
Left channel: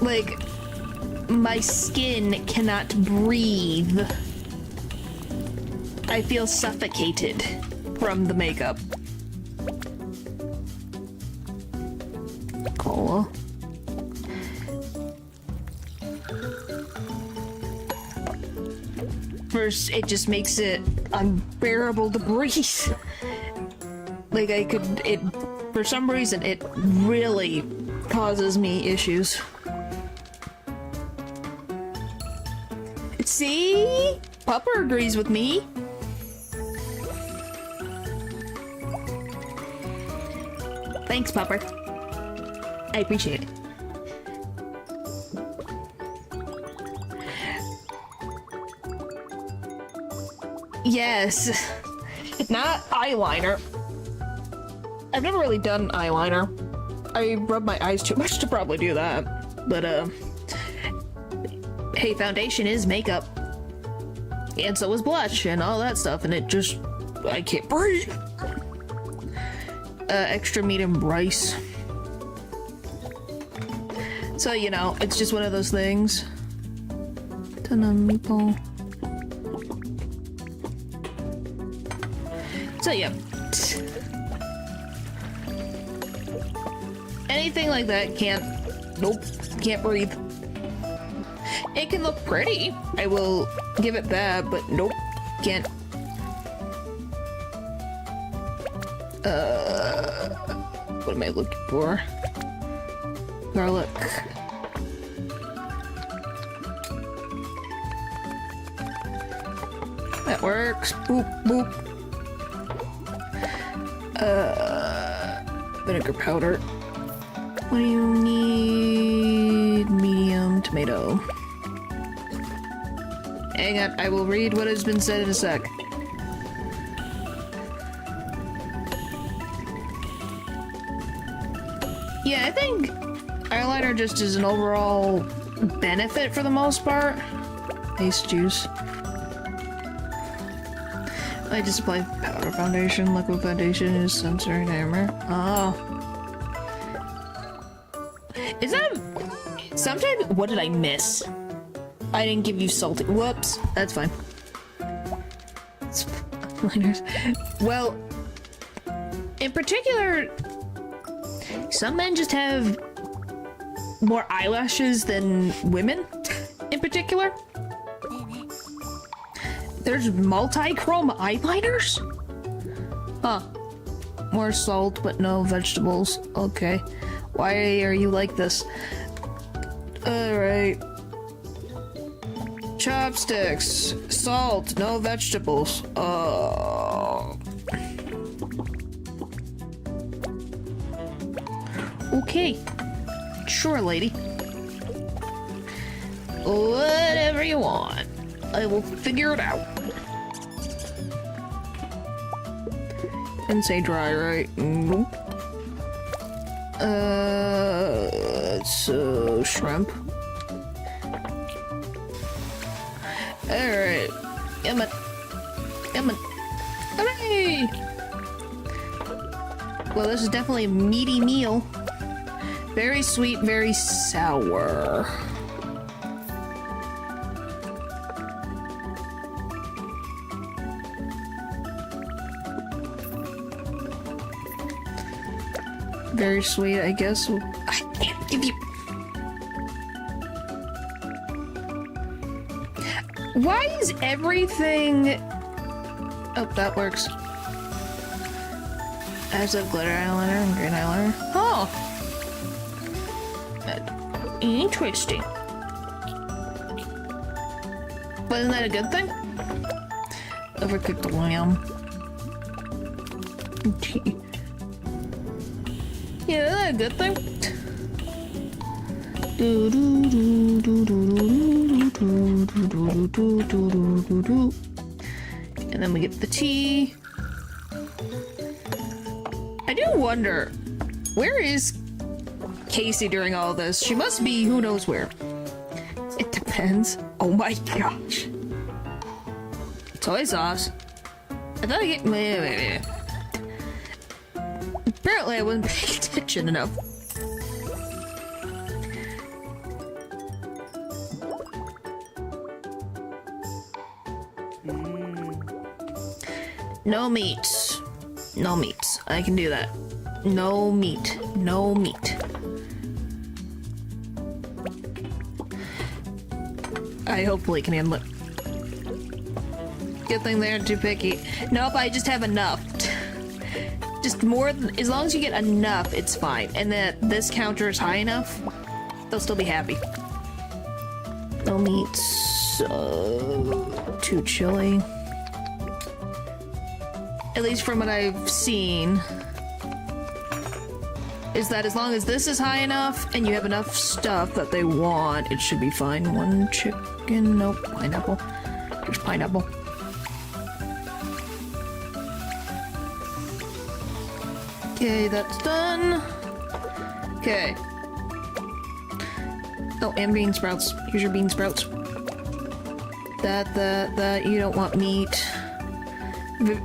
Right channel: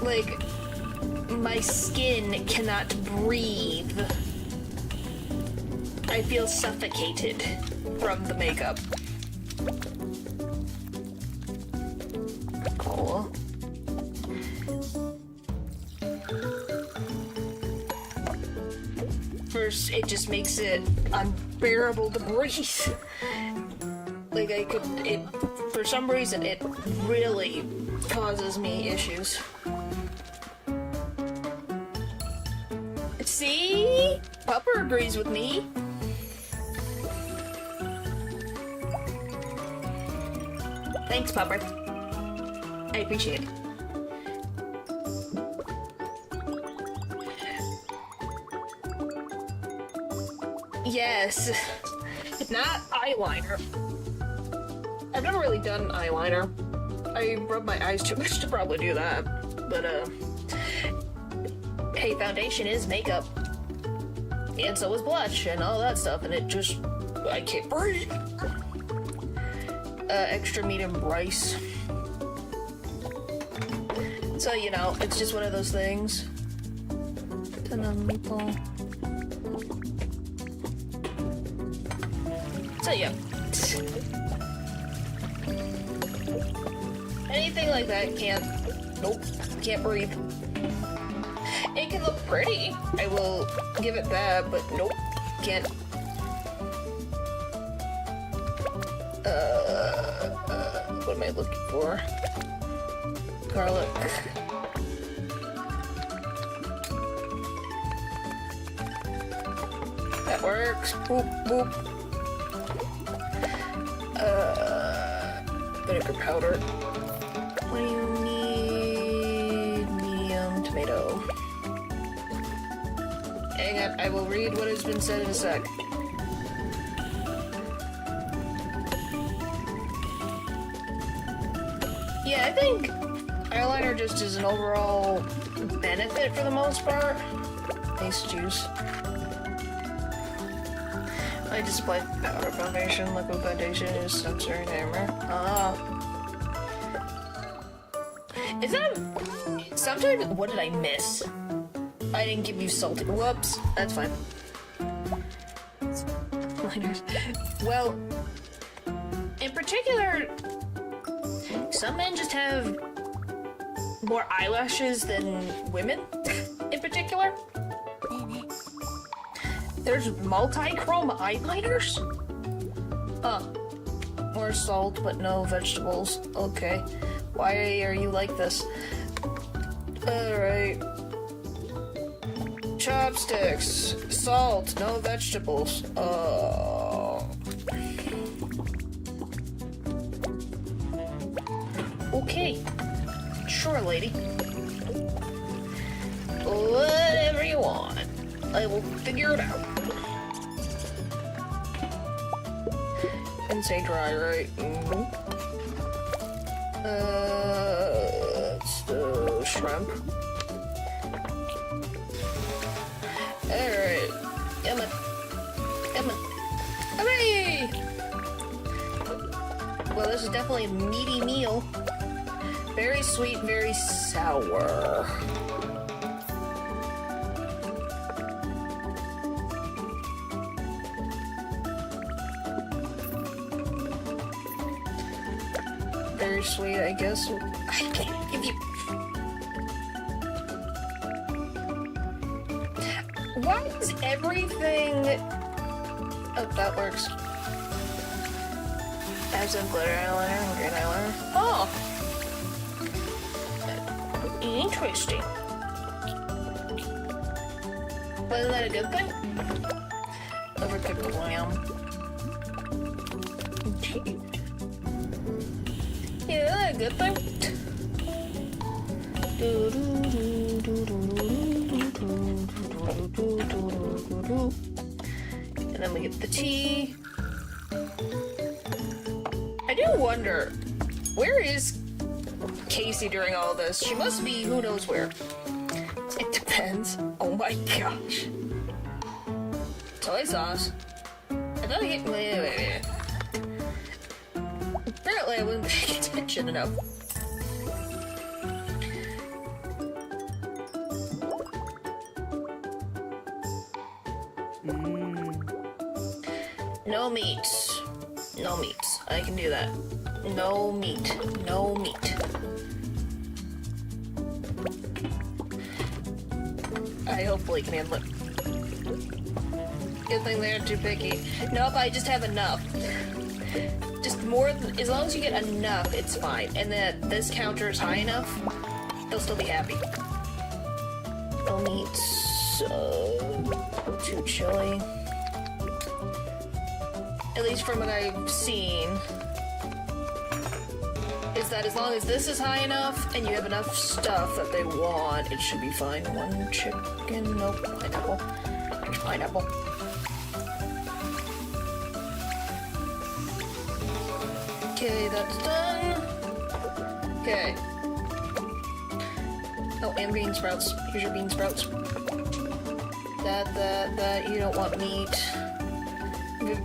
Like, my skin cannot breathe. I feel suffocated from the makeup. Cola. First, it just makes it unbearable to breathe. Like, for some reason, it really causes me issues. See? Pupper agrees with me. Thanks, Pupper. I appreciate it. Yes. Not eyeliner. I've never really done eyeliner. I rub my eyes too much to probably do that. But, hey, foundation is makeup. And so is blush and all that stuff, and it just... I can't breathe. Extra medium rice. So, you know, it's just one of those things. Meatball. So, yeah. Anything like that can't... Nope. Can't breathe. It can look pretty. I will give it that, but nope. Can't. What am I looking for? Garlic. That works. Boop, boop. Vinegar powder. What do you need? Medium tomato. Hang on, I will read what has been said in a sec. Yeah, I think eyeliner just is an overall benefit for the most part. Paste juice. I just applied powder foundation, liquid foundation, is sensory hammer. Ah. Is that... Sometimes... What did I miss? I didn't give you salty... Whoops. That's fine. It's liners. Well... In particular... Some men just have... more eyelashes than women, in particular. There's multi-chrome eyeliners? Huh. More salt, but no vegetables. Okay. Why are you like this? Alright. Chopsticks. Salt, no vegetables. Okay. Sure, lady. Whatever you want. I will figure it out. And say dry, right? So shrimp. Alright. Emma. Hooray! Well, this is definitely a meaty meal. Very sweet, very sour. Very sweet, I guess. I can't give you... Why is everything... Oh, that works. As a glitter eyeliner, green eyeliner. Oh! Interesting. Wasn't that a good thing? Overcooked lamb. Yeah, that's a good thing. And then we get the tea. I do wonder, where is Casey during all this? She must be who knows where. It depends. Oh my gosh. Soy sauce. I thought I get... Apparently I wasn't paying attention enough. No meat. No meat. I can do that. No meat. No meat. I hopefully can handle it. Good thing they aren't too picky. Nope, I just have enough. Just more than, as long as you get enough, it's fine. And that this counter is high enough, they'll still be happy. No meat. Too chilly. At least from what I've seen, is that as long as this is high enough and you have enough stuff that they want, it should be fine. One chicken, nope, pineapple. There's pineapple. Okay, that's done. Okay. Oh, and bean sprouts. Here's your bean sprouts. That, you don't want meat.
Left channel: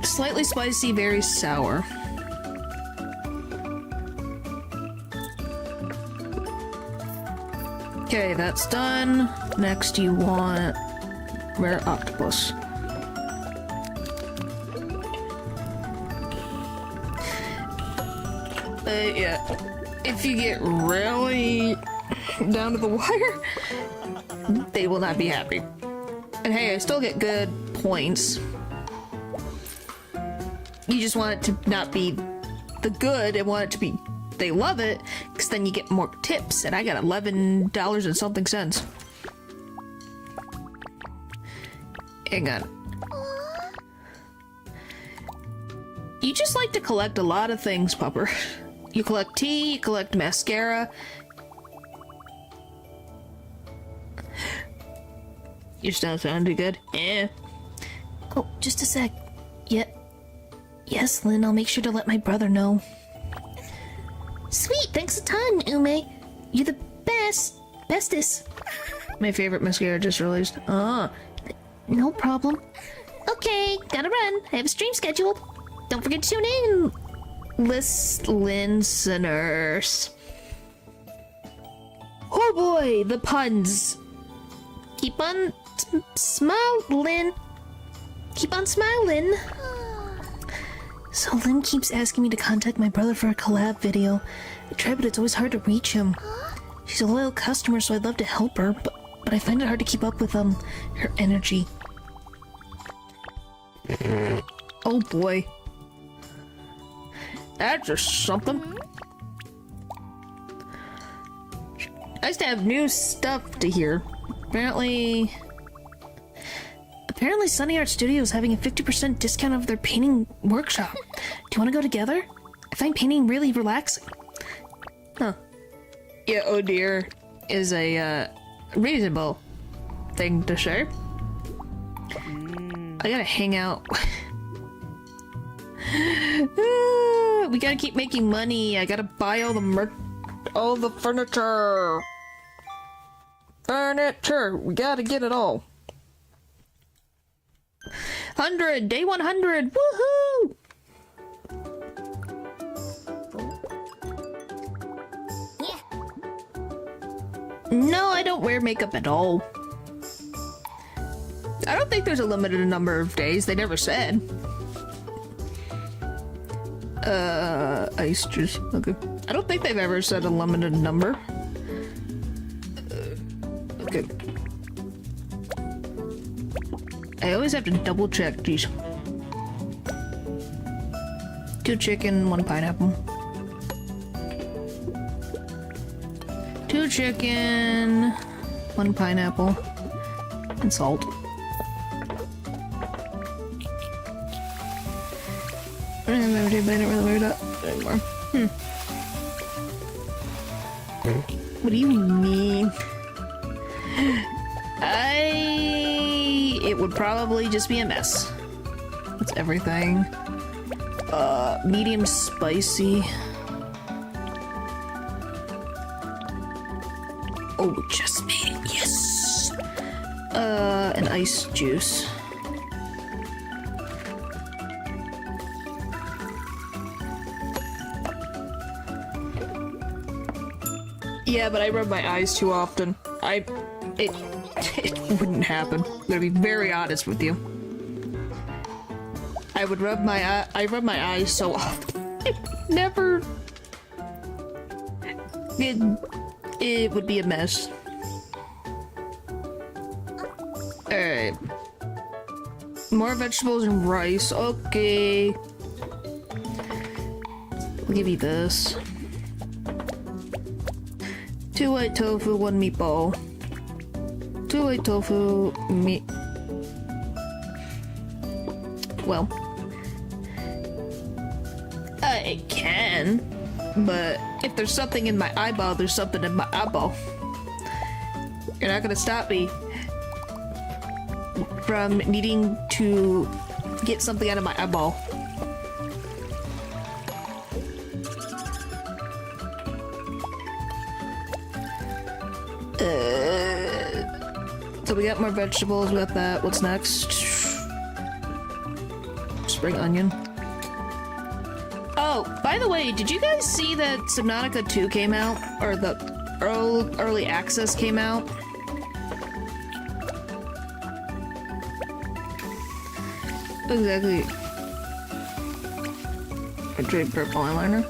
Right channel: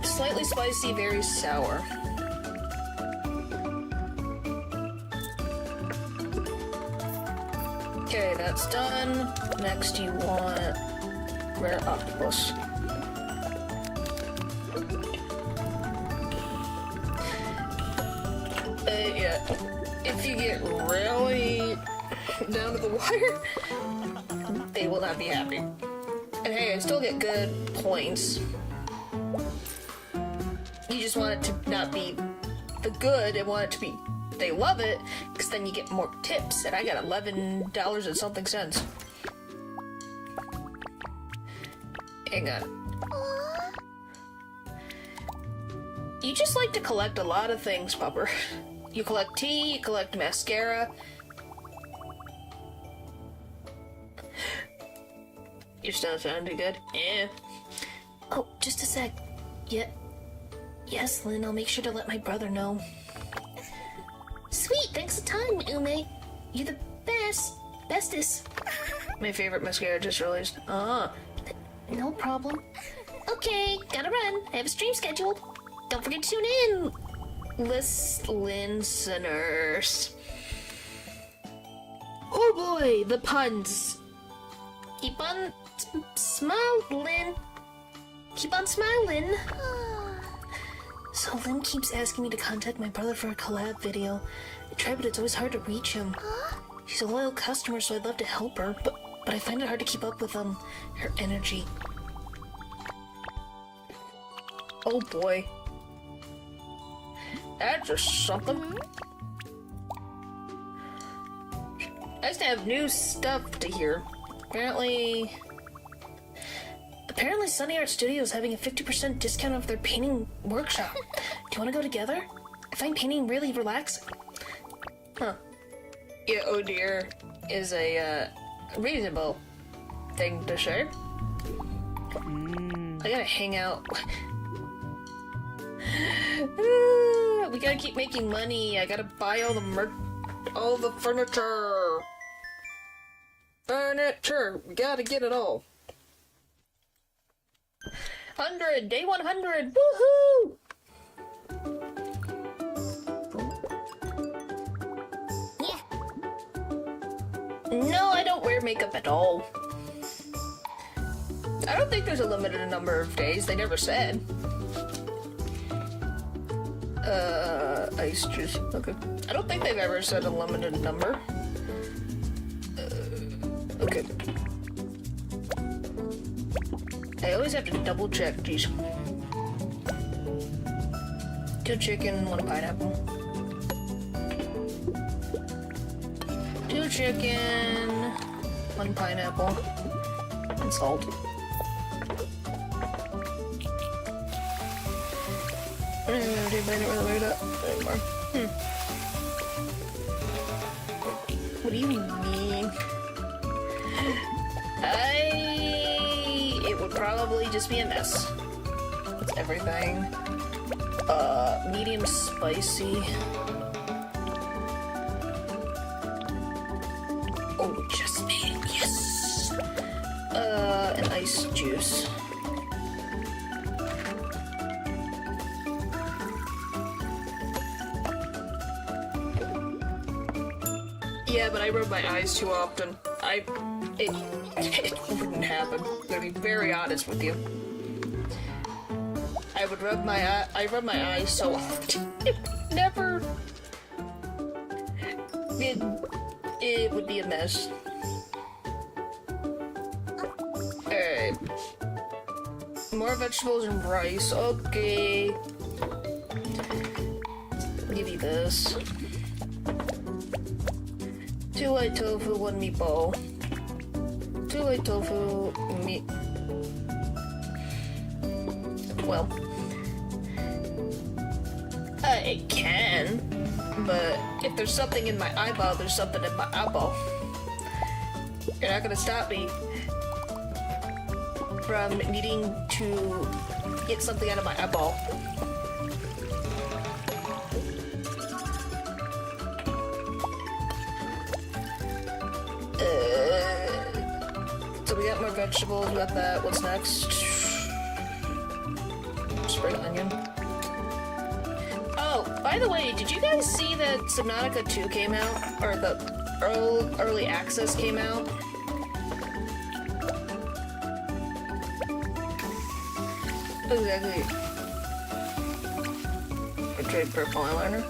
Slightly spicy, very sour. Okay, that's done. Next you want rare octopus. Yeah. If you get really down to the wire, they will not be happy. And hey, I still get good points. You just want it to not be the good, and want it to be they love it, because then you get more tips, and I got $11 and something cents. Hang on. You just like to collect a lot of things, Pupper. You collect tea, you collect mascara. You're still sounding good? Yeah. Oh, just a sec. Yeah. Yes, Lynn, I'll make sure to let my brother know. Sweet, thanks a ton, Ume. You're the bestest. My favorite mascara just released. Ah. No problem. Okay, gotta run. I have a stream scheduled. Don't forget to tune in, listeners. Oh boy, the puns. Keep on smiling. Keep on smiling. So Lynn keeps asking me to contact my brother for a collab video. I try, but it's always hard to reach him. She's a loyal customer, so I'd love to help her, but I find it hard to keep up with her energy. Oh boy. That's just something. Nice to have new stuff to hear. Apparently Sunny Art Studio is having a 50% discount of their painting workshop. Do you want to go together? I find painting really relaxing. Huh. Yeah, oh dear is a reasonable thing to say. I gotta hang out. We gotta keep making money. I gotta buy all the furniture. We gotta get it all. 100, day 100, woohoo! Yeah. No, I don't wear makeup at all. I don't think there's a limited number of days. They never said. Ice juice. Okay. I don't think they've ever said a limited number. Okay. I always have to double check these. 2 chicken, 1 pineapple. 2 chicken, 1 pineapple, and salt. I don't really wear that anymore. What do you mean? It would probably just be a mess. That's everything. Medium spicy. Oh, just me. Yes! An ice juice. Yeah, but I rub my eyes too often. It wouldn't happen. I'm gonna be very honest with you. I rub my eyes so often. Never. It would be a mess. Alright. More vegetables and rice. Okay. I'll give you this. 2 white tofu, 1 meatball. 2 white tofu, meat. Well, I can, but if there's something in my eyeball, there's something in my eyeball. You're not gonna stop me from needing to get something out of my eyeball. So we got more vegetables, we got that. What's next? Spring onion. Oh, by the way, did you guys see that Subnautica 2 came out? Or the early access came out? Exactly. I tried purple eyeliner.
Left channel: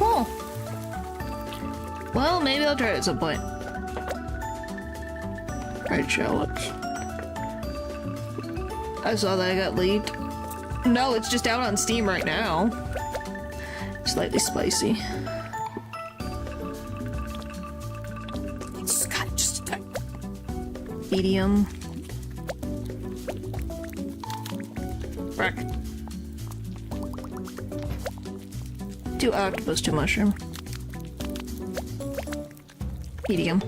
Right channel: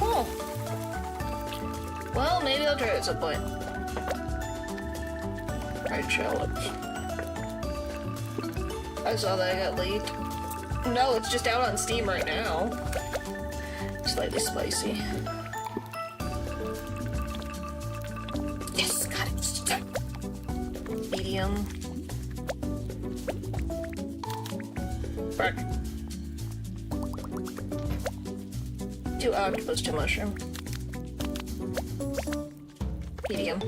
Oh! Well, maybe I'll try it at some point. Fried shallots. I saw that I got leaked. No, it's just out on Steam right now. Slightly spicy. Yes, got it, just a medium. Frick. 2 octopus, 2 mushroom. Medium.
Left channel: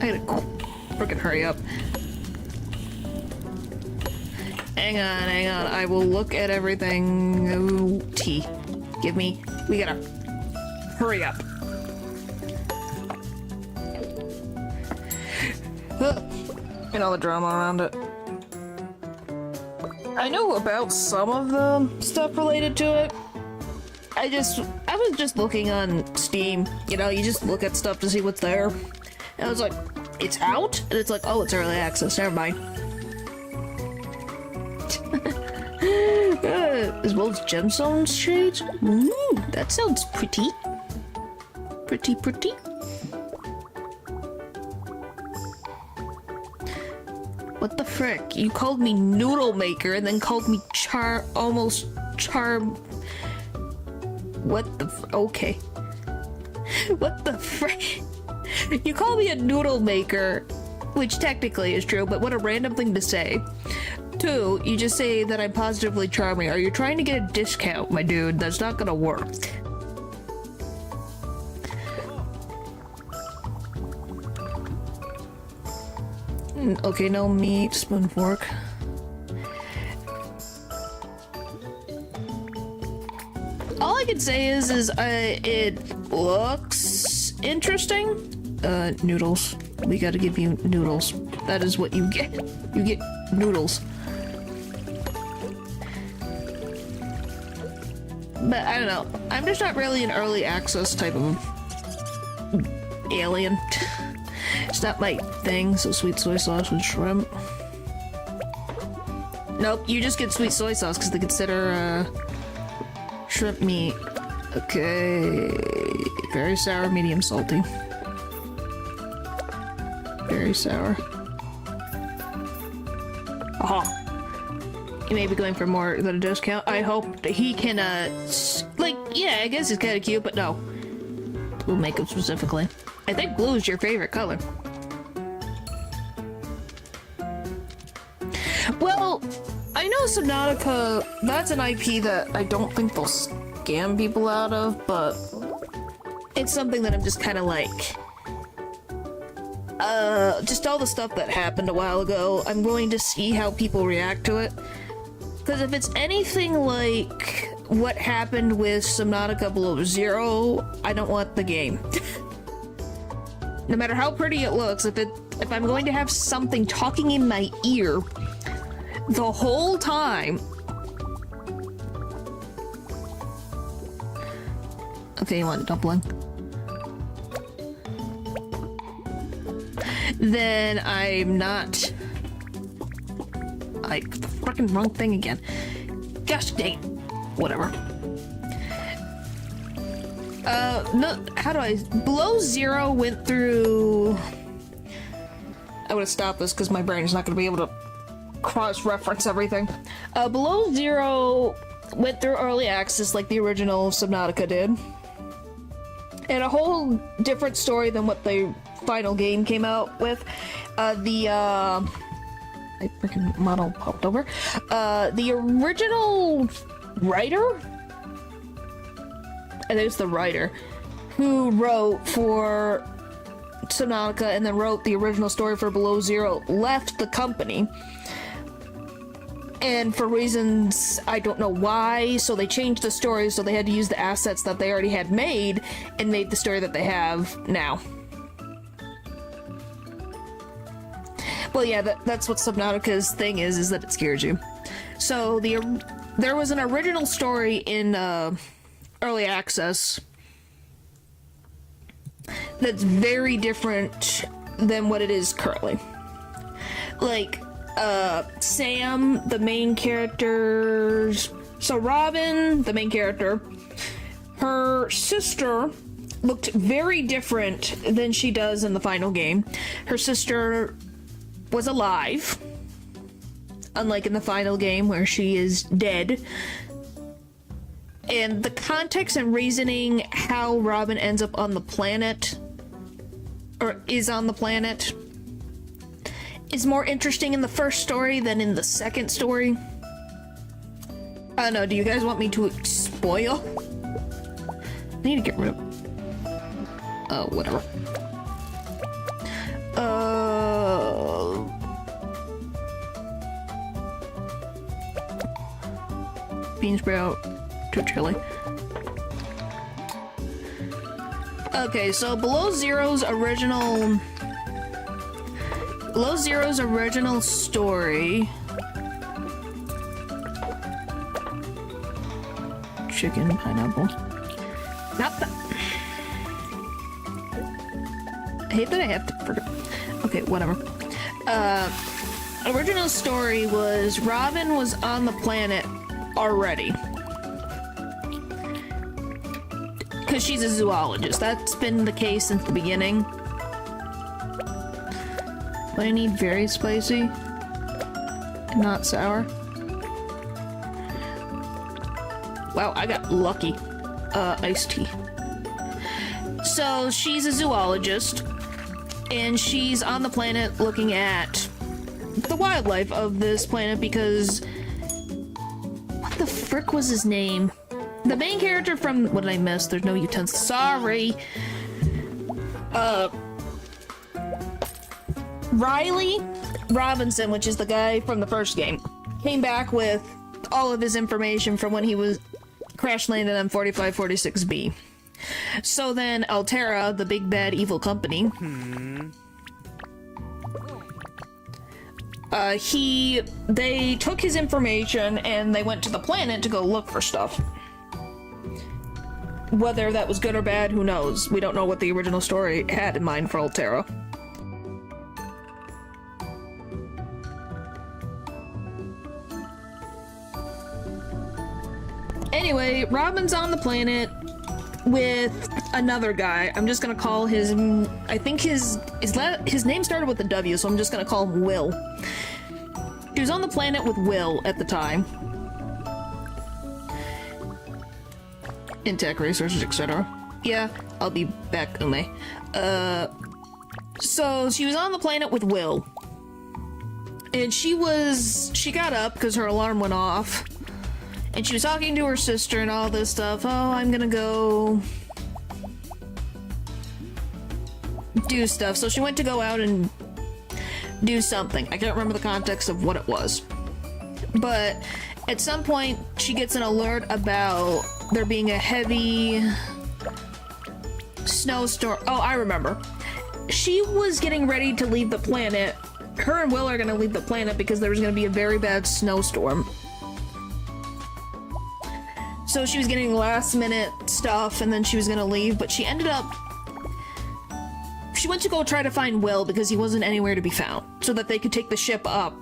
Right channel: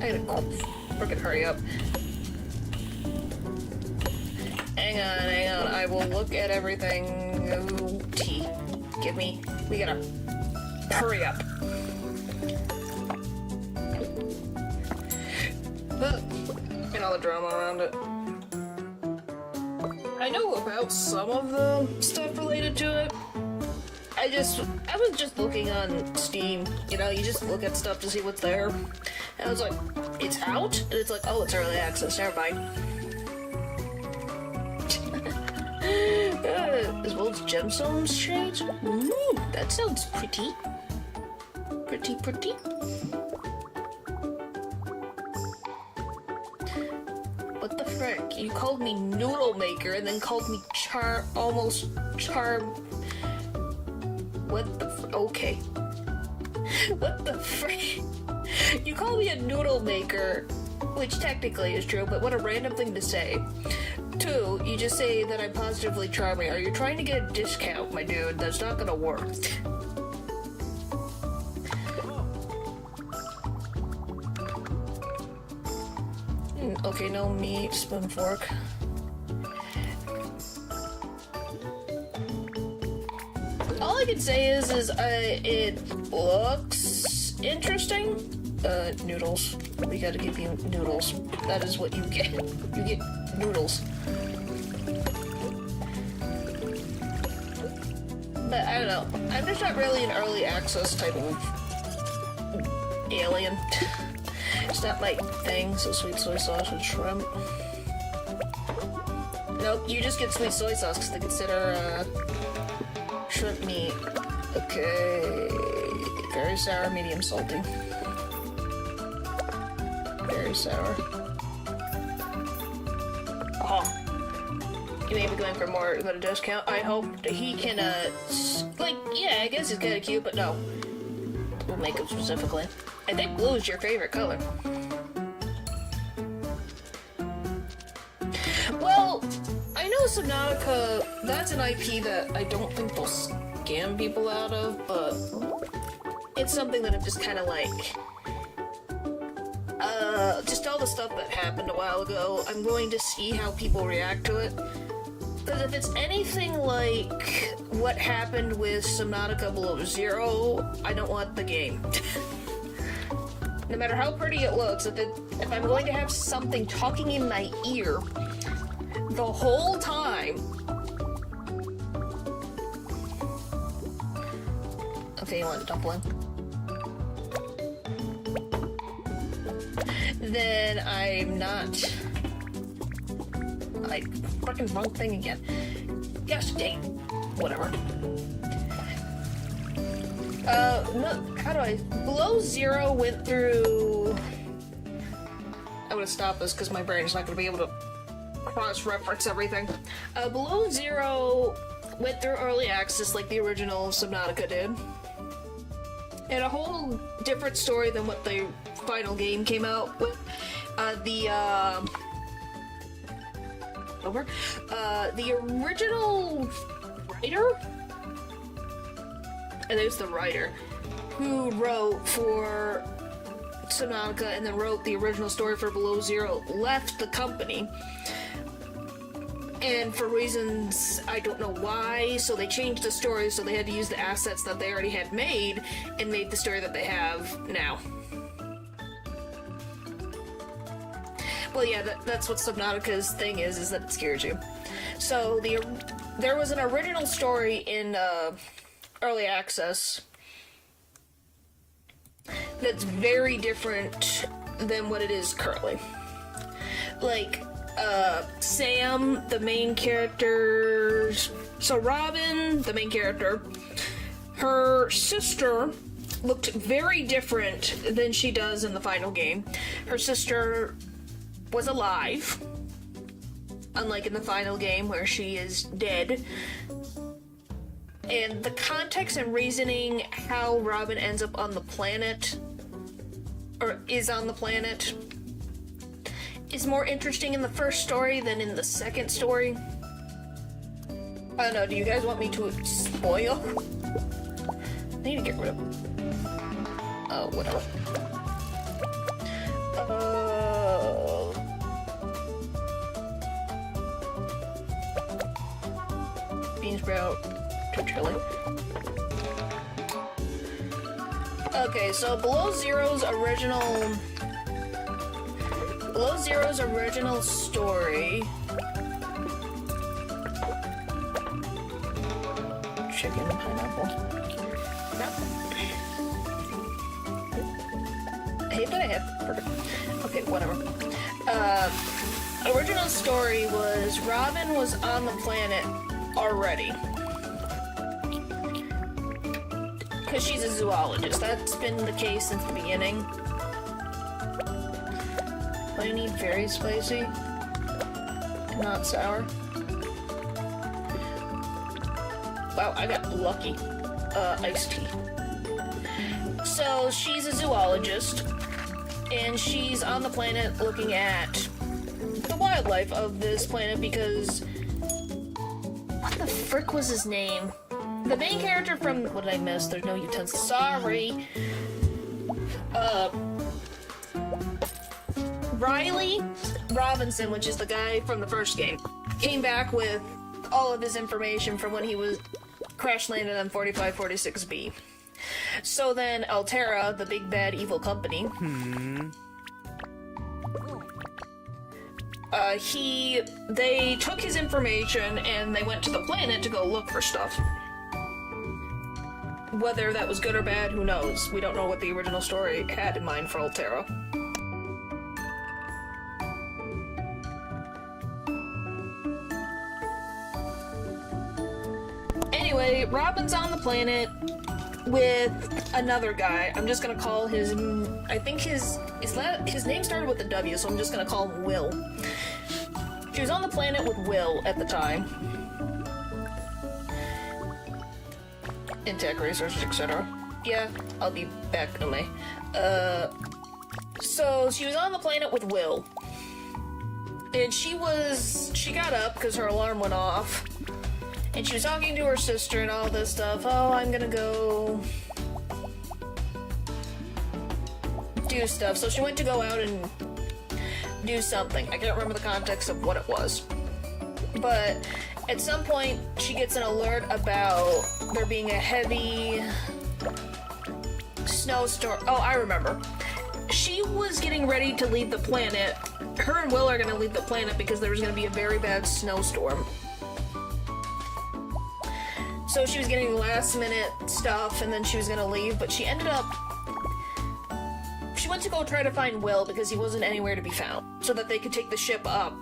I gotta freaking hurry up. Hang on, I will look at everything. Oh, tea. Give me. We gotta hurry up. And all the drama around it. I know about some of the stuff related to it. I was just looking on Steam, you know, you just look at stuff to see what's there. And I was like, it's out? And it's like, oh, it's early access, never mind. As well as gemstones shades? Ooh, that sounds pretty. Pretty. What the frick? You called me noodle maker and then called me almost charm. What the okay. What the frick? You call me a noodle maker, which technically is true, but what a random thing to say. 2, you just say that I'm positively charming. Are you trying to get a discount, my dude? That's not gonna work. Okay, no meat, spoon, fork. All I can say is it looks interesting. Noodles. We gotta give you noodles. That is what you get. You get noodles. But I don't know. I'm just not really an early access type of alien. It's not my thing, so sweet soy sauce with shrimp. Nope, you just get sweet soy sauce because they consider shrimp meat. Okay. Very sour, medium salty. Very sour. Aha. You may be going for more than a discount. I hope that he can, like, yeah, I guess it's kind of cute, but no. Blue makeup specifically. I think blue is your favorite color. Well, I know Subnautica, that's an IP that I don't think they'll scam people out of, but it's something that I'm just kind of like, just all the stuff that happened a while ago, I'm going to see how people react to it. Because if it's anything like what happened with Subnautica Below Zero, I don't want the game. No matter how pretty it looks, if I'm going to have something talking in my ear the whole time. Okay, you want a dumpling? Then I'm not. I fucking wrong thing again. Gosh dang. Whatever. No, how do I? Below Zero went through. I would have stopped this because my brain is not going to be able to cross-reference everything. Below Zero went through early access like the original Subnautica did. And a whole different story than what the final game came out with. My freaking model popped over. The original writer? I think it's the writer who wrote for Subnautica and then wrote the original story for Below Zero left the company. And for reasons I don't know why, so they changed the story, so they had to use the assets that they already had made and make the story that they have now. Well, yeah, that's what Subnautica's thing is that it scares you. So there was an original story in early access that's very different than what it is currently. Like, Sam, the main characters. So Robin, the main character, her sister looked very different than she does in the final game. Her sister was alive, unlike in the final game where she is dead. And the context and reasoning how Robin ends up on the planet, or is on the planet, is more interesting in the first story than in the second story. I don't know, do you guys want me to spoil? I need to get rid of... whatever. Bean sprout to chili. Okay, so Below Zero's original story chicken, pineapple. Not that. I hate that I have to forget. Okay, whatever. Original story was Robin was on the planet already. Because she's a zoologist. That's been the case since the beginning. But I need very spicy. Not sour. Wow, I got lucky. Iced tea. So, she's a zoologist. And she's on the planet looking at the wildlife of this planet because... What the frick was his name? The main character from... What did I miss? There's no utensils. Sorry. Riley Robinson, which is the guy from the first game, came back with all of his information from when he was crash landed on 4546B. So then Altera, the big bad evil company, they took his information and they went to the planet to go look for stuff. Whether that was good or bad, who knows? We don't know what the original story had in mind for Altera. Anyway, Robin's on the planet with another guy. I'm just gonna call his... I think his name started with a W, so I'm just gonna call him Will. She was on the planet with Will at the time. In tech research, etc. Yeah, I'll be back, Ume. So she was on the planet with Will. And she got up because her alarm went off. And she was talking to her sister and all this stuff. Oh, I'm gonna go do stuff. So she went to go out and do something. I can't remember the context of what it was. But at some point, she gets an alert about there being a heavy snowstorm. Oh, I remember. She was getting ready to leave the planet. Her and Will are gonna leave the planet because there was gonna be a very bad snowstorm. So she was getting last minute stuff and then she was gonna leave, but she ended up... She went to go try to find Will because he wasn't anywhere to be found, so that they could take the ship up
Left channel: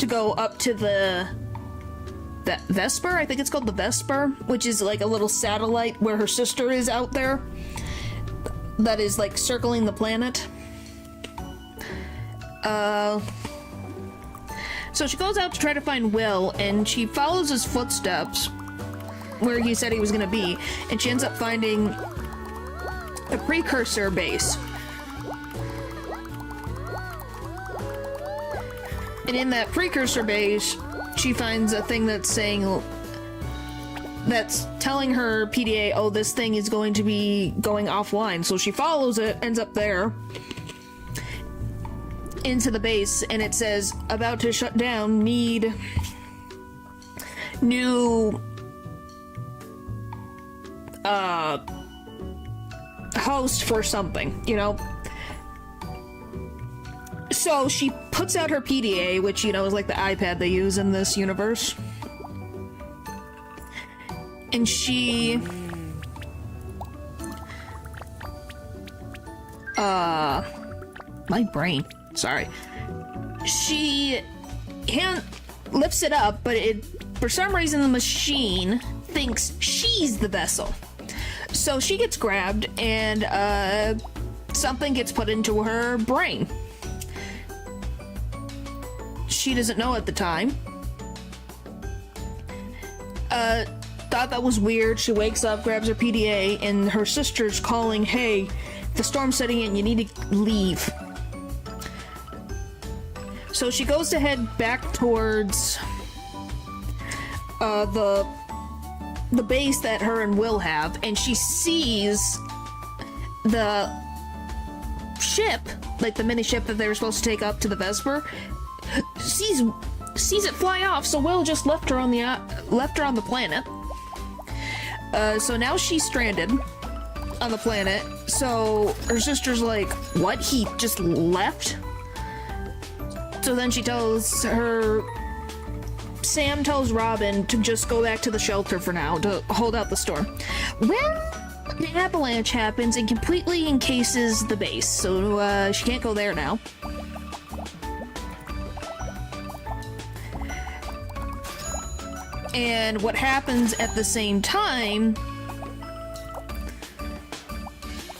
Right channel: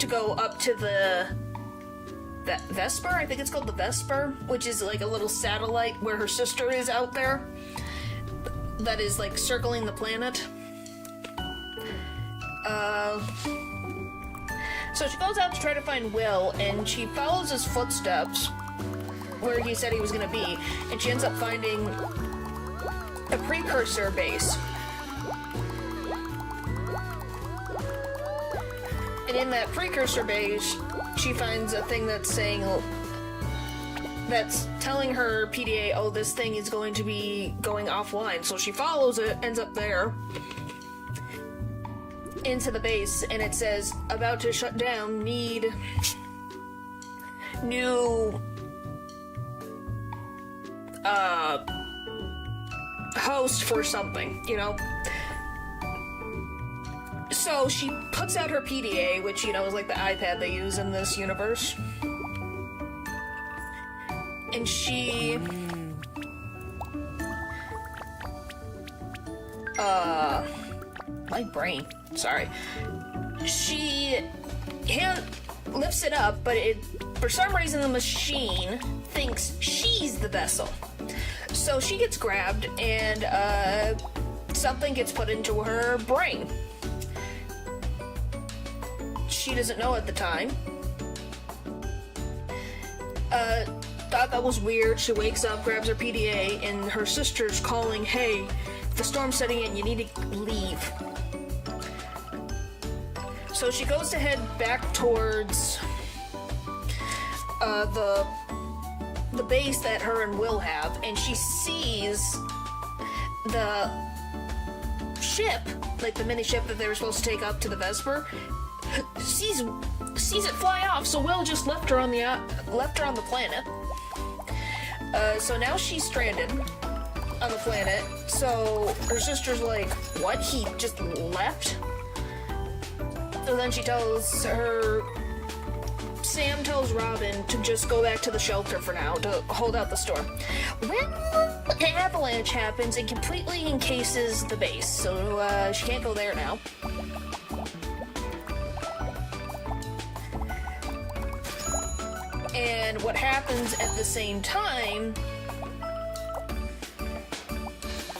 to go up to the Vesper? I think it's called the Vesper, which is like a little satellite where her sister is out there that is like circling the planet. So she goes out to try to find Will and she follows his footsteps where he said he was gonna be, and she ends up finding a precursor base. And in that precursor base, she finds a thing that's telling her PDA, oh, this thing is going to be going offline. So she follows it, ends up there, into the base, and it says, about to shut down, need new host for something, you know? So she puts out her PDA, which, you know, is like the iPad they use in this universe. And she... my brain. Sorry. She lifts it up, but for some reason the machine thinks she's the vessel. So she gets grabbed and something gets put into her brain. She doesn't know at the time. Thought that was weird. She wakes up, grabs her PDA, and her sister's calling, hey, the storm's setting in, you need to leave. So she goes to head back towards the base that her and Will have, and she sees the ship, like the mini ship that they were supposed to take up to the Vesper, sees it fly off. So Will just left her on the planet. So now she's stranded on the planet. So her sister's like, what? He just left? So then she tells her Sam tells Robin to just go back to the shelter for now, to hold out the storm. Well, an avalanche happens and completely encases the base, so she can't go there now. And what happens at the same time...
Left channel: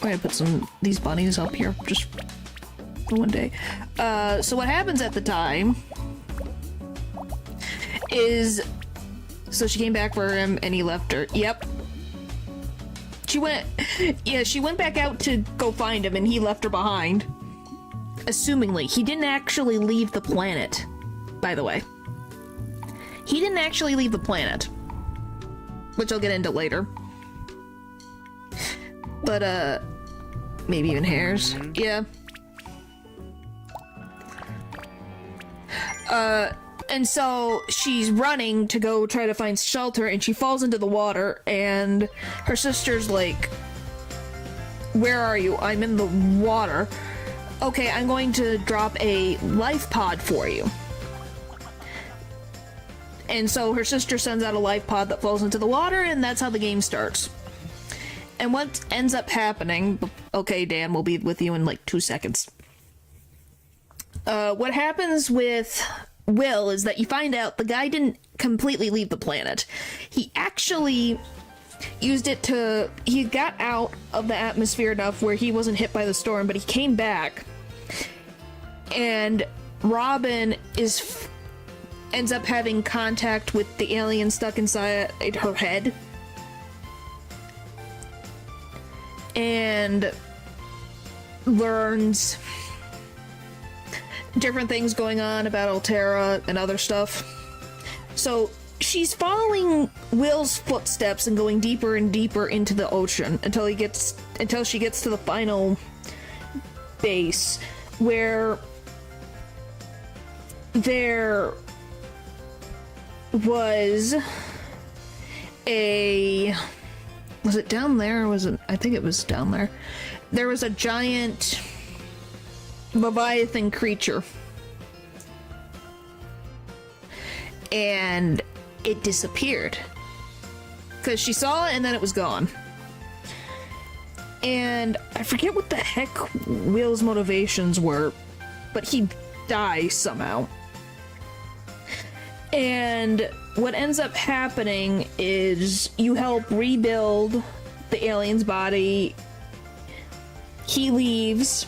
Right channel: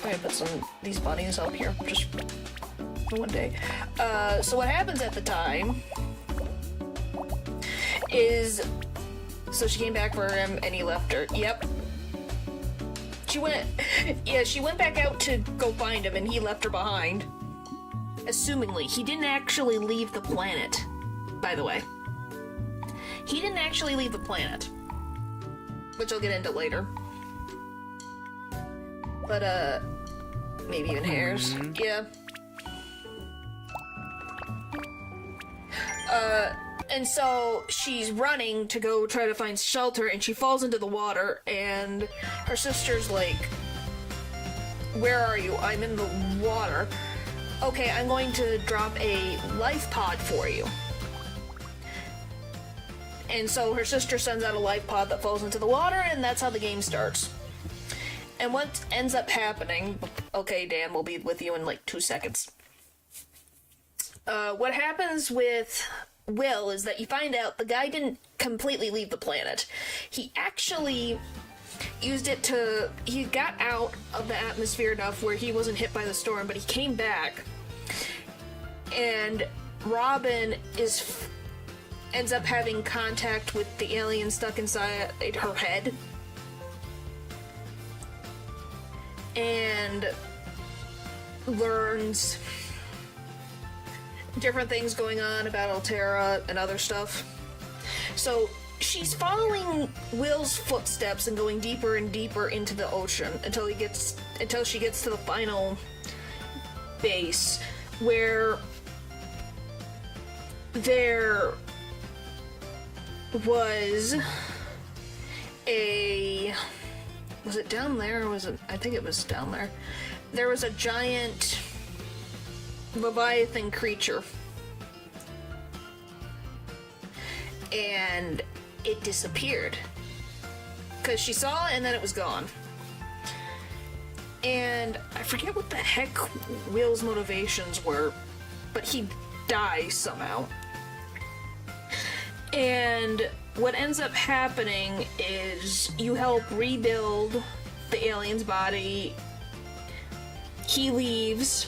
I'm gonna put these bunnies up here, just for one day. So what happens at the time is... So she came back for him and he left her. Yep. She went back out to go find him and he left her behind. Assumingly. He didn't actually leave the planet, by the way. He didn't actually leave the planet. Which I'll get into later. But, maybe even hairs. Yeah. And so she's running to go try to find shelter and she falls into the water and her sister's like, "Where are you?" "I'm in the water." "Okay, I'm going to drop a life pod for you." And so her sister sends out a life pod that falls into the water, and that's how the game starts. And what ends up happening... Okay, Dan, we'll be with you in like 2 seconds. What happens with Will is that you find out the guy didn't completely leave the planet. He actually used it to... He got out of the atmosphere enough where he wasn't hit by the storm, but he came back. And Robin ends up having contact with the alien stuck inside her head. And learns different things going on about Altera and other stuff. So she's following Will's footsteps and going deeper and deeper into the ocean until she gets to the final base where there was it down there or was it... I think it was down there. There was a giant Leviathan creature. And it disappeared. Because she saw it and then it was gone. And I forget what the heck Will's motivations were, but he dies somehow. And what ends up happening is you help rebuild the alien's body. He leaves.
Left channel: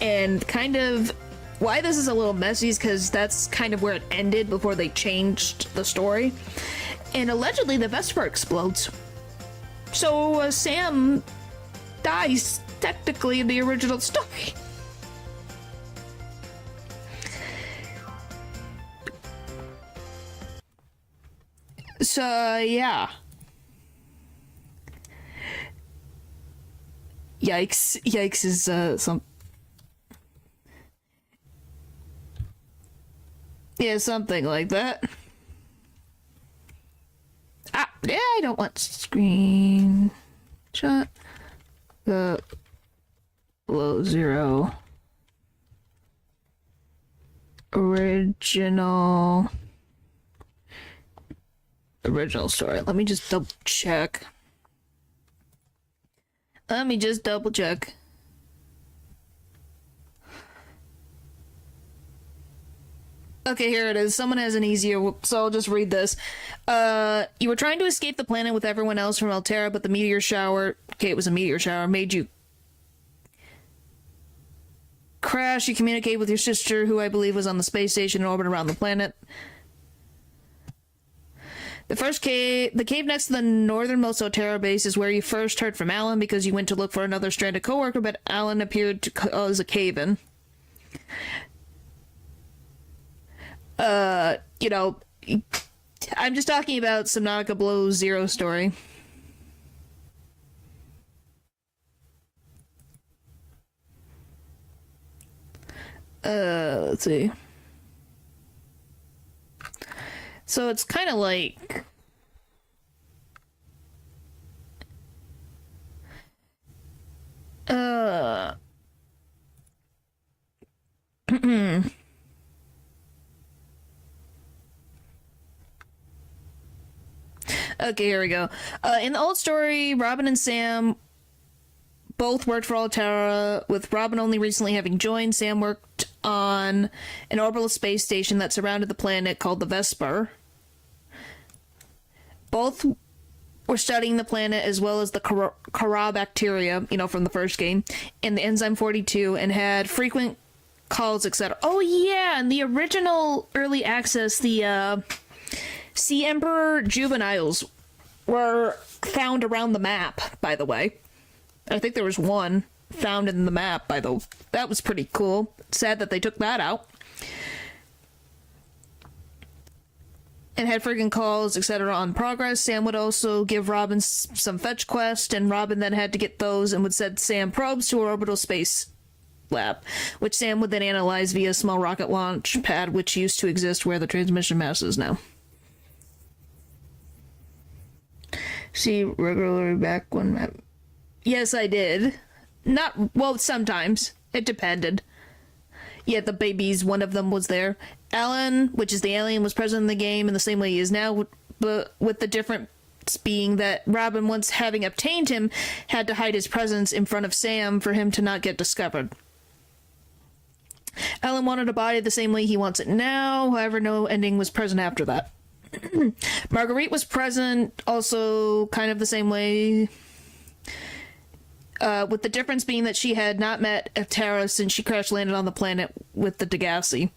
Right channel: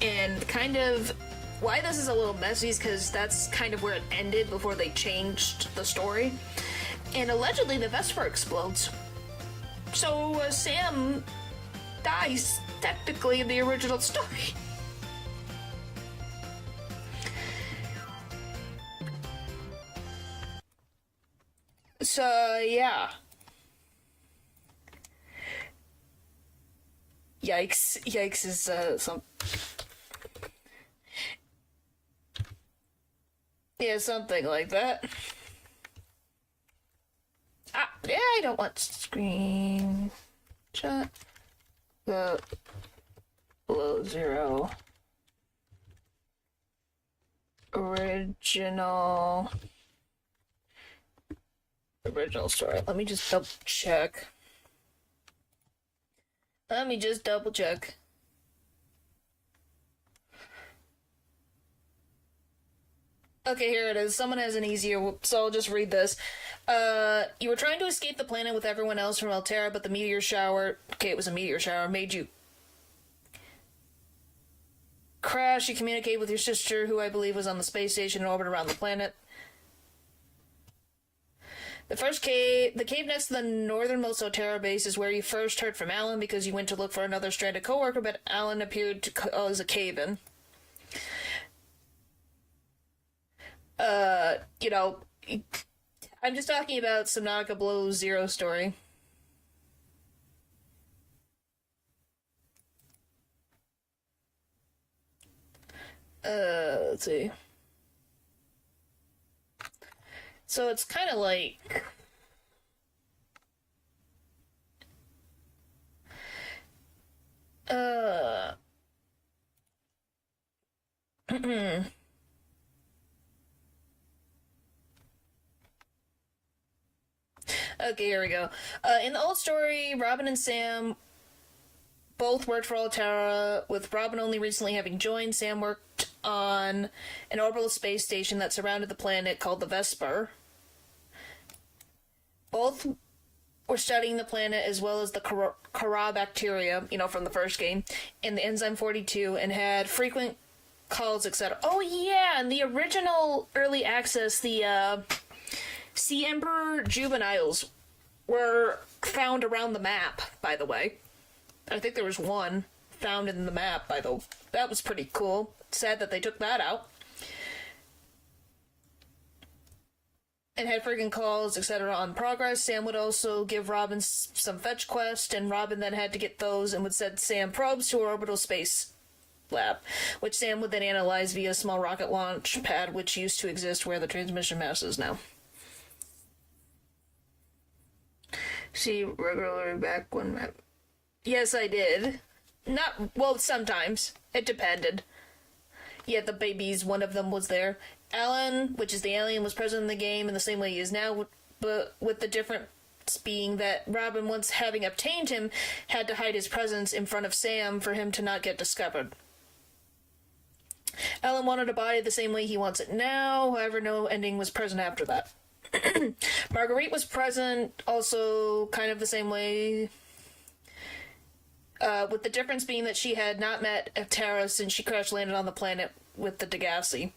And kind of why this is a little messy is because that's kind of where it ended before they changed the story. And allegedly the Vesper explodes. So Sam dies technically in the original story. So, yeah. Yikes. Yikes is, some... Yeah, something like that. Ah, yeah, I don't want screen shot. The below zero. Original story. Let me just double check. Okay, here it is. Someone has an easier, so I'll just read this. You were trying to escape the planet with everyone else from Altera, but the meteor shower... Okay, it was a meteor shower. Made you crash. You communicate with your sister, who I believe was on the space station in orbit around the planet. The cave next to the northernmost Altera base is where you first heard from Alan because you went to look for another stranded coworker, but Alan appeared to cause a cave-in. You know, I'm just talking about Subnautica Below Zero story. Let's see. So it's kind of like... Okay, here we go. In the old story, Robin and Sam both worked for Altera, with Robin only recently having joined. Sam worked on an orbital space station that surrounded the planet called the Vesper. Both were studying the planet as well as the Kara bacteria, from the first game, and the enzyme 42, and had frequent calls, etc. Oh yeah, in the original early access, the Sea Emperor juveniles were found around the map, by the way. I think there was one found in the map, that was pretty cool. Sad that they took that out. And had friggin' calls, etc. on progress. Sam would also give Robin some fetch quests, and Robin then had to get those and would send Sam probes to her orbital space lab, which Sam would then analyze via a small rocket launch pad, which used to exist where the transmission mast is now. See regularly back when map. Yes, I did. Sometimes. It depended. Yeah, the babies, one of them was there. Alan, which is the alien, was present in the game in the same way he is now, but with the difference being that Robin, once having obtained him, had to hide his presence in front of Sam for him to not get discovered. Alan wanted a body the same way he wants it now, however no ending was present after that. Marguerite was present also kind of the same way, with the difference being that she had not met Altera since she crash landed on the planet with the Degassi,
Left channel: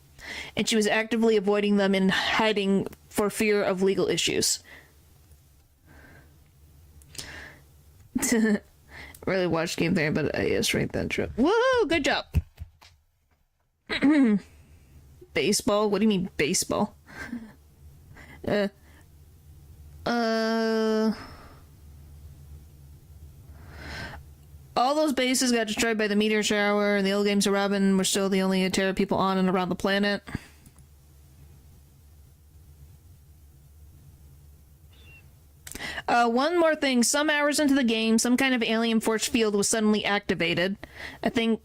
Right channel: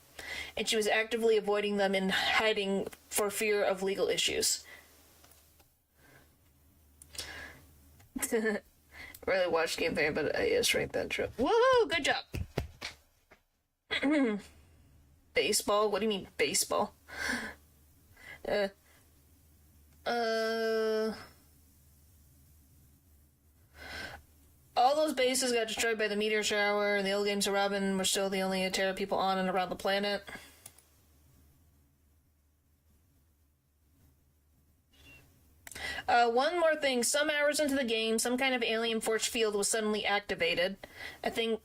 and she was actively avoiding them in hiding for fear of legal issues. Really watched game there, but yes, right then, true. Woohoo! Good job! Baseball? What do you mean, baseball? All those bases got destroyed by the meteor shower, and the old games of Robin were still the only Terra people on and around the planet. One more thing. Some hours into the game, some kind of alien force field was suddenly activated. I think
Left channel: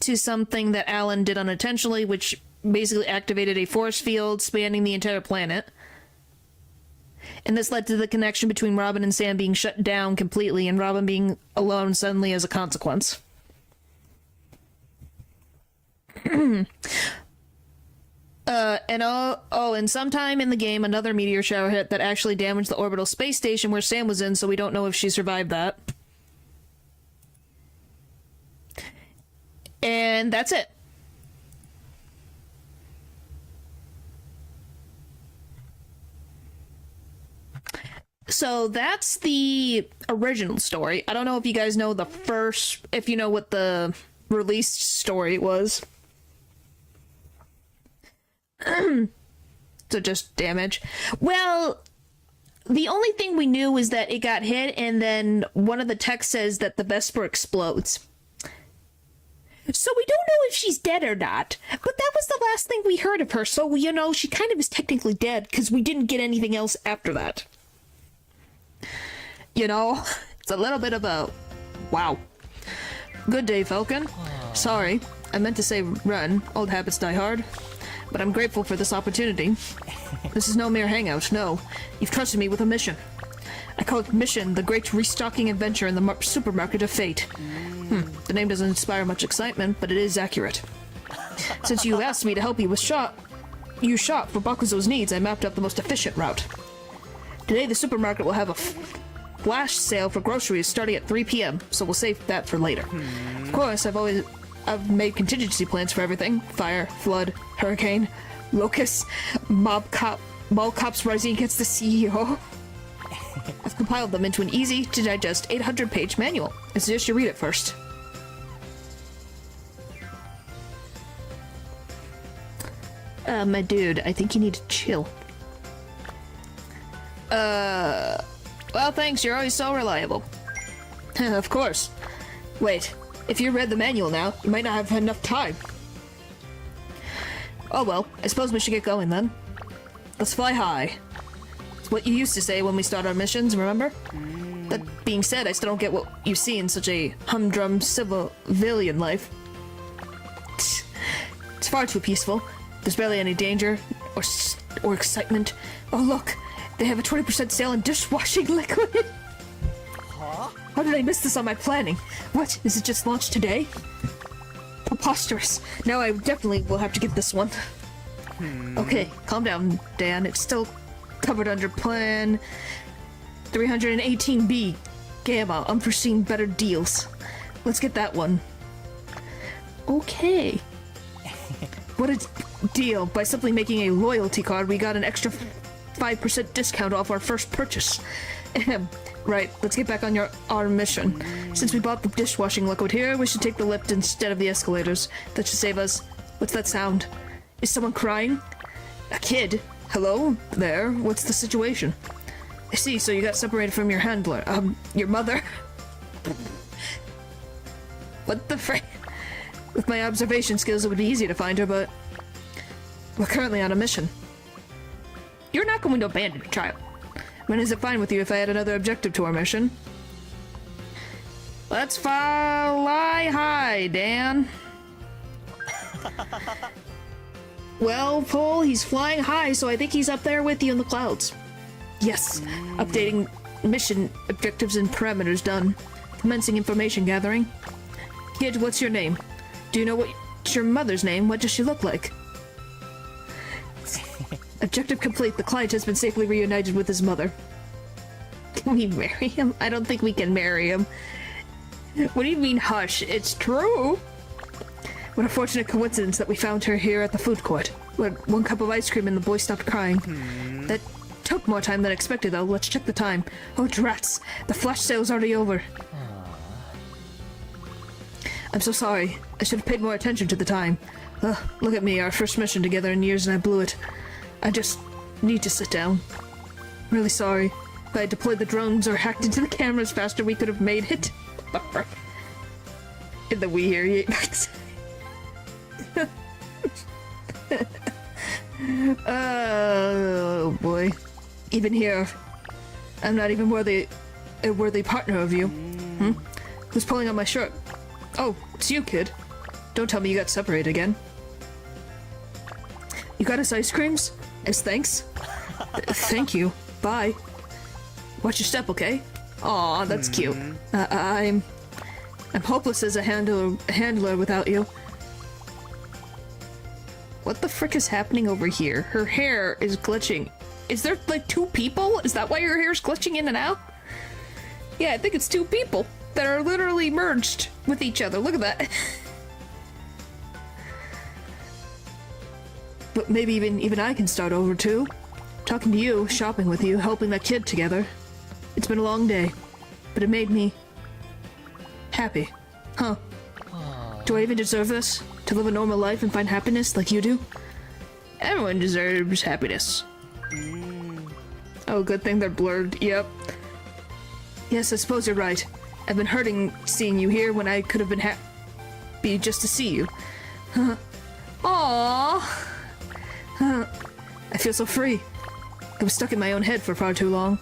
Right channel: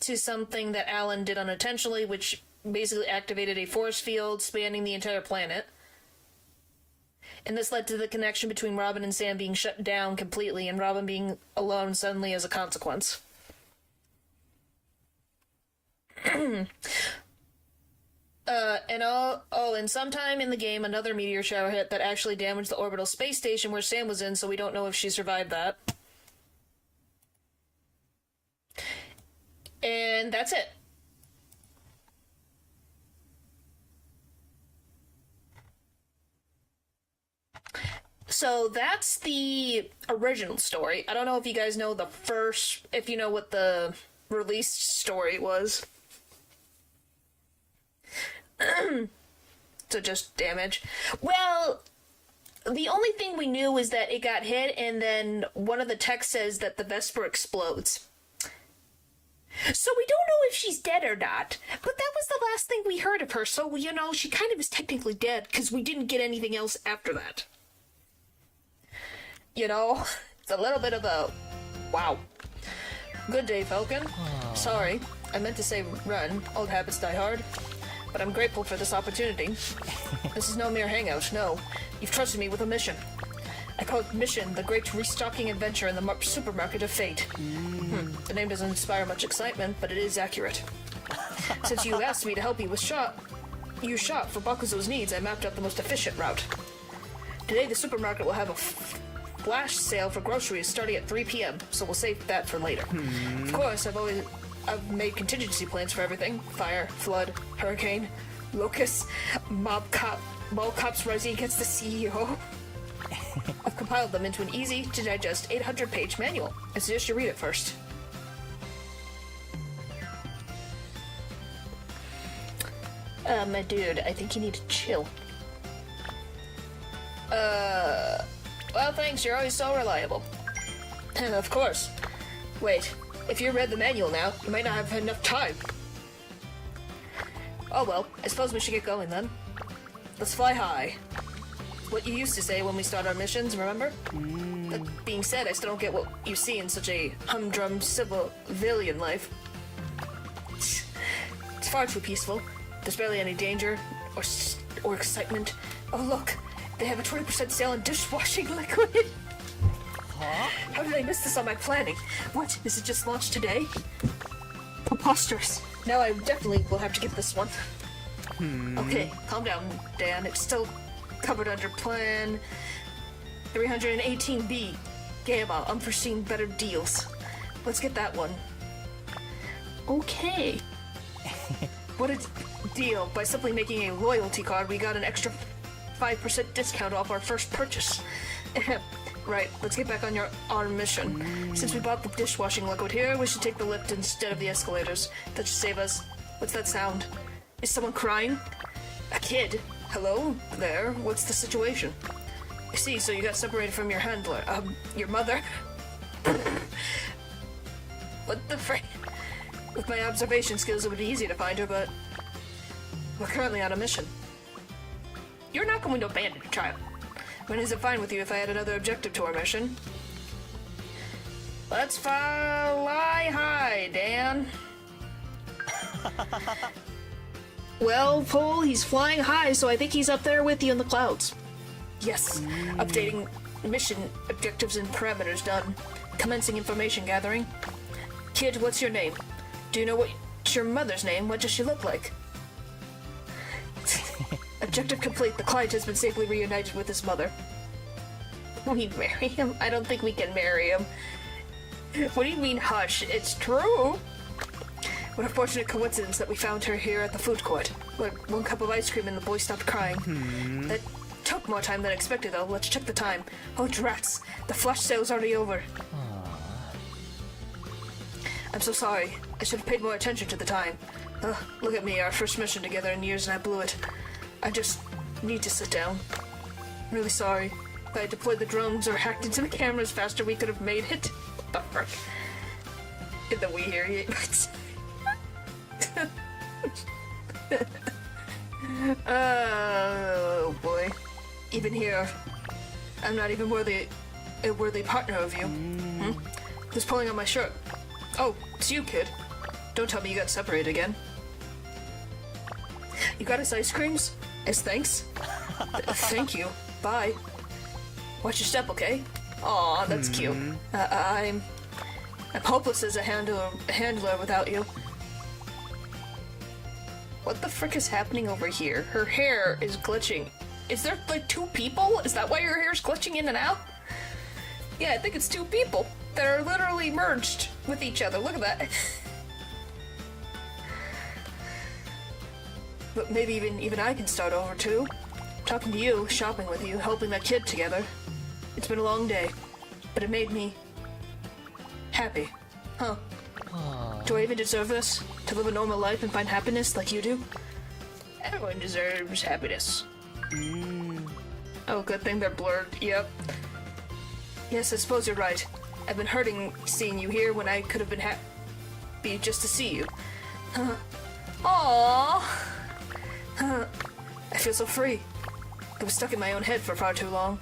to something that Alan did unintentionally, which basically activated a force field spanning the entire planet. And this led to the connection between Robin and Sam being shut down completely, and Robin being alone suddenly as a consequence. And sometime in the game, another meteor shower hit that actually damaged the orbital space station where Sam was in, so we don't know if she survived that. And that's it. So that's the original story. I don't know if you guys know if you know what the released story was. So just damage. Well, the only thing we knew was that it got hit, and then one of the texts says that the Vesper explodes. So we don't know if she's dead or not, but that was the last thing we heard of her, so, she kind of is technically dead, because we didn't get anything else after that. It's a little bit of a... wow. Good day, Falcon. Sorry, I meant to say run. Old habits die hard. But I'm grateful for this opportunity. This is no mere hangout, no. You've trusted me with a mission. I call it Mission, the great restocking adventure in the supermarket of fate. The name doesn't inspire much excitement, but it is accurate. Since you asked me to help you with shop for Bakuzo's needs, I mapped out the most efficient route. Today the supermarket will have a flash sale for groceries starting at 3 p.m., so we'll save that for later. Of course, I've made contingency plans for everything. Fire, flood, hurricane, locusts, mall cops rising against the CEO. I've compiled them into an easy-to-digest 800-page manual. I suggest you read it first. My dude, I think you need to chill. Well, thanks, you're always so reliable. Of course. Wait, if you read the manual now, you might not have enough time. Oh well, I suppose we should get going then. Let's fly high. It's what you used to say when we start our missions, remember? That being said, I still don't get what you see in such a humdrum civilian life. It's far too peaceful. There's barely any danger or excitement. Oh look, they have a 20% sale on dishwashing liquid. Huh? How did I miss this on my planning? What, is it just launched today? Preposterous. Now I definitely will have to get this one. Okay, calm down, Dan. It's still covered under plan 318B. Gamma, unforeseen better deals. Let's get that one. Okay. What a deal. By simply making a loyalty card, we got an extra 5% discount off our first purchase. Right, let's get back on our mission. Since we bought the dishwashing liquid here, we should take the lift instead of the escalators. That should save us. What's that sound? Is someone crying? A kid? Hello? There? What's the situation? I see, so you got separated from your handler. Your mother? What the frick? With my observation skills, it would be easy to find her, but we're currently on a mission. You're not going to abandon me, child. When is it fine with you if I add another objective to our mission? Let's fly high, Dan. Well, Paul, he's flying high, so I think he's up there with you in the clouds. Yes, updating mission objectives and parameters done. Commencing information gathering. Kid, what's your name? Do you know what's your mother's name? What does she look like? Objective complete. The client has been safely reunited with his mother. Can we marry him? I don't think we can marry him. What do you mean, hush? It's true! What a fortunate coincidence that we found her here at the food court. We had one cup of ice cream and the boy stopped crying. That took more time than expected, though. Let's check the time. Oh, drats! The flash sale's already over. I'm so sorry. I should have paid more attention to the time. Ugh, look at me, our first mission together in years and I blew it. I just need to sit down. Really sorry. If I had deployed the drones or hacked into the cameras faster, we could have made it. What the frick? In the we hear you. Oh boy. Even here, I'm not even a worthy partner of you. Who's pulling on my shirt? Oh, it's you, kid. Don't tell me you got separated again. You got us ice creams? As thanks? Thank you. Bye. Watch your step, okay? Aw, that's cute. I'm hopeless as a handler without you. What the frick is happening over here? Her hair is glitching. Is there, like, two people? Is that why her hair's glitching in and out? Yeah, I think it's two people that are literally merged with each other. Look at that. But maybe even I can start over too. Talking to you, shopping with you, helping that kid together. It's been a long day, but it made me happy. Huh. Do I even deserve this? To live a normal life and find happiness like you do? Everyone deserves happiness. Oh, good thing they're blurred. Yep. Yes, I suppose you're right. I've been hurting seeing you here when I could have been happy just to see you. Aww. I feel so free. I was stuck in my own head for far too long.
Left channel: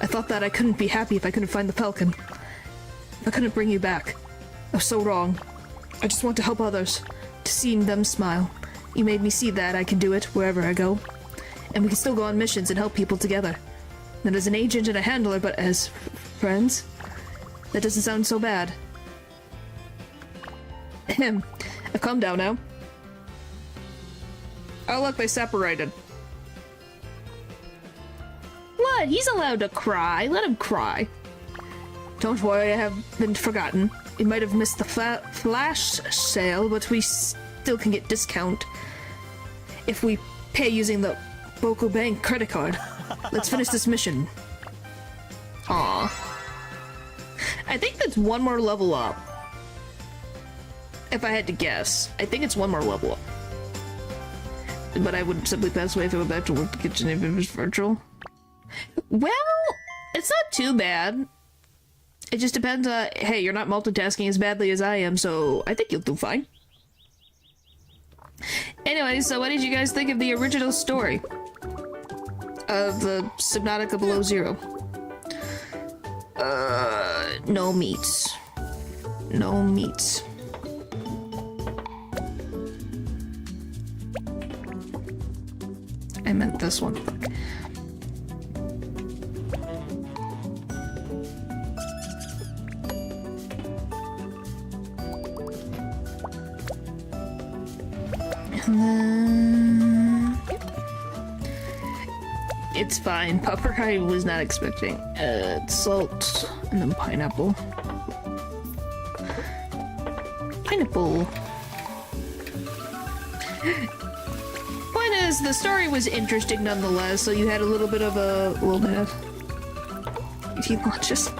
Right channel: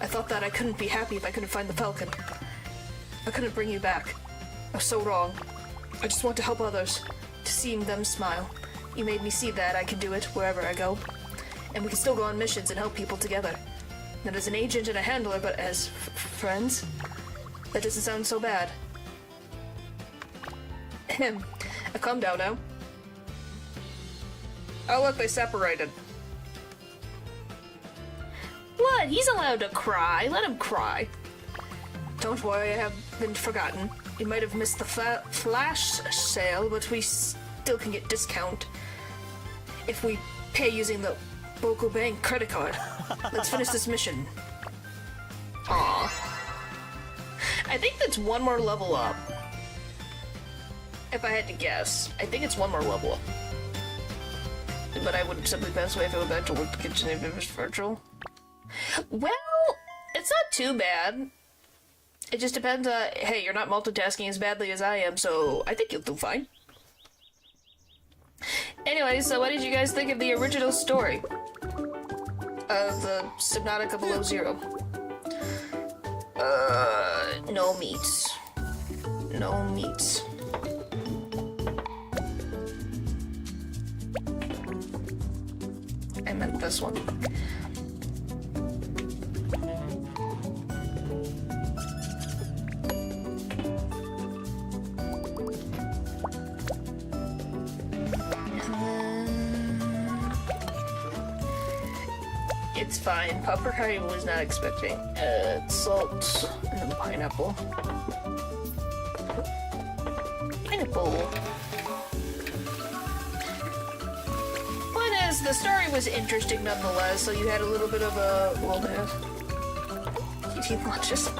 I thought that I couldn't be happy if I couldn't find the falcon. I couldn't bring you back. I was so wrong. I just want to help others, to see them smile. You made me see that I can do it wherever I go. And we can still go on missions and help people together. Not as an agent and a handler, but as friends. That doesn't sound so bad. Ahem. Calm down now. Oh look, they separated. What? He's allowed to cry. Let him cry. Don't worry, I haven't forgotten. We might have missed the flash sale, but we still can get discount if we pay using the Boku Bank credit card. Let's finish this mission. Aw. I think that's one more level up. If I had to guess. I think it's one more level up. But I would simply pass away if I went back to work the kitchen if it was virtual. Well, it's not too bad. It just depends on, hey, you're not multitasking as badly as I am, so I think you'll do fine. Anyway, so what did you guys think of the original story? Of the Subnautica Below Zero? No meats. No meats. I meant this one. And then... It's fine. Pepper I was not expecting. Salt, and then pineapple. Pineapple. Point is, the story was interesting nonetheless, so you had a little bit of eating lunches.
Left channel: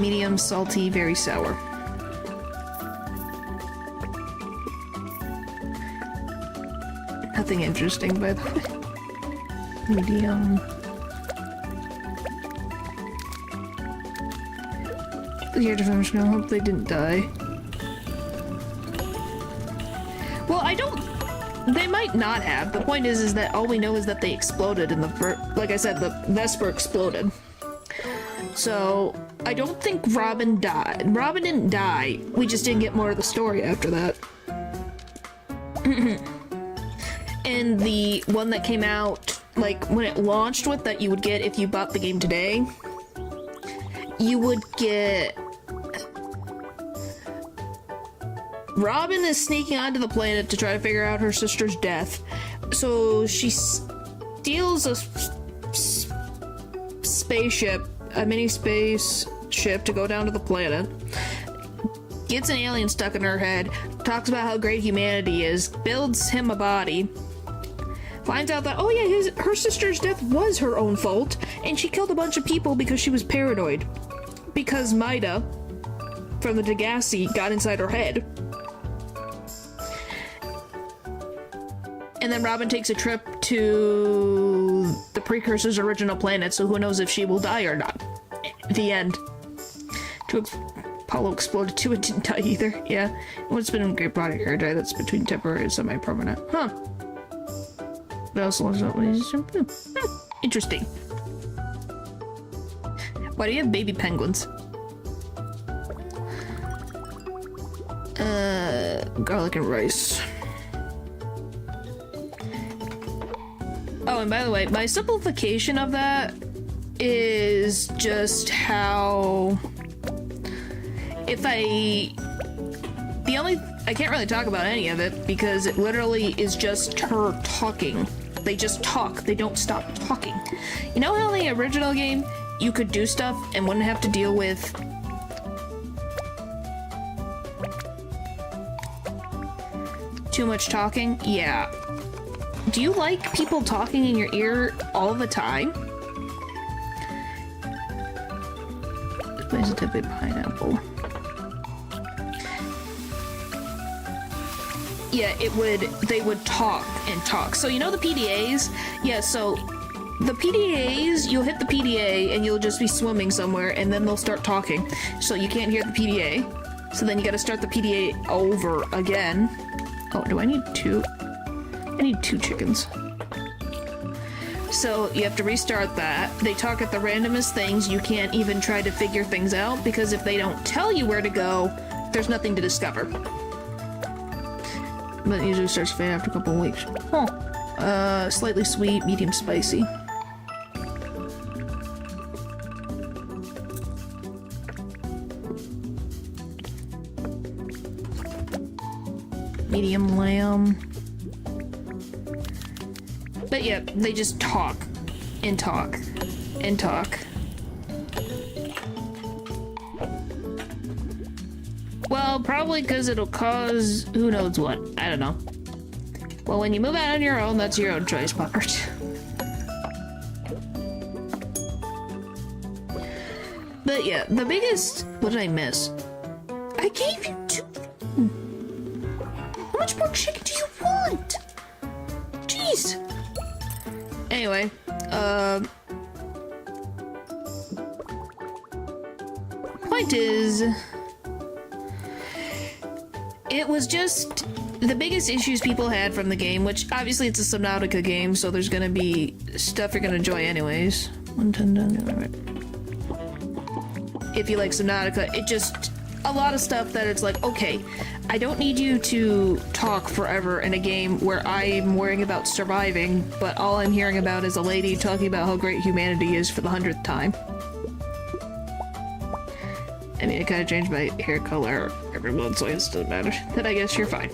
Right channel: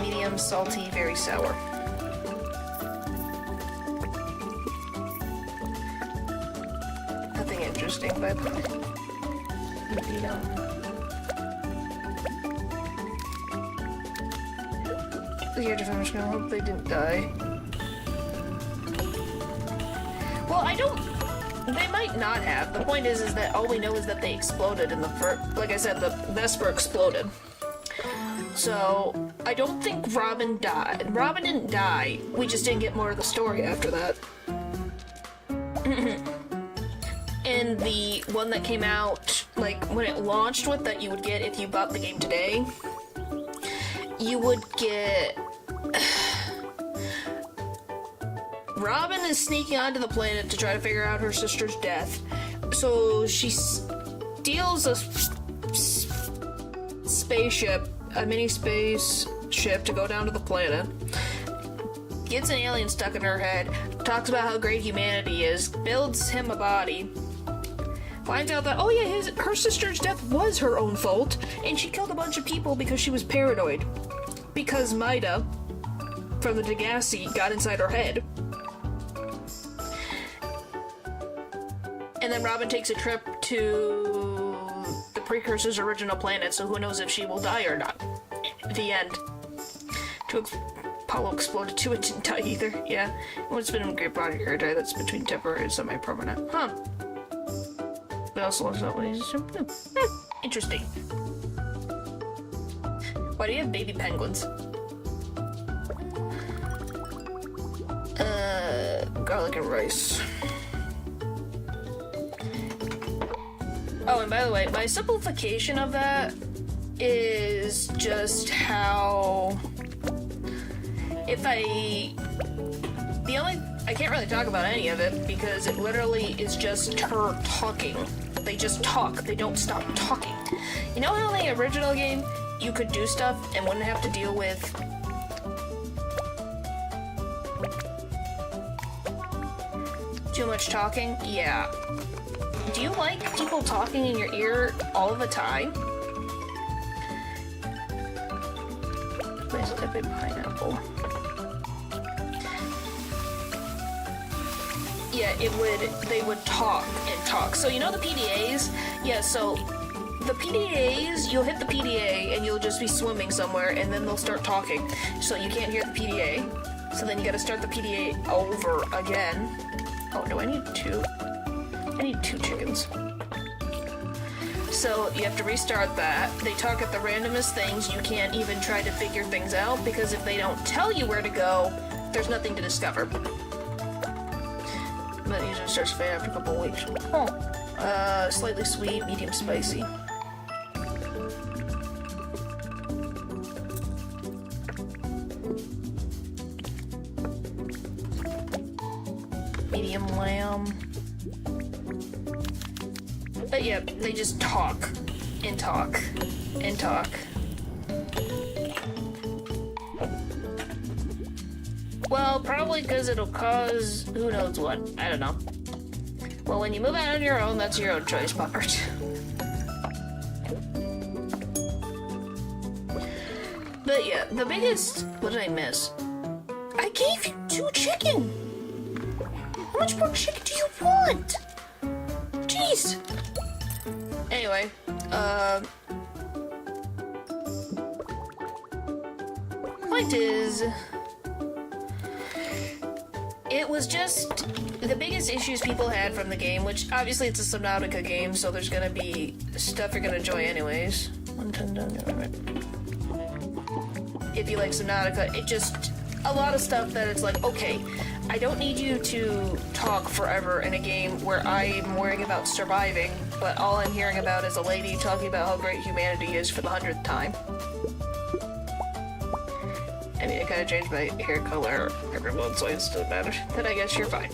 Medium salty, very sour. Nothing interesting, by the way. Medium. Yeah, I'm just gonna hope they didn't die. Well, I don't... They might not have. The point is that all we know is that they exploded in the first... Like I said, the Vesper exploded. So, I don't think Robin died. Robin didn't die. We just didn't get more of the story after that. And the one that came out, like, when it launched with that you would get if you bought the game today, you would get... Robin is sneaking onto the planet to try to figure out her sister's death. So she steals a spaceship, a mini space ship to go down to the planet. Gets an alien stuck in her head, talks about how great humanity is, builds him a body, finds out that, oh yeah, her sister's death was her own fault, and she killed a bunch of people because she was paranoid. Because Maida, from the Degassi, got inside her head. And then Robin takes a trip to the Precursor's original planet, so who knows if she will die or not. The end. Apollo exploded too, it didn't die either. Yeah. What's been a great body hair dye that's between temporary and semi-permanent. Huh. But also was not interesting. Why do you have baby penguins? Garlic and rice. Oh, and by the way, my simplification of that is just how... I can't really talk about any of it because it literally is just her talking. They just talk. They don't stop talking. You know how in the original game you could do stuff and wouldn't have to deal with too much talking? Yeah. Do you like people talking in your ear all the time? Where's the big pineapple? Yeah, they would talk and talk. So you know the PDAs? Yeah, so the PDAs, you'll hit the PDA and you'll just be swimming somewhere and then they'll start talking. So you can't hear the PDA. So then you gotta start the PDA over again. Oh, do I need two? I need 2 chickens. So you have to restart that. They talk at the randomest things. You can't even try to figure things out because if they don't tell you where to go, there's nothing to discover. But it usually starts fading after a couple of weeks. Oh. Slightly sweet, medium spicy. Medium lamb. But yeah, they just talk and talk and talk. Well, probably because it'll cause who knows what. I don't know. Well, when you move out on your own, that's your own choice, Puppert. But yeah, the biggest... What did I miss? I gave you 2 chicken! How much more chicken do you want? Jeez! Anyway, point is... It was just the biggest issues people had from the game, which obviously it's a Subnautica game, so there's gonna be stuff you're gonna enjoy anyways. If you like Subnautica, it just a lot of stuff that it's like, okay, I don't need you to talk forever in a game where I'm worrying about surviving, but all I'm hearing about is a lady talking about how great humanity is for the 100th time. I mean, I kind of changed my hair color every month, so it doesn't matter. Then I guess you're fine.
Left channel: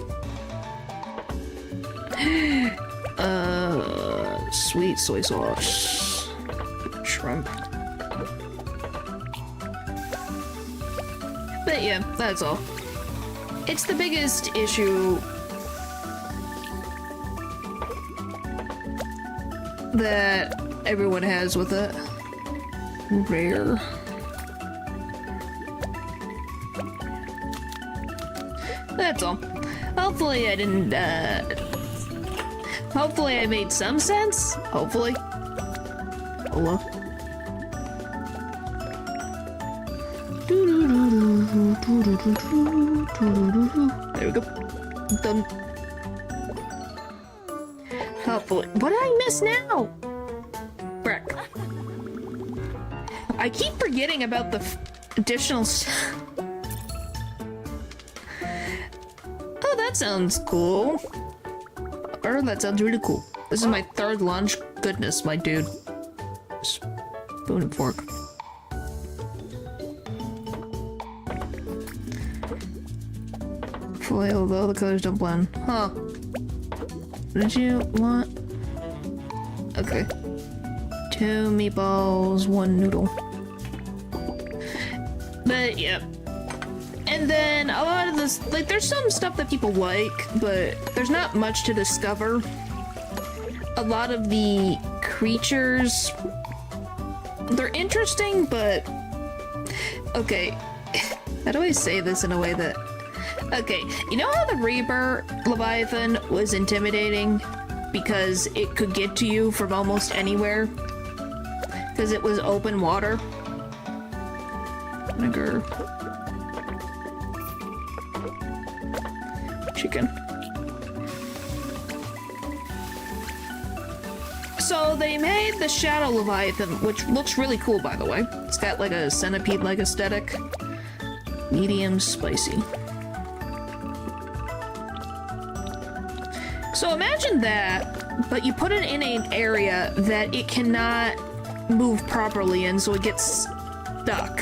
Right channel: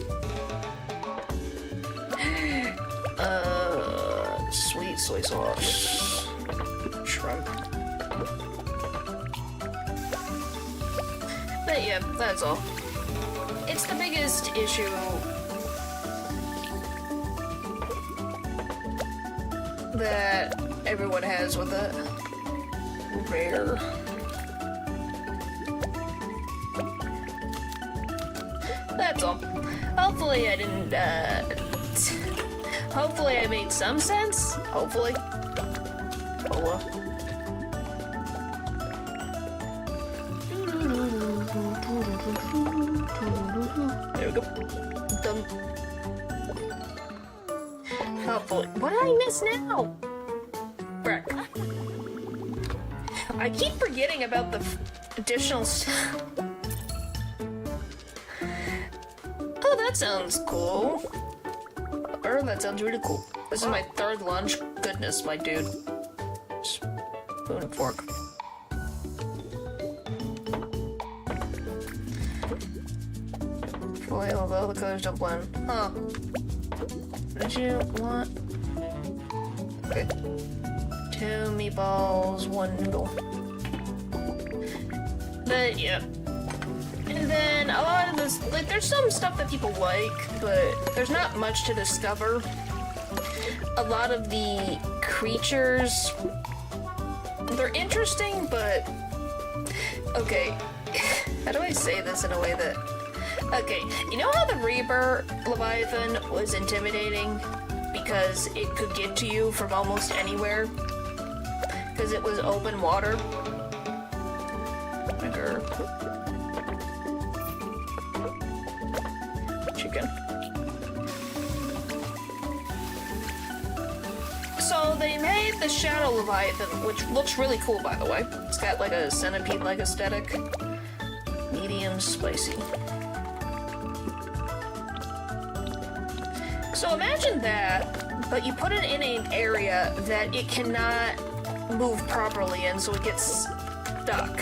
Sweet soy sauce. Shrimp. But yeah, that's all. It's the biggest issue that everyone has with it. Rare. That's all. Hopefully I didn't, hopefully I made some sense. Hopefully. Hello. There we go. Done. Hopefully. What did I miss now? Brick. I keep forgetting about the additional Oh, that sounds cool. Or that sounds really cool. This is my third lunch. Goodness, my dude. Spoon and fork. Foil, although the colors don't blend. Huh. Did you want? Okay. 2 meatballs, 1 noodle. But yeah. And then a lot of this, like, there's some stuff that people like, but there's not much to discover. A lot of the creatures, they're interesting, but okay. How do I say this in a way that? Okay, you know how the Reaper Leviathan was intimidating because it could get to you from almost anywhere? Because it was open water? Vinegar. Chicken. So they made the Shadow Leviathan, which looks really cool, by the way. It's got like a centipede-like aesthetic. Medium spicy. So imagine that, but you put it in an area that it cannot move properly in, so it gets stuck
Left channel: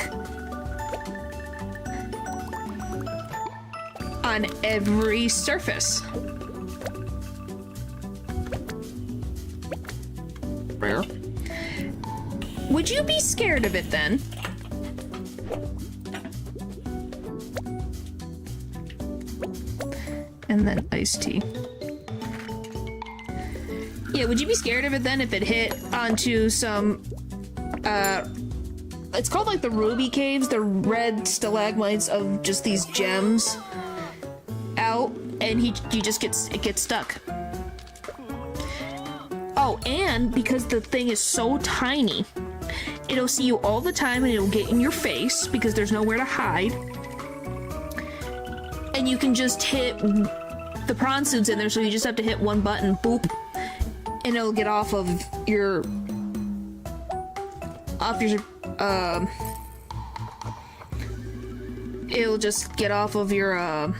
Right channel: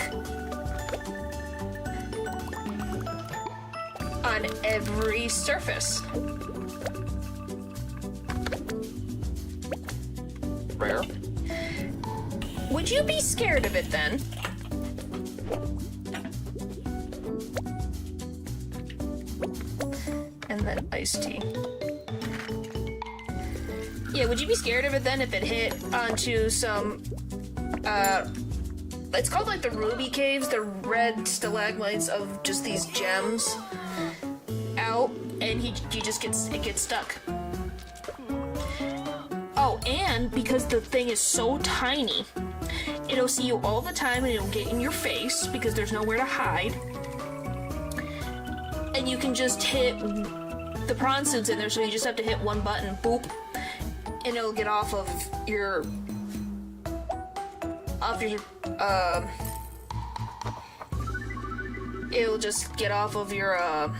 on every surface. Rare. Would you be scared of it then? And then iced tea. Yeah, would you be scared of it then if it hit onto some, it's called like the ruby caves, the red stalagmites of just these gems out, and it gets stuck. Oh, and because the thing is so tiny, it'll see you all the time and it'll get in your face because there's nowhere to hide. And you can just hit, the prawn suit's in there, so you just have to hit one button, boop, and it'll get off of your, it'll just get off of your,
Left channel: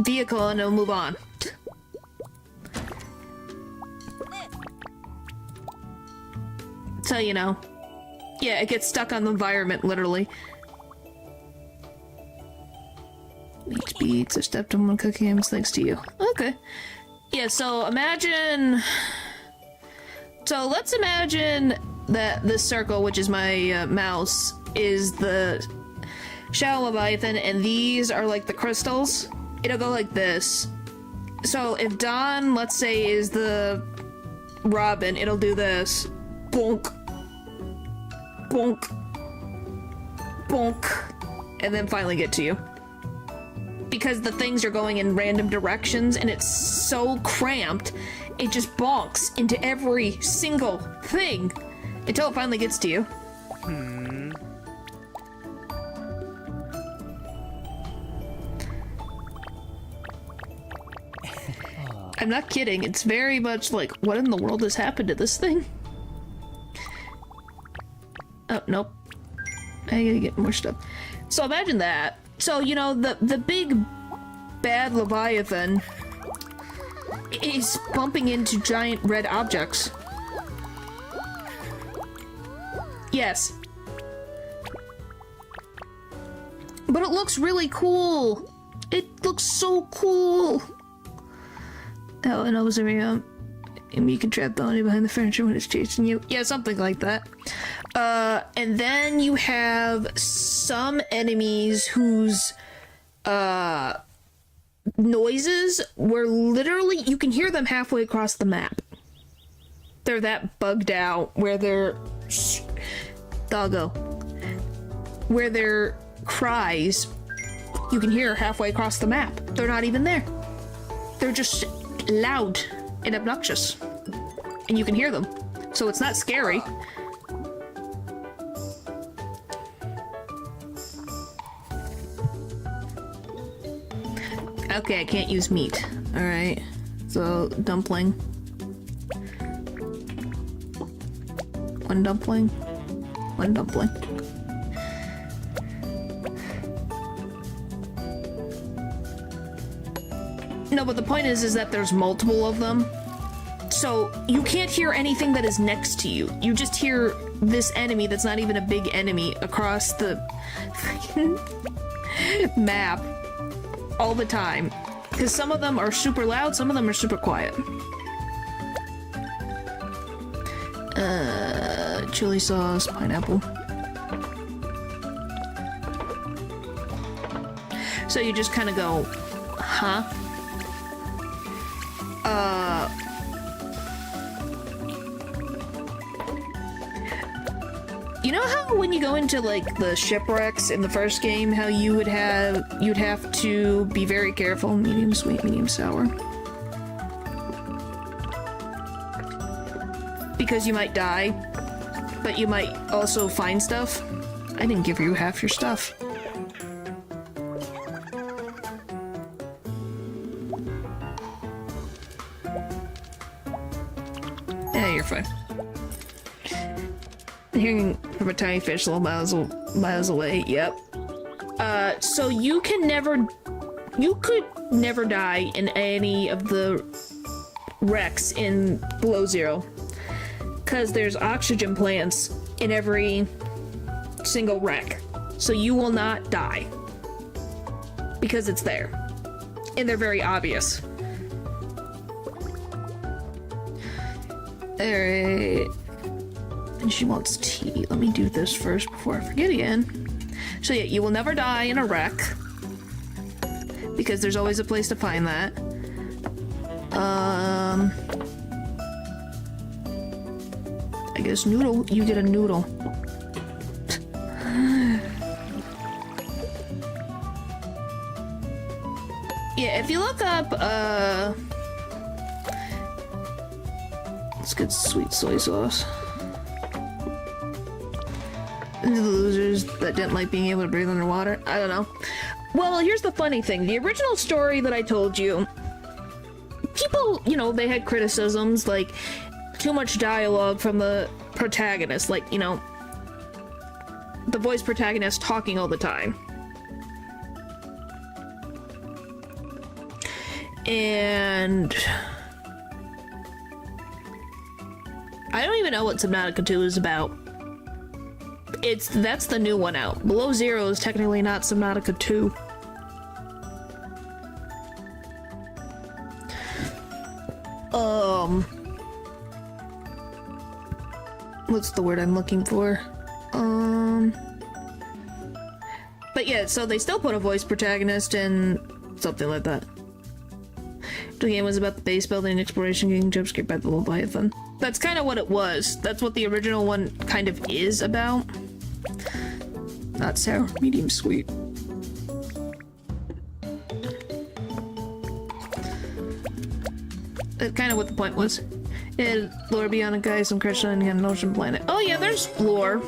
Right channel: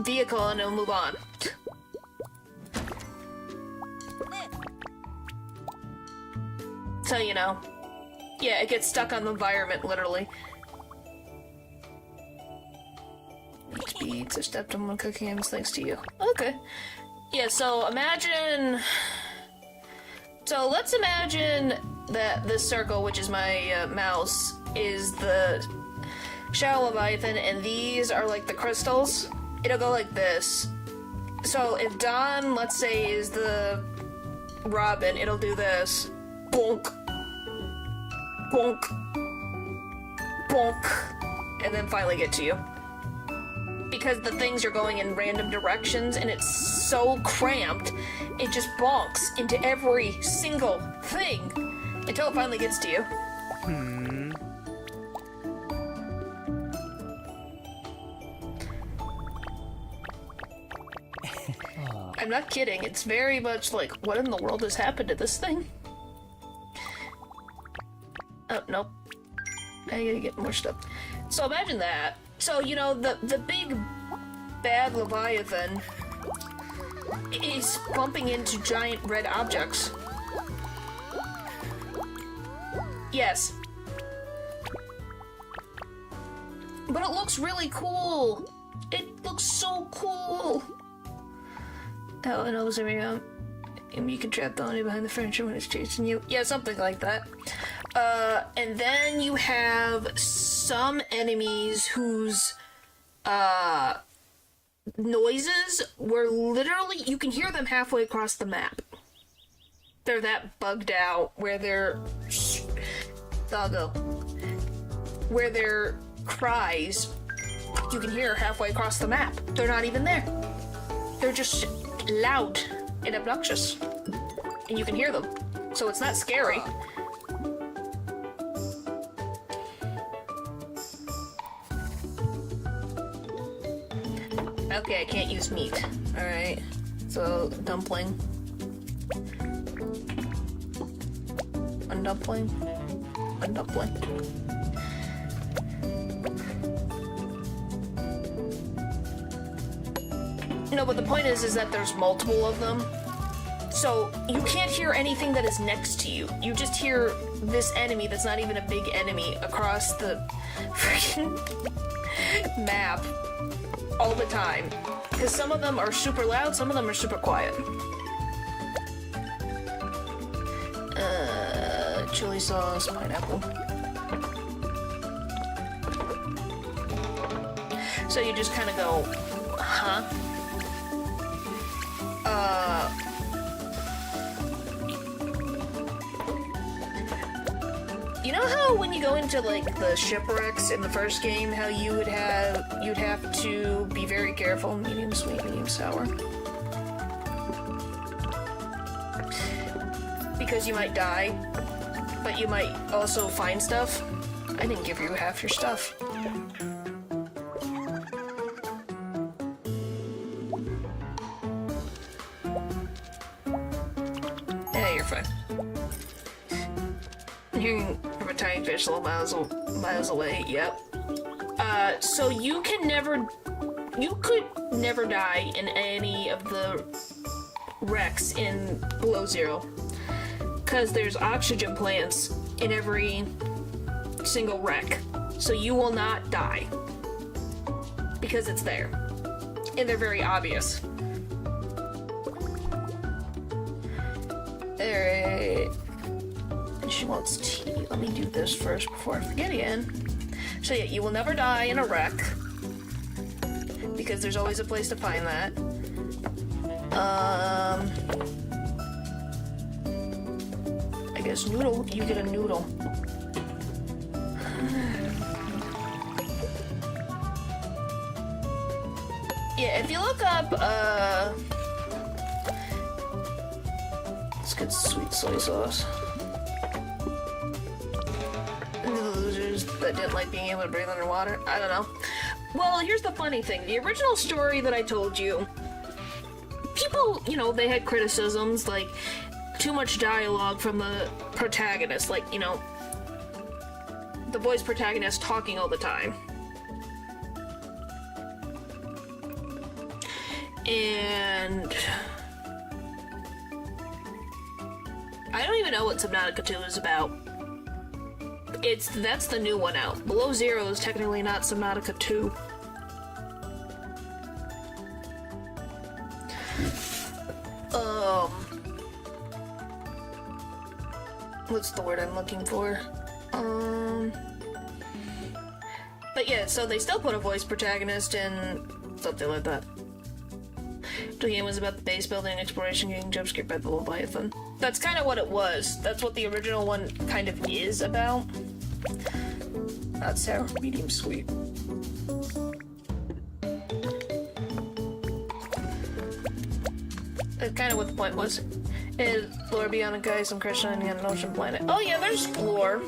vehicle and it'll move on. So, you know. Yeah, it gets stuck on the environment, literally. Each beats are stepped on one cookie and thanks to you. Okay. Yeah, so imagine... So let's imagine that this circle, which is my mouse, is the Shadow Leviathan, and these are like the crystals. It'll go like this. So if Dawn, let's say, is the Robin, it'll do this. Bonk. Bonk. Bonk. And then finally get to you. Because the things are going in random directions and it's so cramped, it just bonks into every single thing until it finally gets to you. I'm not kidding, it's very much like, what in the world has happened to this thing? Oh, nope. I gotta get more stuff. So imagine that. So, you know, the big bad Leviathan is bumping into giant red objects. Yes. But it looks really cool. It looks so cool. Oh, and also, you can trap the honey behind the furniture when it's chasing you. Yeah, something like that. And then you have some enemies whose, noises were literally, you can hear them halfway across the map. They're that bugged out where they're, doggo, where their cries, you can hear halfway across the map. They're not even there. They're just loud and obnoxious. And you can hear them. So it's not scary. Okay, I can't use meat. Alright. So, dumpling. One dumpling. One dumpling. No, but the point is that there's multiple of them. So, you can't hear anything that is next to you. You just hear this enemy that's not even a big enemy across the freaking map all the time. Because some of them are super loud, some of them are super quiet. Chili sauce, pineapple. So you just kind of go, huh? You know how when you go into like the shipwrecks in the first game, how you'd have to be very careful, medium sweet, medium sour, because you might die, but you might also find stuff. I didn't give you half your stuff. Yeah, you're fine. Hearing from a tiny fish a little miles away, yep. So you could never die in any of the wrecks in Below Zero. Because there's oxygen plants in every single wreck. So you will not die. Because it's there. And they're very obvious. Alright. And she wants tea. Let me do this first before I forget again. So yeah, you will never die in a wreck. Because there's always a place to find that. I guess noodle. You get a noodle. Yeah, if you look up, let's get sweet soy sauce. The losers that didn't like being able to breathe underwater. I don't know. Well, here's the funny thing. The original story that I told you, people, you know, they had criticisms, like, too much dialogue from the protagonist, like, you know, the voice protagonist talking all the time. And I don't even know what Subnautica 2 is about. That's the new one out. Below Zero is technically not Subnautica 2. What's the word I'm looking for? But yeah, so they still put a voice protagonist and something like that. The game was about the base building and exploration, getting jumpscared by the Leviathan. That's kind of what it was. That's what the original one kind of is about. Not sour, medium sweet. That's kind of what the point was. Is lore beyond a guy, some Christian on an ocean planet. Oh yeah, there's lore.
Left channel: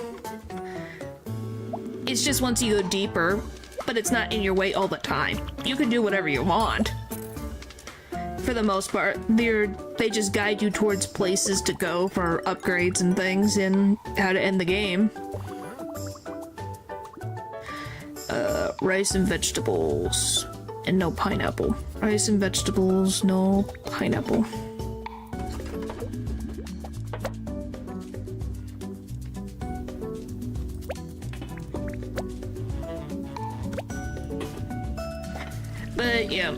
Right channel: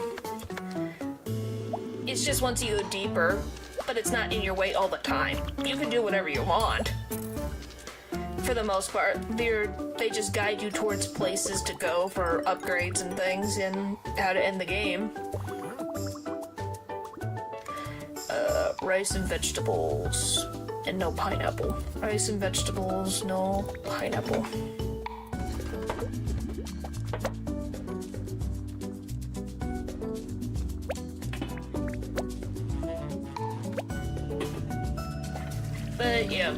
It's just once you go deeper, but it's not in your way all the time. You can do whatever you want. For the most part, they just guide you towards places to go for upgrades and things and how to end the game. rice and vegetables. And no pineapple. Rice and vegetables, no pineapple. But yeah,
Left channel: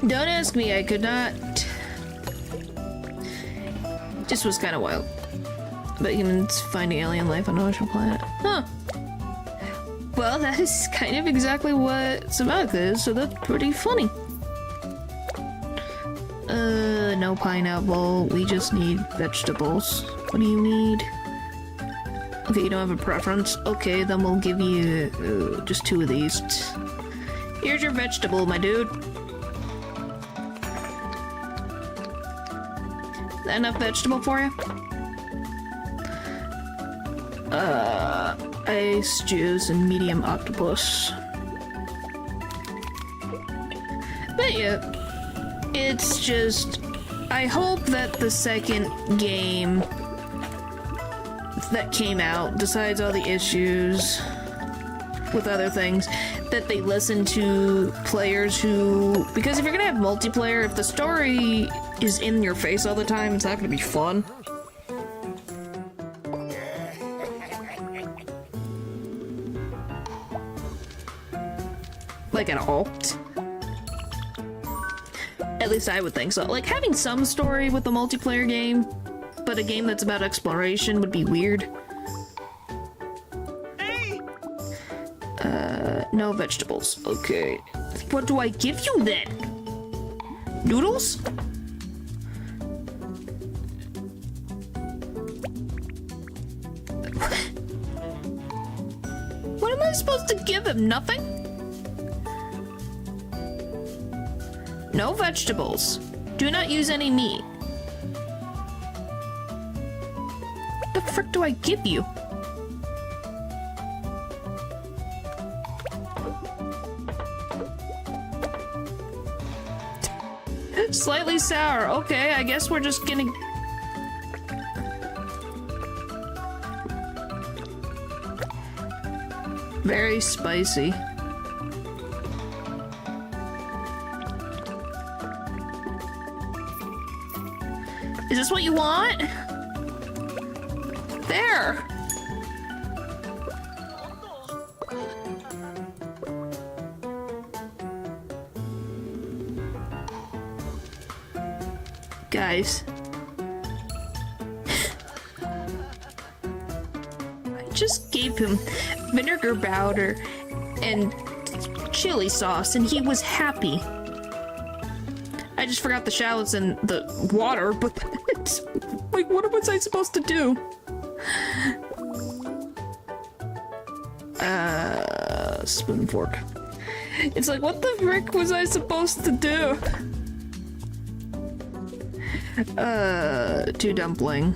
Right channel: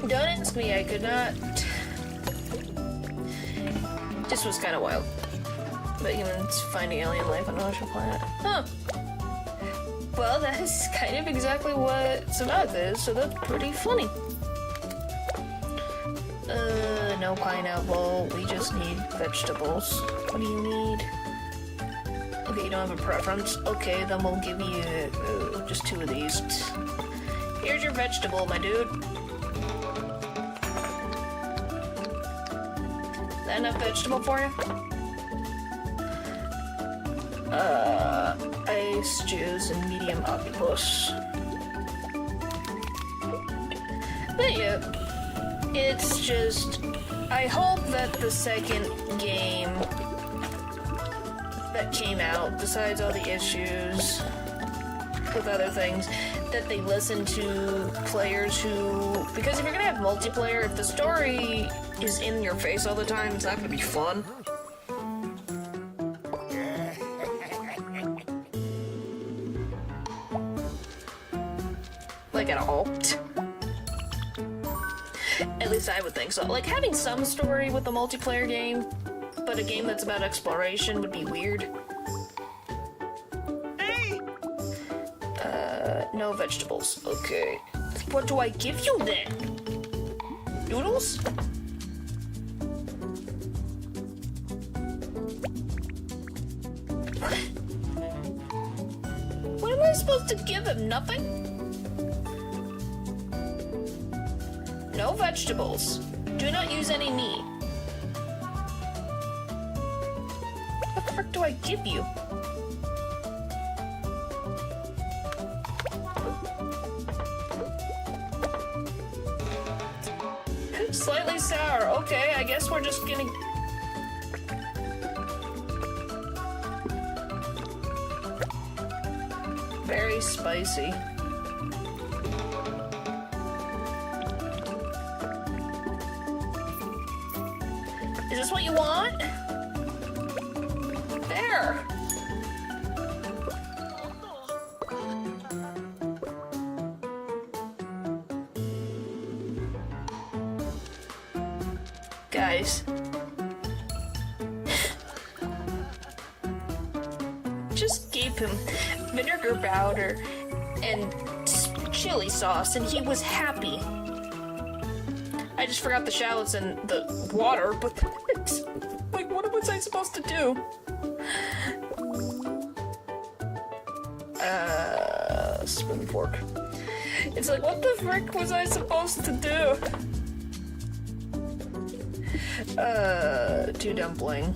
don't ask me, I could not. This was kind of wild. But humans finding alien life on an ocean planet. Huh. Well, that is kind of exactly what Samantha is, so that's pretty funny. No pineapple. We just need vegetables. What do you need? Okay, you don't have a preference. Okay, then we'll give you just 2 of these. Here's your vegetable, my dude. Is that enough vegetable for you? Ice juice and medium octopus. But yeah, it's just, I hope that the second game that came out, besides all the issues with other things, that they listen to players who, because if you're gonna have multiplayer, if the story is in your face all the time, it's not gonna be fun. Like at all. At least I would think so. Like, having some story with a multiplayer game, but a game that's about exploration would be weird. Hey! No vegetables. Okay. What do I give you then? Noodles? What am I supposed to give him? Nothing? No vegetables. Do not use any meat. What the frick do I give you? Slightly sour. Okay, I guess we're just gonna... Very spicy. Is this what you want? There! Guys. I just gave him vinegar powder and chili sauce and he was happy. I just forgot the shallots and the water, but like, what was I supposed to do? Spoon and fork. It's like, what the frick was I supposed to do? 2 dumpling.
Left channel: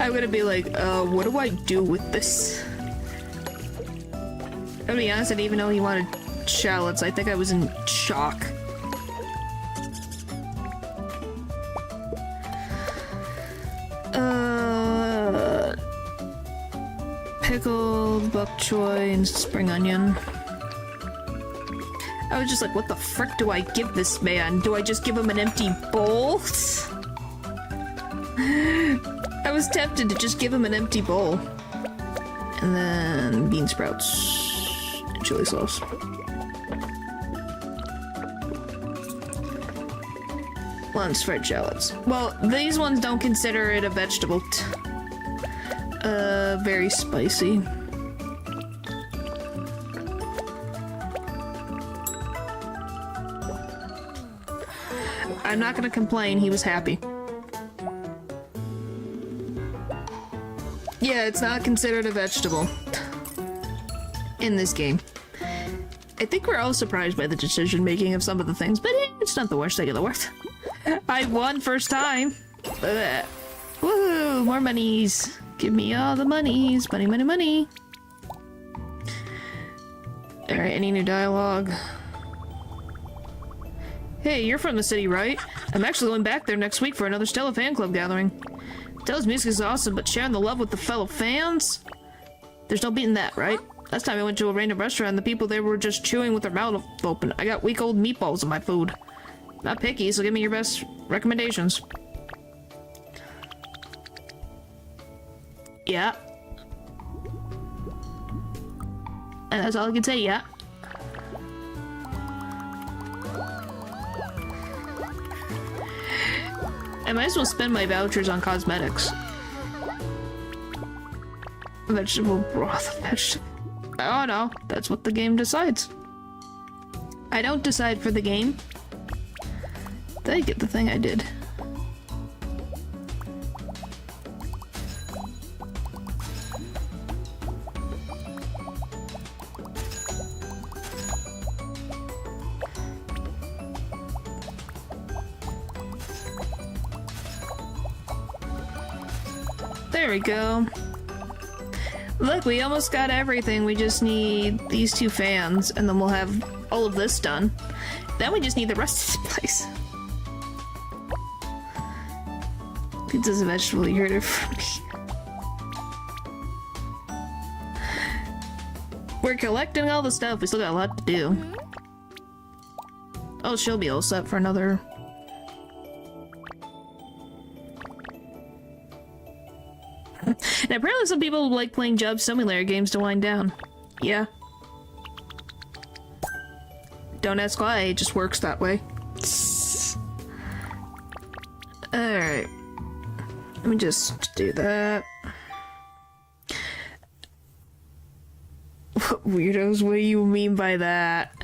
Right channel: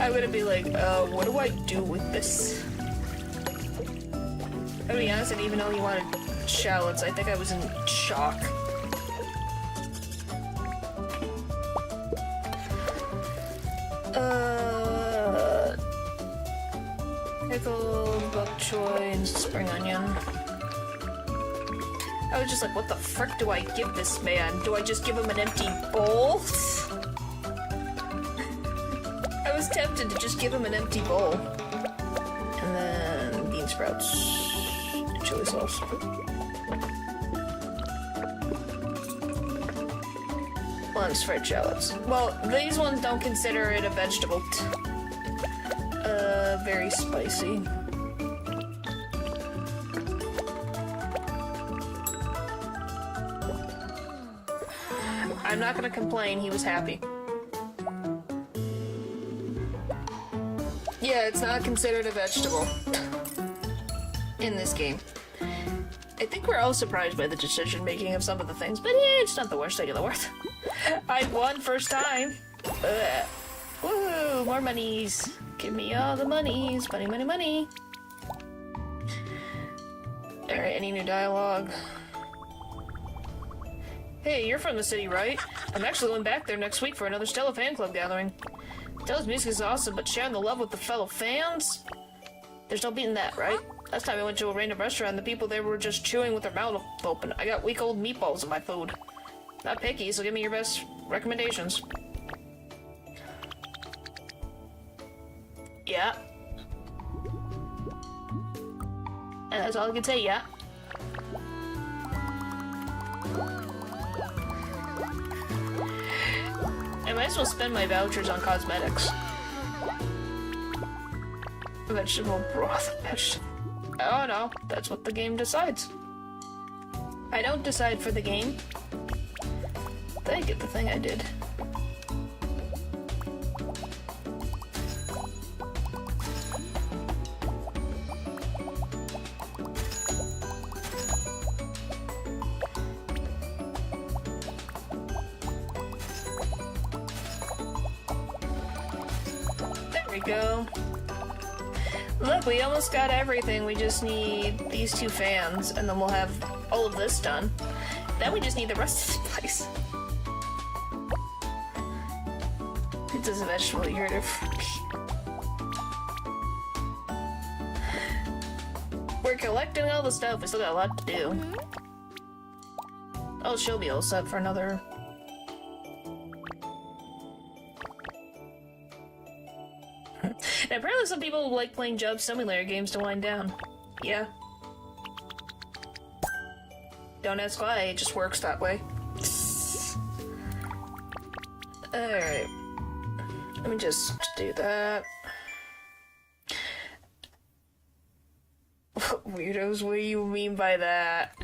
I'm gonna be like, what do I do with this? To be honest, I didn't even know he wanted shallots. I think I was in shock. Pickled bok choy and spring onion. I was just like, what the frick do I give this man? Do I just give him an empty bowl? I was tempted to just give him an empty bowl. And then bean sprouts. Chili sauce. One's fried shallots. Well, these ones don't consider it a vegetable. Very spicy. I'm not gonna complain, he was happy. Yeah, it's not considered a vegetable in this game. I think we're all surprised by the decision making of some of the things, but it's not the worst thing in the world. I'd won first time. Woohoo! More monies. Give me all the monies. Money, money, money. Alright, any new dialogue? Hey, you're from the city, right? I'm actually going back there next week for another Stella fan club gathering. Stella's music is awesome, but sharing the love with the fellow fans? There's no beating that, right? Last time I went to a random restaurant, the people there were just chewing with their mouth open. I got week-old meatballs in my food. Not picky, so give me your best recommendations. Yeah. That's all I can say, yeah. I might as well spend my vouchers on cosmetics. Vegetable broth, vegetable... Oh no, that's what the game decides. I don't decide for the game. Did I get the thing I did? There we go. Look, we almost got everything. We just need these 2 fans, and then we'll have all of this done. Then we just need the rest of the place. Pizza's a vegetable, you heard it from me. We're collecting all the stuff. We still got a lot to do. Oh, she'll be all set for another... And apparently some people like playing Job Simulator games to wind down. Yeah. Don't ask why, it just works that way. Alright. Let me just do that. What weirdos? What do you mean by that?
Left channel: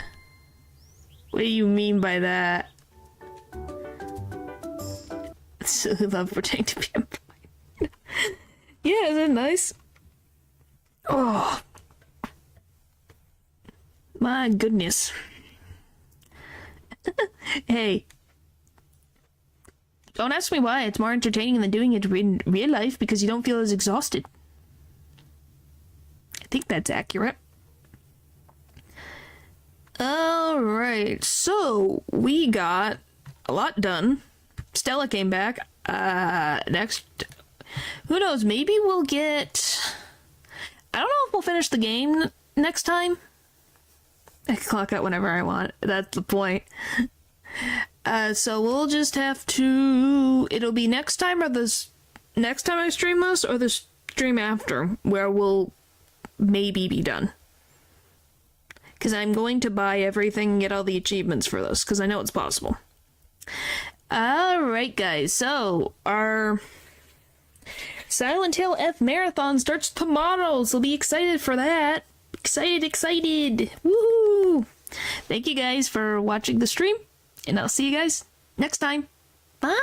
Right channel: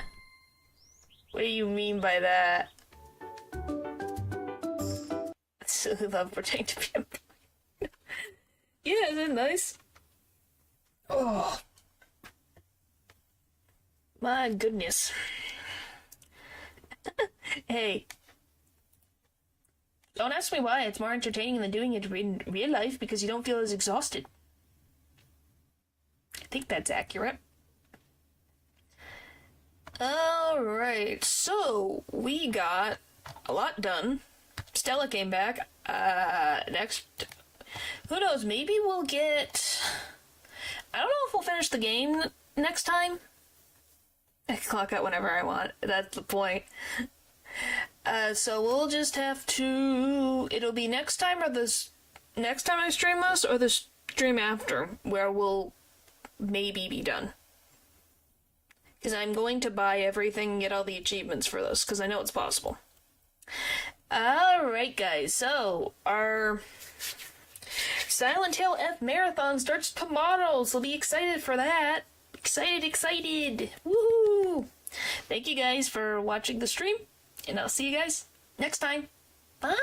What do you mean by that? Silly love pretending to be employed. Yeah, isn't it nice? Oh. My goodness. Hey. Don't ask me why. It's more entertaining than doing it in real life because you don't feel as exhausted. I think that's accurate. Alright, so we got a lot done. Stella came back. Next... Who knows, maybe we'll get... I don't know if we'll finish the game next time. I can clock out whenever I want. That's the point. So we'll just have to... It'll be next time or this... Next time I stream this or the stream after where we'll maybe be done. Because I'm going to buy everything and get all the achievements for this because I know it's possible. Alright guys, so our... Silent Hill F Marathon starts tomorrow, so be excited for that. Excited! Woohoo! Thank you guys for watching the stream, and I'll see you guys next time. Bye!